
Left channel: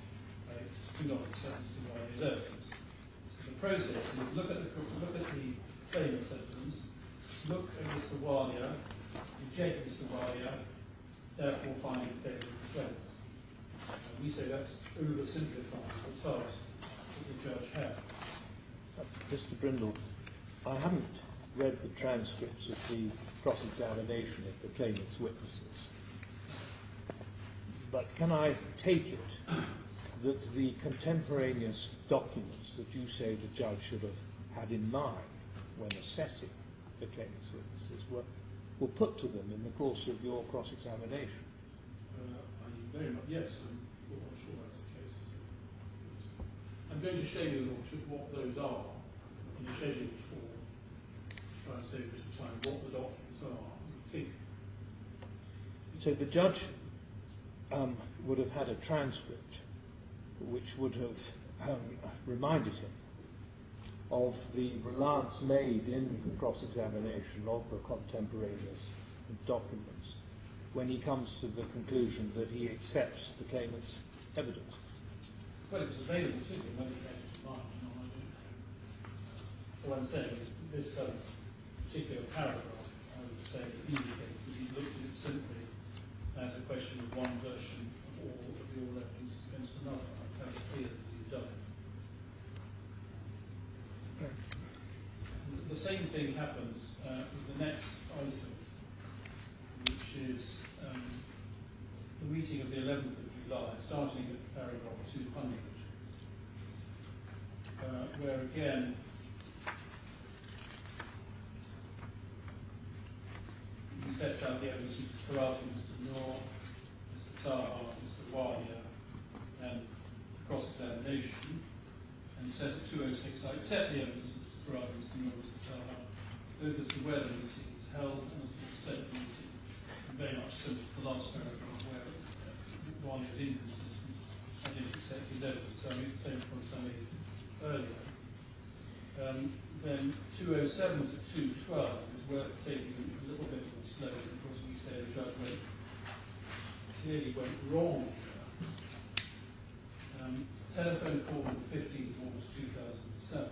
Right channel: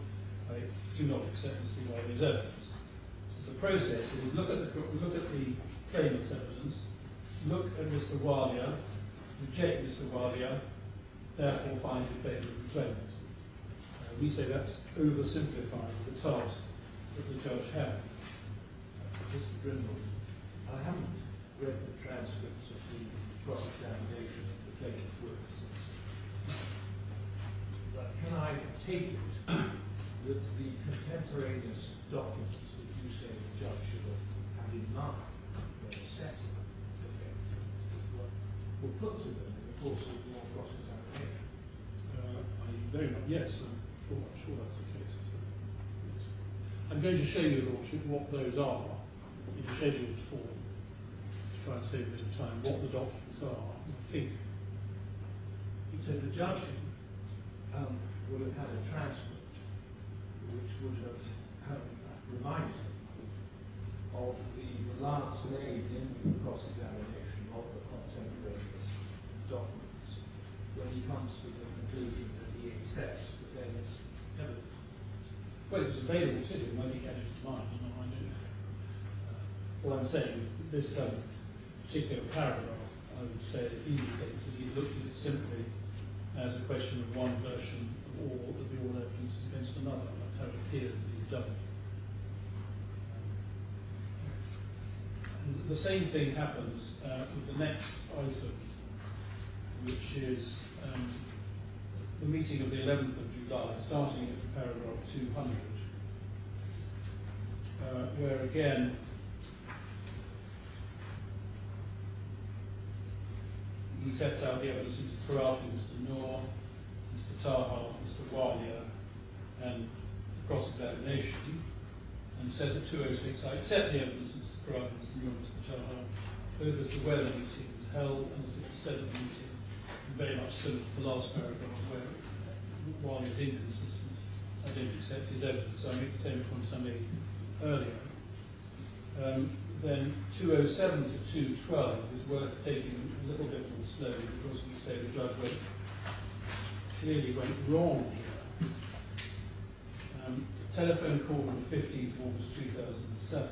I do not accept Mr. Walia's evidence. So the process is look at the claimant's evidence, look at Mr. Walia, reject Mr. Walia, therefore find in favour of the claimant. We say that's oversimplifies the task that the judge had. Mr. Brindle, I haven't read the transcripts of the cross-examination of the claimant's witnesses, but can I take it that the contemporaneous documents that you say the judge should have had in mind when assessing the claimant's witnesses were put to them in the course of your cross-examination? Yes, I'm sure that's the case. I'm going to show you, Lordship, what those are in a scheduled form, to try and save a bit of time, what the documents are, I think. So the judge would have had a transcript which would have reminded him of the reliance made in the cross-examination of the contemporaneous documents when he comes to the conclusion that he accepts the claimant's evidence. Well, it was available to him when he had it in mind, and I don't know. All I'm saying is that this particular paragraph, I would say, indicates that he's looked at it simply as a question of one version of all of the all evidence against another. That's how it appears that he's done it. And the same thing happens with the next item, which is the meeting of the 11th of July, starting at paragraph 200, where again he sets out the evidence of Mr. Khorafi, Mr. Noor, Mr. Taha, Mr. Walia, and cross-examination, and says at 206, I accept the evidence of Mr. Khorafi, Mr. Noor, Mr. Taha, both as to where the meeting was held and as to the extent of the meeting, and very much similar to the last paragraph where Walia's inconsistent. I don't accept his evidence, so I make the same points I made earlier. Then 207 to 212 is worth taking a little bit more slowly because we say the judge clearly went wrong here. Telephone call on the 15th of August 2007.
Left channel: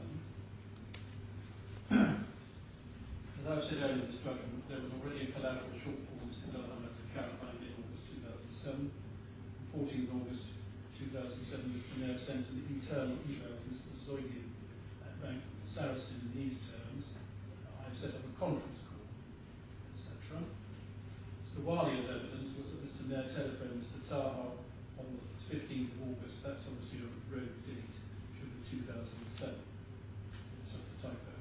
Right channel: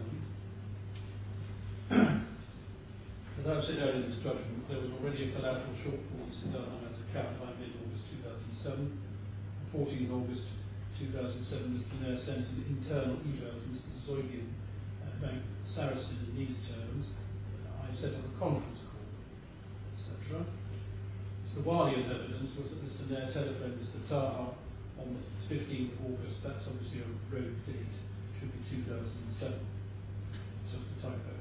As I've said earlier in this judgment, there was already a collateral shortfall. This is Hamad's account by mid-August 2007. On 14th August 2007, Mr. Nair sent an internal email to Mr. Zoidian at Bank Sarasin in these terms. I set up a conference call, etc. Mr. Walia's evidence was that Mr. Nair telephoned Mr. Taha on the 15th of August. That's obviously a rogue date. Should be 2007. It's just a typo.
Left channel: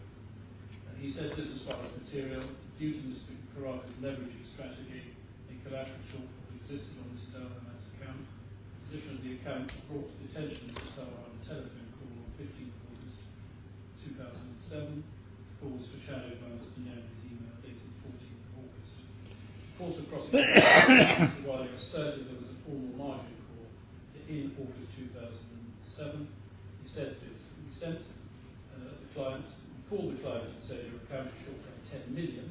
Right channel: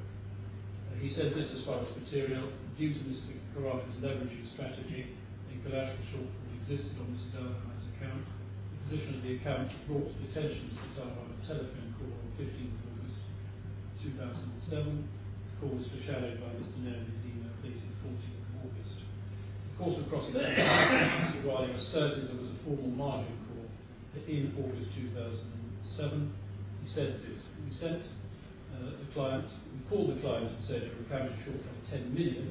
He said this as far as material. Due to Mr. Khorafi's leveraging strategy, a collateral shortfall existed on Mrs. Hamad's account. The position of the account brought to the attention of Mr. Taha on a telephone call on 15th of August 2007. The call was foreshadowed by Mr. Nair in his email dated 14th of August. The course of cross-examination, Mr. Walia asserted there was a formal margin call in August 2007. He said this. We sent the client, we called the client and said your account is short by 10 million,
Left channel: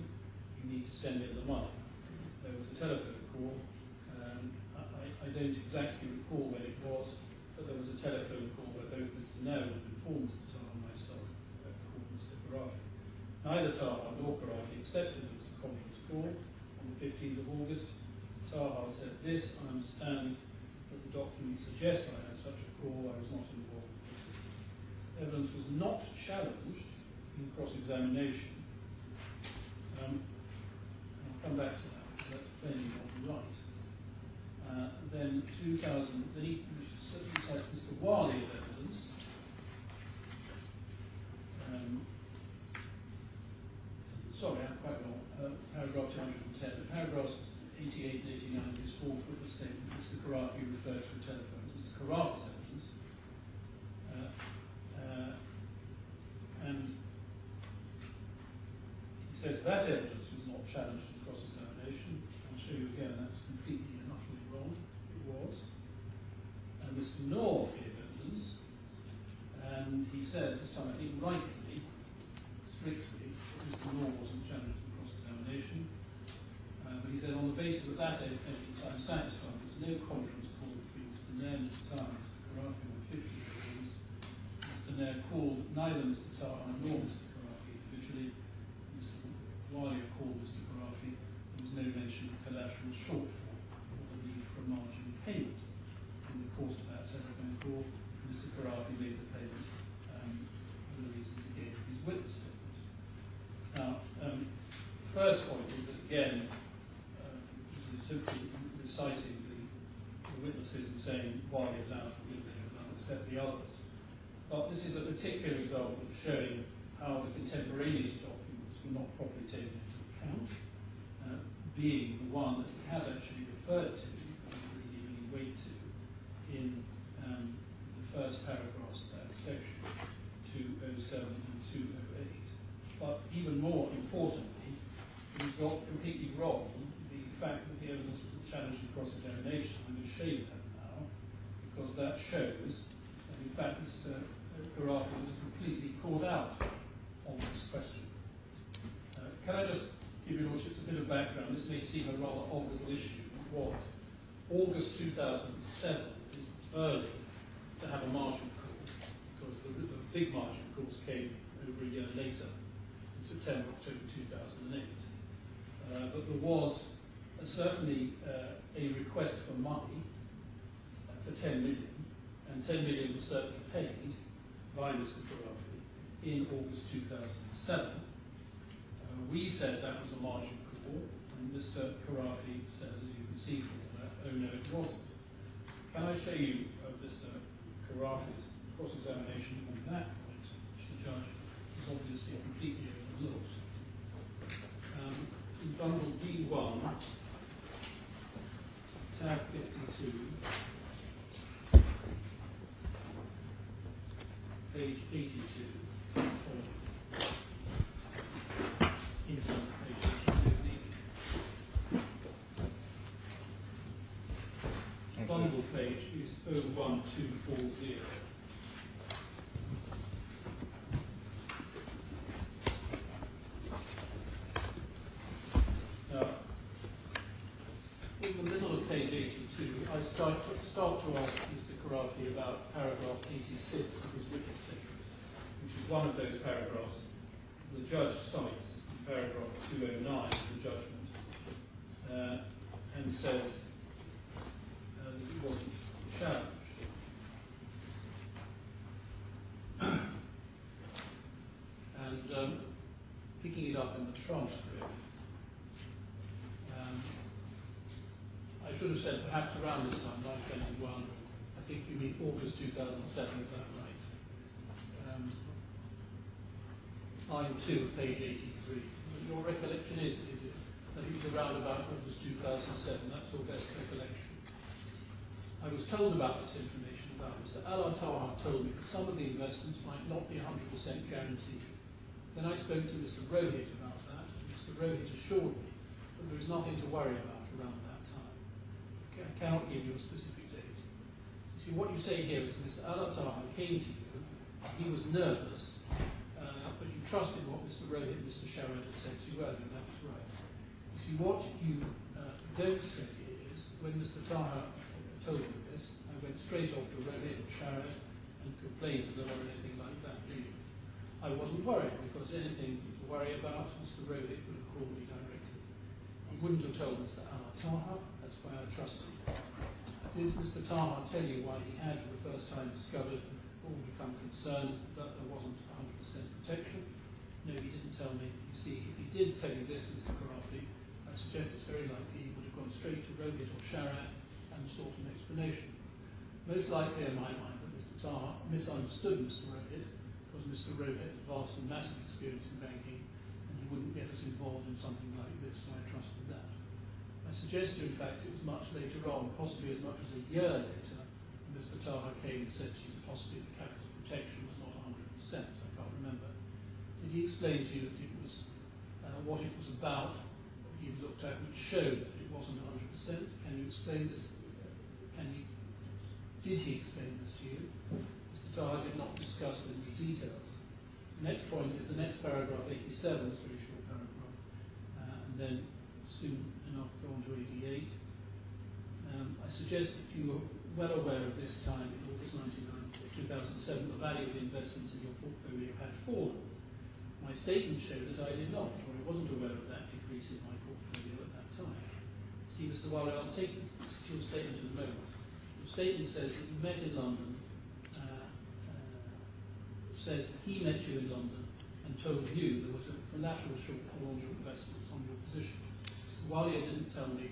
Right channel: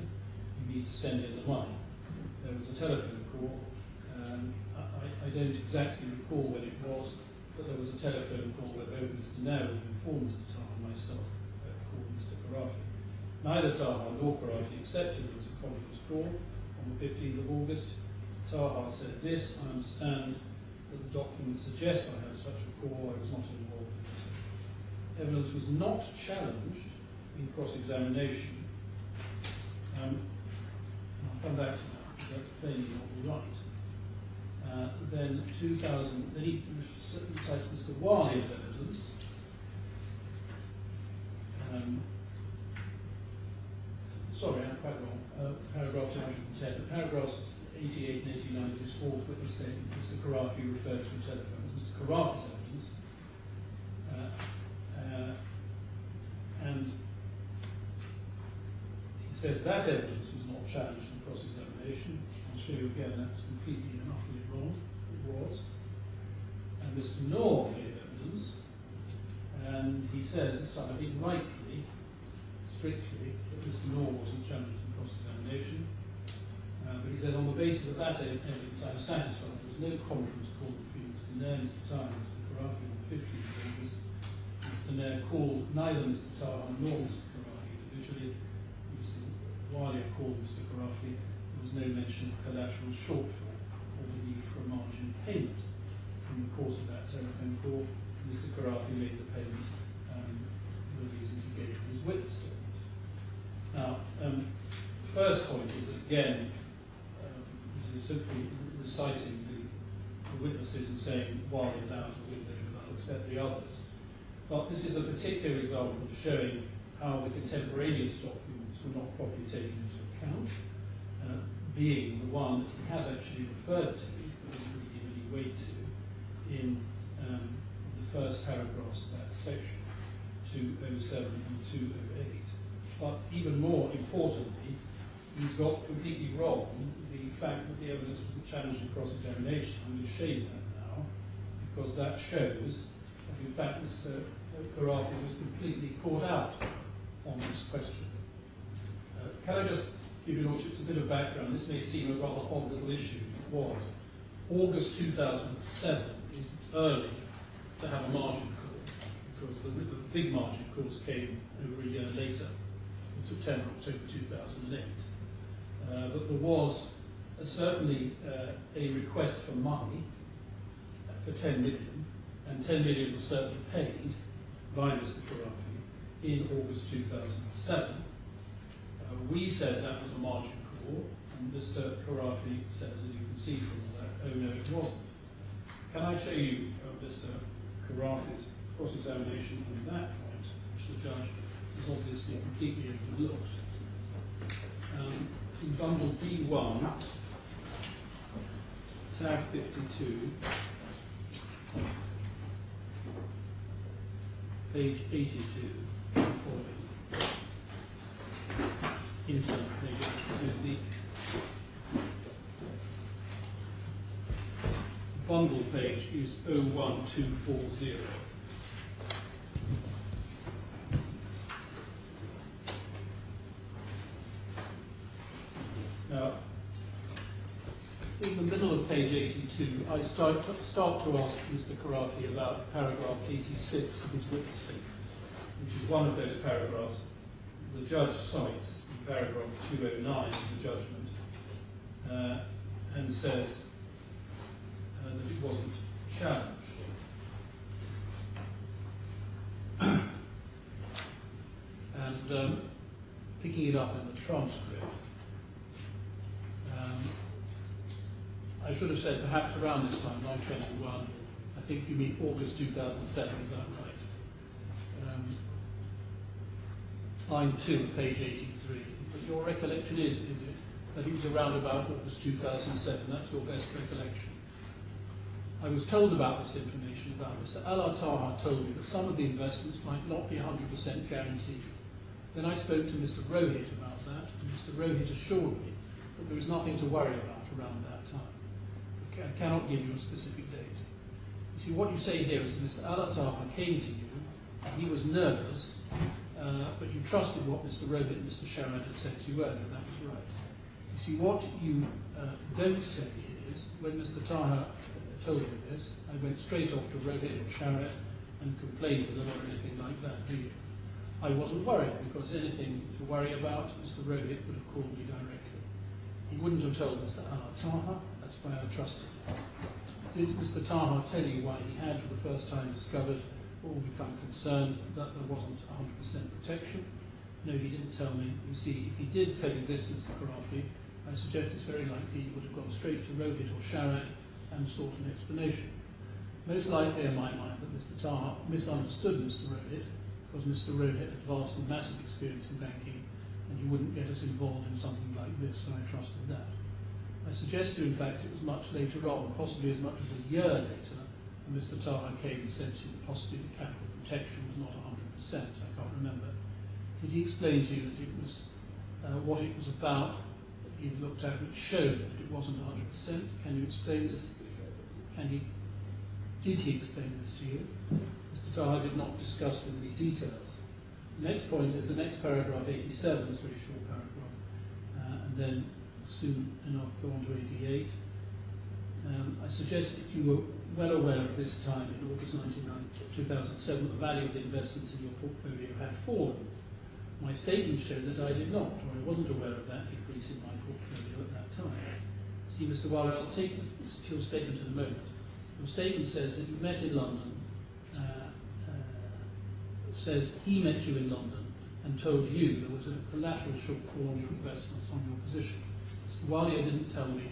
you need to send in the money. There was a telephone call. I don't exactly recall when it was, but there was a telephone call where both Mr. Nair would inform Mr. Taha and myself called Mr. Khorafi. Neither Taha nor Khorafi accepted there was a conference call on the 15th of August. Taha said this, I understand that the documents suggest I had such a call, I was not involved in it. Evidence was not challenged in cross-examination. And I'll come back to that because that's plainly not right. Then he cites Mr. Walia's evidence. Sorry, I'm quite wrong. Paragraph 210. Paragraphs 88 and 89 of his fourth witness statement, Mr. Khorafi referred to a telephone as Mr. Khorafi's evidence. And he says that evidence was not challenged in cross-examination. I'll show you again that's completely and utterly wrong. It was. And Mr. Noor gave evidence, and he says, this time I think rightly, strictly that Mr. Law wasn't challenged in cross-examination. But he said, on the basis of that evidence, I am satisfied there was no conference call between Mr. Nair, Mr. Taha, and Mr. Khorafi on the 15th of August. Mr. Nair called neither Mr. Taha nor Mr. Khorafi individually. Mr. Alia called Mr. Khorafi. There was no mention of collateral shortfall or the need for a margin payment. In the course of that telephone call, Mr. Khorafi made the payment for the reasons he gave in his witness statement. Now, the first point is that, again, this is simply reciting the witnesses and saying, while he is out of the window, and I'll accept the others. But this is a particular example of showing how the contemporaneous documents were not properly taken into account, being the one that he has actually referred to, but doesn't really give any weight to, in the first paragraphs of that section, 207 and 208. But even more importantly, he's got completely wrong the fact that the evidence wasn't challenged in cross-examination. I'm going to show you that now, because that shows that in fact Mr. Khorafi was completely caught out on this question. Can I just give you, Lordships, a bit of background? This may seem a rather odd little issue. It was. August 2007 is early to have a margin call, because the big margin calls came over a year later, in September, October 2008. But there was certainly a request for money for 10 million, and 10 million was certainly paid by Mr. Khorafi in August 2007. We said that was a margin call, and Mr. Khorafi says, as you can see from all that, oh no, it wasn't. Can I show you Mr. Khorafi's cross-examination on that point, which the judge has obviously completely overlooked? In bundle D1, tab 52, page 82, following. Into page 82. The bundle page is 01240. Now, in the middle of page 82, I start to ask Mr. Khorafi about paragraph 86 of his witness statement, which is one of those paragraphs the judge cites in paragraph 209 of the judgment, and says that it wasn't challenged. And picking it up in the transcript, I should have said perhaps around this time, line 21, I think you mean August 2007, is that right? Line 2 of page 83. But your recollection is it, that it was around about August 2007? That's your best recollection. I was told about this information about Mr. Alia Taha told me that some of the investments might not be 100% guaranteed. Then I spoke to Mr. Rohit about that, and Mr. Rohit assured me that there was nothing to worry about around that time. I cannot give you a specific date. You see, what you say here is Mr. Alia Taha came to you, and he was nervous, but you trusted what Mr. Rohit and Mr. Sharad had said to you earlier. That was right. You see, what you don't say is, when Mr. Taha told me this, I went straight off to Rohit or Sharad and complained to them or anything like that, do you? I wasn't worried, because anything to worry about, Mr. Rohit would have called me directly. He wouldn't have told Mr. Alia Taha. That's why I trusted him. Did Mr. Taha tell you why he had, for the first time, discovered or become concerned that there wasn't 100% protection? No, he didn't tell me. You see, if he did tell you this, Mr. Khorafi, I suggest it's very likely he would have gone straight to Rohit or Sharad and sought an explanation. Most likely, in my mind, that Mr. Taha misunderstood Mr. Rohit, because Mr. Rohit had vast and massive experience in banking, and he wouldn't get us involved in something like this, so I trusted that. I suggest to you, in fact, it was much later on, possibly as much as a year later, and Mr. Taha came and said to you that possibly the capital protection was not 100%, I can't remember. Did he explain to you that it was what it was about that he looked at which showed that it wasn't 100%? Can you explain this? Did he explain this to you? Mr. Taha did not discuss with me details. The next point is the next paragraph, 87, it's a very short paragraph, and then soon enough go on to 88. I suggest that you were well aware of this time in August 2007 the value of the investments in your portfolio had fallen. My statement showed that I did not, or I wasn't aware of that decrease in my portfolio at that time. See, Mr. Waller, I'll take this to your statement in a moment. Your statement says that you met in London, says he met you in London and told you there was a collateral shortfall on your investments on your position. Mr. Waller didn't tell me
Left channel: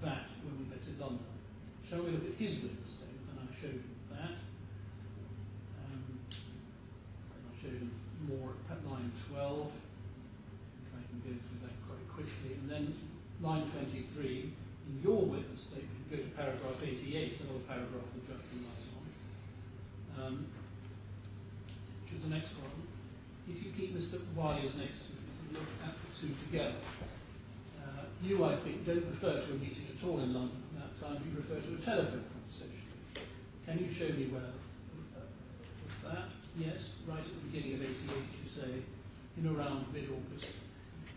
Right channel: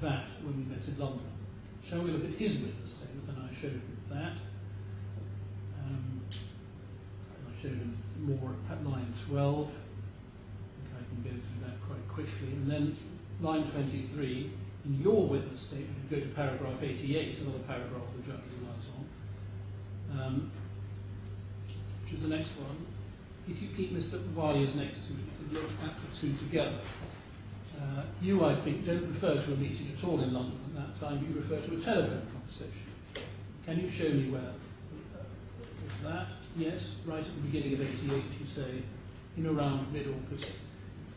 that when we met in London. Shall we look at his witness statement? And I showed him that. And I showed him more at line 12. I think I can go through that quite quickly. And then line 23, in your witness statement, you go to paragraph 88, another paragraph the judge relies on, which is the next one. If you keep Mr. Walier's next to it, you can look at the two together. You, I think, don't refer to a meeting at all in London at that time, but you refer to a telephone conversation. Can you show me where was that? Yes, right at the beginning of 88, you say, in around mid-August,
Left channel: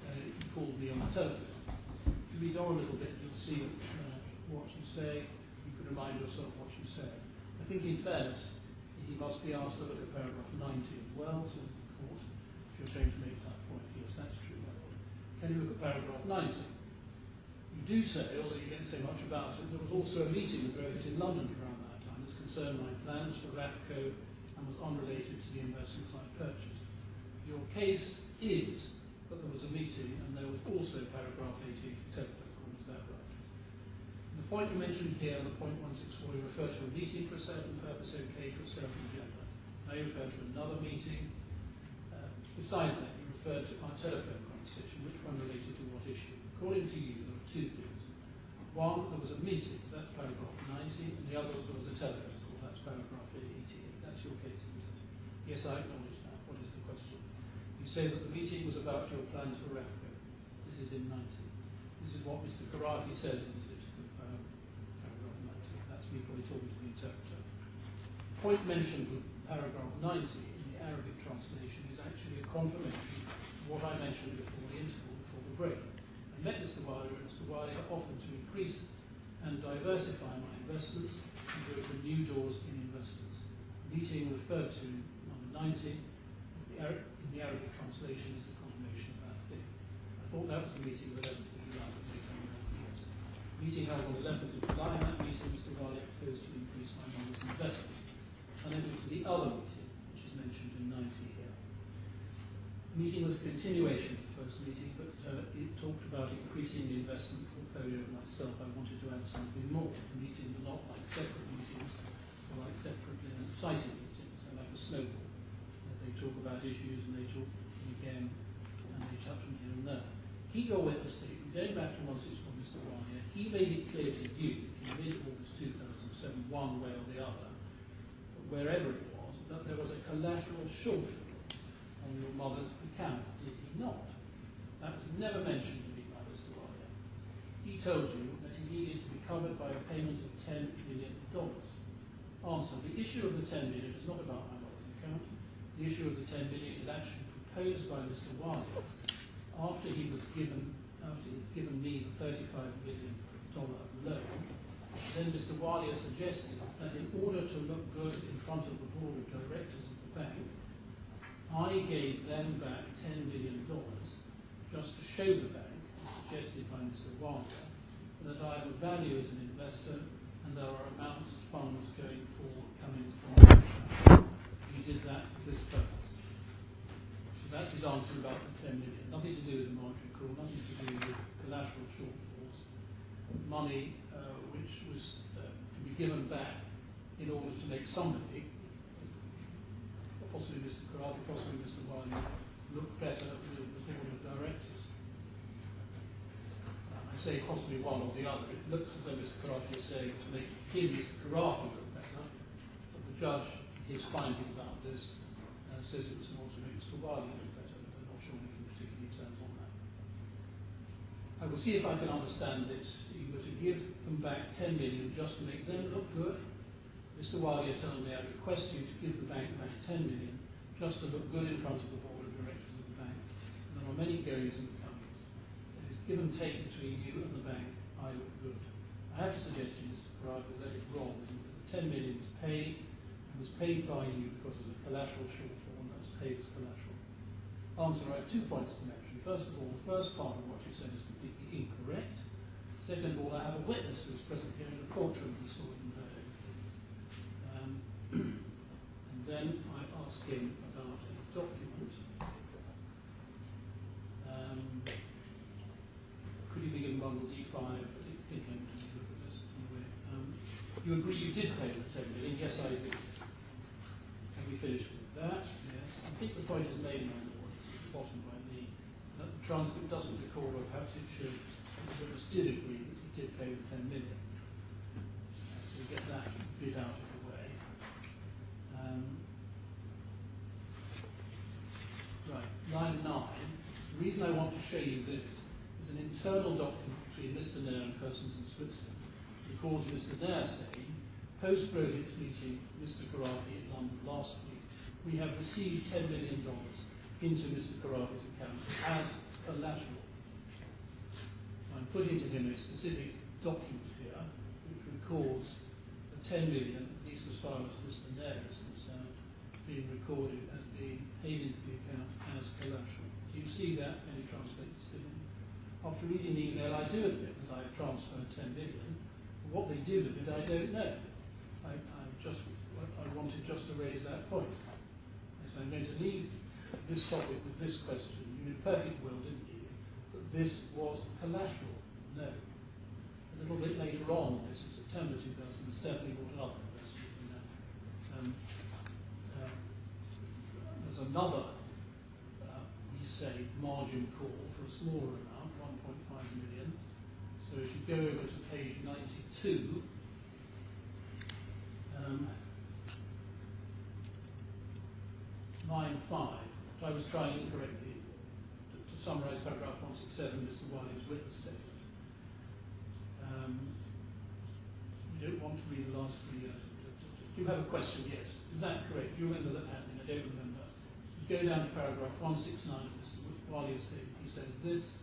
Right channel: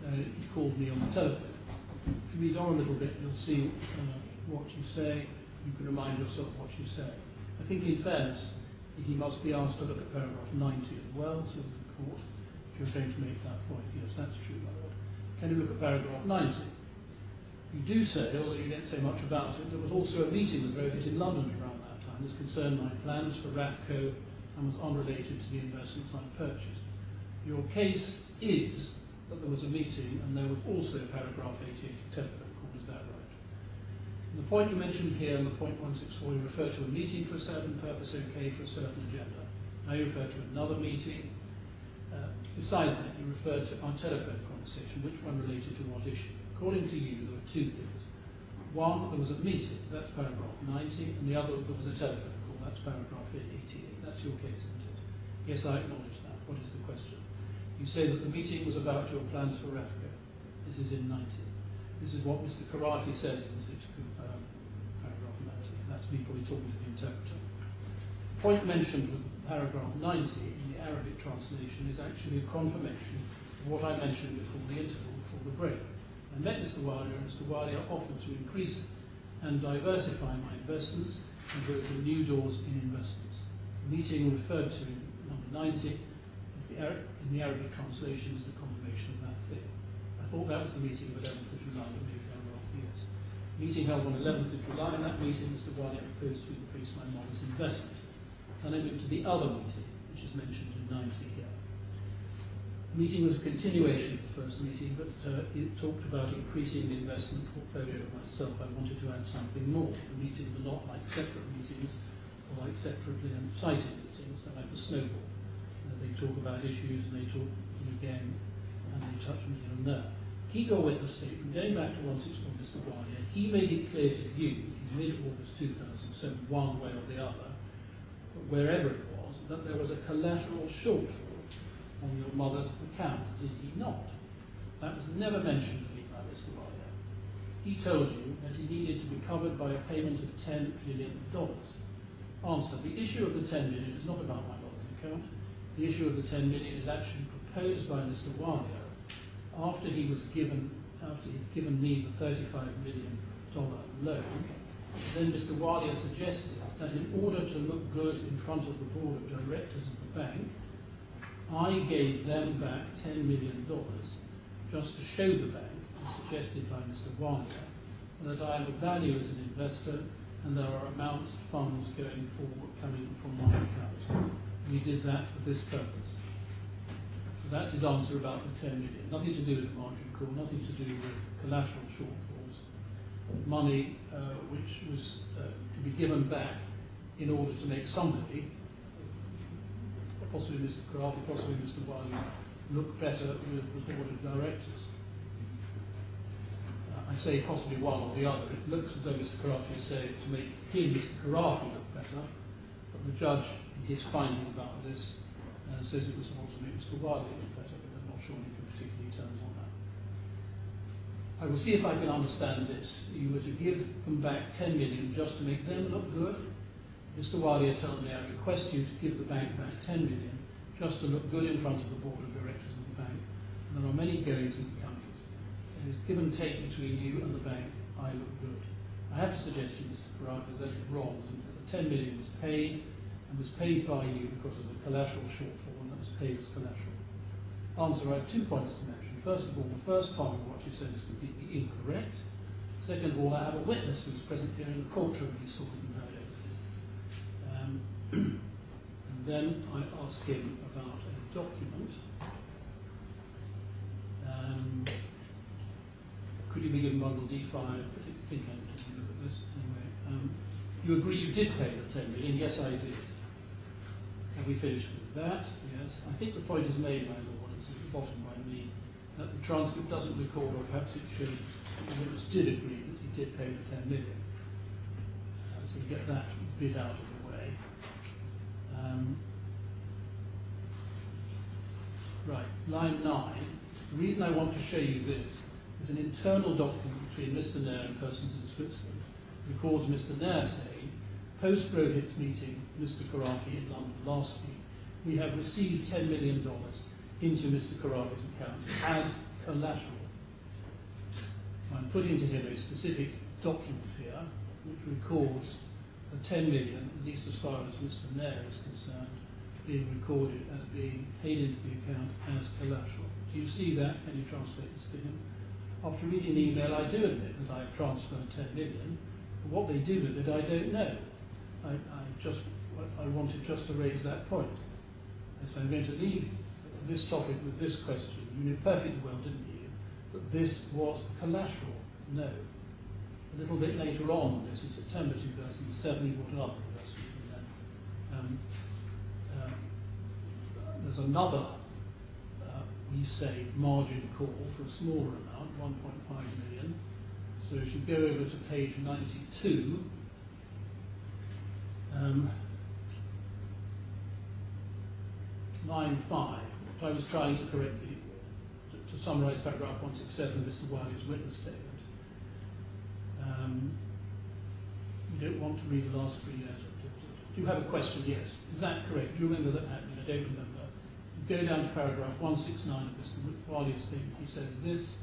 he called me on the telephone. If you read on a little bit, you'll see what you say. You can remind yourself what you say. I think, in fairness, he must be asked to look at paragraph 90 as well, says the court, if you're going to make that point. Yes, that's true, my lord. Can you look at paragraph 90? You do say, although you don't say much about it, there was also a meeting with Rohit in London around that time. This concerned my plans for RAFCO and was unrelated to the investments I purchased. Your case is that there was a meeting and there was also paragraph 88 telephone call. Is that right? And the point you mentioned here, the point 164, you refer to a meeting for a certain purpose, okay, for a certain agenda. Now you refer to another meeting. Beside that, you referred to our telephone conversation, which one related to what issue. According to you, there were two things. One, there was a meeting, that's paragraph 90, and the other, there was a telephone call, that's paragraph 88. That's your case, isn't it? Yes, I acknowledge that. What is the question? You say that the meeting was about your plans for RAFCO. This is in 90. This is what Mr. Khorafi says, isn't it, to confirm paragraph 90. That's me probably talking to the interpreter. The point mentioned with paragraph 90 in the Arabic translation is actually a confirmation of what I mentioned before the interval, before the break. I met Mr. Walia, and Mr. Walia offered to increase and diversify my investments and to open new doors in investments. The meeting referred to, number 90, is in the Arabic translation is the confirmation of that thing. I thought that was the meeting of 11th of July, but maybe I'm wrong. Yes. The meeting held on 11th of July. In that meeting, Mr. Walia proposed to increase my mother's investment. And I moved to the other meeting, which is mentioned in 90 here. The meeting was a continuation of the first meeting, but it talked about increasing the investment portfolio of myself. I wanted to add something more. The meetings are not like separate meetings or like separately cited meetings. They're like a snowball. They talk about issues and they talk again and they touch on here and there. Keep your witness statement. Going back to 164, Mr. Walia, he made it clear to you in mid-August 2007, one way or the other, wherever it was, that there was a collateral shortfall on your mother's account, did he not? That was never mentioned to me by Mr. Walia. He told you that he needed to be covered by a payment of $10 million. Answer, the issue of the $10 million is not about my mother's account. The issue of the $10 million is actually proposed by Mr. Walia after he's given me the $35 million loan. Then Mr. Walia suggested that in order to look good in front of the board of directors of the bank, I gave them back $10 million just to show the bank, as suggested by Mr. Walia, that I have a value as an investor and there are amounts of funds coming from my account. We did that for this purpose. So that's his answer about the $10 million. Nothing to do with the margin call, nothing to do with collateral shortfalls. Money which was to be given back in order to make somebody, possibly Mr. Khorafi, possibly Mr. Walia, look better with the board of directors. I say possibly one or the other. It looks as though Mr. Khorafi is saying to make him, Mr. Khorafi, look better, but the judge, in his finding about this, says it was in order to make Mr. Walia look better, but I'm not sure anything particularly turns on that. I will see if I can understand this. You were to give them back $10 million just to make them look good. Mr. Walia told me, I request you to give the bank back $10 million just to look good in front of the board of directors of the bank. And there are many goings and comings. There is give and take between you and the bank. I look good. I have to suggest to you, Mr. Khorafi, that it's wrong. The 10 million was paid, and was paid by you because of the collateral shortfall, and that was paid as collateral. Answer, I have 2 points to mention. First of all, the first part of what you said is completely incorrect. Second of all, I have a witness who is present here in the courtroom who saw it and heard everything. And then I ask him about a document. Could you be given bundle D5? I think I need to look at this anyway. You agree you did pay the 10 million? Yes, I did. Have we finished with that? Yes. I think the point is made, my lord, it's at the bottom by me, that the transcript doesn't record, or perhaps it should, the witness did agree that he did pay the 10 million. So we get that bit out of the way. Right, line 9. The reason I want to show you this is an internal document between Mr. Nair and persons in Switzerland. It records Mr. Nair saying, post-Rohit's meeting, Mr. Khorafi in London last week, we have received $10 million into Mr. Khorafi's account as collateral. I'm putting to him a specific document here which records the 10 million, at least as far as Mr. Nair is concerned, being recorded as being paid into the account as collateral. Do you see that? Can you translate this to him? After reading the email, I do admit that I have transferred 10 million, but what they do with it, I don't know. I wanted just to raise that point. So I'm going to leave this topic with this question. You knew perfectly well, didn't you, that this was collateral? No. A little bit later on, this in September 2007, he bought another investment from them. There's another, we say, margin call for a smaller amount, 1.5 million. So if you go over to page 92, line 5, which I was trying incorrectly to summarise paragraph 167 of Mr. Wiley's witness statement. You don't want to read the last 3 years. Do you have a question? Yes. Is that correct? Do you remember that happening? I don't remember. You go down to paragraph 169 of Mr. Wiley's statement. He says this,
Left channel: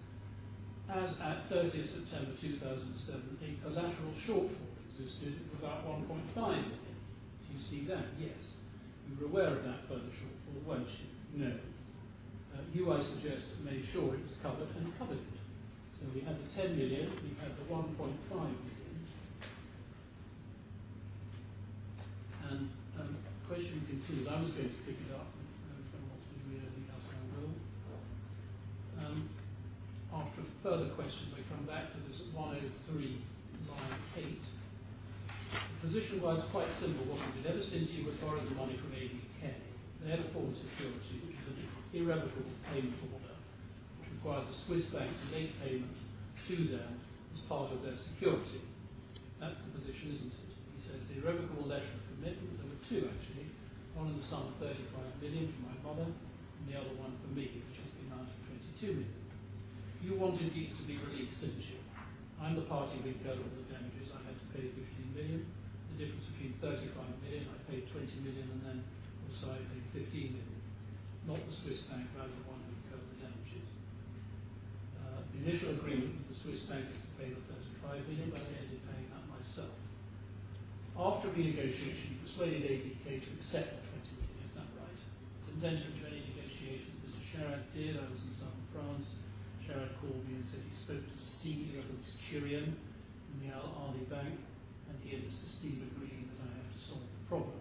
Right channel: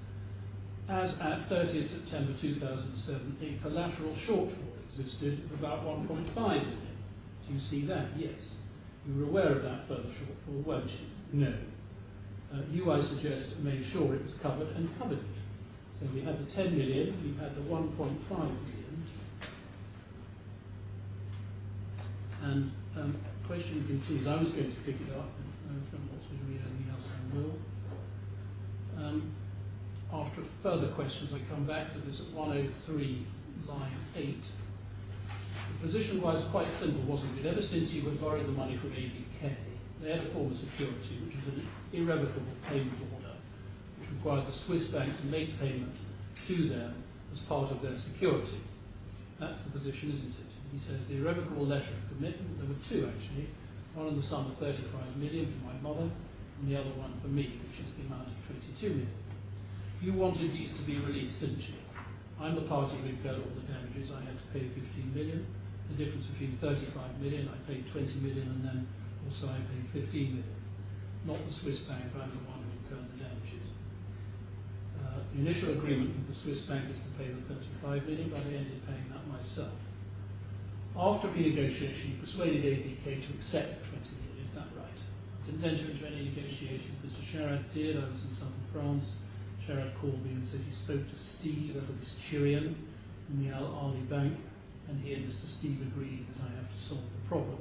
as at 30th September 2007, a collateral shortfall existed of about 1.5 million. Do you see that? Yes. You were aware of that further shortfall, weren't you? No. You, I suggest, made sure it was covered and covered it. So we had the 10 million, we had the 1.5 million. And the question continues. I was going to pick it up, but if anyone wants me to read anything else, I will. After further questions, I come back to this at 103, line 8. The position was quite simple, wasn't it? Ever since you had borrowed the money from ABK, they had a form of security, which is an irrevocable payment order, which required the Swiss bank to make payment to them as part of their security. That's the position, isn't it? He says the irrevocable letter of commitment, there were 2 actually, one in the sum of 35 million for my mother, and the other one for me, which is the amount of 22 million. You wanted these to be released, didn't you? I'm the party who incurred all the damages. I had to pay 15 million. The difference between 35 million, I paid 20 million, and then also I paid 15 million. Not the Swiss bank, I'm the one who incurred the damages. The initial agreement with the Swiss bank is to pay the 35 million, but I ended paying that myself. After renegotiation, you persuaded ABK to accept the 20 million, is that right? I didn't enter into any negotiation. Mr. Sherrod did. I was in southern France. Sherrod called me and said he spoke to Steve, this Chirian, in the Al-Ali bank, and he and Mr. Steve agreed that I have to solve the problem.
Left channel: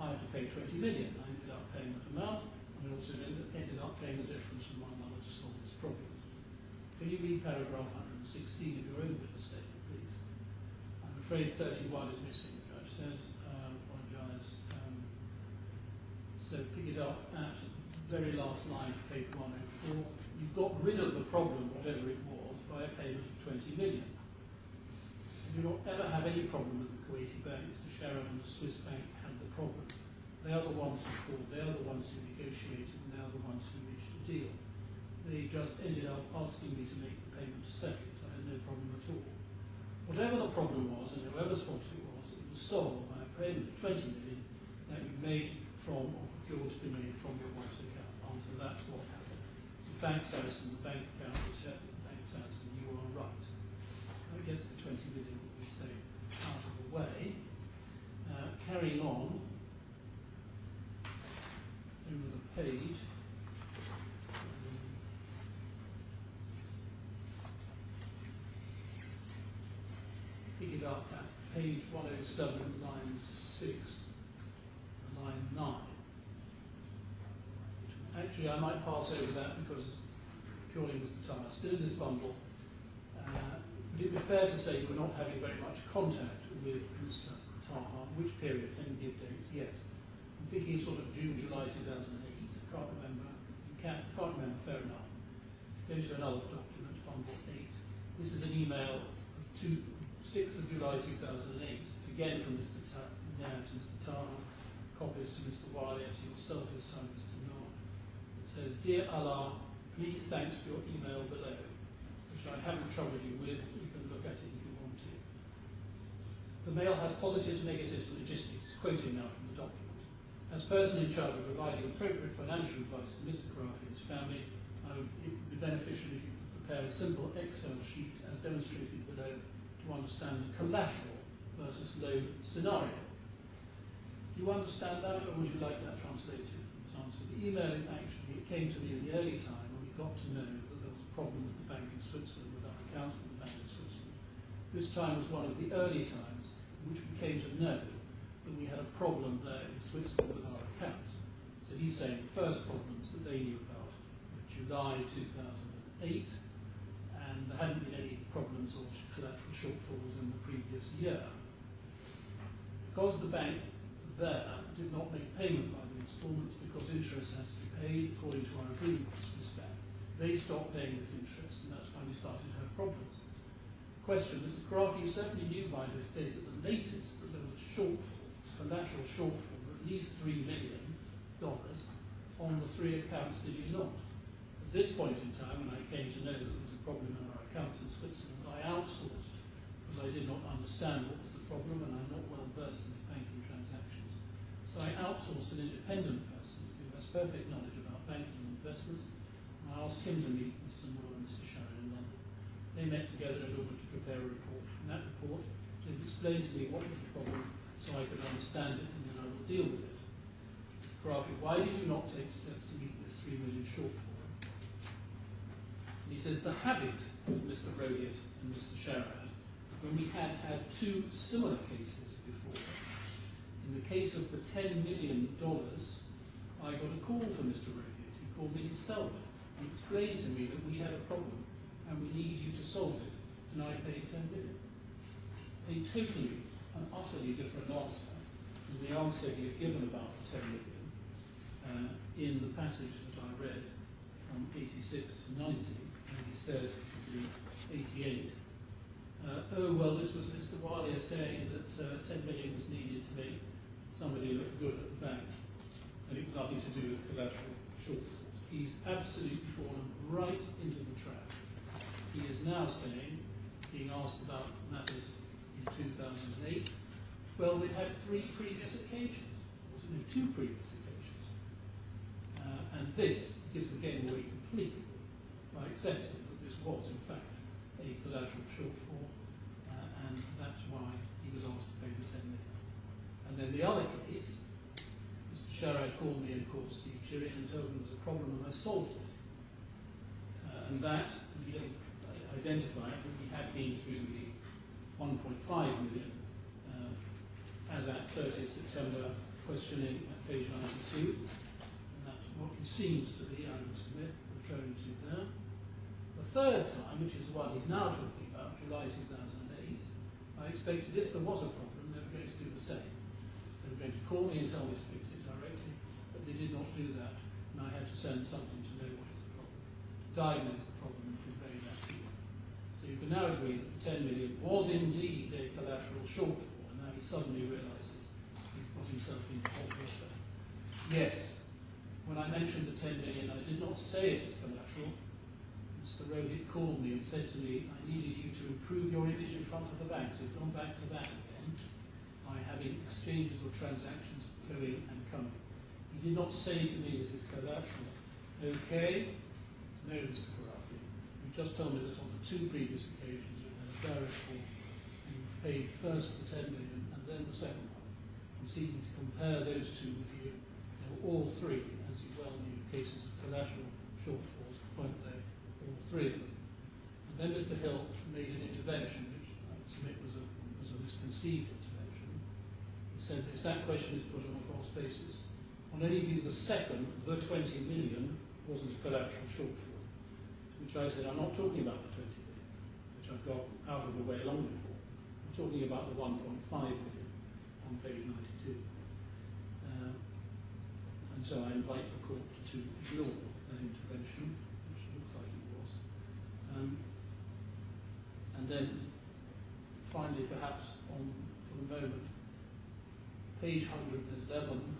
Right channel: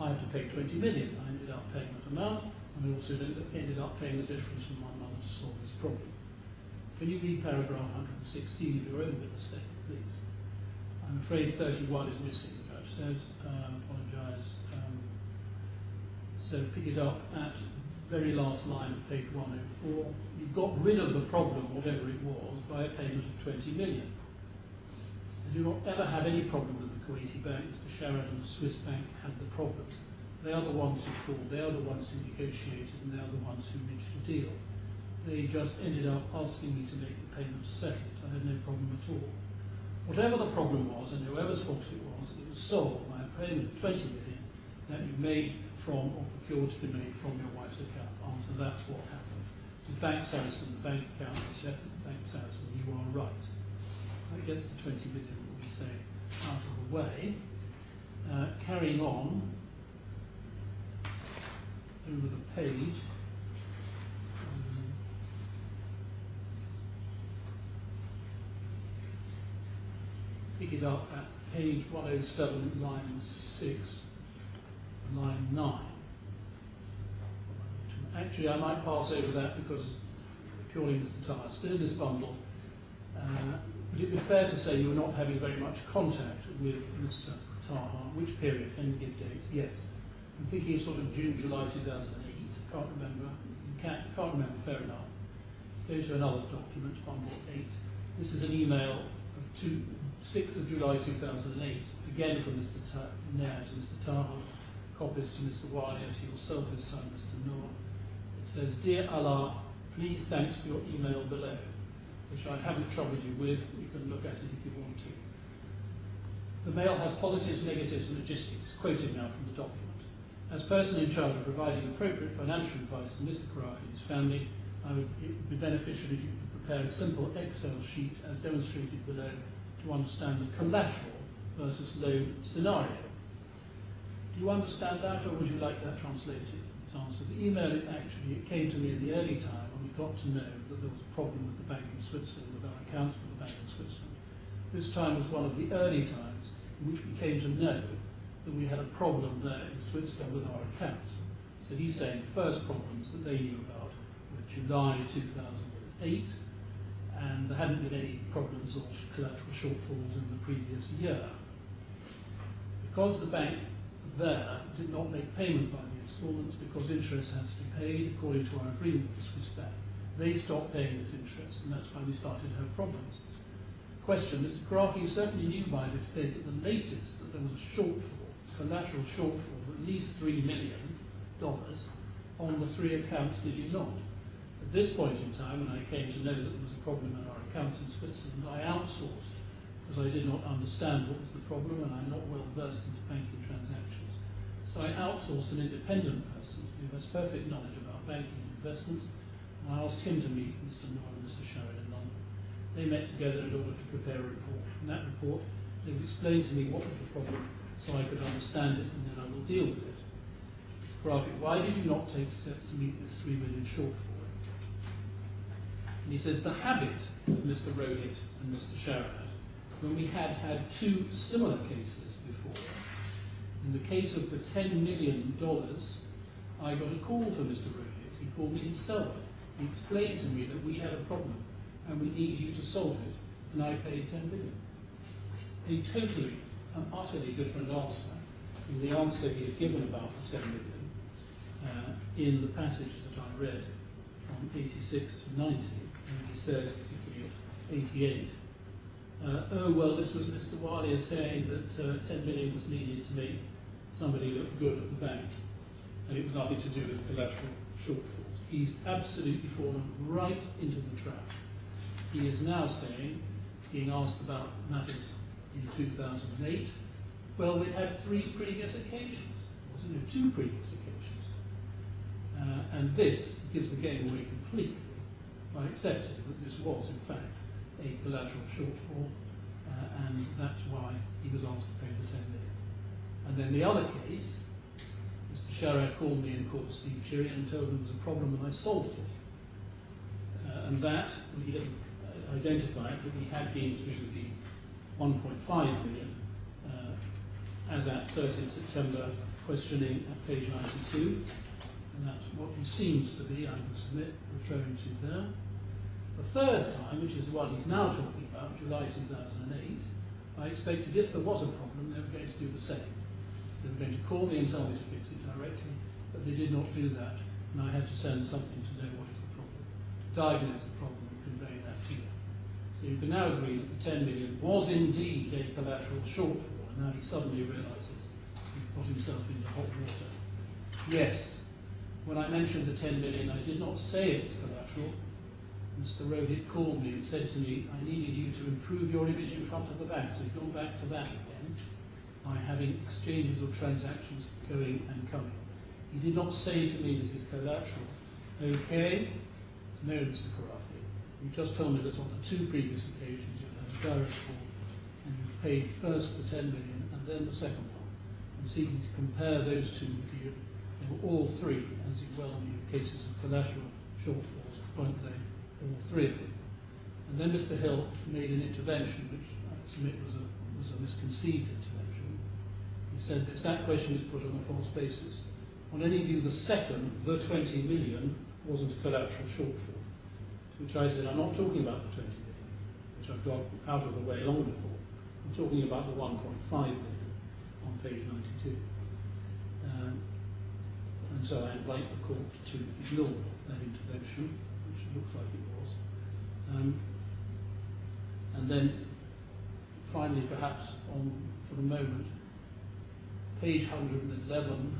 I had to pay 20 million. I ended up paying that amount, and I also ended up paying the difference from my mother to solve this problem. Can you read paragraph 116 of your own witness statement, please? I'm afraid 31 is missing, the judge says. Apologise. So pick it up at the very last line of page 104. You got rid of the problem, whatever it was, by a payment of 20 million. And you don't ever have any problem with the Kuwaiti bank. Mr. Sherrod and the Swiss bank had the problem. They are the ones who called, they are the ones who negotiated, and they are the ones who reached a deal. They just ended up asking me to make the payment to settle it. I had no problem at all. Whatever the problem was, and whoever's fault it was solved by a payment of 20 million that you made from or procured to be made from your wife's account? Answer, that's what happened. With Bank Saracen, the bank account is set at Bank Saracen, you are right. That gets the 20 million, we say, out of the way. Carrying on over the page. Pick it up at page 107, line 6, line 9. Actually, I might pass over that because purely Mr. Taha still in this bundle. Would it be fair to say you were not having very much contact with Mr. Taha? Which period? Can you give dates? Yes. I'm thinking of sort of June, July 2008. Can't remember. You can't remember, fair enough. Go to another document, bundle 8. This is an email of 6th of July 2008, again from Mr. Nair to Mr. Taha, copies to Mr. Wiley and to yourself this time, Mr. Noor. It says, Dear Allah, please thanks for your email below, which I haven't troubled you with. You can look at it if you want to. The mail has positives, negatives, and logistics. Quoting now from the document. As person in charge of providing appropriate financial advice to Mr. Khorafi and his family, it would be beneficial if you could prepare a simple Excel sheet as demonstrated below to understand the collateral versus loan scenario. Do you understand that, or would you like that translated? Its answer. The email is actually, it came to me in the early time when we got to know that there was a problem with the bank in Switzerland, with our accounts with the bank in Switzerland. This time was one of the early times in which we came to know that we had a problem there in Switzerland with our accounts. So he's saying the first problems that they knew about were July 2008, and there hadn't been any problems or collateral shortfalls in the previous year. Because the bank there did not make payment by the instalments because interest had to be paid according to our agreement with the Swiss bank, they stopped paying this interest, and that's why we started to have problems. Question, Mr. Khorafi, you certainly knew by this date at the latest that there was a shortfall, collateral shortfall of at least $3 million on the 3 accounts, did you not? At this point in time, when I came to know that there was a problem in our accounts in Switzerland, I outsourced because I did not understand what was the problem and I'm not well versed into banking transactions. So I outsourced an independent person who has perfect knowledge about banking and investments, and I asked him to meet Mr. Moore and Mr. Sherrod in London. They met together in order to prepare a report. In that report, they would explain to me what was the problem so I could understand it, and then I will deal with it. Mr. Khorafi, why did you not take steps to meet this $3 million shortfall? And he says, the habit of Mr. Rohit and Mr. Sherrod, when we had had 2 similar cases before, in the case of the $10 million, I got a call from Mr. Rohit. He called me himself. He explained to me that we had a problem and we need you to solve it, and I paid $10 million. A totally and utterly different answer than the answer he had given about the $10 million in the passage that I read from 86 to 90, and he said, particularly 88, oh, well, this was Mr. Walia saying that 10 million was needed to make somebody look good at the bank, and it was nothing to do with collateral shortfalls. He's absolutely fallen right into the trap. He is now saying, being asked about matters in 2008, well, we'd had 3 previous occasions, wasn't there? 2 previous occasions. And this gives the game away completely by accepting that this was, in fact, a collateral shortfall, and that's why he was asked to pay the 10 million. And then the other case, Mr. Sherrod called me and called Steve Chirian and told him there was a problem, and I solved it. And that, he didn't identify it, but we had been through the 1.5 million as at 30th September questioning at page 92, and that's what he seems to be, I must admit, referring to there. The third time, which is the one he's now talking about, July 2008, I expected if there was a problem, they were going to do the same. They were going to call me and tell me to fix it directly, but they did not do that, and I had to send something to know what is the problem, to diagnose the problem and convey that to you. So you can now agree that the 10 million was indeed a collateral shortfall, and now he suddenly realises he's got himself into hot water. Yes, when I mentioned the 10 million, I did not say it was collateral. Mr. Rohit called me and said to me, I needed you to improve your image in front of the bank. So he's gone back to that again by having exchanges or transactions going and coming. He did not say to me this is collateral. Okay? No, Mr. Khorafi. You just told me that on the 2 previous occasions you had a direct call and you paid first the 10 million and then the second one. I'm seeking to compare those two with you. They were all 3, as you well knew, cases of collateral shortfalls, weren't they? All 3 of them. And then Mr. Hill made an intervention, which I submit was a misconceived intervention. He said this, that question is put on a false basis. On any view, the second, the 20 million, wasn't a collateral shortfall. To which I said, I'm not talking about the 20 million, which I've got out of the way long before. I'm talking about the 1.5 million on page 92. And so I invite the court to ignore that intervention, which it looked like it was. And then, finally, perhaps for the moment, page 111,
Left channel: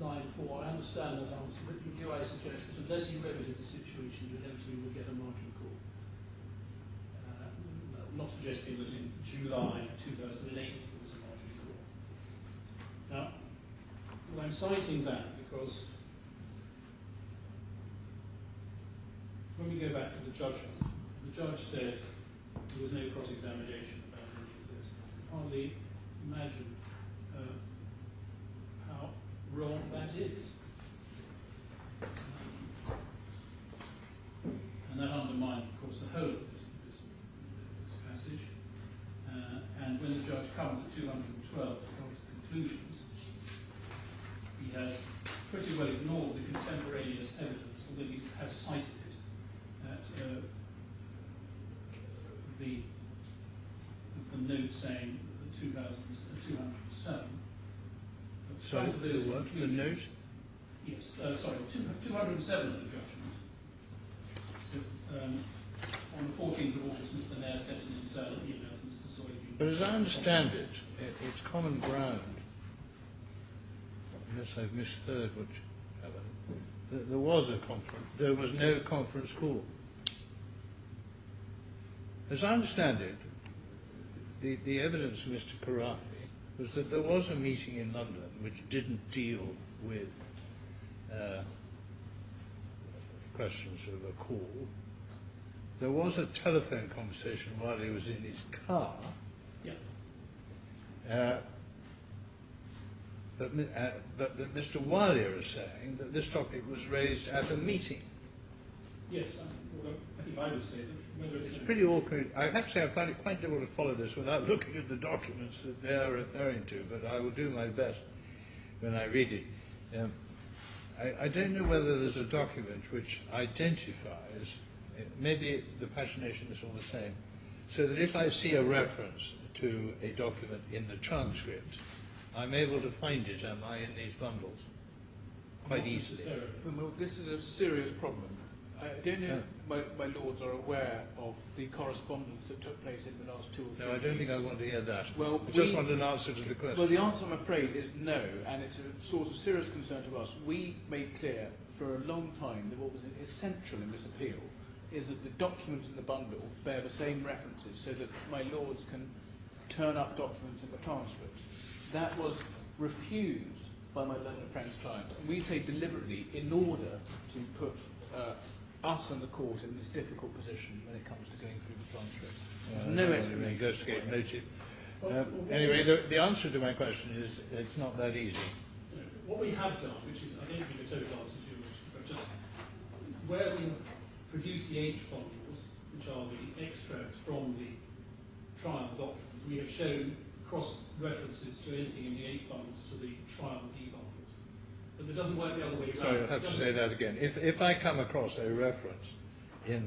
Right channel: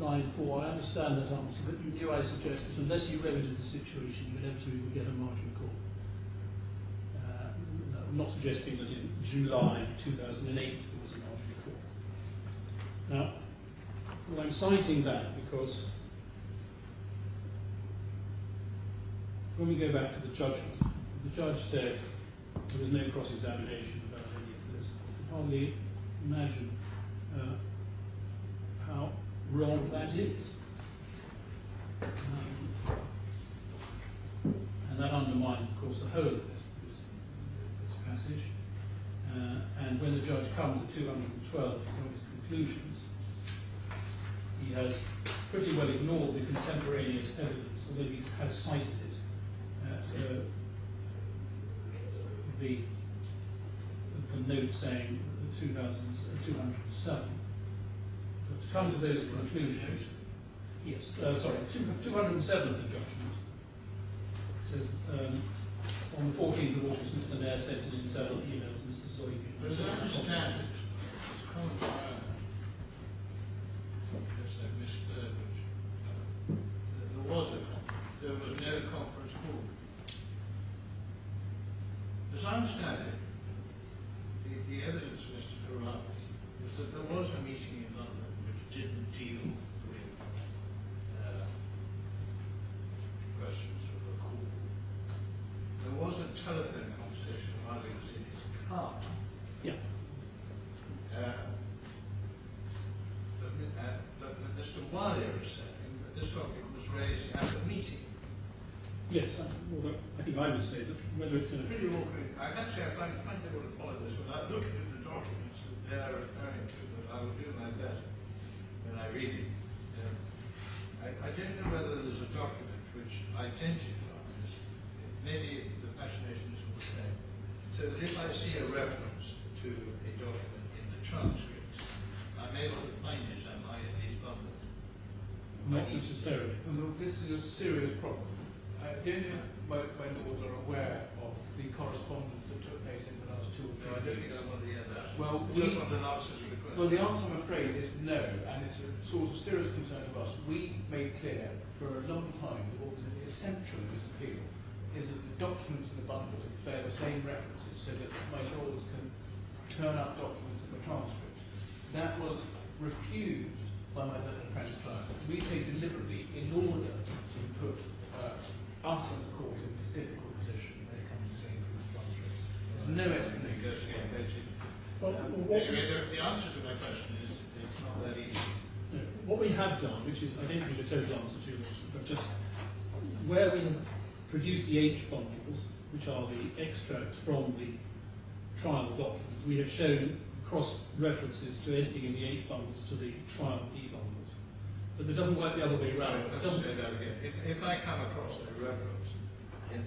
line 4, I understand that answer, but you knew I suggested that unless you remedied the situation, you inevitably would get a margin call. No, I'm not suggesting that in July 2008 there was a margin call. Now, well, I'm citing that because when we go back to the judgment, the judge said there was no cross-examination about any of this. I can hardly imagine how wrong that is. And that undermines, of course, the whole of this passage. And when the judge comes at 212 from his conclusions, he has pretty well ignored the contemporaneous evidence, although he has cited it at the note saying 207. But to come to those conclusions, yes, sorry, 207 of the judgment says on the 14th of August, Mr. Mayor sent an internal email to Mr. Zoykin. But as I understand it, it's common ground. Yes, I've misheard what there was a conference. There was no conference call. As I understand it, the evidence of Mr. Khorafi was that there was a meeting in London which didn't deal with questions of a call. There was a telephone conversation while he was in his car. Yeah. But Mr. Alia is saying that this topic was raised at a meeting. Yes, well, I think I would say that whether it's pretty awkward. I have to say I find it quite difficult to follow this without looking at the documents that they are referring to, but I will do my best when I read it. I don't know whether there's a document which identifies, maybe the pagination is all the same, so that if I see a reference to a document in the transcript, I'm able to find it, am I, in these bundles? Not necessarily. Well, this is a serious problem. I don't know if my lords are aware of the correspondence that took place in the last 2 or 3 No, I don't think I want to hear that. Well, I just want an answer to the question. Well, the answer, I'm afraid, is no, and it's a source of serious concern to us. We made clear for a long time that what was essential in this appeal is that the documents in the bundle bear the same references so that my lords can turn up documents in the transcript. That was refused by my learned friend's clients. We say deliberately in order to put us and the court in this difficult position when it comes to going through the transcript. There's no explanation. Anyway, the answer to my question is it's not that easy. What we have done, which is, I don't think a total answer to your question, but just where we have produced the H bundles, which are the extracts from the trial documents, we have shown cross references to anything in the H bundles to the trial D bundles. But it doesn't work the other way around. Sorry, I have to say that again. If I come across a reference in,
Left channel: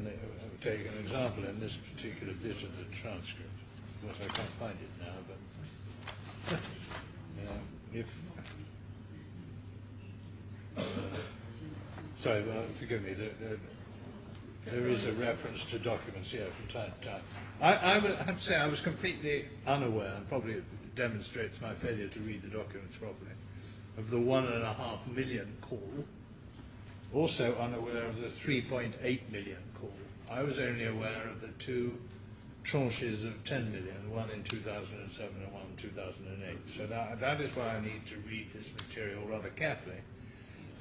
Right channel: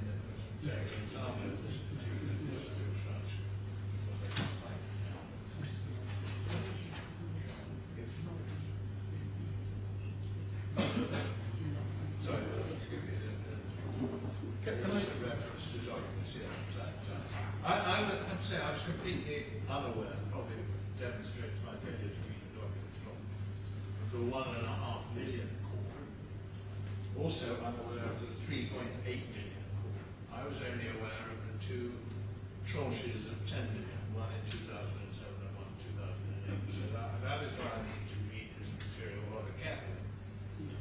take an example in this particular bit of the transcript, because I can't find it now, but if sorry, well, forgive me. There is a reference to documents here from time to time. I would have to say I was completely unaware, and probably demonstrates my failure to read the documents properly, of the 1.5 million call. Also unaware of the 3.8 million call. I was only aware of the 2 tranches of 10 million, one in 2007 and one in 2008. So that is why I need to read this material rather carefully.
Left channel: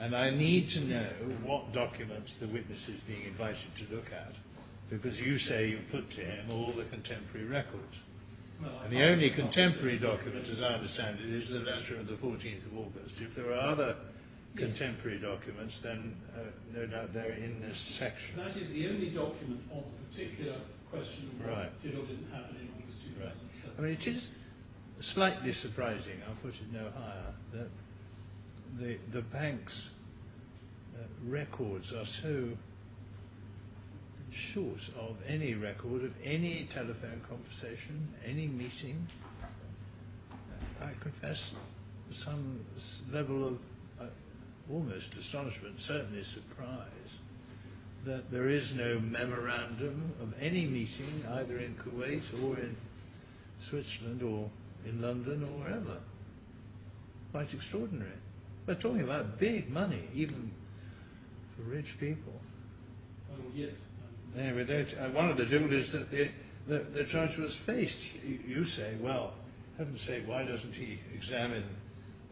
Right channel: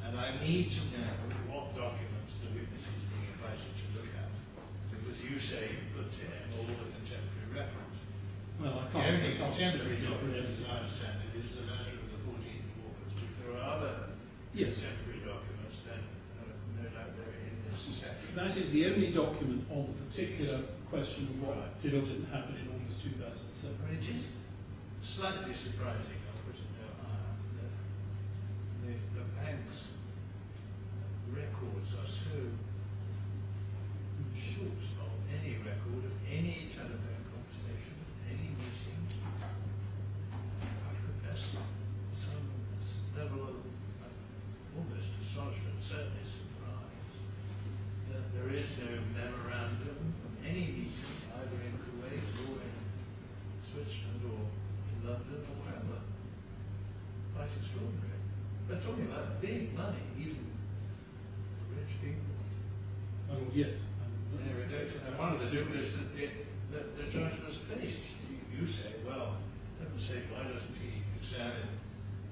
And I need to know what documents the witness is being invited to look at, because you say you put to him all the contemporary records. Well, The only contemporary document, as I understand it, is the letter of the 14th of August. If there are other contemporary documents, then no doubt they're in this section. That is the only document on the particular question of what did or didn't happen in August 2007. I mean, it is slightly surprising, I'll put it no higher, that the bank's records are so short of any record of any telephone conversation, any meeting. I confess some level of almost astonishment, certainly surprise, that there is no memorandum of any meeting either in Kuwait or in Switzerland or in London or wherever. Quite extraordinary. We're talking about big money, even for rich people. Oh, yes. Anyway, one of the difficulties that the judge was faced. You say, well, heaven's sake, why doesn't he examine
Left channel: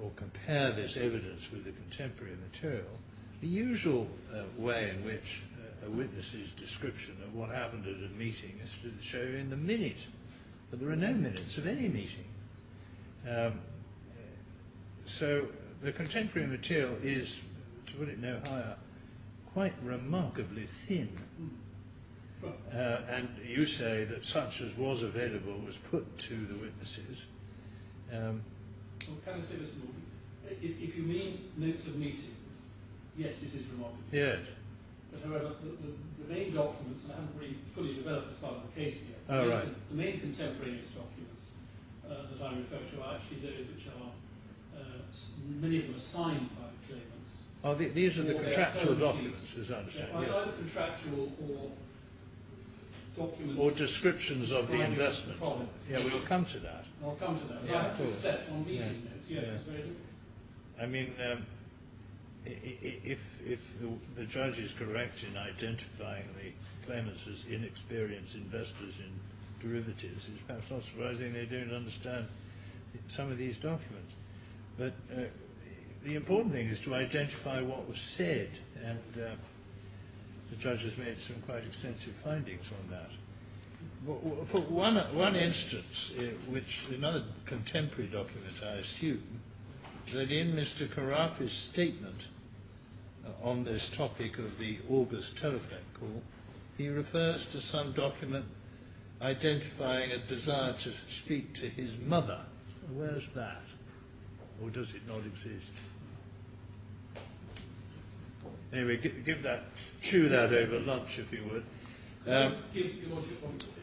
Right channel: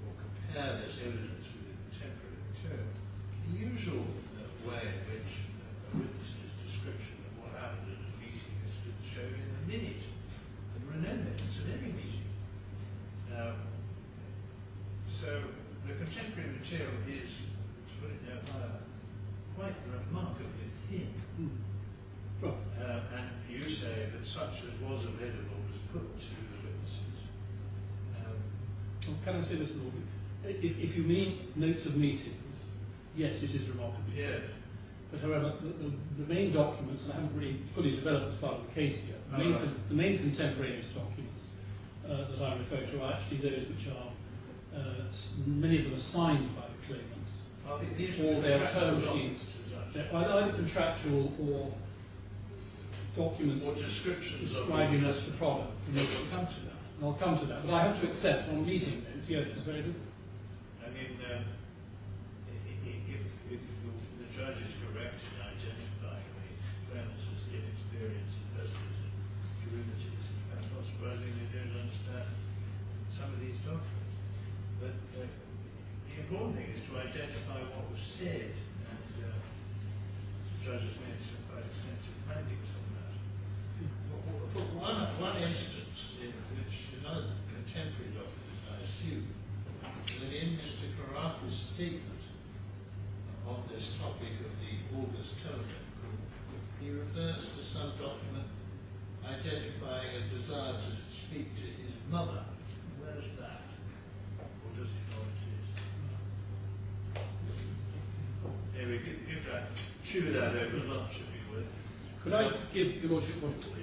or compare this evidence with the contemporary material? The usual way in which a witness's description of what happened at a meeting is to show you in the minute, but there are no minutes of any meeting. So the contemporary material is, to put it no higher, quite remarkably thin. And you say that such as was available was put to the witnesses. Well, can I say this, Lord? If you mean notes of meetings, yes, it is remarkable. Yes. But however, the main documents, and I haven't really fully developed as part of the case yet, the main contemporaneous documents that I'm referring to are actually those which are, many of them are signed by the claimants. These are the contractual documents, as I understand. Either contractual or documents or descriptions of the investment products. Yeah, we'll come to that. And I'll come to that, but I have to accept on meeting notes, yes, it's very different. I mean, if the judge is correct in identifying the claimants as inexperienced investors in derivatives, it's perhaps not surprising they don't understand some of these documents. But the important thing is to identify what was said, and the judge has made some quite extensive findings on that. For one instance, which another contemporary document, I assume, that in Mr. Khorafi's statement on this topic of the August telephone call, he refers to some document identifying a desire to speak to his mother. Where's that? Or does it not exist? Anyway, give that, chew that over lunch if you would. Could I give Your Lordship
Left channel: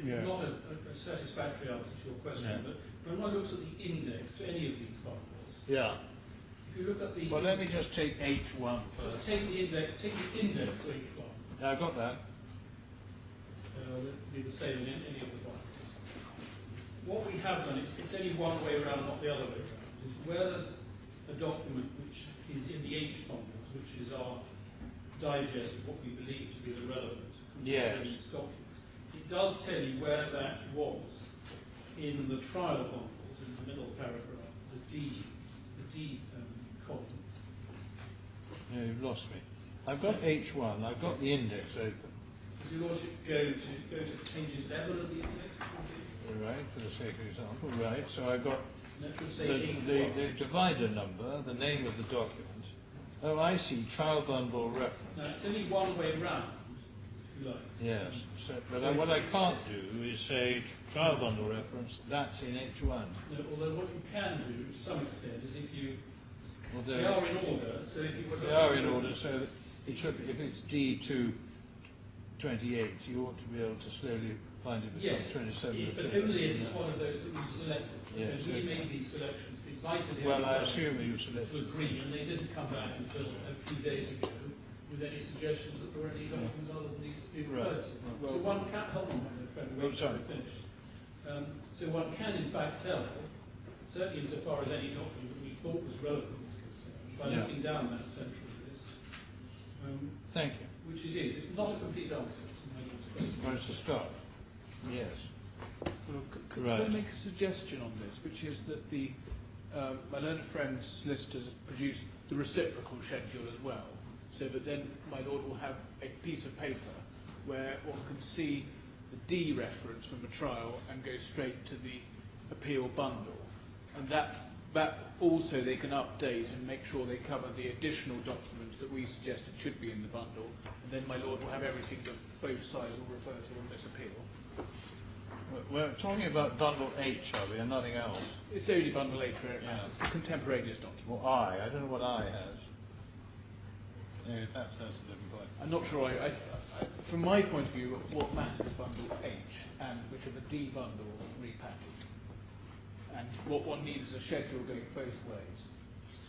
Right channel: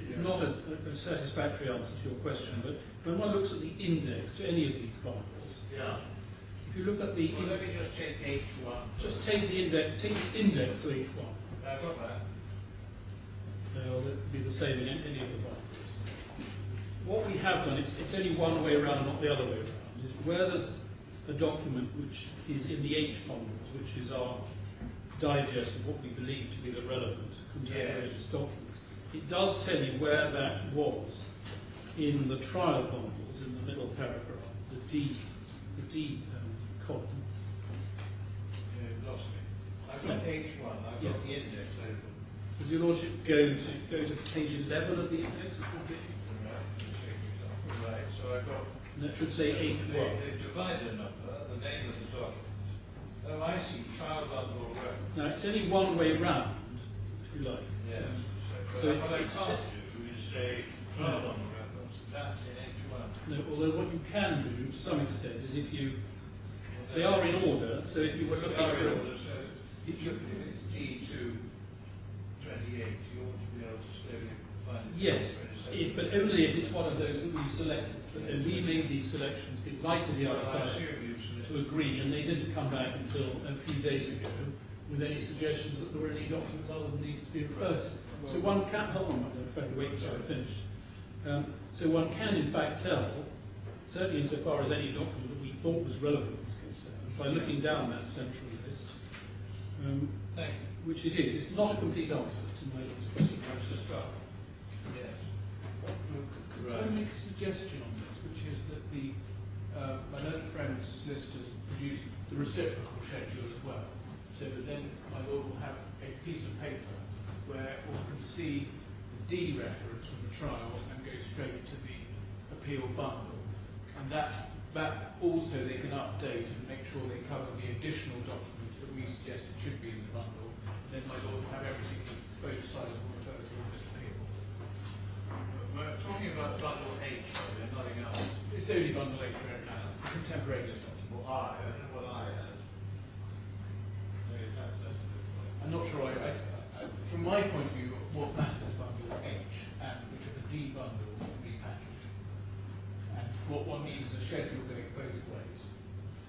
it's not a satisfactory answer to your question, but when one looks at the index to any of these bundles, if you look at the... Well, let me just take H1. Just take the index to H1. I've got that. It'll be the same in any of the bundles. What we have done, it's only one way around, not the other way around, is where there's a document which is in the H bundles, which is our digest of what we believe to be the relevant contemporaneous documents. It does tell you where that was in the trial bundles in the middle paragraph, the D column. Yeah, you've lost me. I've got H1. I've got the index open. Does Your Lordship go to page 11 of the index? It should be. Right, for the sake of example. Right, so I've got. That should say H1. The divider number, the name of the document. Oh, I see. Trial bundle reference. Now it's only one way round, if you like. Yes. So what I can't do is say trial bundle reference. That's in H1. No, although what you can do to some extent is if you they are in order. So if you were looking, they are in order. So if it's D228, you ought to be able to slowly find it. Yes, but only if it's one of those that we've selected. And we made these selections in light of the other side to agree, and they didn't come back until a few days ago with any suggestions that there were any documents other than these to be referred to. Well, so one can, hold on, my friend, wait until I finish. So one can in fact tell, certainly insofar as any document that we thought was relevant is concerned, by looking down that central list. Thank you. Which it is. It's not a complete answer to my question. Where's the start? Yes. Well, could I make a suggestion on this, which is that the my learned friend's solicitors produced the reciprocal schedule as well, so that then my lord will have a piece of paper where one can see the D reference from a trial and go straight to the appeal bundle. And that also they can update and make sure they cover the additional documents that we suggested should be in the bundle. And then my lord will have everything that both sides will refer to on this appeal. We're talking about bundle H, are we, and nothing else? It's only bundle H where it matters. It's the contemporaneous document. Well, I don't know what I has. Yeah, that's a good point. I'm not sure. From my point of view, what matters is bundle H, and which of the D bundle repackaged. And what one needs is a schedule going both ways,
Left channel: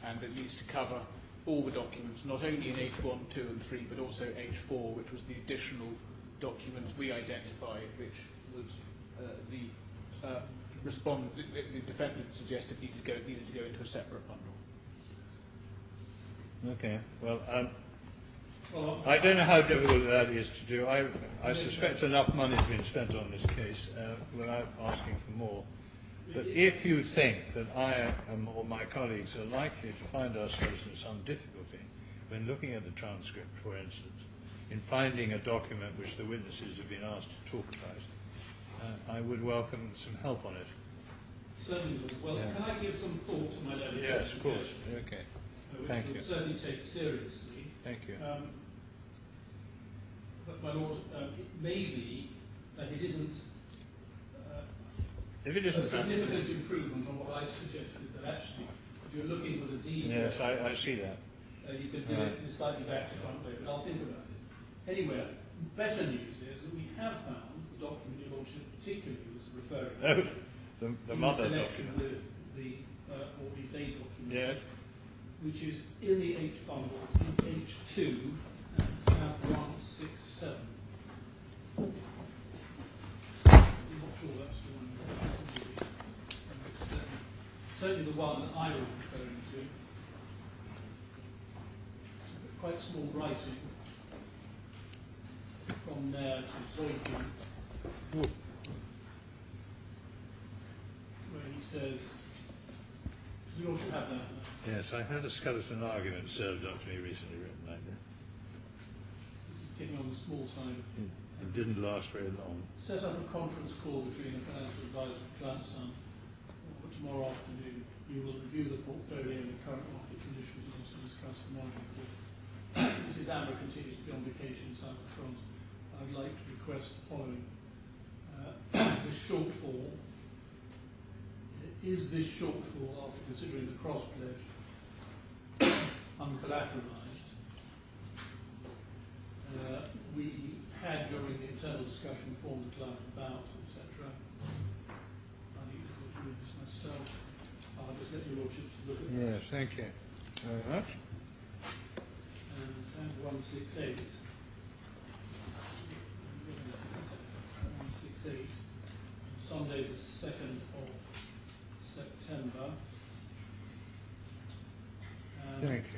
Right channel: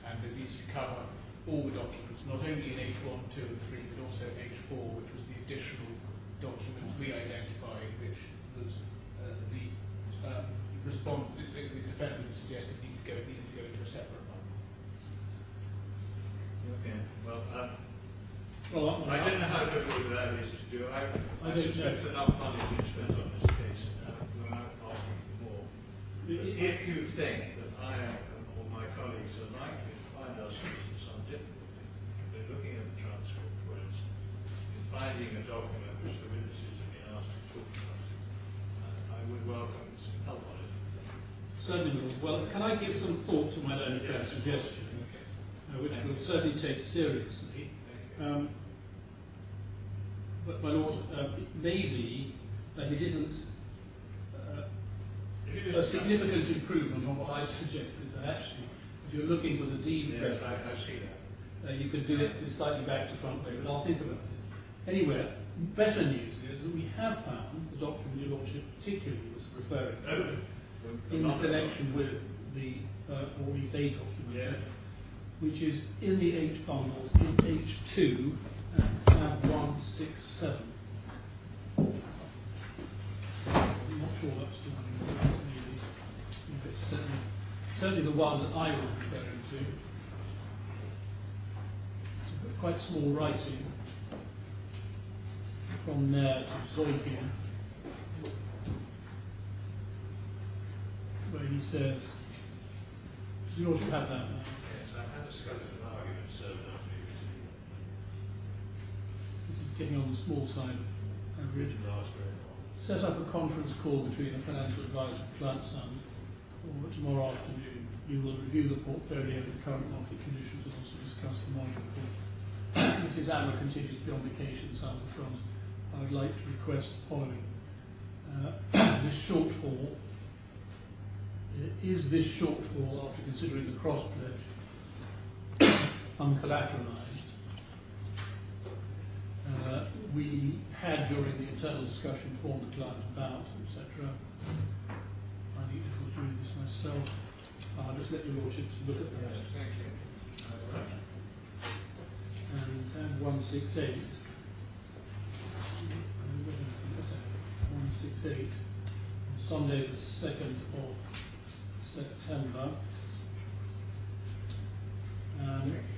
and it needs to cover all the documents, not only in H1, 2 and 3, but also H4, which was the additional documents we identified, which was the defendant suggested needed to go into a separate bundle. Okay, well, I don't know how difficult that is to do. I suspect enough money has been spent on this case without asking for more. But if you think that I or my colleagues are likely to find ourselves in some difficulty when looking at the transcript, for instance, in finding a document which the witnesses have been asked to talk about, I would welcome some help on it. Certainly, well, can I give some thought to my learned friend's suggestion, Okay. which we'll certainly take seriously. Thank you. But my lord, it may be that it isn't a significant improvement on what I suggested, that actually, if you're looking for the D, yes, I see that. you could do it slightly back to front way, but I'll think about it. Anyway, better news is that we have found the document your lordship particularly was referring to in connection with the, or at least a document, which is in the H bundles in H2 at tab 167. I'm not sure that's the one. It's certainly the one that I was referring to. It's quite small writing from there to Zoikin, where he says, you ought to have that now. Yes, I had a skeleton argument served up to me recently written by you. This is getting on the small side. It didn't last very long. Set up a conference call between a financial advisor and client son, or tomorrow afternoon. You will review the portfolio and the current market conditions and also discuss the margin call. Mrs. Amrah continues to be on vacation in south of France. I would like to request the following. This shortfall, is this shortfall, after considering the cross-pledge, uncollateralized? We had, during the internal discussion, informed the client about, etc. I need to read this myself. I'll just let your lordships look at that. Yes, thank you very much. And 168. 168. Sunday the 2nd of September.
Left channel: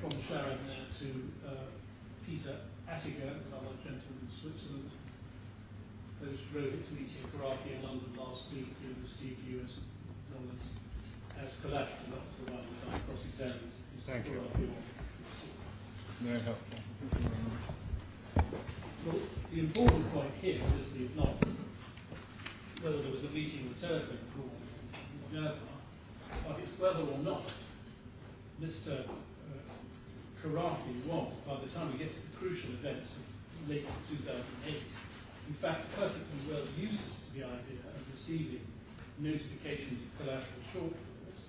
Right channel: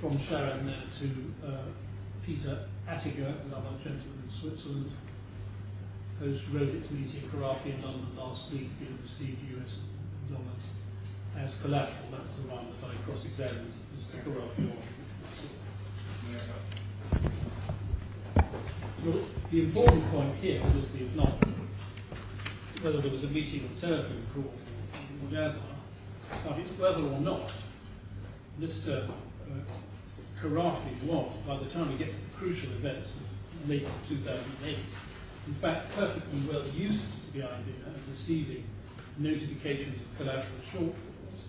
From Sharon there to Peter Attiger, another gentleman in Switzerland. Host wrote its meeting Khorafi in London last week. We received US dollars as collateral. That's the one that I cross-examined. This is Khorafi one. Very helpful. Well, the important point here, obviously, is not whether there was a meeting or telephone call or whatever, but it's whether or not Mr. Khorafi was, by the time we get to the crucial events of late 2008, in fact perfectly well used to the idea of receiving notifications of collateral shortfalls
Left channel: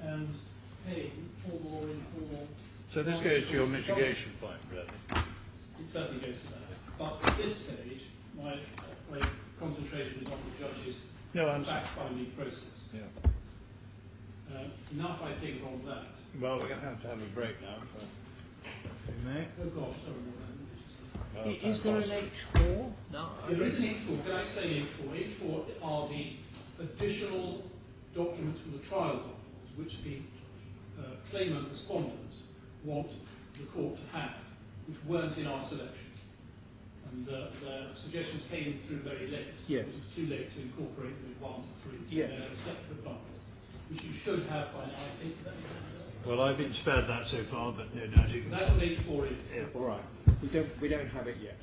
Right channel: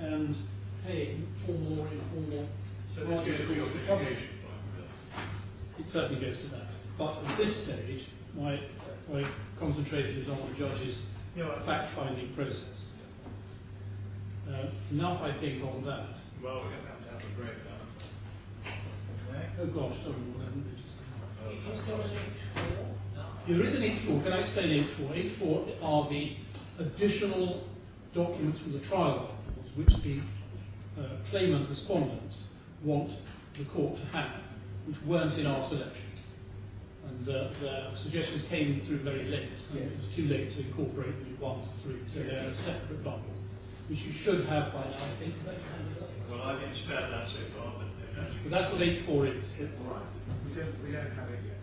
and paying formal or informal. So this goes to your mitigation point, really? It certainly goes to that. But at this stage, my concentration is on the judge's fact-finding process. Yeah. Enough, I think, on that. Well, we're going to have a break now. So. Oh gosh, sorry, Lord, I haven't registered. Is there an H4? No. There is an H4. Can I explain H4? H4 are the additional documents from the trial bundles which the claimant respondents want the court to have, which weren't in our selection. And their suggestions came through very late. So it was too late to incorporate them in 1 to 3. So they're a separate bundle. which you should have by now, I think. Well, I've been spared that so far, but no doubt you But that's what H4 is. Yes. All right. We don't have it yet.